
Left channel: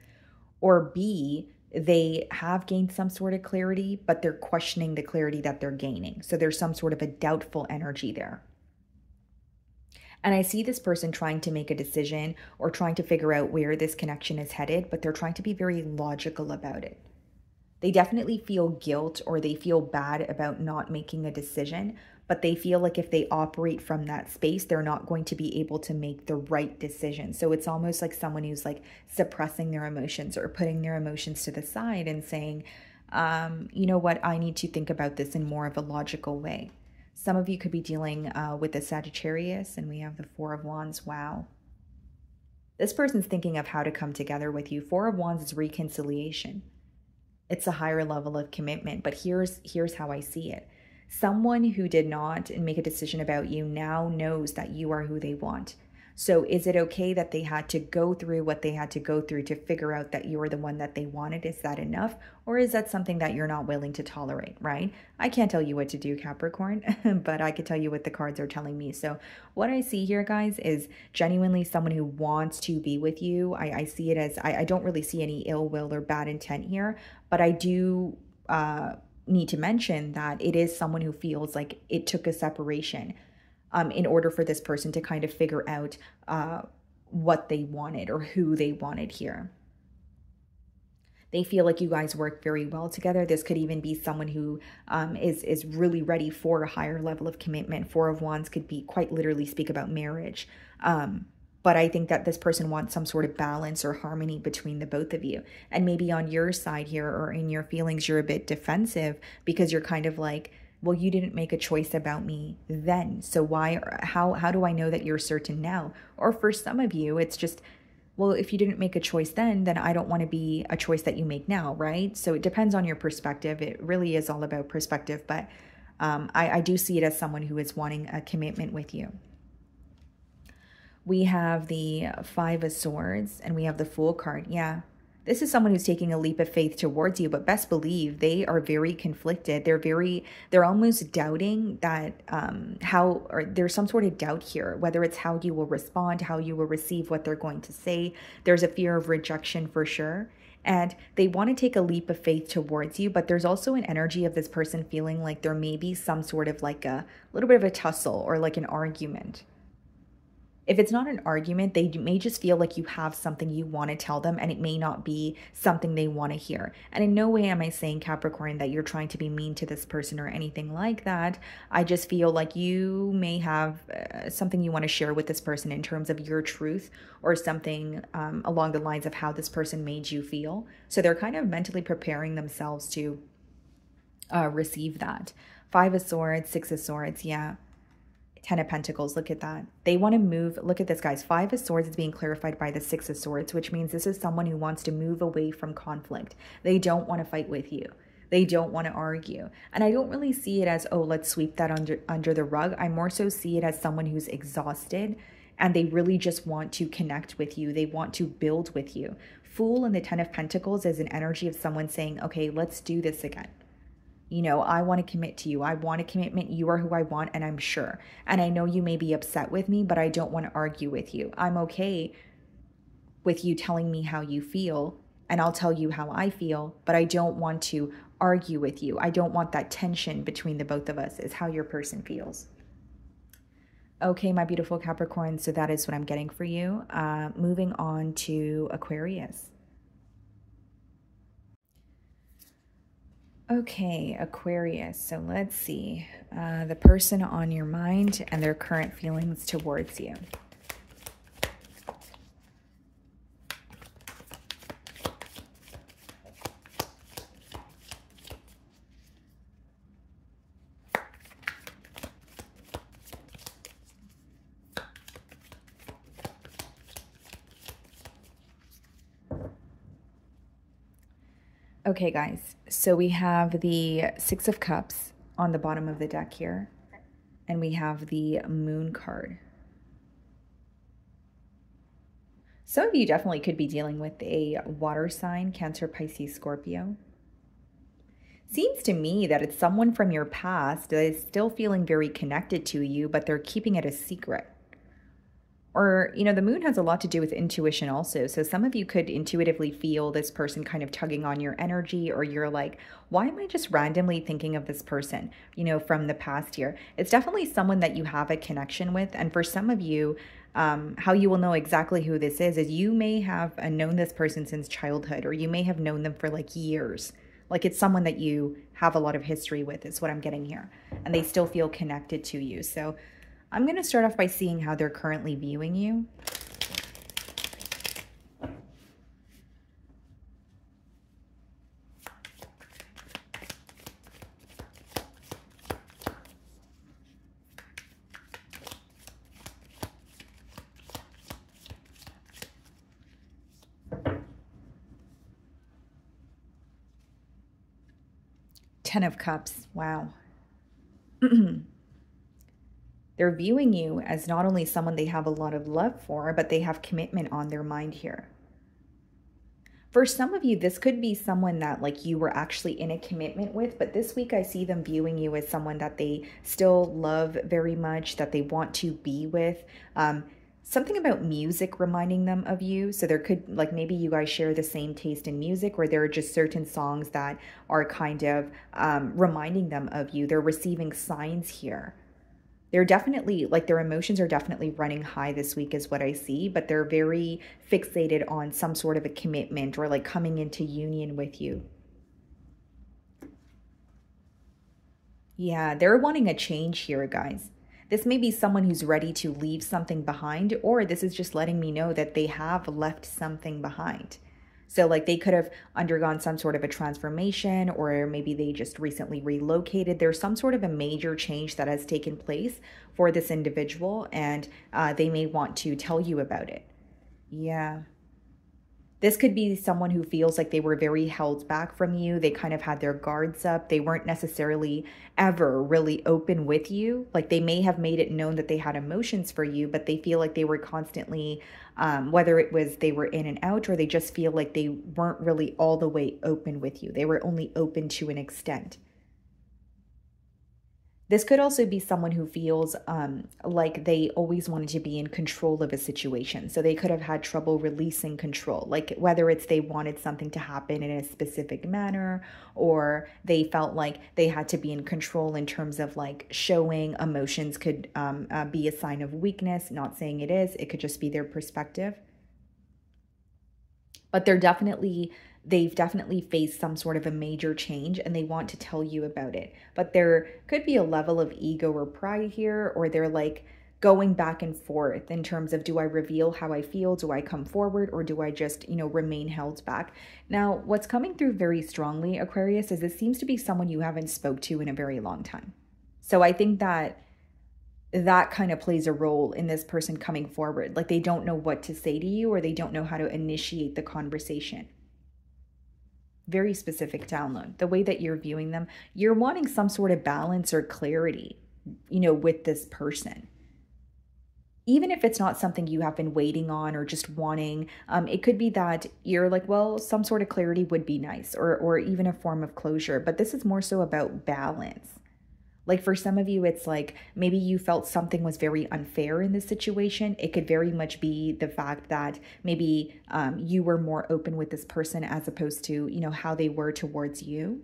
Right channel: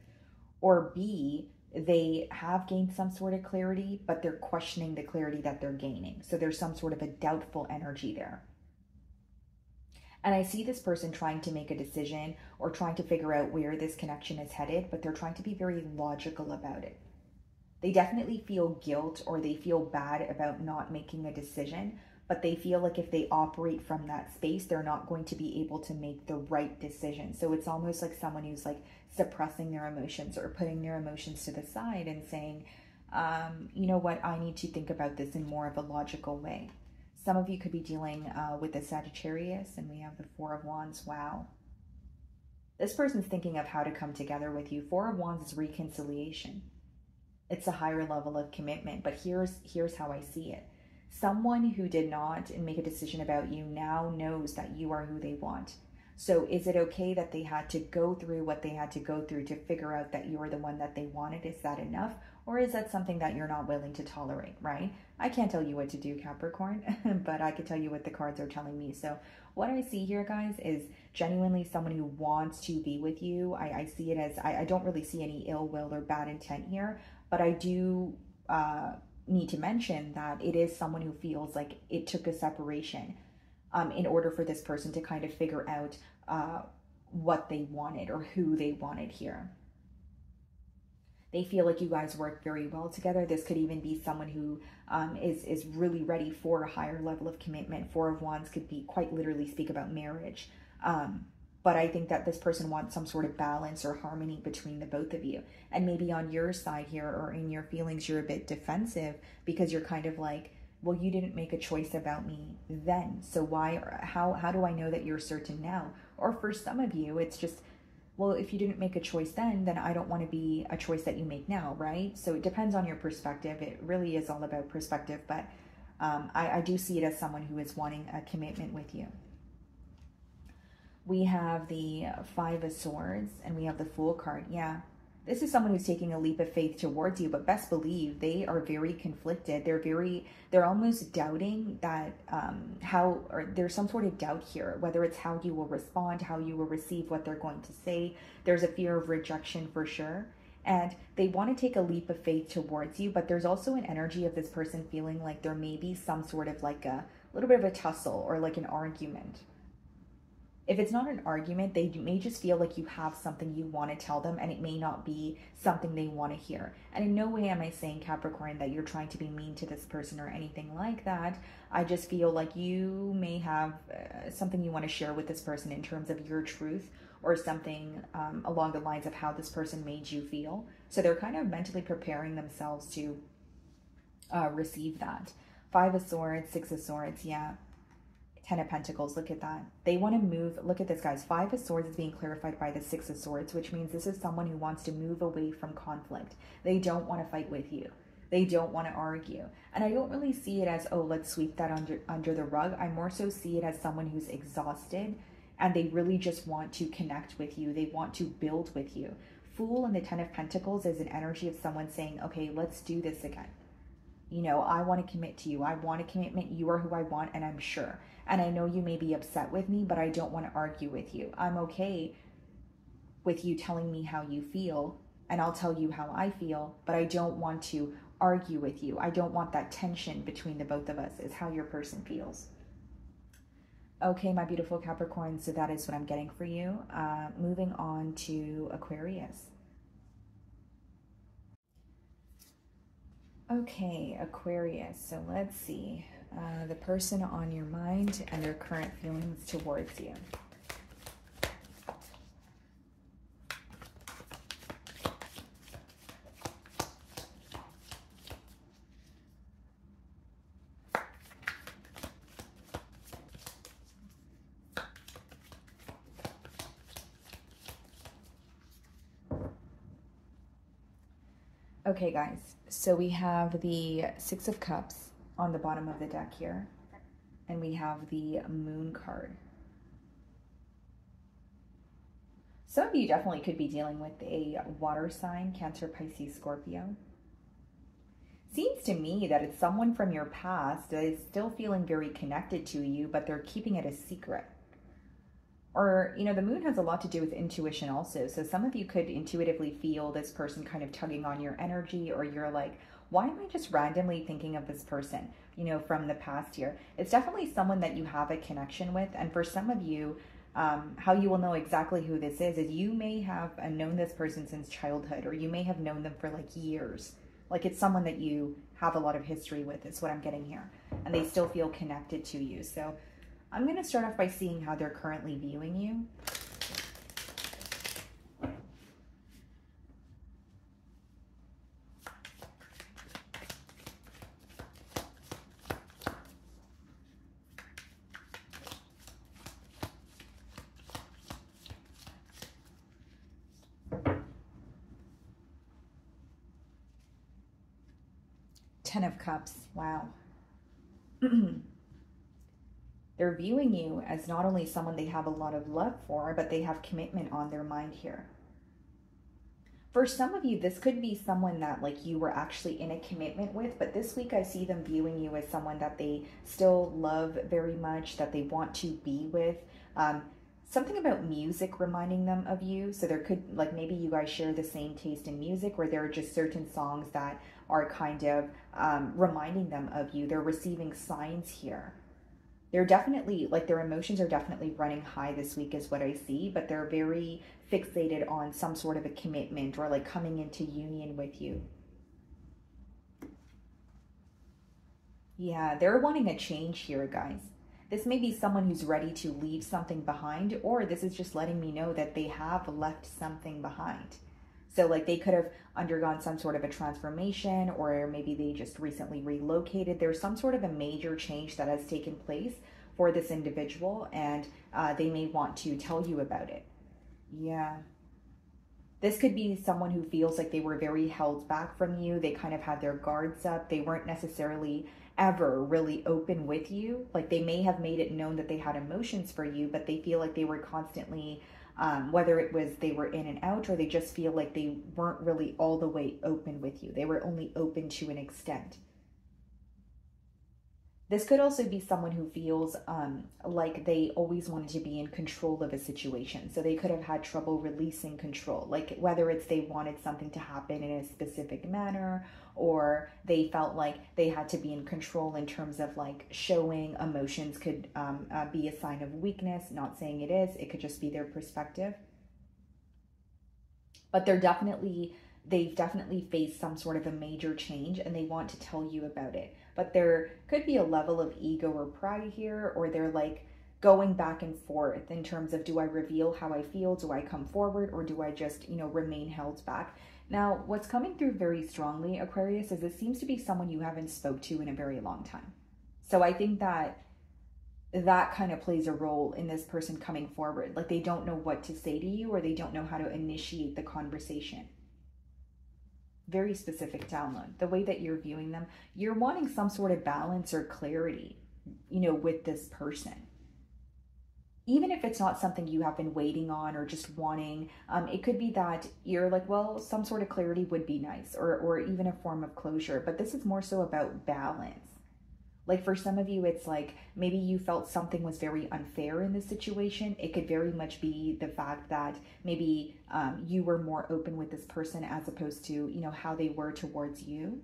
or B, they have gained some sort of clarity, but they're questioning the clarity that they're gaining. So there's some sort of a doubtful energy there. And I see this person trying to make a decision or trying to figure out where this connection is headed, but they're trying to be very logical about it. They definitely feel guilt or they feel bad about not making a decision, but they feel like if they operate from that space, they're not going to be able to make the right decision. So it's almost like someone who's like suppressing their emotions or putting their emotions to the side and saying, you know what, I need to think about this in more of a logical way. Some of you could be dealing with a Sagittarius, and we have the Four of Wands. Wow. This person's thinking of how to come together with you. Four of Wands is reconciliation. It's a higher level of commitment, but here's how I see it. Someone who did not make a decision about you now knows that you are who they want. So is it okay that they had to go through what they had to go through to figure out that you were the one that they wanted? Is that enough? Or is that something that you're not willing to tolerate, right? I can't tell you what to do, Capricorn, but I can tell you what the cards are telling me. So what I see here, guys, is genuinely someone who wants to be with you. I see it as, I don't really see any ill will or bad intent here, but I do need to mention that it is someone who feels like it took a separation in order for this person to kind of figure out what they wanted or who they wanted here. They feel like you guys work very well together. This could even be someone who is really ready for a higher level of commitment. Four of Wands could be quite literally speak about marriage. But I think that this person wants some sort of balance or harmony between the both of you. And maybe on your side here or in your feelings, you're a bit defensive because you're kind of like, well, you didn't make a choice about me then. So why, how do I know that you're certain now? Or for some of you, it's just, well, if you didn't make a choice then I don't want to be a choice that you make now, right? So it depends on your perspective. It really is all about perspective, but I do see it as someone who is wanting a commitment with you. We have the Five of Swords and we have the Fool card. Yeah. This is someone who's taking a leap of faith towards you, but best believe they are very conflicted. They're almost doubting that or there's some sort of doubt here, whether it's how you will respond, how you will receive what they're going to say. There's a fear of rejection for sure. And they want to take a leap of faith towards you, but there's also an energy of this person feeling like there may be some sort of like a little bit of a tussle or like an argument. If it's not an argument, they may just feel like you have something you want to tell them and it may not be something they want to hear. And in no way am I saying, Capricorn, that you're trying to be mean to this person or anything like that. I just feel like you may have something you want to share with this person in terms of your truth or something along the lines of how this person made you feel. So they're kind of mentally preparing themselves to receive that. Five of Swords, Six of Swords, yeah. Ten of Pentacles, look at that. They want to move. Look at this, guys. Five of Swords is being clarified by the Six of Swords, which means this is someone who wants to move away from conflict. They don't want to fight with you. They don't want to argue. And I don't really see it as, oh, let's sweep that under the rug. I more so see it as someone who's exhausted and they really just want to connect with you. They want to build with you. Fool and the Ten of Pentacles is an energy of someone saying, okay, let's do this again. You know, I want to commit to you. I want a commitment. You are who I want, and I'm sure. And I know you may be upset with me, but I don't want to argue with you. I'm okay with you telling me how you feel, and I'll tell you how I feel, but I don't want to argue with you. I don't want that tension between the both of us, is how your person feels. Okay, my beautiful Capricorn, so that is what I'm getting for you. Moving on to Aquarius. Okay, Aquarius, so let's see. The person on your mind and their current feelings towards you. Okay, guys, so we have the Six of Cups on the bottom of the deck here, and we have the Moon card. Some of you definitely could be dealing with a water sign, Cancer, Pisces, Scorpio. Seems to me that it's someone from your past that is still feeling very connected to you, but they're keeping it a secret. Or, you know, the moon has a lot to do with intuition also. So some of you could intuitively feel this person kind of tugging on your energy, or you're like, why am I just randomly thinking of this person, you know, from the past here? It's definitely someone that you have a connection with. And for some of you, how you will know exactly who this is you may have known this person since childhood, or you may have known them for like years. Like it's someone that you have a lot of history with, is what I'm getting here. And they still feel connected to you. So I'm going to start off by seeing how they're currently viewing you. Ten of Cups. Wow. They're viewing you as not only someone they have a lot of love for, but they have commitment on their mind here. For some of you, this could be someone that like you were actually in a commitment with, but this week I see them viewing you as someone that they still love very much, that they want to be with. Something about music reminding them of you. So there could, like, maybe you guys share the same taste in music, where there are just certain songs that are kind of reminding them of you. They're receiving signs here. They're definitely, like, their emotions are definitely running high this week is what I see, but they're very fixated on some sort of a commitment or like coming into union with you. Yeah, they're wanting a change here, guys. This may be someone who's ready to leave something behind, or this is just letting me know that they have left something behind. So like they could have undergone some sort of a transformation, or maybe they just recently relocated. There's some sort of a major change that has taken place for this individual, and they may want to tell you about it. Yeah. This could be someone who feels like they were very held back from you. They kind of had their guards up. They weren't necessarily ever really open with you. Like they may have made it known that they had emotions for you, but they feel like they were constantly, whether it was they were in and out, or they just feel like they weren't really all the way open with you. They were only open to an extent. This could also be someone who feels like they always wanted to be in control of a situation. So they could have had trouble releasing control, like whether it's they wanted something to happen in a specific manner, or they felt like they had to be in control in terms of like showing emotions could be a sign of weakness. Not saying it is, it could just be their perspective. But they've definitely faced some sort of a major change, and they want to tell you about it. But there could be a level of ego or pride here, or they're like going back and forth in terms of, do I reveal how I feel? Do I come forward, or do I just, remain held back? Now, what's coming through very strongly, Aquarius, is this seems to be someone you haven't spoke to in a very long time. So I think that kind of plays a role in this person coming forward. Like they don't know what to say to you, or they don't know how to initiate the conversation. Very specific download. The way that you're viewing them, you're wanting some sort of balance or clarity, with this person. Even if it's not something you have been waiting on or just wanting, it could be that you're like, well, some sort of clarity would be nice, or even a form of closure. But this is more so about balance. Like for some of you, it's like maybe you felt something was very unfair in this situation. It could very much be the fact that maybe you were more open with this person as opposed to, how they were towards you.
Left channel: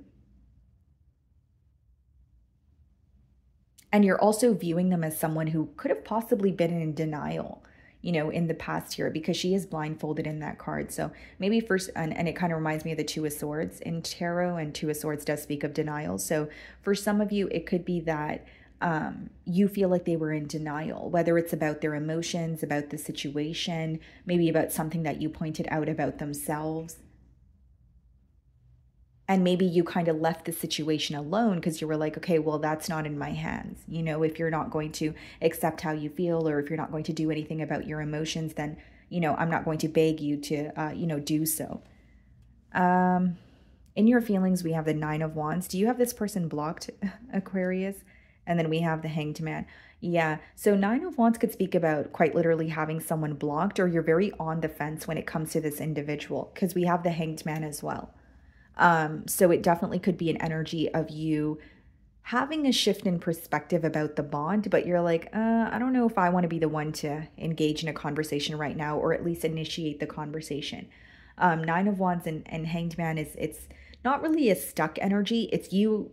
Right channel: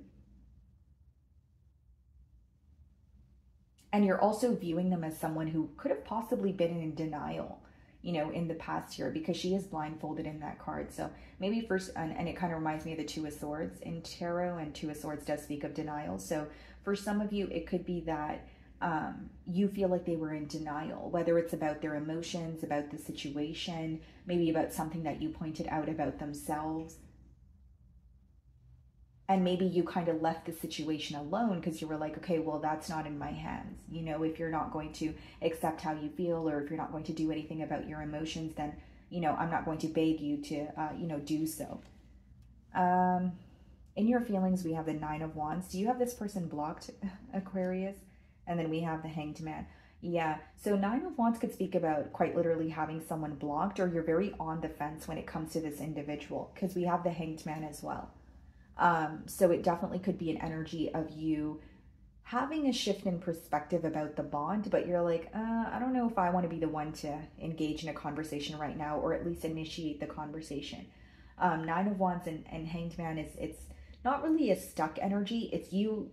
And you're also viewing them as someone who could have possibly been in denial, in the past year, because she is blindfolded in that card. So maybe first, and it kind of reminds me of the Two of Swords in tarot, and Two of Swords does speak of denial. So for some of you, it could be that you feel like they were in denial, whether it's about their emotions, about the situation, maybe about something that you pointed out about themselves. And maybe you kind of left the situation alone because you were like, okay, well, that's not in my hands. If you're not going to accept how you feel, or if you're not going to do anything about your emotions, then, I'm not going to beg you to, do so. In your feelings, we have the Nine of Wands. Do you have this person blocked, Aquarius? And then we have the Hanged Man. Yeah, so Nine of Wands could speak about quite literally having someone blocked, or you're very on the fence when it comes to this individual, because we have the Hanged Man as well. So it definitely could be an energy of you having a shift in perspective about the bond, but you're like, I don't know if I want to be the one to engage in a conversation right now, or at least initiate the conversation. Nine of Wands and Hanged Man it's not really a stuck energy. It's you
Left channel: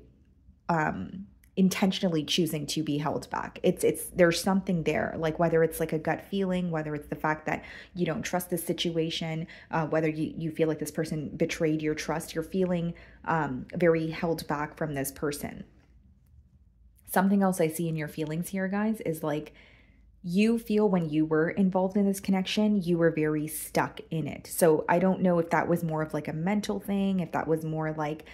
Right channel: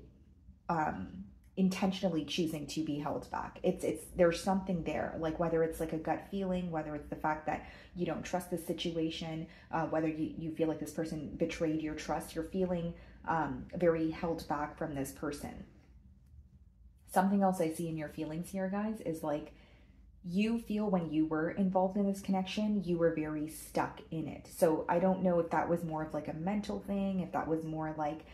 intentionally choosing to be held back. There's something there, like whether it's like a gut feeling, whether it's the fact that you don't trust the situation, whether you feel like this person betrayed your trust, you're feeling very held back from this person. Something else I see in your feelings here, guys, is like you feel when you were involved in this connection, you were very stuck in it. So I don't know if that was more of like a mental thing, if that was more like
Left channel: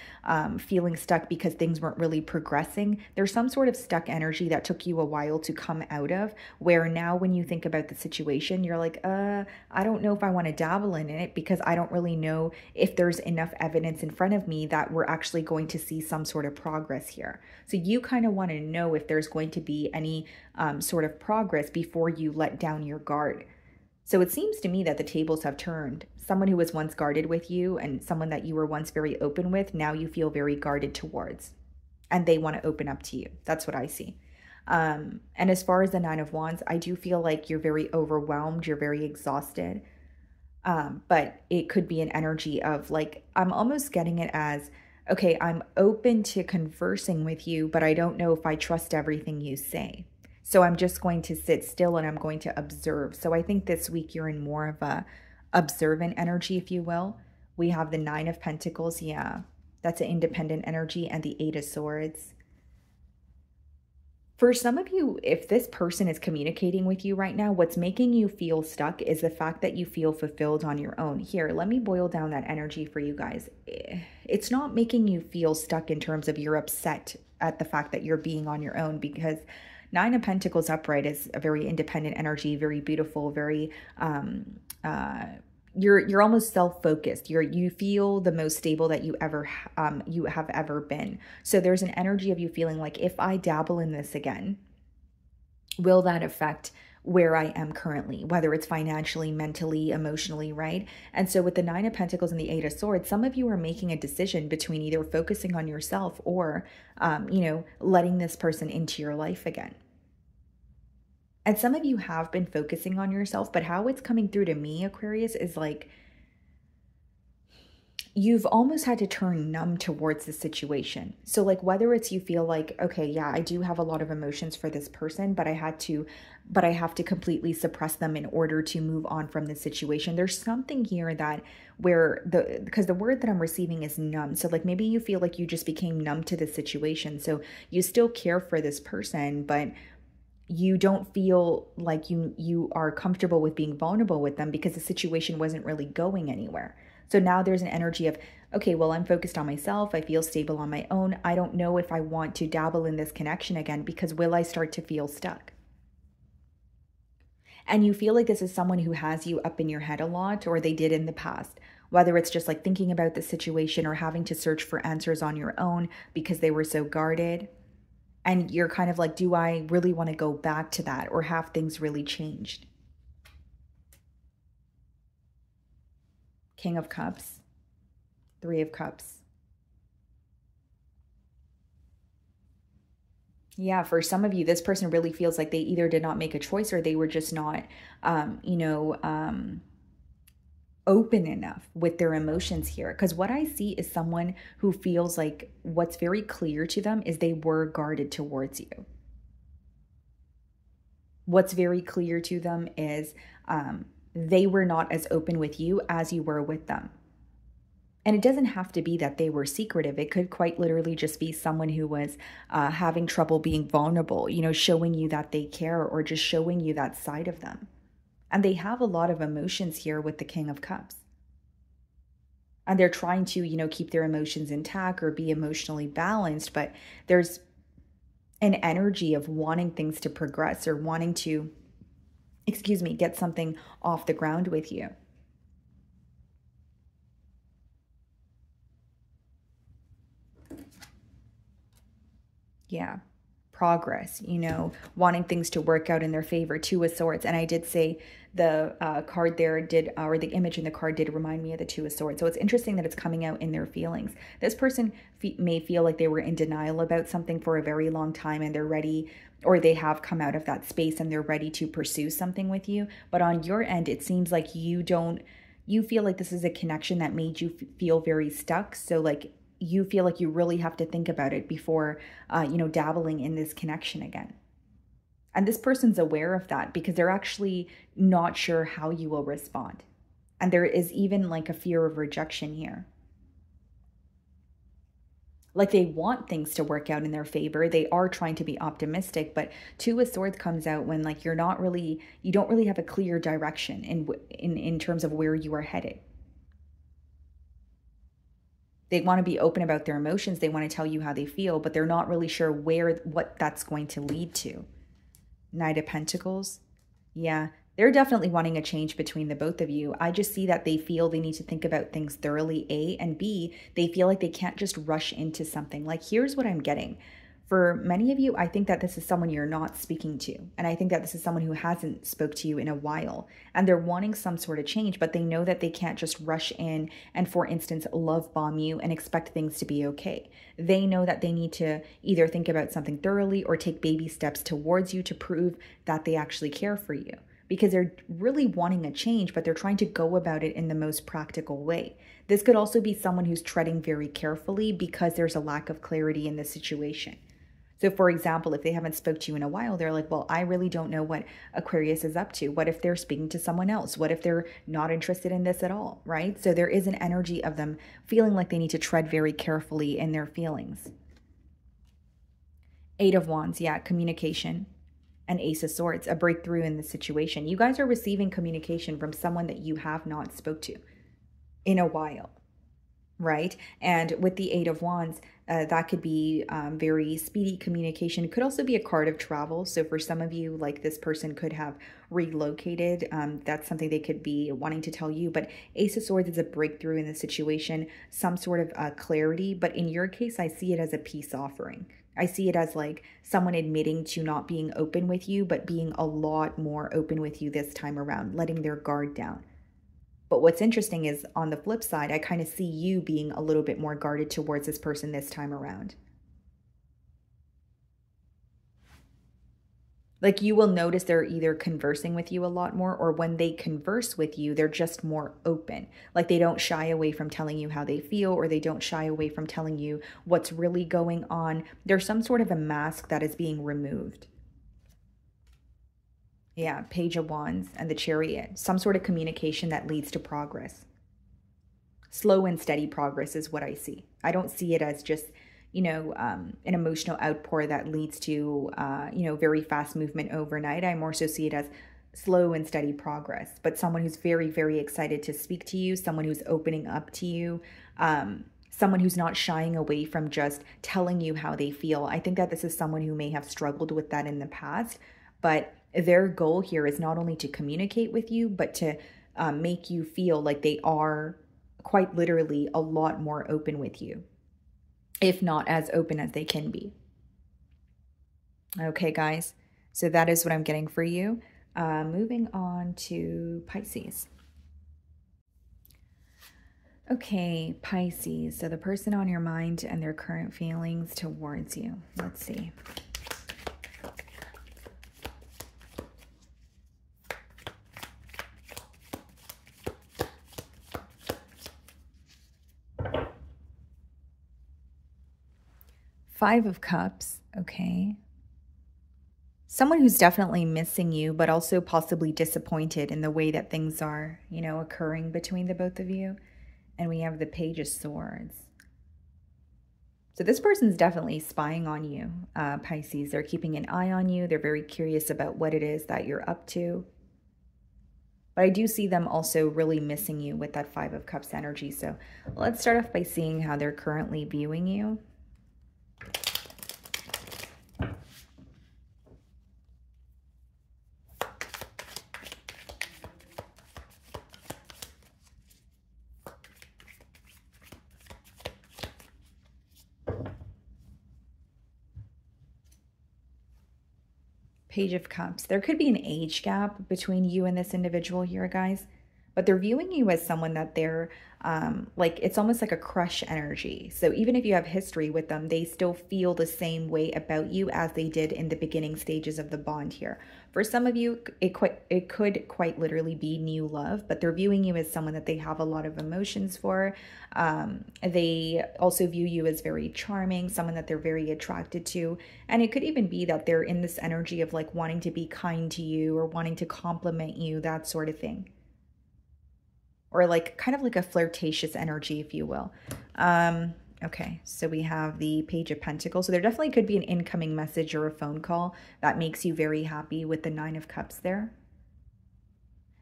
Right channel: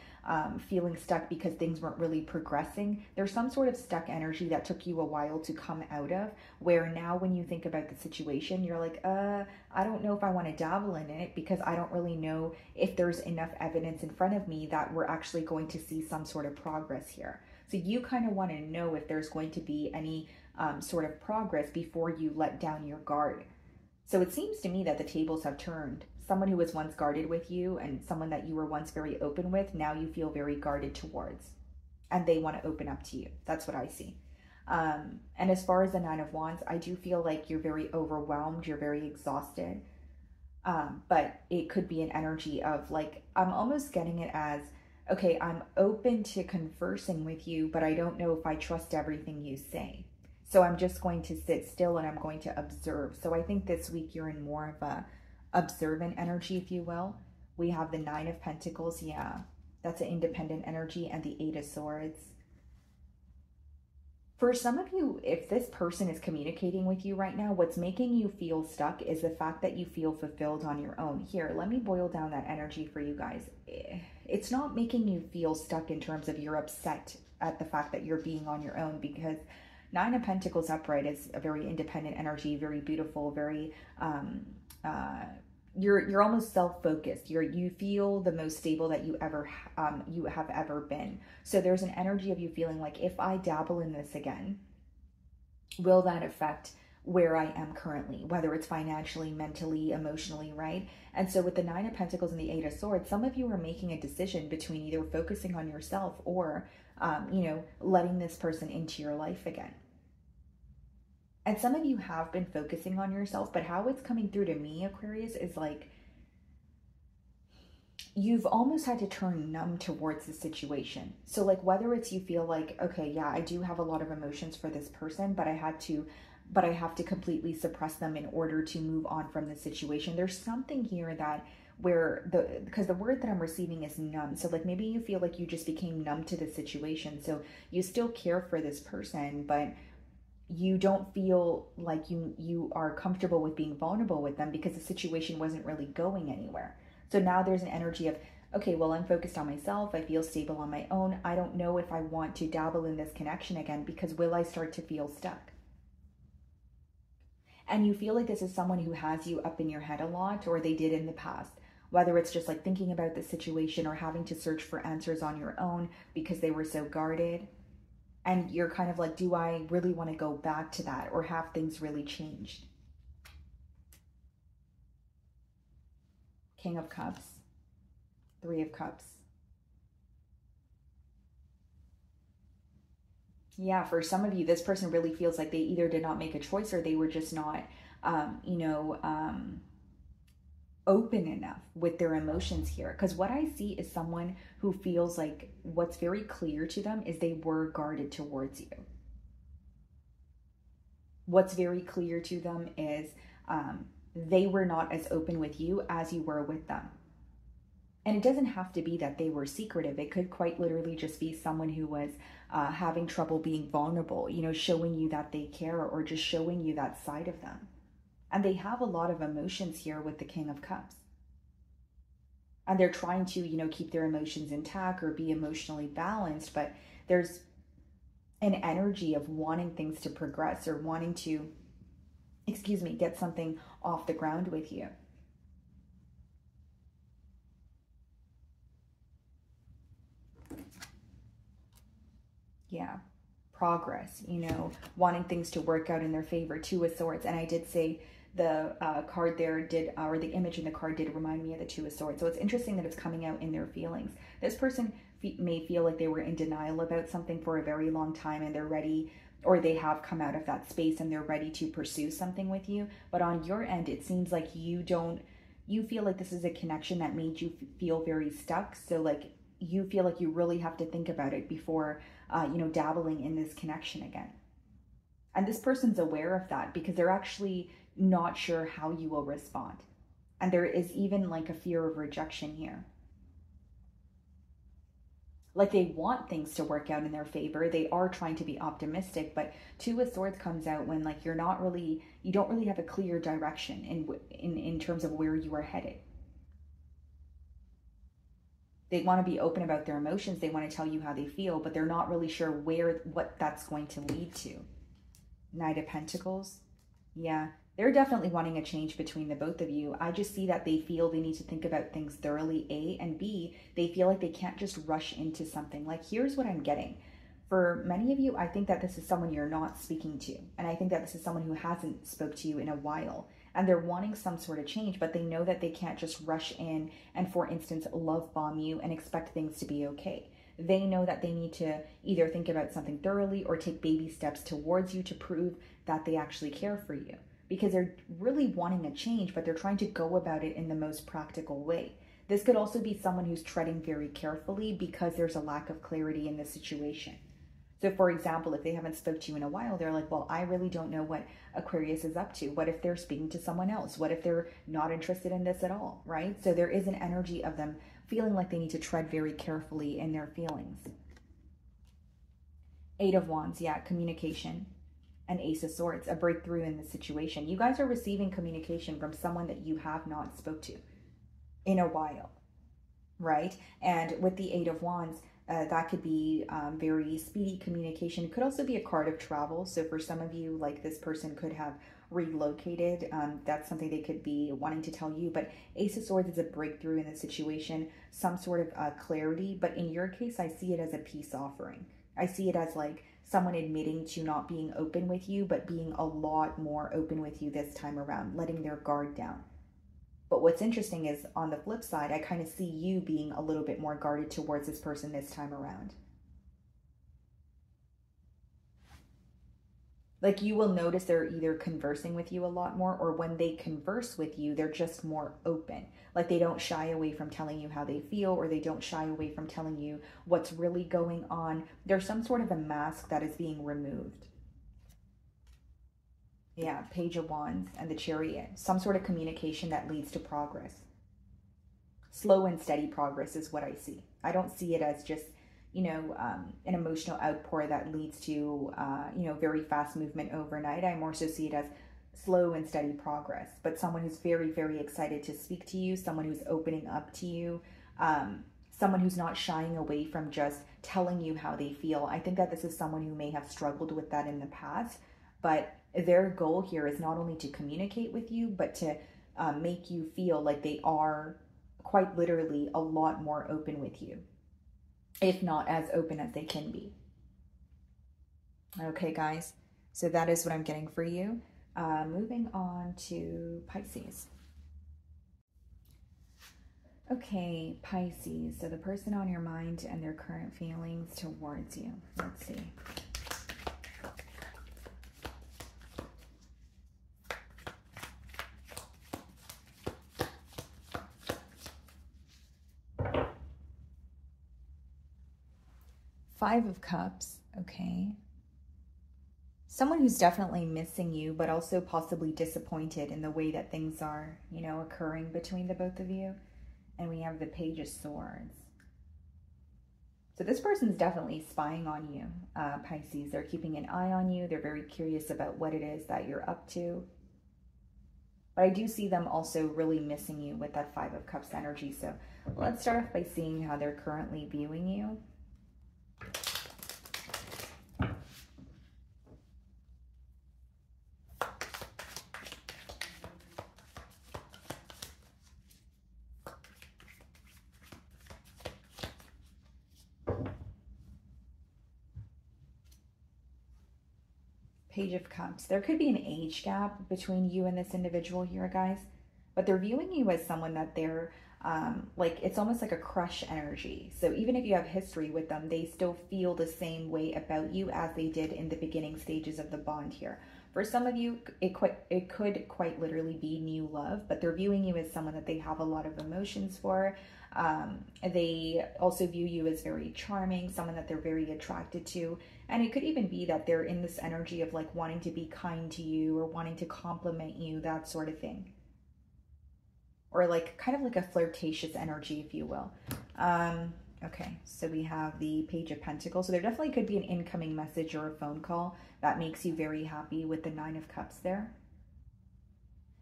feeling stuck because things weren't really progressing. There's some sort of stuck energy that took you a while to come out of, where now when you think about the situation, you're like, I don't know if I want to dabble in it because I don't really know if there's enough evidence in front of me that we're actually going to see some sort of progress here. So you kind of want to know if there's going to be any sort of progress before you let down your guard. So it seems to me that the tables have turned. Someone who was once guarded with you and someone that you were once very open with, now you feel very guarded towards, and they want to open up to you. That's what I see. And as far as the Nine of Wands, I do feel like you're very overwhelmed. You're very exhausted. But it could be an energy of like, I'm almost getting it as, okay, I'm open to conversing with you, but I don't know if I trust everything you say. So I'm just going to sit still and I'm going to observe. So I think this week you're in more of a observant energy, if you will. We have the Nine of Pentacles. Yeah, that's an independent energy, and the Eight of Swords. For some of you, if this person is communicating with you right now, what's making you feel stuck is the fact that you feel fulfilled on your own. Here, let me boil down that energy for you guys. It's not making you feel stuck in terms of you're upset at the fact that you're being on your own, because Nine of Pentacles upright is a very independent energy, very beautiful, very, you're almost self-focused. You feel the most stable that you have ever been. So there's an energy of you feeling like, if I dabble in this again, will that affect where I am currently, whether it's financially, mentally, emotionally, right? And so with the Nine of Pentacles and the Eight of Swords, some of you are making a decision between either focusing on yourself or, letting this person into your life again. And some of you have been focusing on yourself, but how it's coming through to me, Aquarius, is like, you've almost had to turn numb towards the situation. So like, whether it's you feel like, okay, yeah, I do have a lot of emotions for this person, but I have to completely suppress them in order to move on from the situation. There's something here that because the word that I'm receiving is numb. So like, maybe you feel like you just became numb to the situation. So you still care for this person, but you don't feel like you are comfortable with being vulnerable with them because the situation wasn't really going anywhere. So now there's an energy of, okay, well, I'm focused on myself. I feel stable on my own. I don't know if I want to dabble in this connection again, because will I start to feel stuck? And you feel like this is someone who has you up in your head a lot, or they did in the past, whether it's just like thinking about the situation or having to search for answers on your own because they were so guarded. And you're kind of like, do I really want to go back to that, or have things really changed? King of Cups, Three of Cups. Yeah, for some of you, this person really feels like they either did not make a choice or they were just not, open enough with their emotions here. Because what I see is someone who feels like what's very clear to them is they were guarded towards you. What's very clear to them is they were not as open with you as you were with them. And it doesn't have to be that they were secretive. It could quite literally just be someone who was having trouble being vulnerable, showing you that they care, or just showing you that side of them. And they have a lot of emotions here with the King of Cups. And they're trying to, keep their emotions intact or be emotionally balanced. But there's an energy of wanting things to progress, or wanting to, get something off the ground with you. Yeah. Progress, wanting things to work out in their favor. Two of Swords. And I did say the card there or the image in the card did remind me of the Two of Swords. So it's interesting that it's coming out in their feelings. This person may feel like they were in denial about something for a very long time, and they're ready, or they have come out of that space and they're ready to pursue something with you. But on your end, it seems like you feel like this is a connection that made you feel very stuck. So like, you feel like you really have to think about it before, dabbling in this connection again. And this person's aware of that because they're actually not sure how you will respond. And there is even like a fear of rejection here. Like they want things to work out in their favor. They are trying to be optimistic, but Two of Swords comes out when like you don't really have a clear direction in terms of where you are headed. They want to be open about their emotions. They want to tell you how they feel, but they're not really sure what that's going to lead to. Knight of Pentacles. Yeah, they're definitely wanting a change between the both of you. I just see that they feel they need to think about things thoroughly, A, and B, they feel like they can't just rush into something. Like, here's what I'm getting. For many of you, I think that this is someone you're not speaking to. And I think that this is someone who hasn't spoke to you in a while. And they're wanting some sort of change, but they know that they can't just rush in and, for instance, love bomb you and expect things to be okay. They know that they need to either think about something thoroughly or take baby steps towards you to prove that they actually care for you. Because they're really wanting a change, but they're trying to go about it in the most practical way. This could also be someone who's treading very carefully because there's a lack of clarity in the situation. So for example, if they haven't spoke to you in a while, they're like, well, I really don't know what Aquarius is up to. What if they're speaking to someone else? What if they're not interested in this at all, right? So there is an energy of them feeling like they need to tread very carefully in their feelings. Eight of Wands, yeah, communication. And Ace of Swords, a breakthrough in the situation. You guys are receiving communication from someone that you have not spoke to in a while, right? And with the Eight of Wands, that could be very speedy communication. It could also be a card of travel. So for some of you, like this person could have relocated. That's something they could be wanting to tell you. But Ace of Swords is a breakthrough in the situation, some sort of clarity. But in your case, I see it as a peace offering. I see it as like someone admitting to not being open with you, but being a lot more open with you this time around, letting their guard down. But what's interesting is on the flip side, I kind of see you being a little bit more guarded towards this person this time around. Like you will notice they're either conversing with you a lot more, or when they converse with you, they're just more open. Like they don't shy away from telling you how they feel, or they don't shy away from telling you what's really going on. There's some sort of a mask that is being removed. Yeah, Page of Wands and the Chariot. Some sort of communication that leads to progress. Slow and steady progress is what I see. I don't see it as just, you know, an emotional outpour that leads to, you know, very fast movement overnight. I more so see it as slow and steady progress, but someone who's very, very excited to speak to you, someone who's opening up to you, someone who's not shying away from just telling you how they feel. I think that this is someone who may have struggled with that in the past, but their goal here is not only to communicate with you, but to make you feel like they are quite literally a lot more open with you, if not as open as they can be. Okay, guys, so that is what I'm getting for you. Moving on to Pisces. Okay, Pisces, so the person on your mind and their current feelings towards you. Let's see. Five of Cups, okay. Someone who's definitely missing you, but also possibly disappointed in the way that things are, you know, occurring between the both of you. And we have the Page of Swords. So this person's definitely spying on you, Pisces. They're keeping an eye on you. They're very curious about what it is that you're up to. But I do see them also really missing you with that Five of Cups energy. So let's start off by seeing how they're currently viewing you. Page of Cups. There could be an age gap between you and this individual here, guys, but they're viewing you as someone that they're like, it's almost like a crush energy. So even if you have history with them, they still feel the same way about you as they did in the beginning stages of the bond here. For some of you, it could quite literally be new love, but they're viewing you as someone that they have a lot of emotions for. They also view you as very charming, someone that they're very attracted to. And it could even be that they're in this energy of like wanting to be kind to you or wanting to compliment you, that sort of thing. Or like kind of like a flirtatious energy, if you will. Okay, so we have the Page of Pentacles. So there definitely could be an incoming message or a phone call that makes you very happy with the Nine of Cups there.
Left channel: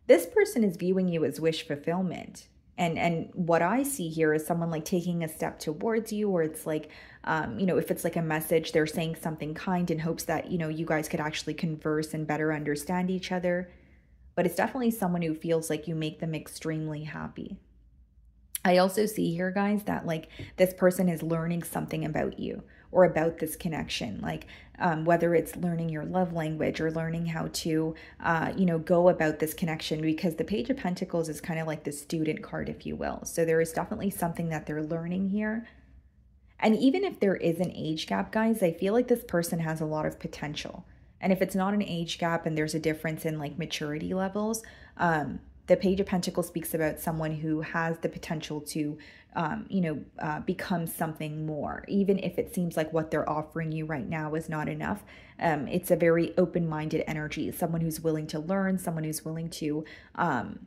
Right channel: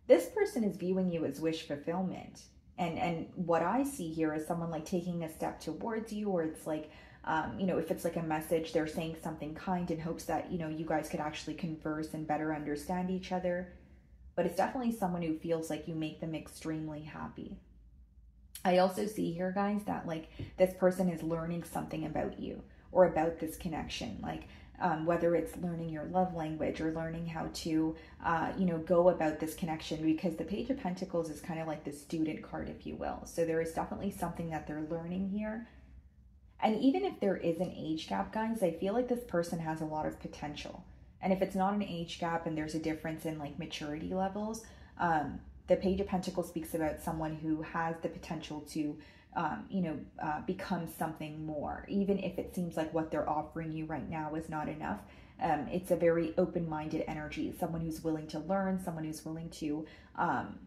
This person is viewing you as wish fulfillment. And what I see here is someone like taking a step towards you, or it's like, you know, if it's like a message, they're saying something kind in hopes that, you know, you guys could actually converse and better understand each other. But it's definitely someone who feels like you make them extremely happy. I also see here, guys, that like this person is learning something about you or about this connection, like whether it's learning your love language or learning how to, you know, go about this connection, because the Page of Pentacles is kind of like the student card, if you will. So there is definitely something that they're learning here. And even if there is an age gap, guys, I feel like this person has a lot of potential. And if it's not an age gap and there's a difference in like maturity levels, the Page of Pentacles speaks about someone who has the potential to, you know, become something more, even if it seems like what they're offering you right now is not enough. It's a very open-minded energy, someone who's willing to learn, someone who's willing to,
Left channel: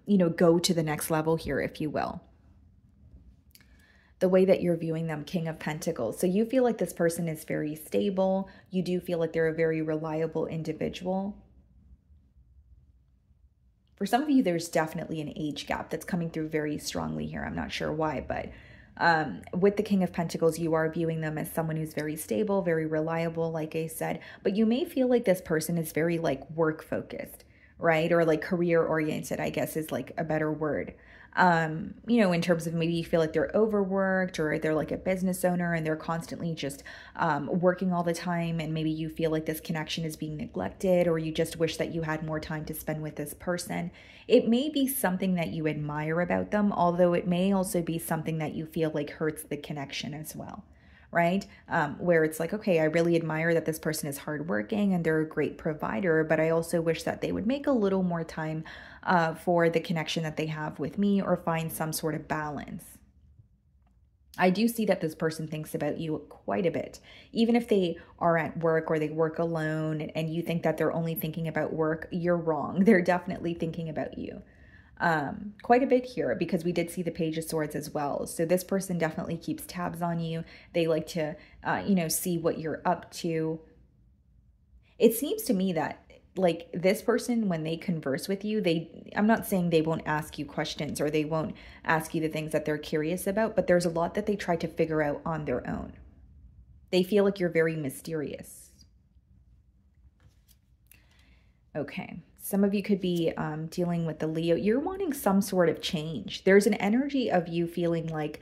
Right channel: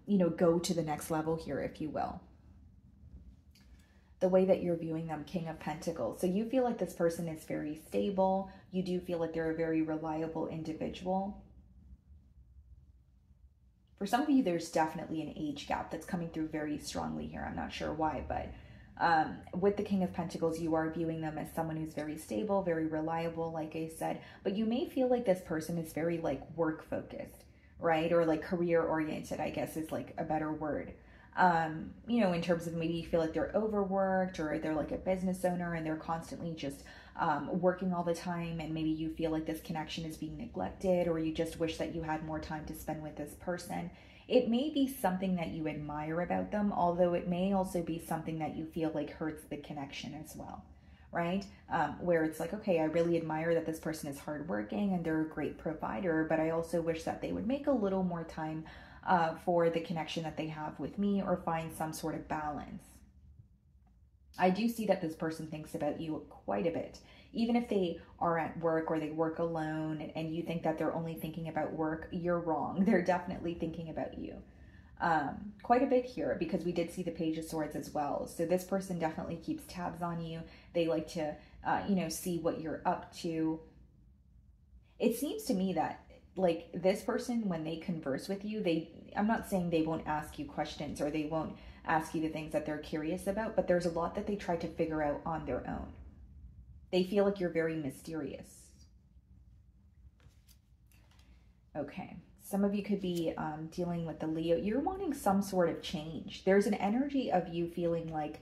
you know, go to the next level here, if you will. The way that you're viewing them, King of Pentacles. So you feel like this person is very stable. You do feel like they're a very reliable individual. For some of you, there's definitely an age gap that's coming through very strongly here. I'm not sure why, but with the King of Pentacles, you are viewing them as someone who's very stable, very reliable, like I said. But you may feel like this person is very like work focused, right? Or like career oriented, I guess is like a better word. You know, in terms of maybe you feel like they're overworked, or they're like a business owner and they're constantly just working all the time, and maybe you feel like this connection is being neglected, or you just wish that you had more time to spend with this person. It may be something that you admire about them, although it may also be something that you feel like hurts the connection as well, right? Where it's like, okay, I really admire that this person is hardworking and they're a great provider, but I also wish that they would make a little more time for the connection that they have with me, or find some sort of balance. I do see that this person thinks about you quite a bit, even if they are at work or they work alone and you think that they're only thinking about work. You're wrong. They're definitely thinking about you quite a bit here, because we did see the Page of Swords as well. So this person definitely keeps tabs on you. They like to, you know, see what you're up to. It seems to me that like this person, when they converse with you, I'm not saying they won't ask you questions or they won't ask you the things that they're curious about, but there's a lot that they try to figure out on their own. They feel like you're very mysterious. Okay. Some of you could be dealing with the Leo. You're wanting some sort of change. There's an energy of you feeling like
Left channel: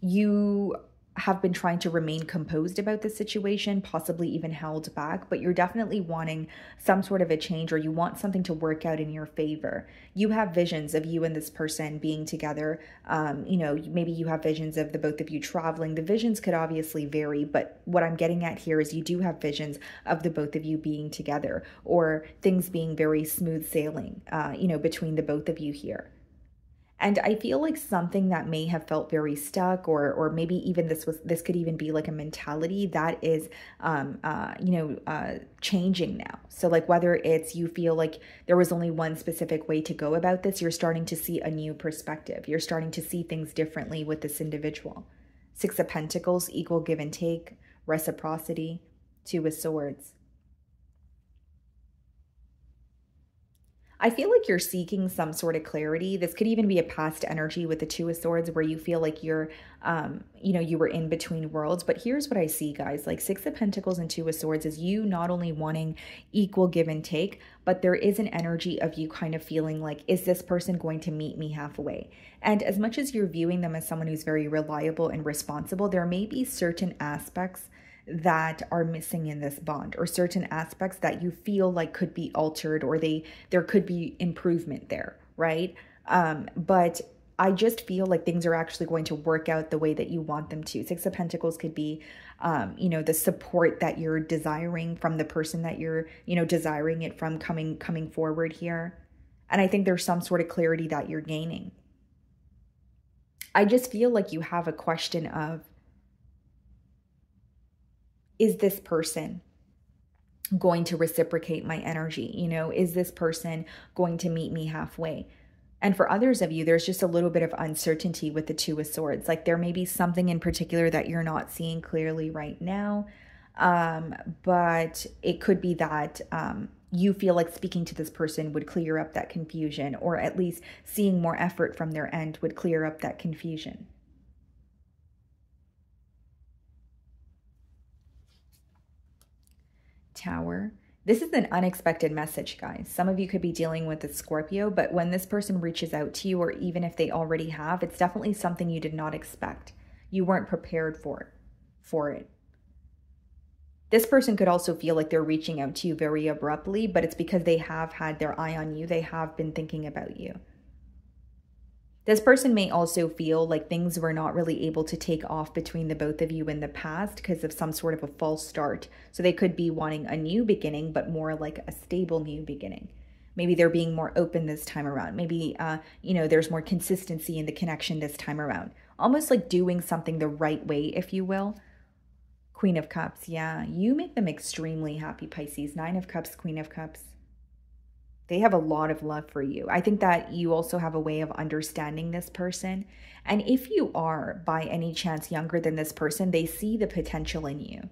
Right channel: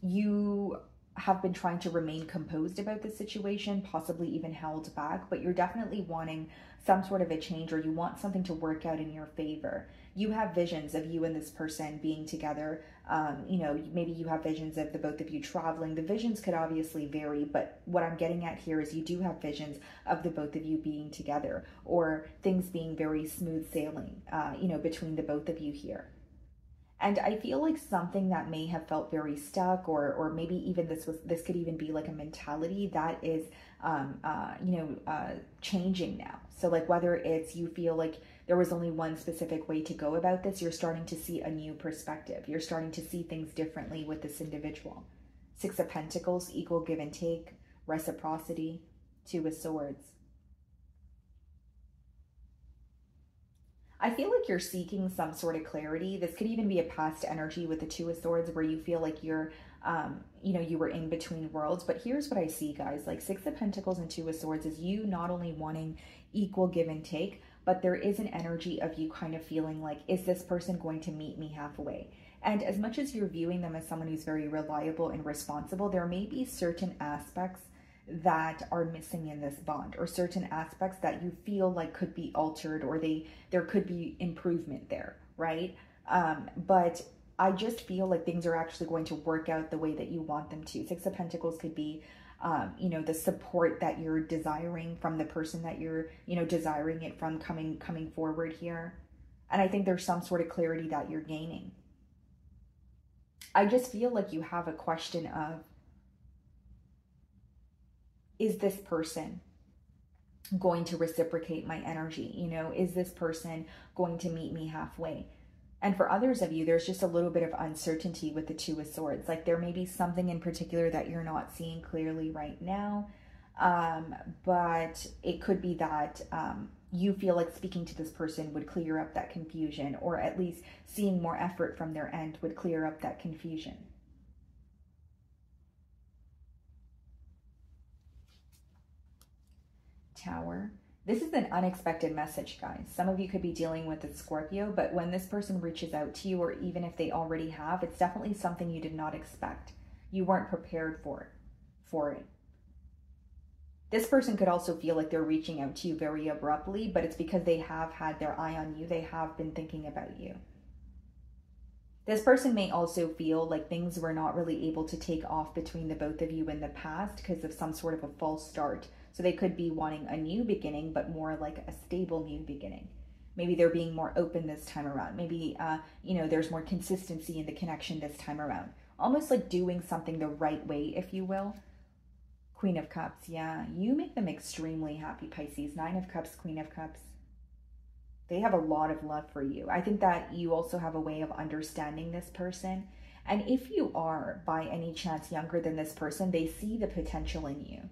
you have been trying to remain composed about the situation, possibly even held back, but you're definitely wanting some sort of a change, or you want something to work out in your favor. You have visions of you and this person being together. You know, maybe you have visions of the both of you traveling. The visions could obviously vary, but what I'm getting at here is you do have visions of the both of you being together, or things being very smooth sailing, you know, between the both of you here. And I feel like something that may have felt very stuck, or maybe even this could even be like a mentality that is, you know, changing now. So like whether it's you feel like there was only one specific way to go about this, you're starting to see a new perspective. You're starting to see things differently with this individual. Six of Pentacles, equal give and take, reciprocity, Two of Swords. I feel like you're seeking some sort of clarity. This could even be a past energy with the Two of Swords, where you feel like you're, you know, you were in between worlds. But here's what I see, guys. Like Six of Pentacles and Two of Swords is you not only wanting equal give and take, but there is an energy of you kind of feeling like, is this person going to meet me halfway? And as much as you're viewing them as someone who's very reliable and responsible, there may be certain aspects that are missing in this bond, or certain aspects that you feel like could be altered, or there could be improvement there, right? But I just feel like things are actually going to work out the way that you want them to. Six of Pentacles could be, you know, the support that you're desiring from the person that you're, you know, desiring it from coming forward here. And I think there's some sort of clarity that you're gaining. I just feel like you have a question of, is this person going to reciprocate my energy? You know, is this person going to meet me halfway? And for others of you, there's just a little bit of uncertainty with the Two of Swords. Like there may be something in particular that you're not seeing clearly right now. But it could be that you feel like speaking to this person would clear up that confusion, or at least seeing more effort from their end would clear up that confusion. Tower. This is an unexpected message, guys. Some of you could be dealing with a Scorpio, but when this person reaches out to you, or even if they already have, it's definitely something you did not expect. You weren't prepared for it. This person could also feel like they're reaching out to you very abruptly, but it's because they have had their eye on you. They have been thinking about you. This person may also feel like things were not really able to take off between the both of you in the past because of some sort of a false start. So they could be wanting a new beginning, but more like a stable new beginning. Maybe they're being more open this time around. Maybe, you know, there's more consistency in the connection this time around. Almost like doing something the right way, if you will. Queen of Cups, yeah. You make them extremely happy, Pisces. Nine of Cups, Queen of Cups. They have a lot of love for you. I think that you also have a way of understanding this person. And if you are, by any chance, younger than this person, they see the potential in you.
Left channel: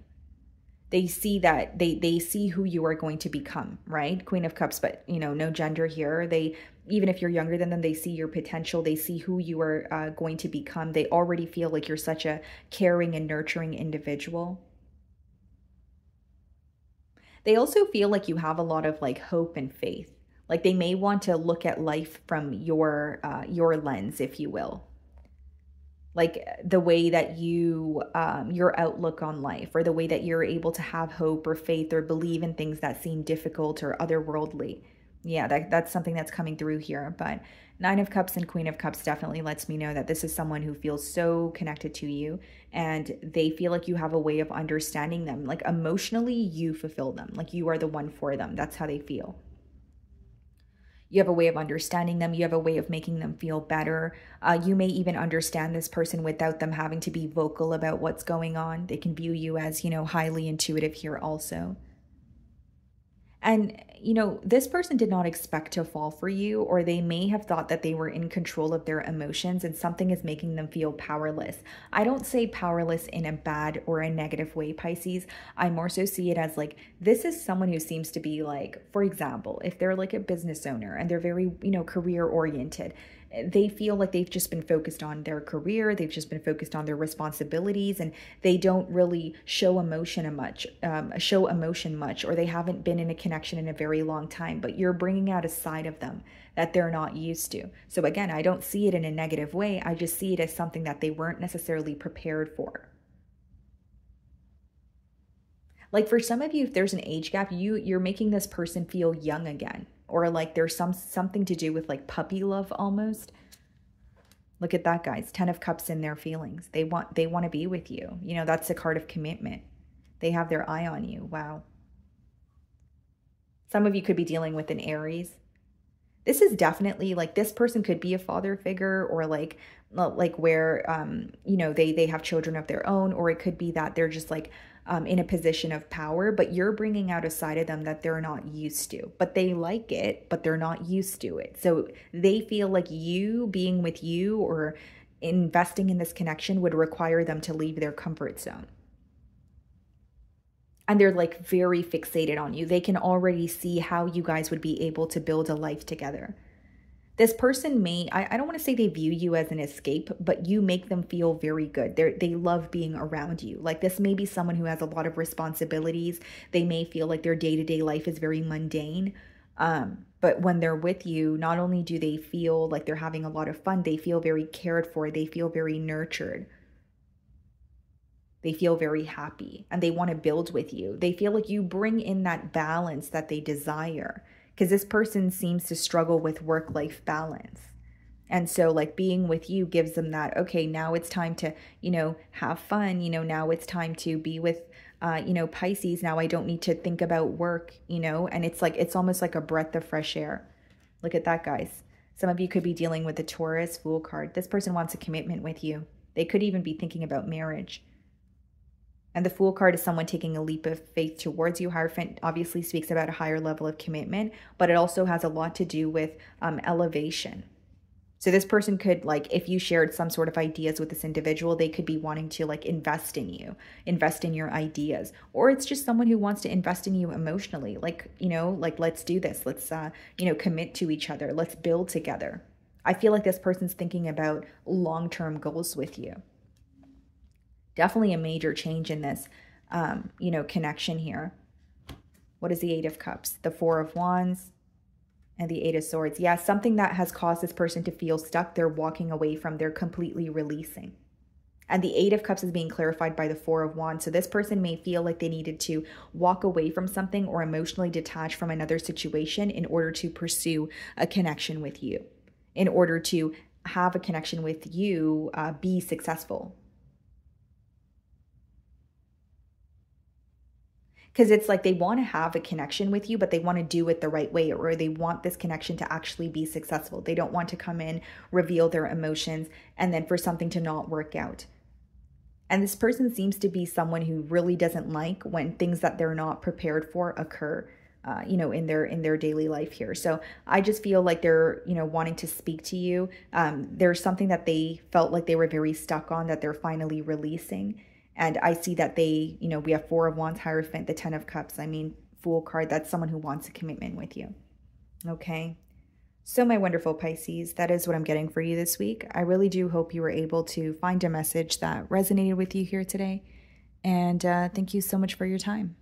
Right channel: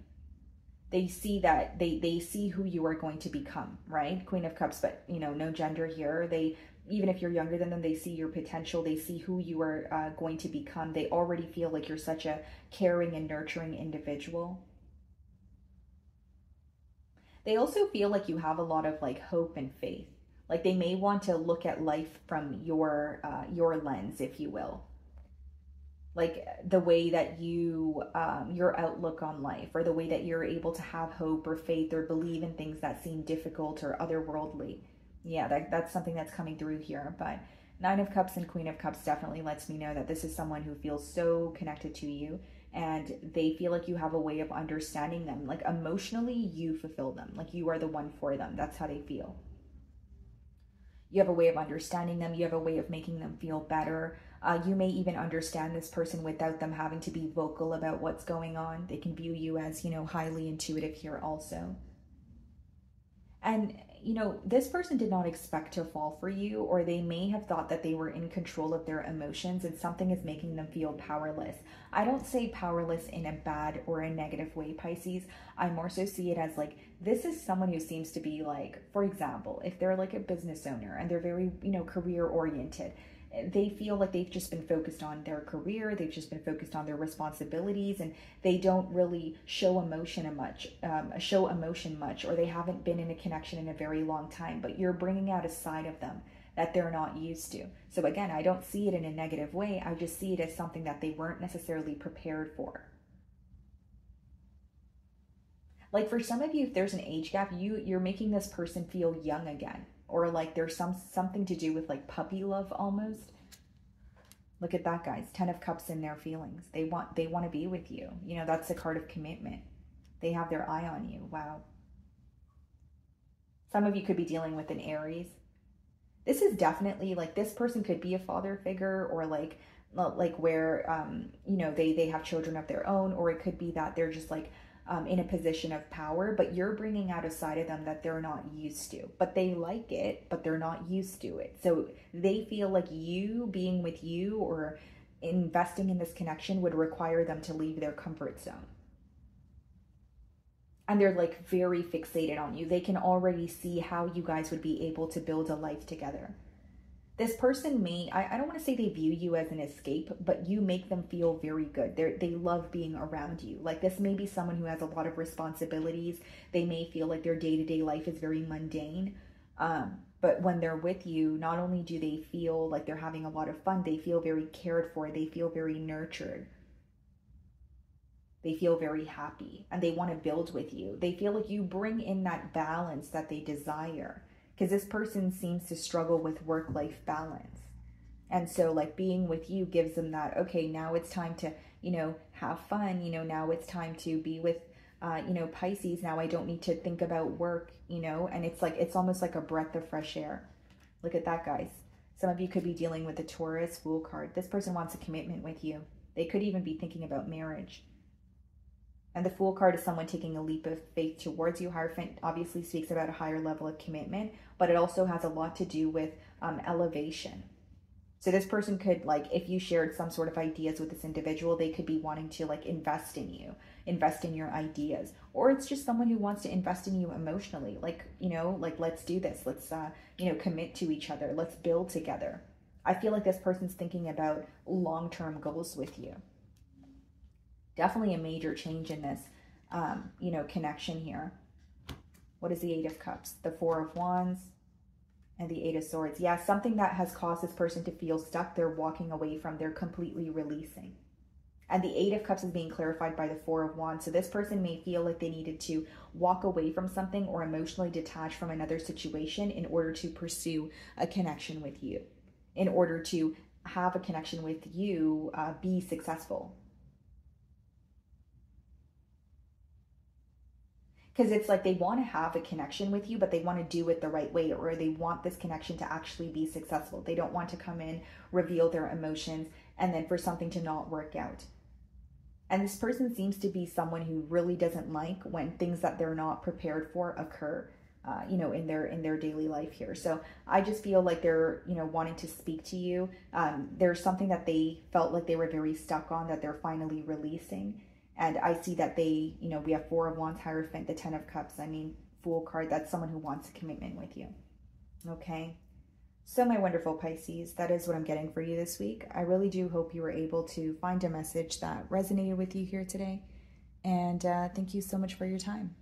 They see that, they see who you are going to become, right? Queen of Cups, but, you know, no gender here. Even if you're younger than them, they see your potential. They see who you are going to become. They already feel like you're such a caring and nurturing individual. They also feel like you have a lot of like hope and faith. Like they may want to look at life from your lens, if you will. Like the way that you, your outlook on life, or the way that you're able to have hope or faith or believe in things that seem difficult or otherworldly. Yeah, that's something that's coming through here. But Nine of Cups and Queen of Cups definitely lets me know that this is someone who feels so connected to you, and they feel like you have a way of understanding them. Like emotionally, you fulfill them. Like you are the one for them. That's how they feel. You have a way of understanding them. You have a way of making them feel better. You may even understand this person without them having to be vocal about what's going on. They can view you as, you know, highly intuitive here also. And, you know, this person did not expect to fall for you, or they may have thought that they were in control of their emotions and something is making them feel powerless. I don't say powerless in a bad or a negative way, Pisces. I more so see it as like, this is someone who seems to be like, for example, if they're like a business owner and they're very, you know, career oriented, they feel like they've just been focused on their career. They've just been focused on their responsibilities, and they don't really show emotion much, or they haven't been in a connection in a very long time. But you're bringing out a side of them that they're not used to. So again, I don't see it in a negative way. I just see it as something that they weren't necessarily prepared for. Like for some of you, if there's an age gap, you're making this person feel young again. Or like there's something to do with like puppy love almost. Look at that, guys. 10 of Cups in their feelings. They want to be with you. You know, that's a card of commitment. They have their eye on you. Wow. Some of you could be dealing with an Aries. This is definitely like, this person could be a father figure, or like where, you know, they have children of their own, or it could be that they're just like, in a position of power, but you're bringing out a side of them that they're not used to, but they like it, but they're not used to it. So they feel like you being with you or investing in this connection would require them to leave their comfort zone. And they're like very fixated on you. They can already see how you guys would be able to build a life together. This person may, I don't want to say they view you as an escape, but you make them feel very good. They love being around you. Like this may be someone who has a lot of responsibilities. They may feel like their day-to-day life is very mundane. But when they're with you, not only do they feel like they're having a lot of fun, they feel very cared for. They feel very nurtured. They feel very happy, and they want to build with you. They feel like you bring in that balance that they desire. Because this person seems to struggle with work-life balance. And so like being with you gives them that, okay, now it's time to, you know, have fun. You know, now it's time to be with, you know, Pisces. Now I don't need to think about work, you know, and it's like, it's almost like a breath of fresh air. Look at that, guys. Some of you could be dealing with the Taurus Fool card. This person wants a commitment with you. They could even be thinking about marriage. And the Fool card is someone taking a leap of faith towards you. Hierophant obviously speaks about a higher level of commitment, but it also has a lot to do with elevation. So this person could, like, if you shared some sort of ideas with this individual, they could be wanting to like invest in you, invest in your ideas. Or it's just someone who wants to invest in you emotionally. Like, you know, like, let's do this. Let's, you know, commit to each other. Let's build together. I feel like this person's thinking about long-term goals with you. Definitely a major change in this, you know, connection here. What is the Eight of Cups? The Four of Wands and the Eight of Swords. Yeah, something that has caused this person to feel stuck, they're walking away from, they're completely releasing. And the Eight of Cups is being clarified by the Four of Wands. So this person may feel like they needed to walk away from something or emotionally detach from another situation in order to pursue a connection with you, in order to have a connection with you, be successful. Because it's like they want to have a connection with you, but they want to do it the right way, or they want this connection to actually be successful. They don't want to come in, reveal their emotions, and then for something to not work out. And this person seems to be someone who really doesn't like when things that they're not prepared for occur, you know, in their daily life here. So I just feel like they're, you know, wanting to speak to you. There's something that they felt like they were very stuck on that they're finally releasing. And I see that they, you know, we have Four of Wands, Hierophant, the Ten of Cups. I mean, Fool card, that's someone who wants a commitment with you. Okay. So my wonderful Pisces, that is what I'm getting for you this week. I really do hope you were able to find a message that resonated with you here today. And thank you so much for your time.